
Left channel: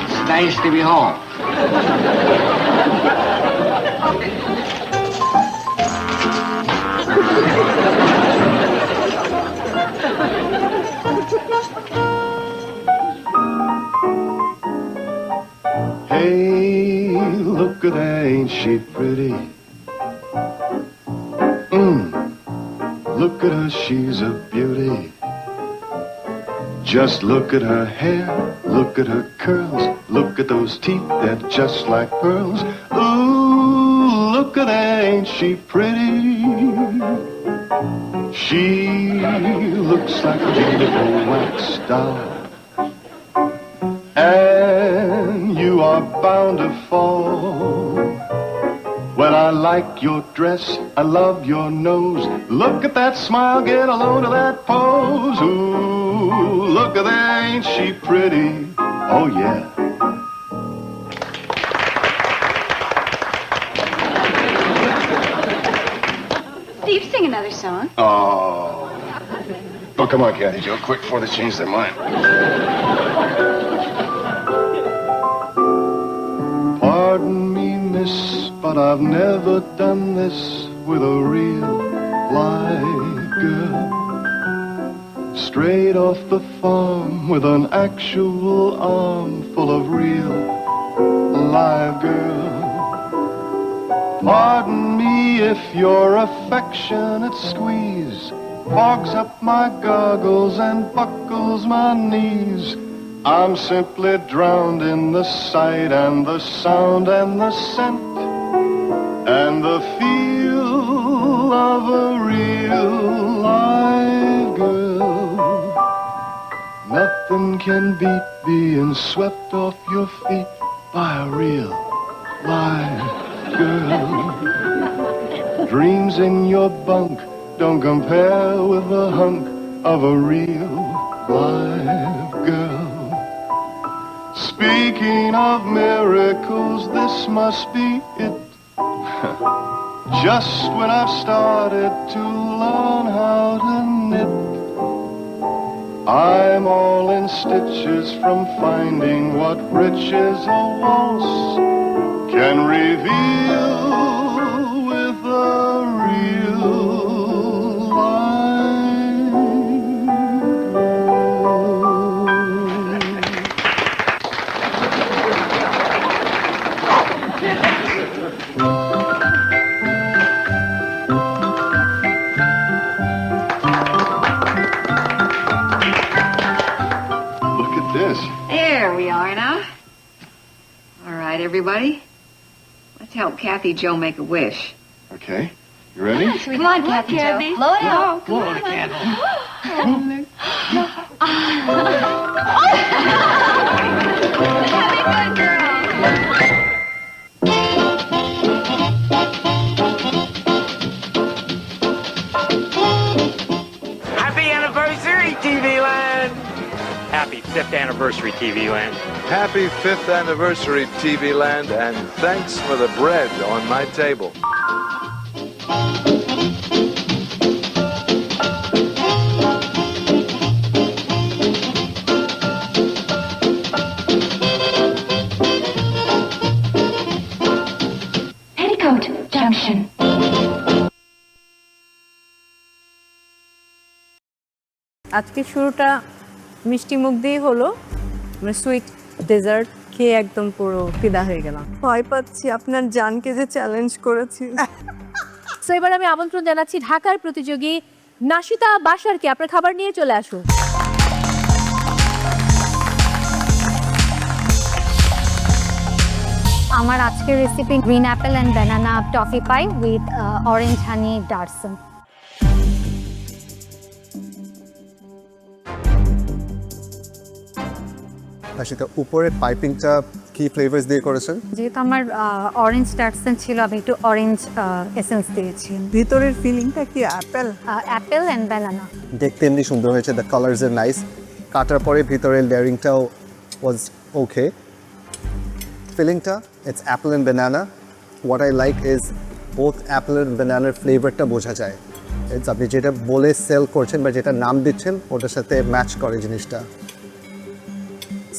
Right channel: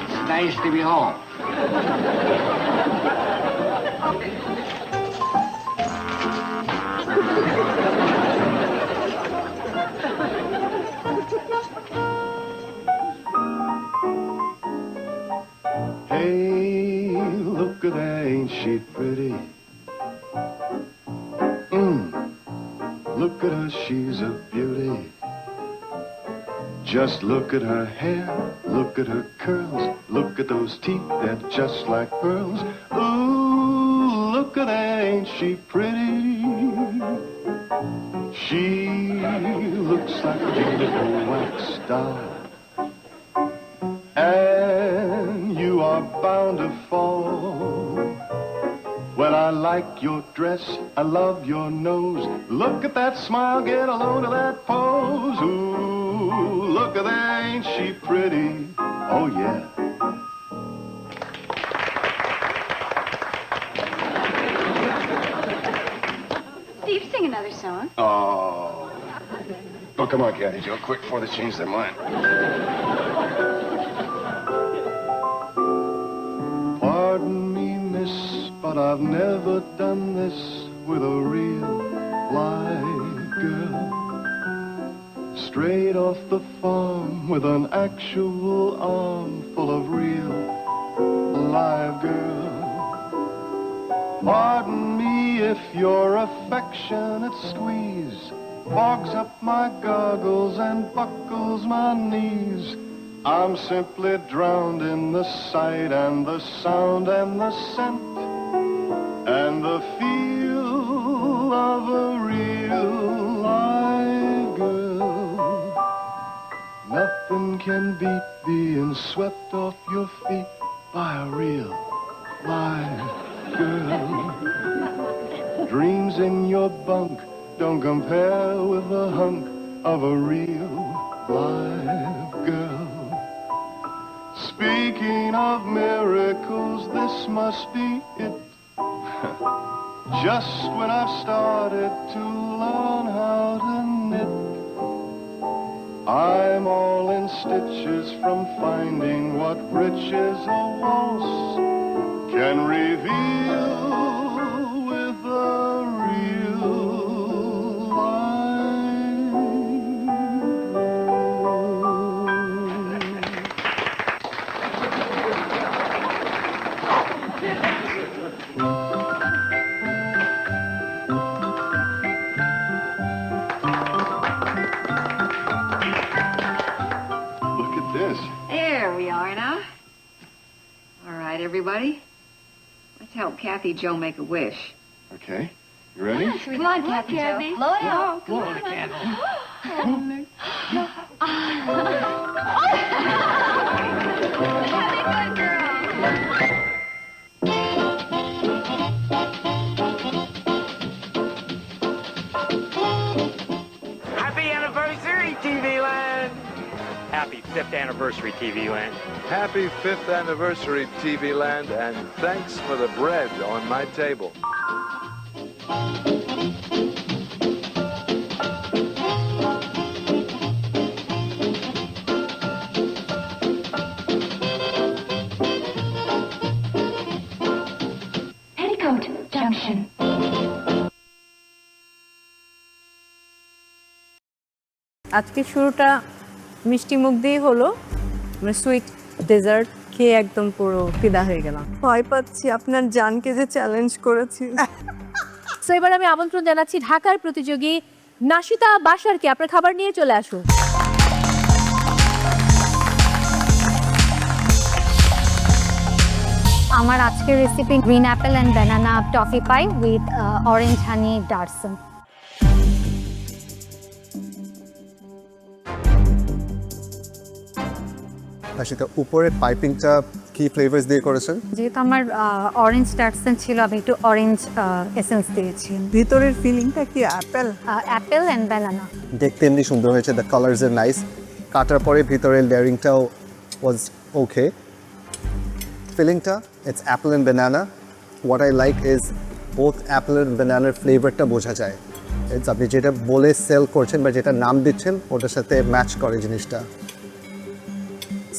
It's nice to be home. Hey, look at her, ain't she pretty? Look at her, she's a beauty. Just look at her hair, look at her curls, look at those teeth, they're just like pearls. Ooh, look at her, ain't she pretty? She looks like a beautiful wax doll. And you are bound to fall. Well, I like your dress, I love your nose. Look at that smile, get a load of that pose. Ooh, look at that, ain't she pretty? Oh, yeah. Steve, sing another song. Oh. Oh, come on, Kathy Joe, quick before they change their mind. Pardon me, miss, but I've never done this with a real live girl. Straight off the farm with an actual arm full of real live girl. Pardon me if your affectionate squeeze fogs up my goggles and buckles my knees. I'm simply drowned in the sight and the sound and the scent and the feel of a real live girl. Nothing can beat being swept off your feet by a real live girl. Dreams in your bunk don't compare with the hunk of a real live girl. Speaking of miracles, this must be it. Just when I've started to learn how to knit, I'm all in stitches from finding what riches a waltz can reveal with a real live Look at this. There we are now. All right, everybody. Let's help Kathy Joe make a wish. Okay. You ready? Come on, Kathy Joe. Blow it out. Blow it, Kathy. Happy anniversary, TV Land! Happy 5th anniversary, TV Land. Happy 5th anniversary, TV Land, and thanks for the bread on my table. Petticoat Junction. আজকে শুরুটা মিষ্টি মুখ দিয়ে হলো, মানে sweet dessert খেয়ে একদম পুরো ফিদা হয়ে গেলাম। ভয় পাচ্ছি আপনার জানকে যে চ্যালেঞ্জ করেছি। সো এবার আমি আমন্ত্রণ জানাচ্ছি ঢাকার প্রতিযোগী নাশিতা বাশারকে, আপনার খাবার নিয়ে চলে আসুন। আমার আজকের recipe green apple and banana toffee pie with orange honey ডার্সন। সেটা উপরে পাইপিংটা কি ফ্লেভারস দিয়ে করেছেন? যেহেতু আমার অরেঞ্জ ডার্সন ছিল, আমি একটু অরেঞ্জ এসেন্স দিয়েছি। ভিতরের ফিলিংটা কি অ্যাপেল? Apple and banana. দেখতে এমনি সুন্দর হয়েছে, দ্য কালার্স আর নাইস। কাটার পরে ভিতরের লেয়ারিংটাও ওয়াজ ওকে। ফিলিংটা it's apple and banana. What I like is both apple and ব্যানানার ফ্লেভারটা বোঝা যায়। আপনি যেটা বলে সেল করছেন বা যেটা নাম দিচ্ছেন ওটার সাথে ম্যাচ করে জিনিসটা।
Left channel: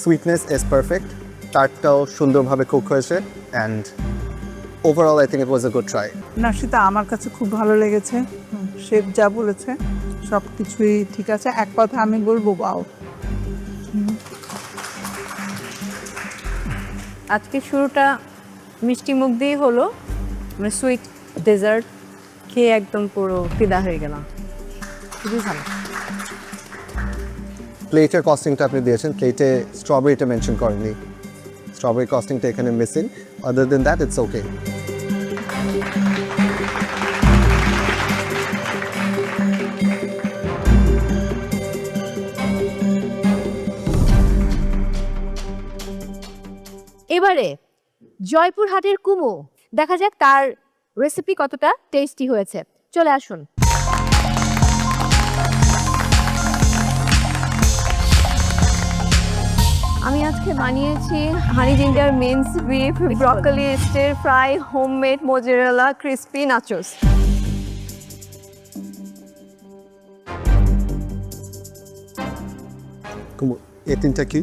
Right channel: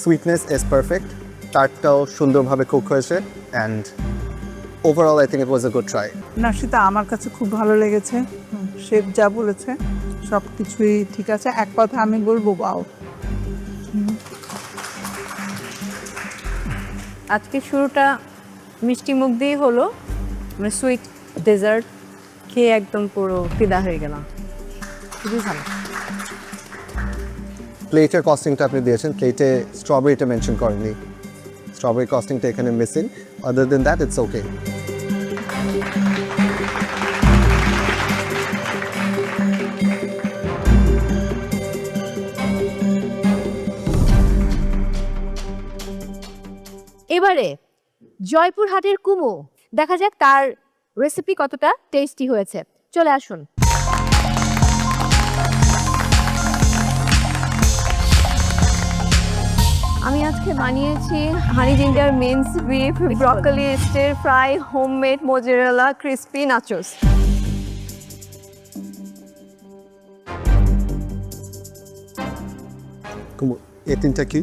সুইটনেস ইজ পারফেক্ট, টার্টটাও সুন্দরভাবে কুক হয়েছে, and overall I think it was a good try. Nashita আমার কাছে খুব ভালো লেগেছে, শেফ যা বলেছে সব কিছুই ঠিক আছে। এক কথা আমি বলবো বাও। আজকে শুরুটা মিষ্টি মুখ দিয়ে হলো, মানে সুইট ডেজার্ট খেয়ে একদম পুরো ফিদা হয়ে গেলাম। খুবই ভালো। প্লেটের কস্টিংটা আপনি দিয়েছেন, প্লেটে স্ট্রবেরিটা মেনশন করেননি। স্ট্রবেরি কস্টিংটা এখানে missing, other than that it's okay. এবারে জয়পুরহাটের কুমু, দেখা যাক তার রেসিপি কতটা টেস্টি হয়েছে। চলে আসুন। আমি আজকে বানিয়েছি honey ginger minced beef broccoli stir fry homemade mozzarella crispy nachos. Kumu, এই তিনটা কি?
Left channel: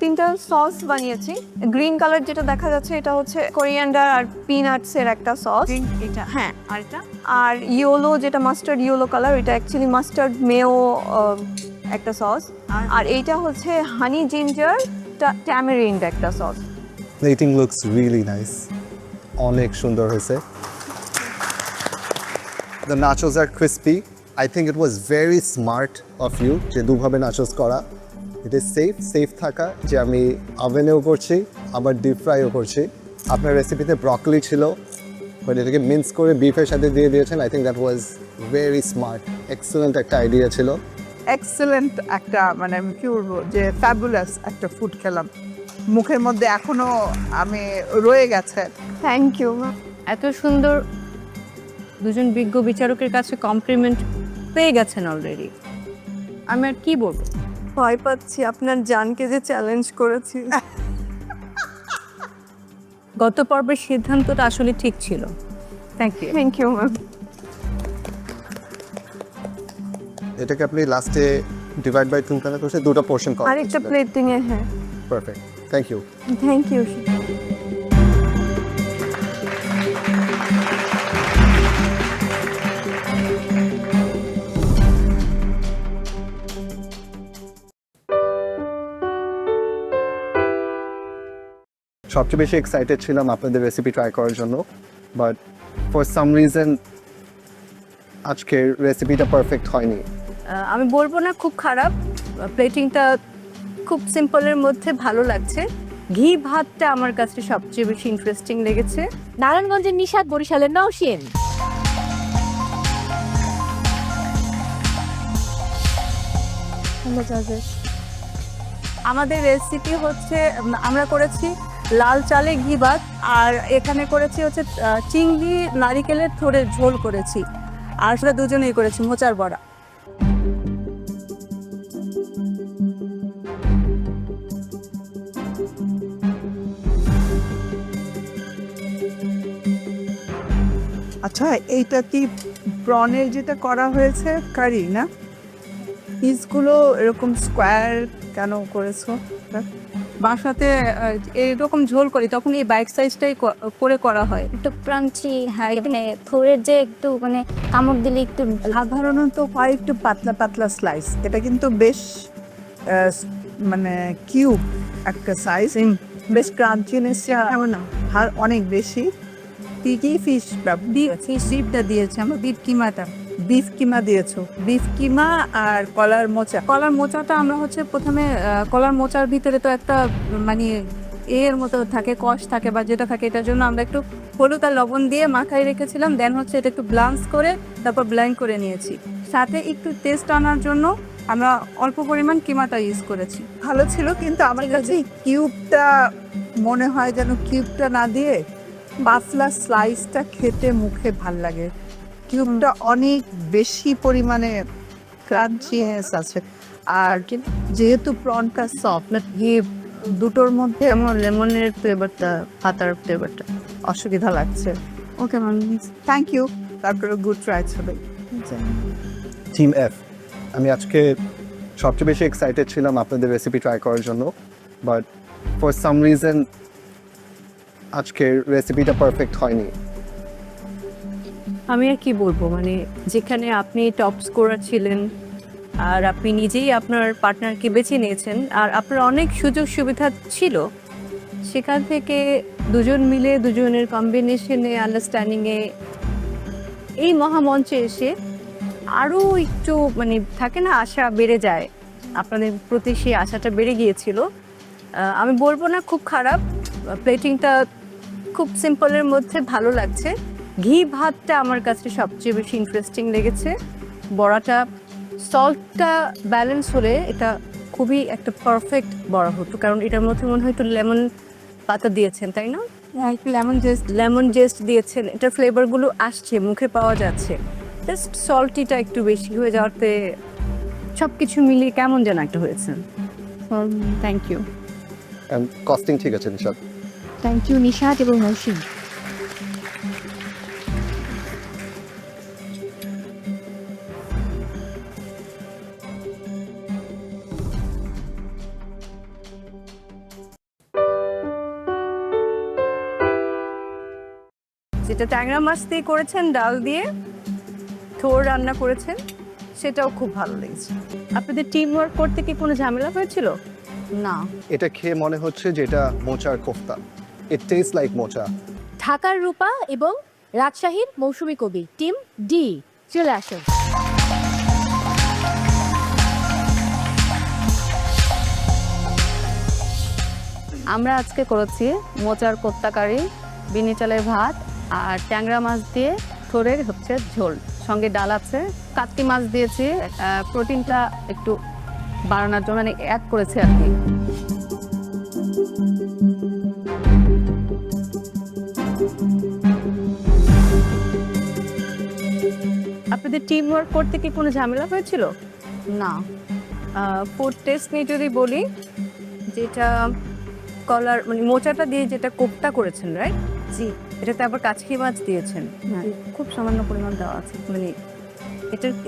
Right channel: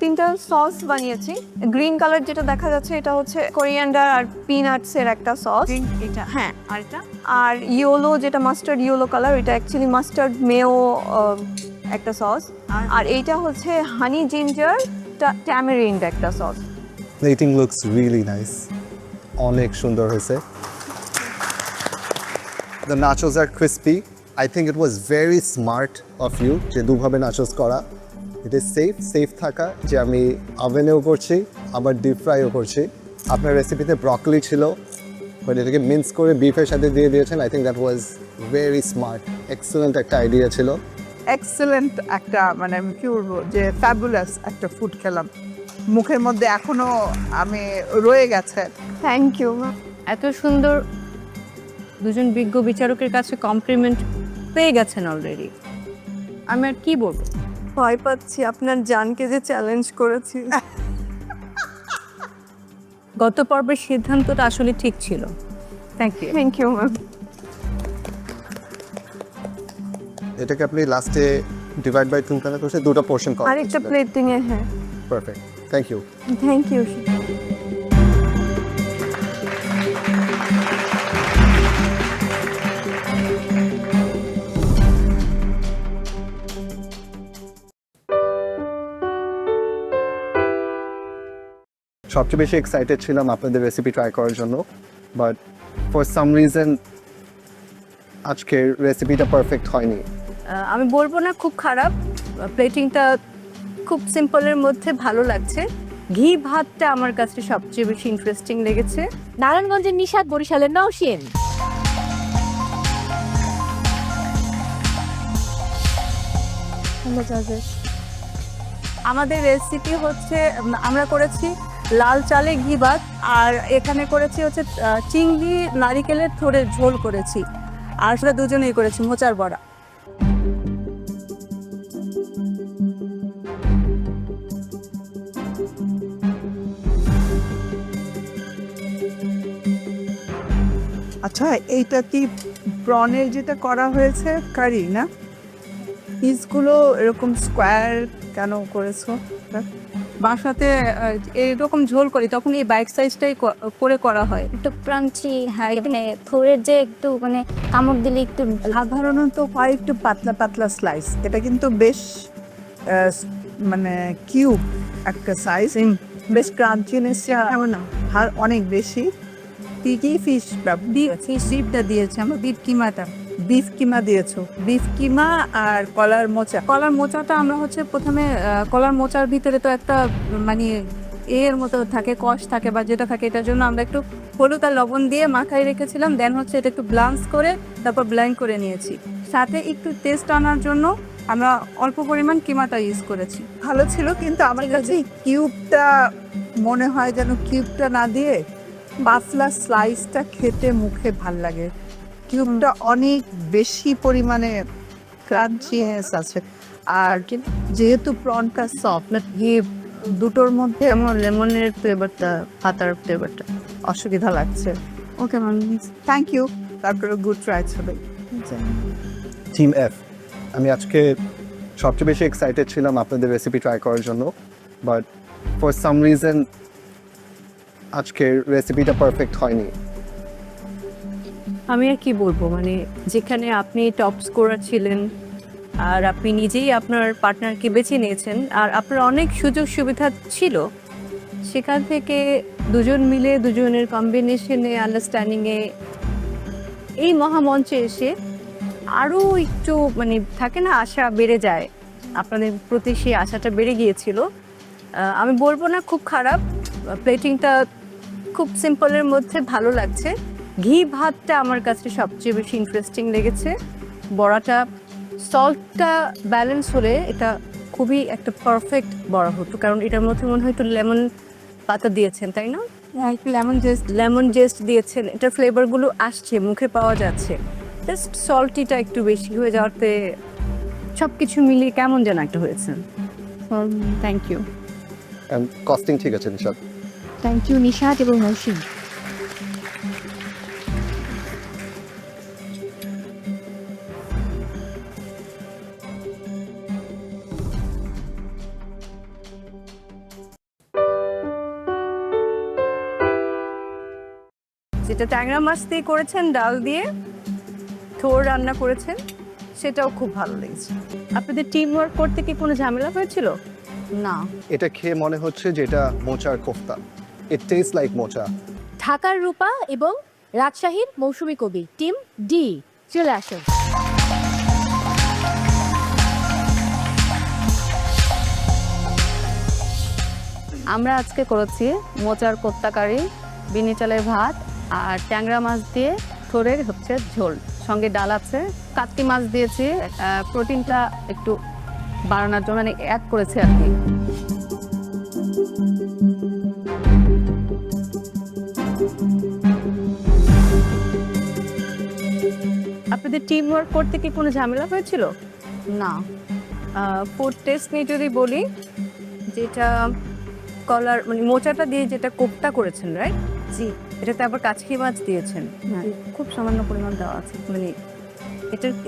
তিনটা সস বানিয়েছি। গ্রিন কালার যেটা দেখা যাচ্ছে এটা হচ্ছে কোরিয়ান্ডার আর পিনাটস এর একটা সস, এটা হ্যাঁ, আর এটা আর ইয়েলো যেটা মাস্টার্ড ইয়েলো কালার, এটা অ্যাকচুয়ালি মাস্টার্ড মেও একটা সস, আর এইটা হচ্ছে হানি জিঞ্জার ট্যামারিন্ড একটা sauce. Plating looks really nice, অনেক সুন্দর হয়েছে। দ্য নাচোস আর ক্রিসপি। I think it was very smart of you যে দুভাবে নাচোস করা। ইট ইজ সেফ থাকা যে আমি ওভেনেও করছি আবার ডিপ ফ্রাইও করছি। আপনার রেসিপিতে ব্রকলি ছিল, বাট এটাকে মিন্স করে বিফের সাথে দিয়ে দিয়েছেন। I think that was very smart, excellent একটা আইডিয়া ছিল। এক্সেলেন্ট একটা, মানে আমি কি বলবো যে ফ্যাবুলাস একটা ফুড খেলাম, মুখের মধ্যে এখনো আমি রয়ে গেছে। Thank you. এত সুন্দর দুজন বিজ্ঞ বিচারকের কাছে কমপ্লিমেন্ট পেয়ে গেছেন অলরেডি, আমি আর কি বলবো। ভয় পাচ্ছি আপনার জানকে যে চ্যালেঞ্জ করেছি। গত পর্বের সিদ্ধান্তটা আসলে ঠিক ছিল। Thank you. Thank you ma'am. এটাকে আপনি লাস্টে ডিভাইড বাই 2 করে করছে, দুটো পোরশন করা। আরেকটা প্লেটিং এ, হ্যাঁ। Perfect, thank you. Thank you. সবচেয়ে বেশি এক্সাইটেড ছিলাম আপনাদের রেসিপি ট্রাই করার জন্য, বাট ফর সাম রিজন আজকের রেসিপিটা পারফেক্ট হয়নি। আমি বলবো না খুব খারাপ, প্লেটিংটা খুব সিম্পলের মধ্যে ভালো লাগছে। ঘি ভাতটা আমার কাছে সবচেয়ে বেশি ইন্টারেস্টিং লেগেছে। নারায়ণগঞ্জের নিশাদ, বরিশালের নওশিন। আমাদের রেসিপি হচ্ছে, আমরা করেছি লাল চালে ঘি ভাত, আর এখানে করেছি হচ্ছে চিংড়ি নারিকেলের থোড়ের ঝোল করেছি, আর সেটা দুজনেই করেছি মোচার বড়া। আচ্ছা, এইটা কি প্রনের যেটা করা হয়েছে কারি না? পিসগুলো এরকম স্কোয়ার কেন করেছো? বাসাতে এরকম ঝোল করি তখন এই বাইক সাইজটাই করে করা হয়, একটু ক্রাঞ্চি, হ্যাঁ, মানে থোড়ের যে একটু মানে কামড় দিলে একটু। সাধারণত হয় একটু পাতলা পাতলা স্লাইস, এটা কিন্তু বেশ মানে কিউব একটা সাইজ, বেশ ক্রাঞ্চিনেস আর অনেক বেশি। কি ফিশ ডিপটা দিয়েছি আমরা, বিফ কিমা দিয়েছো? বিফ কিমা আর কলার মোচা। কলার মোচাটা আমরা হচ্ছে প্রথমে কলার মোচার ভিতরে তো একটা মানে এর মতো থাকে, কষ থাকে বা যেটা থাকে, এটার জন্য আমরা একটু হলুদ আর লবণ দিয়ে মাখায় রেখেছিলাম। দেন হচ্ছে এটা একটু ব্লান্স করে তারপর ব্লেন্ড করে নিয়েছি। সাথে একটু টেস্ট আনার জন্য আমরা অল্প পরিমাণ কিমাটা ইউজ করেছি। ভালো ছিল, কিন্তু আমার কাছে কিউবটা মনে হয় যেন কিউবটা না দিয়ে পাতলা স্লাইসটা খেতে মুখে ভাল লাগে। কিউবটা অনেক বেশি পরিমাণে ক্রাঞ্চিনেস আছে, আর যেহেতু প্রনটা সফট, দুটোর মধ্যে আমার লেমনের ফ্লেভারটা, পাতার ফ্লেভারটা অসুবিধা লাগছে। Okay ma'am, thank you. তারপরে গুড ট্রাই হবে। টিম এফ, আমি আজকে সবচেয়ে বেশি এক্সাইটেড ছিলাম আপনাদের রেসিপি ট্রাই করার জন্য, বাট ফর সাম রিজন আজকের রেসিপিটা পারফেক্ট হয়নি। আমি আর কি বলবো, মানে যেখানে আপনি টপ স্কোরার ছিলেন আর আপনি নিজেই আপনার পার্টনারকে বেছে নিয়েছেন আর আপনার অনেক সুযোগ সুবিধা ছিল, সেখান থেকে দুজন মিলে দুজনের কম্বিনেশনে, আন্ডারস্ট্যান্ডিংয়ে এই মহামঞ্চে এসে আরও একটু মানে থাকে না, আশা বেড়ে যায়। আপনাদের প্রতি সেই আশাটা বেড়ে গিয়েছিল। আমি বলবো না খুব খারাপ, প্লেটিংটা খুব সিম্পলের মধ্যে ভালো লাগছে। ঘি ভাতটা আমার কাছে সবচেয়ে বেশি ইন্টারেস্টিং লেগেছে। বড়াটা সল্টটা ব্যালেন্স হলে এটা খুবই একটা পারফেক্ট বড়া হতো, কারণ এটার মধ্যে মনে হয় একটু লেমন পাতা দিয়েছেন, তাই না? একটু লেমন জেস্ট দিয়েছেন, এটার ফ্লেভারগুলো আসছে, মুখে পাওয়া যাচ্ছে। জাস্ট সল্টিটা একটু বেশি হয়ে যাওয়াতে সব কিছু মিলিয়ে কেমন যেন একটা হয়েছে। Thank you. কস্টিং ঠিক আছে নিশাদ? থ্যাংক ইউ নিশাদ এবং নৌশিন। যেটা ট্যাংরা মাছ দিয়ে করেছেন, ডাল দিয়ে থোর রান্না করেছেন, সেটাও খুব ভালো লেগেছে। আপনাদের টিম ওয়ার্ক করতে কি কোনো ঝামেলা হয়েছিল? না, এটা খেয়ে মনে হচ্ছে যে এটা মোচার কোফতা। ইট টেস্ট লাইক মোচা। ঢাকার রূপা এবং রাজশাহীর মৌসুমী কবি টিম ডি চলে আসুন। আমরা আজকে করেছি মোচার কোপ্তা কারি, বিনি চালের ভাত আর ট্যাংরা মাছ দিয়ে থোরের হচ্ছে ঝোল, সঙ্গে ডাল আছে। কাতলি মাছ দিয়েছি প্রোটিনটা একটু বাড়ানোর জন্য, মানে অ্যাড করেছে আর কি। আপনাদের টিম ওয়ার্ক করতে কি কোনো ঝামেলা হয়েছিল? না। ফুড টেস্ট নিয়ে যদি বলি, যেটা কলার মানে মোচাটা দিয়ে যেটা কোপ্তা করেছেন, রাইট? জি। এটাতে আবার কাচকি মাছ দিয়েছেন, খুব সামান্য পরিমাণ দেওয়া আছে। মানে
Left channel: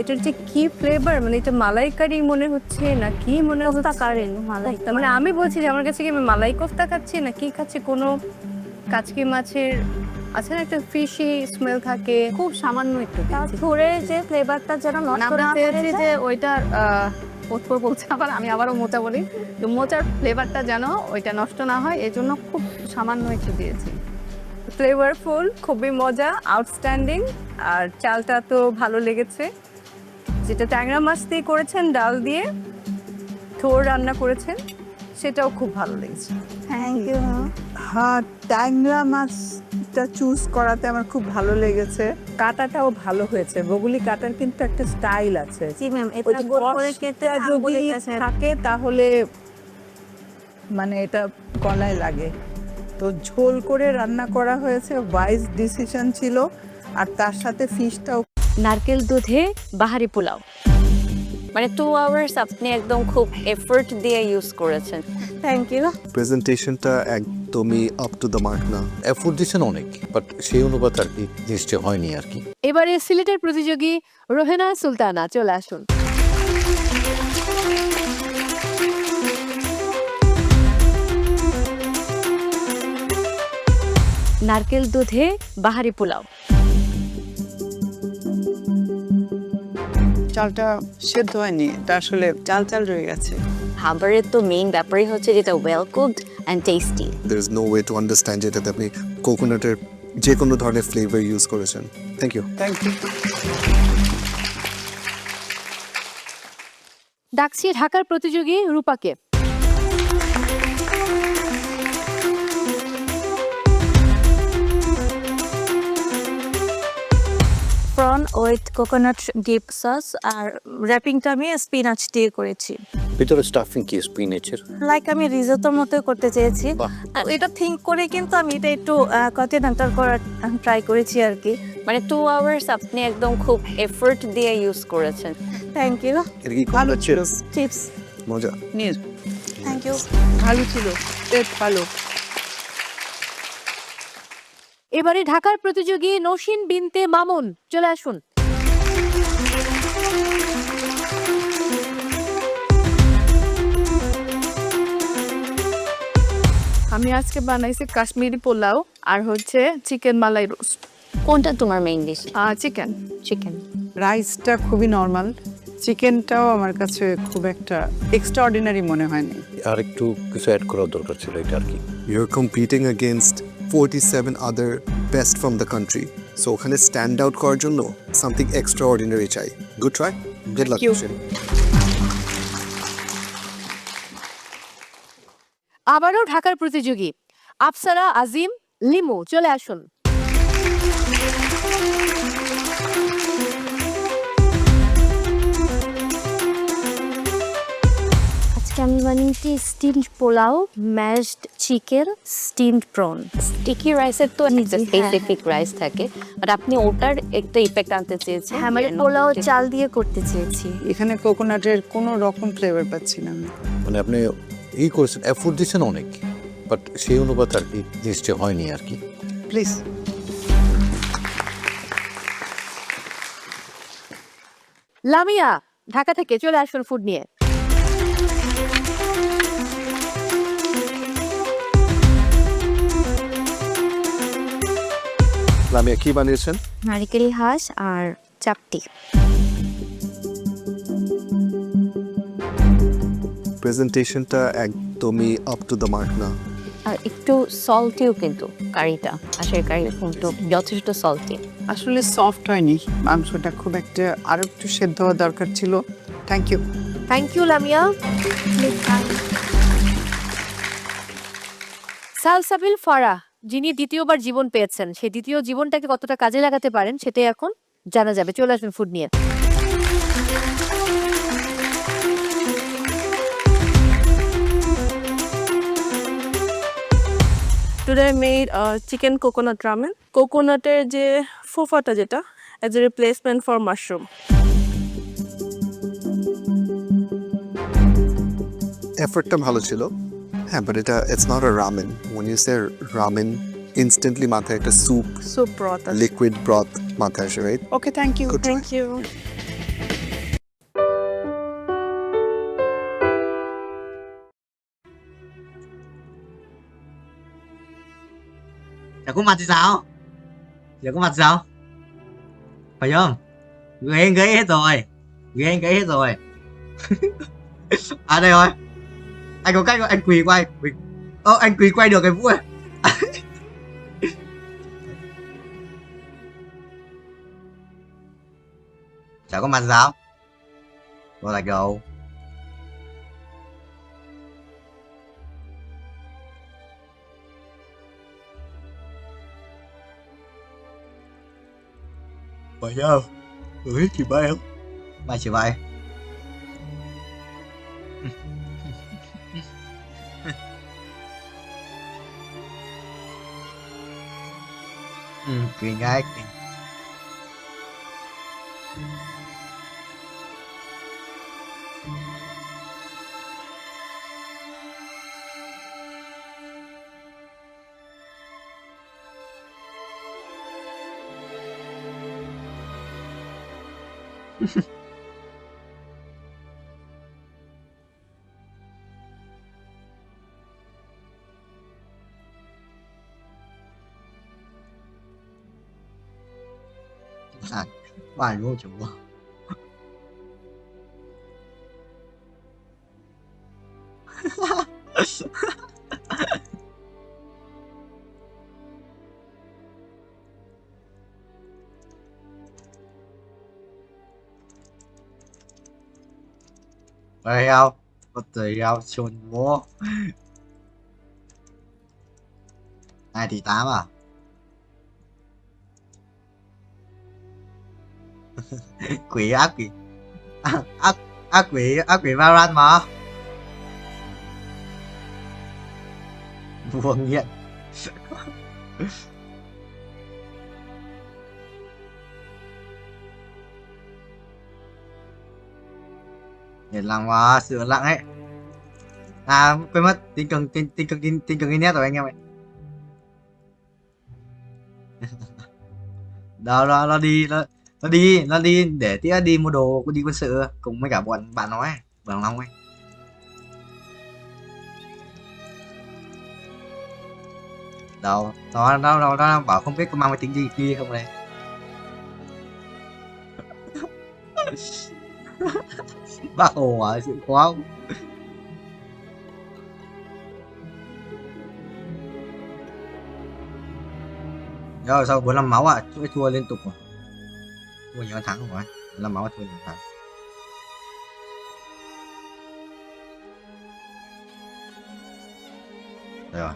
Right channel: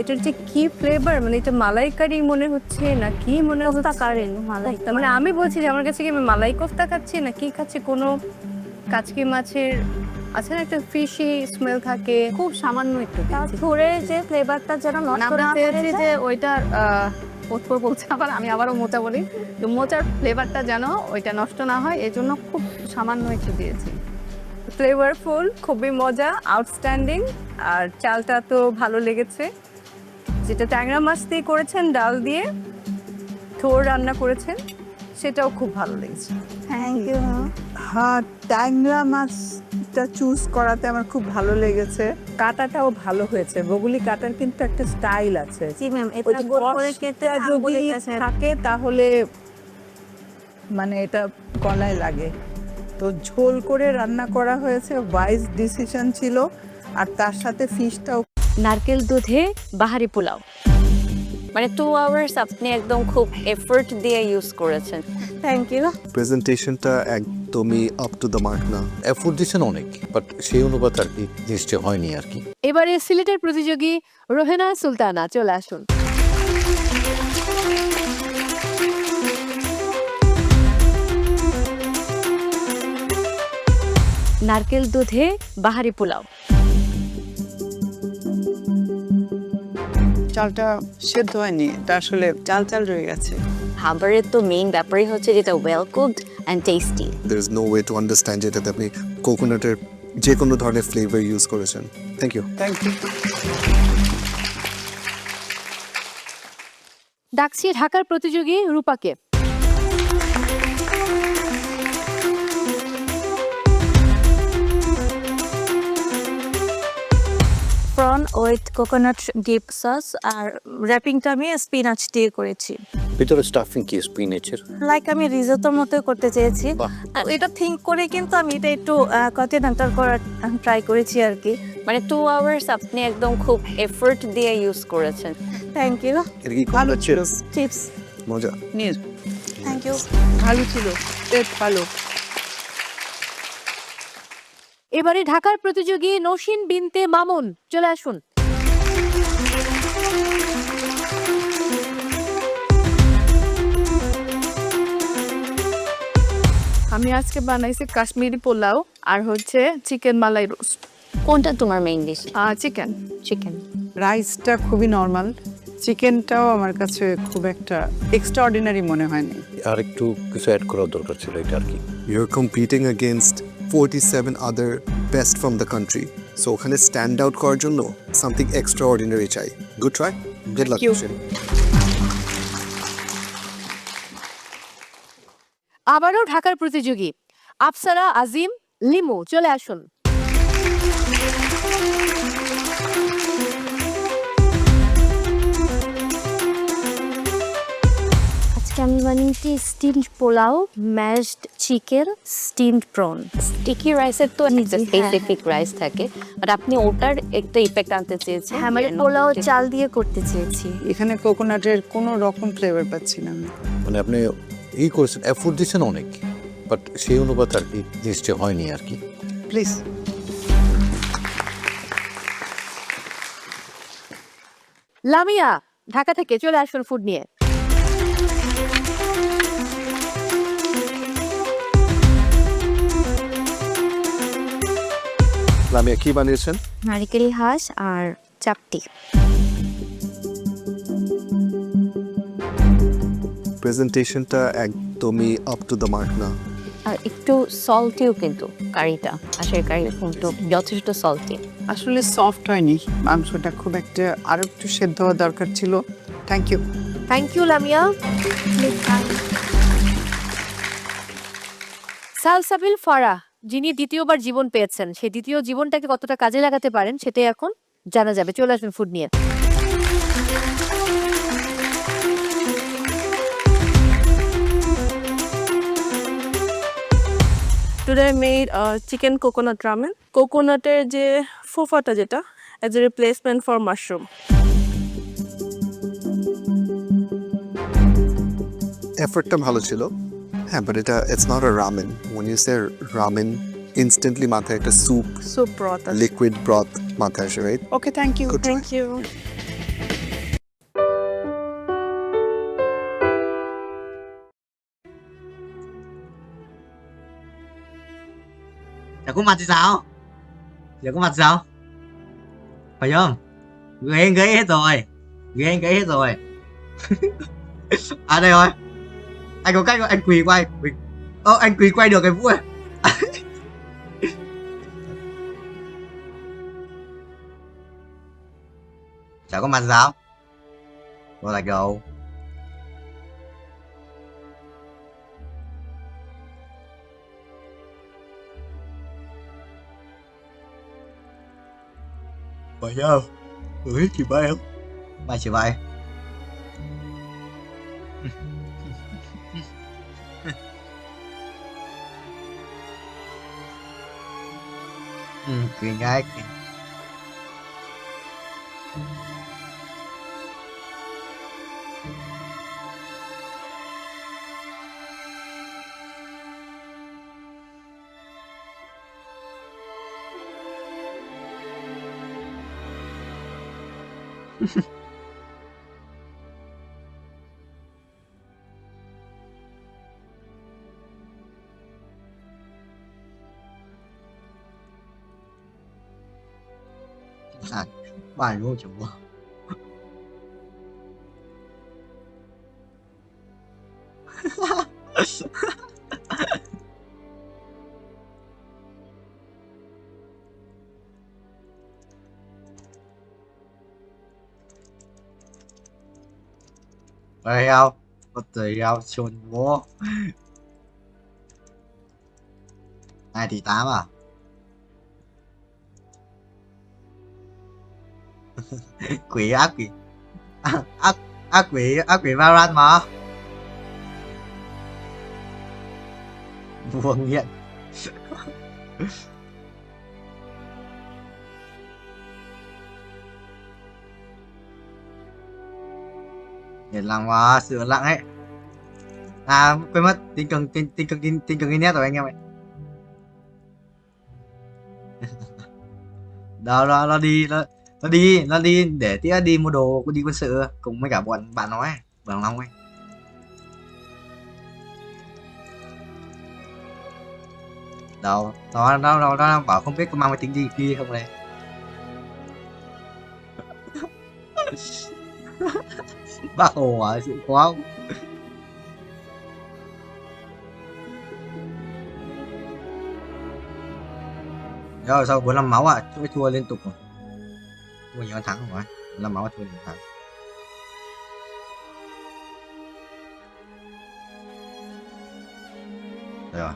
এটার যে কি ফ্লেভার, মানে এটা মালাইকারি মনে হচ্ছে না কি মনে হচ্ছে? কারি মালাই, তার মানে আমি বলছি যে আমার কাছে কি আমি মালাই কোফতা খাচ্ছি না কি খাচ্ছি। কোনো কাচকি মাছের আছে না একটা ফিশি স্মেল থাকে, খুব সামান্য একটু থোরের যে ফ্লেভারটা যেন নষ্ট না পেয়েছি যে ওইটার পোতপোর বলছে, আবার আমি আবারও মোচা বলি, তো মোচার ফ্লেভারটা যেন ওইটা নষ্ট না হয়, এই জন্য খুব সামান্য একটু দিয়েছি। ফ্লেভারফুল, খুবই মজা, আউটস্ট্যান্ডিং। আর চালটা তো ভালো লেগেছে। যেটা ট্যাংরা মাছ দিয়ে করেছেন, ডাল দিয়ে থোর রান্না করেছেন, সেটাও খুব ভালো লেগেছে। Thank you. হ্যাঁ, ট্যাংরা মাছটা চুজ করাতে আমার খুব ভালো লেগেছে। কাটাটাও ভালো হয়েছে। বগুলি কাটার কিন্তু একটা স্টাইল আছে। জি ম্যাম, এটা যদি থাকে তাহলে মানে এটা গলায় লাগে। তো ঝোল করে রান্না করা হয়েছে, ওয়াইজ ডিসিশন ছিল। আর তার সাথে ফিশটাও। নারকেল দুধে বাহারি পোলাও, মানে 2 আওয়ার্স আপনি একদম খুব এফোর্ট দিয়ে ইউজ করেছেন। Thank you. প্রেজেন্টেশনটা একদমই আপ টু দ্য মার্ক না। এফোর্ট দিচ্ছেন অনেক, বাট সেই অনুপাত আর কি জিনিসটা হয়নি আর কি। এবারে সিলেটের প্রতিযোগী রোহেনা সুলতানা চলে আসুন। নারকেল দুধে বাহারি পোলাও। চালটা সেদ্ধ হয়নি, এটা আসলে চাল চাল রয়ে গেছে। খাবারের তো মেইন ব্যাপারই হচ্ছে যেটা well cooked and tasty. There is no way to understand যেটাতে আপনি কোকোনাটের যে কোনো ধরনের ফ্লেভার ইউজ করেছেন। Thank you. Thank you. ডাকছি ঢাকার প্রতিযোগী রূপাকে। Prawn with coconut dip sauce, আর র্যাপিংটা আমি স্পিনাচ দিয়ে করেছি। ভিতরে স্টাফিং কি স্পিনাচের? লাইক আমি রিজোটোর মতো করতে চেয়েছি। এটা থিঙ্ক করে কিন্তু আমি এটা একটু কন্টিনেন্টাল করার ট্রাই করেছি আর কি। মানে 2 আওয়ার্স আপনি একদম খুব এফোর্ট দিয়ে ইউজ করেছেন। Thank you. এর কি ভালো ছিল? চিপস মজা। নিয়ে থ্যাংক ইউ। ভালো ছিল, বেশ ভালো। এবারে ঢাকার প্রতিযোগী নৌশিন বিনতে মামুন চলে আসুন। আমি আজকে বানাইছি কাশ্মীরি পোলাও আর হচ্ছে চিকেন মালাই রোস্ট। কোনটা তোমার মেইন ডিশ? চিকেন। চিকেন। রাইসটা খুবই নর্মাল, চিকেনটাও আমার কাছে খুব একটা এক্সট্রাঅর্ডিনারি মনে হয়নি। আর একটু কিছু অ্যাড করার দরকার ছিল এটা আর কি। You're competing against 47 other best from the country. So ওখানে স্ট্যান্ড আউট করার জন্য something extraordinary চাই। Good try. Good luck. Thank you. Shin. আবারও ঢাকার প্রতিযোগী আফসারা, আজিম, লিমু চলে আসুন। আজকে আমি বানিয়েছি steamed pulao, mashed chicken, steamed prawn. Sticky রাইসের তো একটা স্পেসিফিক রাইস থাকে, বাট আপনি ওটার একটা ইফেক্ট আনতে চেয়েছেন। হ্যাঁ, মানে পোলাও চাল দিয়ে করতে চেয়েছি। এখানে কোকোনাটের কোনো রকম ফ্লেভার পাচ্ছি না আমি। মানে আপনি করেছেন, এফোর্ট দিচ্ছেন অনেক, বাট সেই অনুপাতে আর কি জিনিসটা হয়নি আর কি। প্লিজ। লামিয়া ঢাকা থেকে চলে আসুন ফুড নিয়ে। লামিয়া কি বানিয়েছেন? নারিকেল হাঁস আর চাপটি। প্রেজেন্টেশনটা একদমই আপ টু দ্য মার্ক না। আর একটু সল্টিও কিন্তু কারিটা, হাঁসের কারি কিন্তু যথেষ্ট সল্টি। আসলে সফট হয়নি মাংসটা, খুব একটা আরো একটু সেদ্ধ হওয়া দরকার ছিল। Thank you. Thank you Lamia. Salsabil Farah, যিনি দ্বিতীয়বার জীবন পেয়েছেন, সেই দ্বিতীয় জীবনটাকে কতটা কাজে লাগাতে পারেন সেটাই এখন জানা যাবে। চলে আসবেন ফুড নিয়ে। Today I made chicken coconut ramen. কোকোনাটের যে ফোফাটা যেটা as a replacement for mushroom. এফর্টটা ভালো ছিল, হ্যাঁ, but it's not a ramen. When you say ramen, instantly মাথায় একটা স্যুপ ব্রথ, লিকুইড ব্রথ মাথায় আসে, right? Okay, thank you. Thank you. Giờ có mặt thì sao? Giờ có mặt sao? Phải không? Người anh gãy hết rồi. Người anh gãy hết rồi. À đây rồi. Anh có cách anh quỳ quay. Anh quỳ quay được cái Vũ này. Chả có mặt sao? Có là đâu. Phải không? Người chị bay không? Bay chị bay. Cười ngay. Bài luôn chủ. Đây không? Có tùy không? Xuân bố. 2 tỷ 8 à? Quỷ ác quỷ. Ác quỷ Valorant mà. Vua nghiện. Nghiện lặng quá, sự lặng ấy. À quên mất, tin cần internet rồi anh em ạ. Đó nó đi để tía đi mua đồ, đi quân sự cùng với cả bọn bạn nói bằng Long ấy. Đâu nó bảo không biết có mang máy tính gì kia không đây. Bác Hồ à, sự khó không? Rồi sau 45 máu à, chuỗi thua liên tục rồi. Thua nhiều thắng rồi. 45 máu thua nhiều thắng. Đây rồi.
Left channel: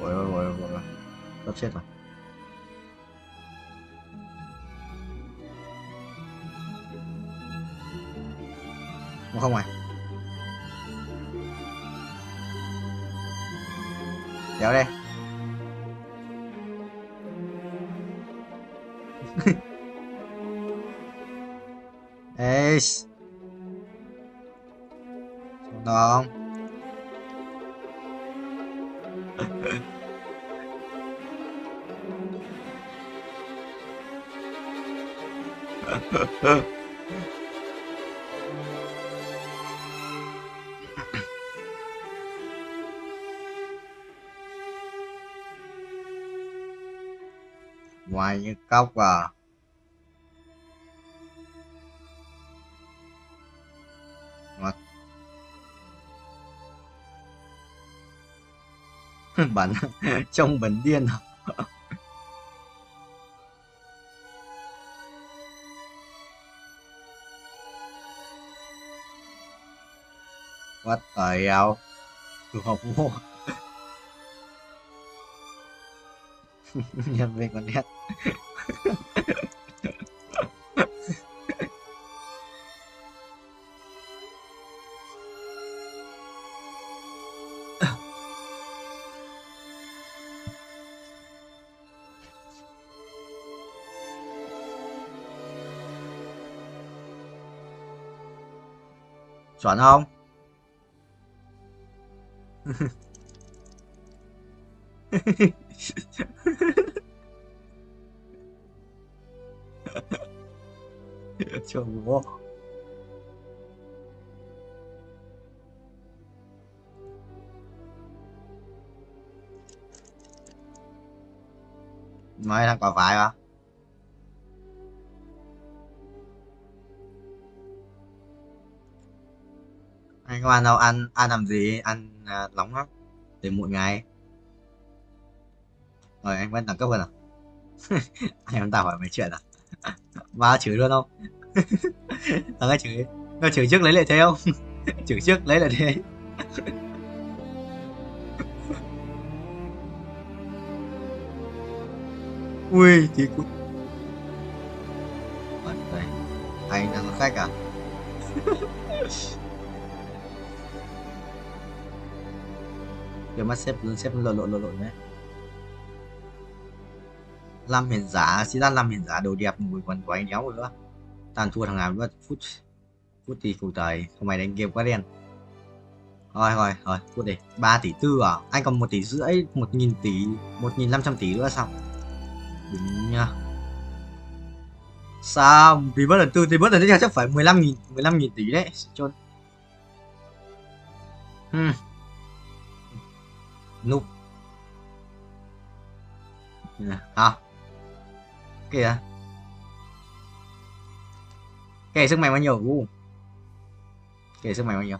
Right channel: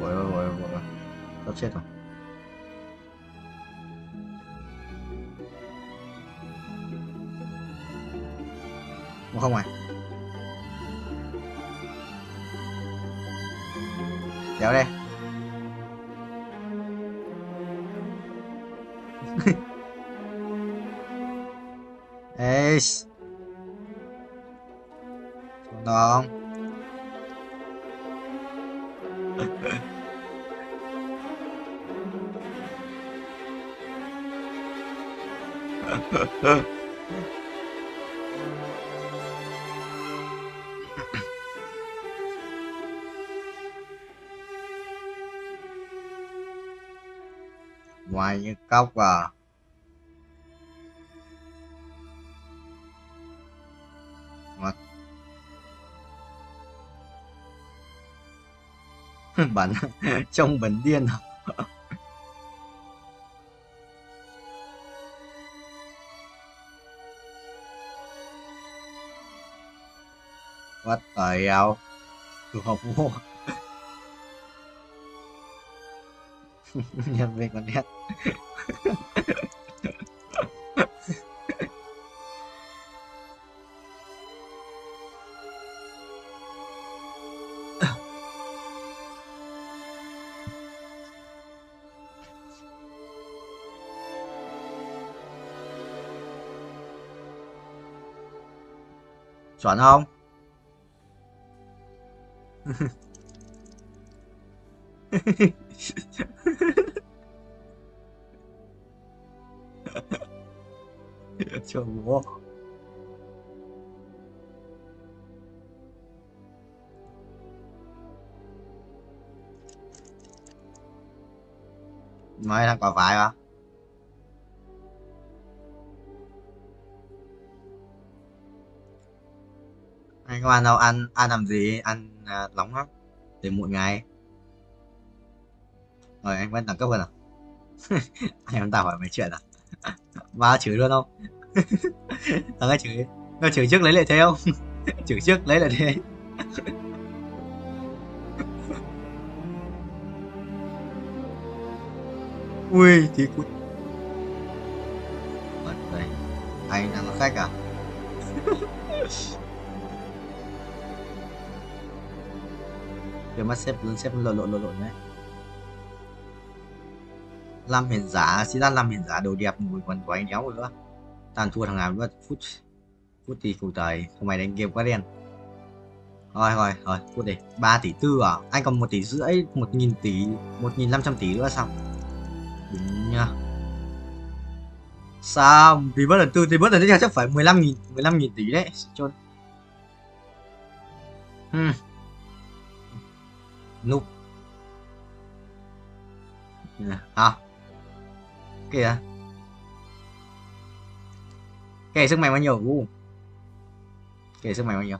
Ôi, sắp chết rồi. Không à? Kéo đây. Ê, xuống đó không? Ngoài như cốc à. Ngọt. Bẩn. Trông bẩn điên à. What the hell? Tụi học vô. Nhân viên con nét. Chuẩn không? Trời ơi. Mấy thằng còn phải hả? Anh có ăn đâu, ăn làm gì, ăn nóng lắm để muộn ngày. Rồi anh vẫn đẳng cấp hơn à? Anh em tao hỏi mấy chuyện à? Ba chửi luôn không? Thằng ấy chửi, nó chửi trước lấy lại thế không? Chửi trước lấy lại thế. Ui thì cút. Đây, anh đang là khách à? Cái mắt xếp lộn đấy. Làm hiền giả, xin ra làm hiền giả đồ đẹp mùi quần của anh đéo nữa. Tàn thua thằng nào nữa, phút thì phụ đời, không mày đánh game quá đen. Rồi, phút đi. 3 tỷ tư à? Anh còn 1 tỷ rưỡi, 1.000 tỷ, 1.500 tỷ nữa sao? Đúng nha. Sao? Vì bớt lần tư thì bớt lần tiếp theo chắc phải 15.000 tỷ đấy. Chôn. Noob. Hả? Kìa. Kể sức mạnh bao nhiêu? Kể sức mạnh bao nhiêu?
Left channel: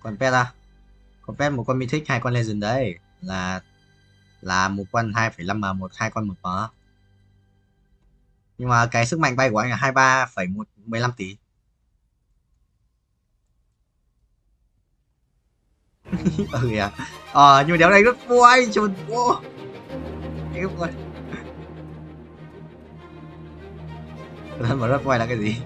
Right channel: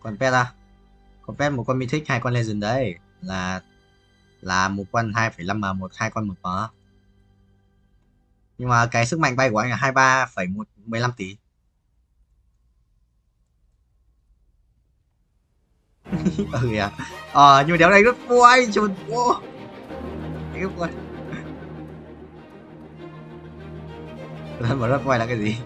Còn pet à? Còn pet một con mythic, 2 con legend đấy. Là một con 2,5m, 2 con 1m. Nhưng mà cái sức mạnh bay của anh là 23,15 tỷ. Ừ à. Nhưng mà đéo này rất vui, chồn vô. Em ơi. Lần mà rất vui là cái gì?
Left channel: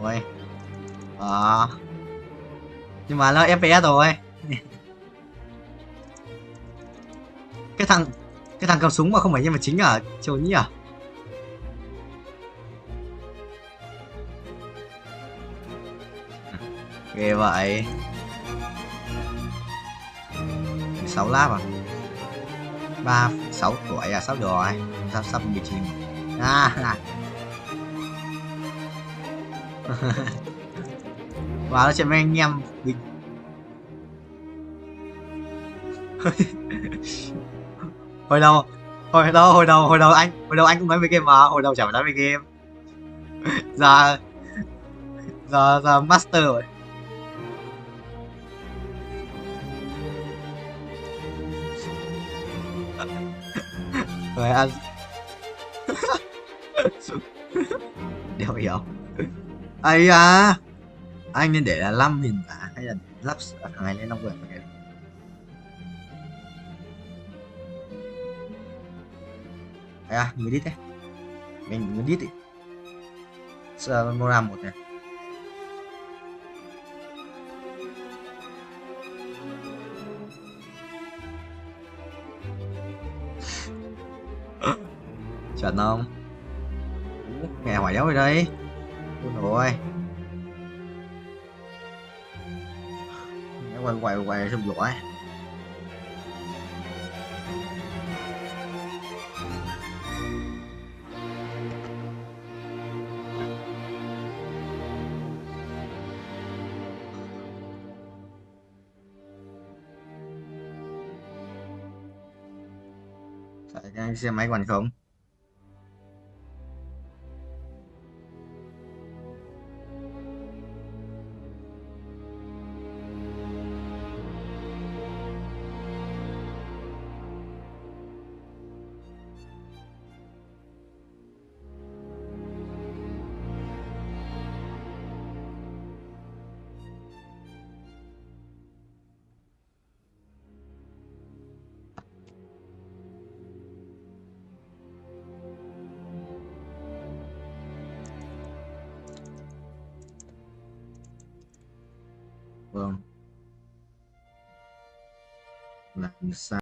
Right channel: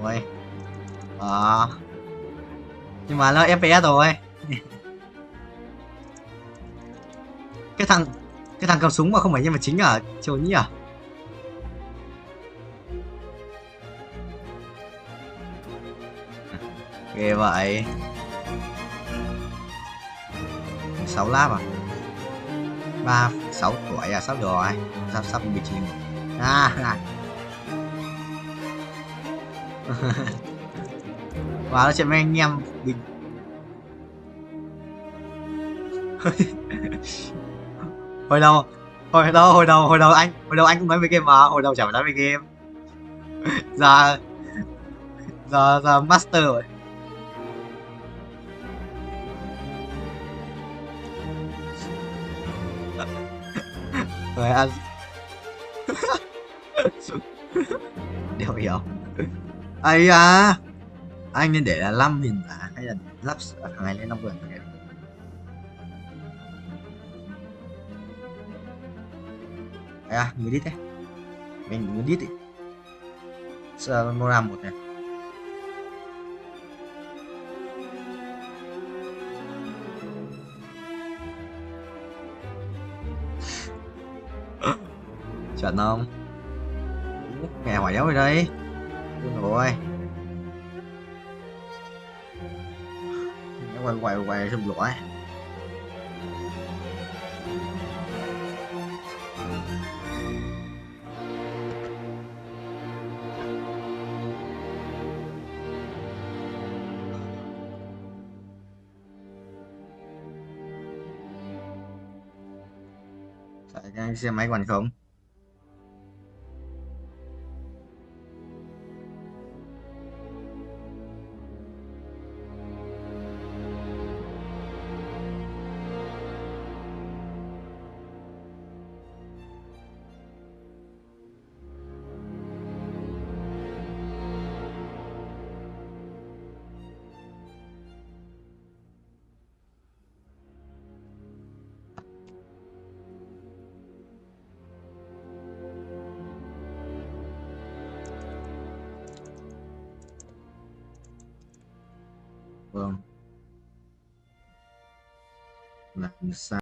Rồi. Nhưng mà nó FPS rồi. Cái thằng cầm súng mà không phải nhân vật chính à? Trời nhỉ à? Ghê vậy. 16 lap à? 6 tuổi à? Sắp rồi. Sắp 19. À. Wow, nó sẽ mấy anh em bình. hồi đầu hồi đầu anh cũng nói về game mà, hồi đầu chả phải nói về game. giờ giờ master rồi. Rồi ăn. Đều hiểu. Ấy à, anh nên để là 5 hiện tại hay là lắp thằng này lên 5 vườn cái. À, người đi thế. Mình đi thì. Giờ nó làm một này. Chuẩn không? Mẹ hỏi đéo rồi đây. Ôi rồi. Nó quay xong lỗi. Tại cái xe máy còn không? Vâng. Làm sao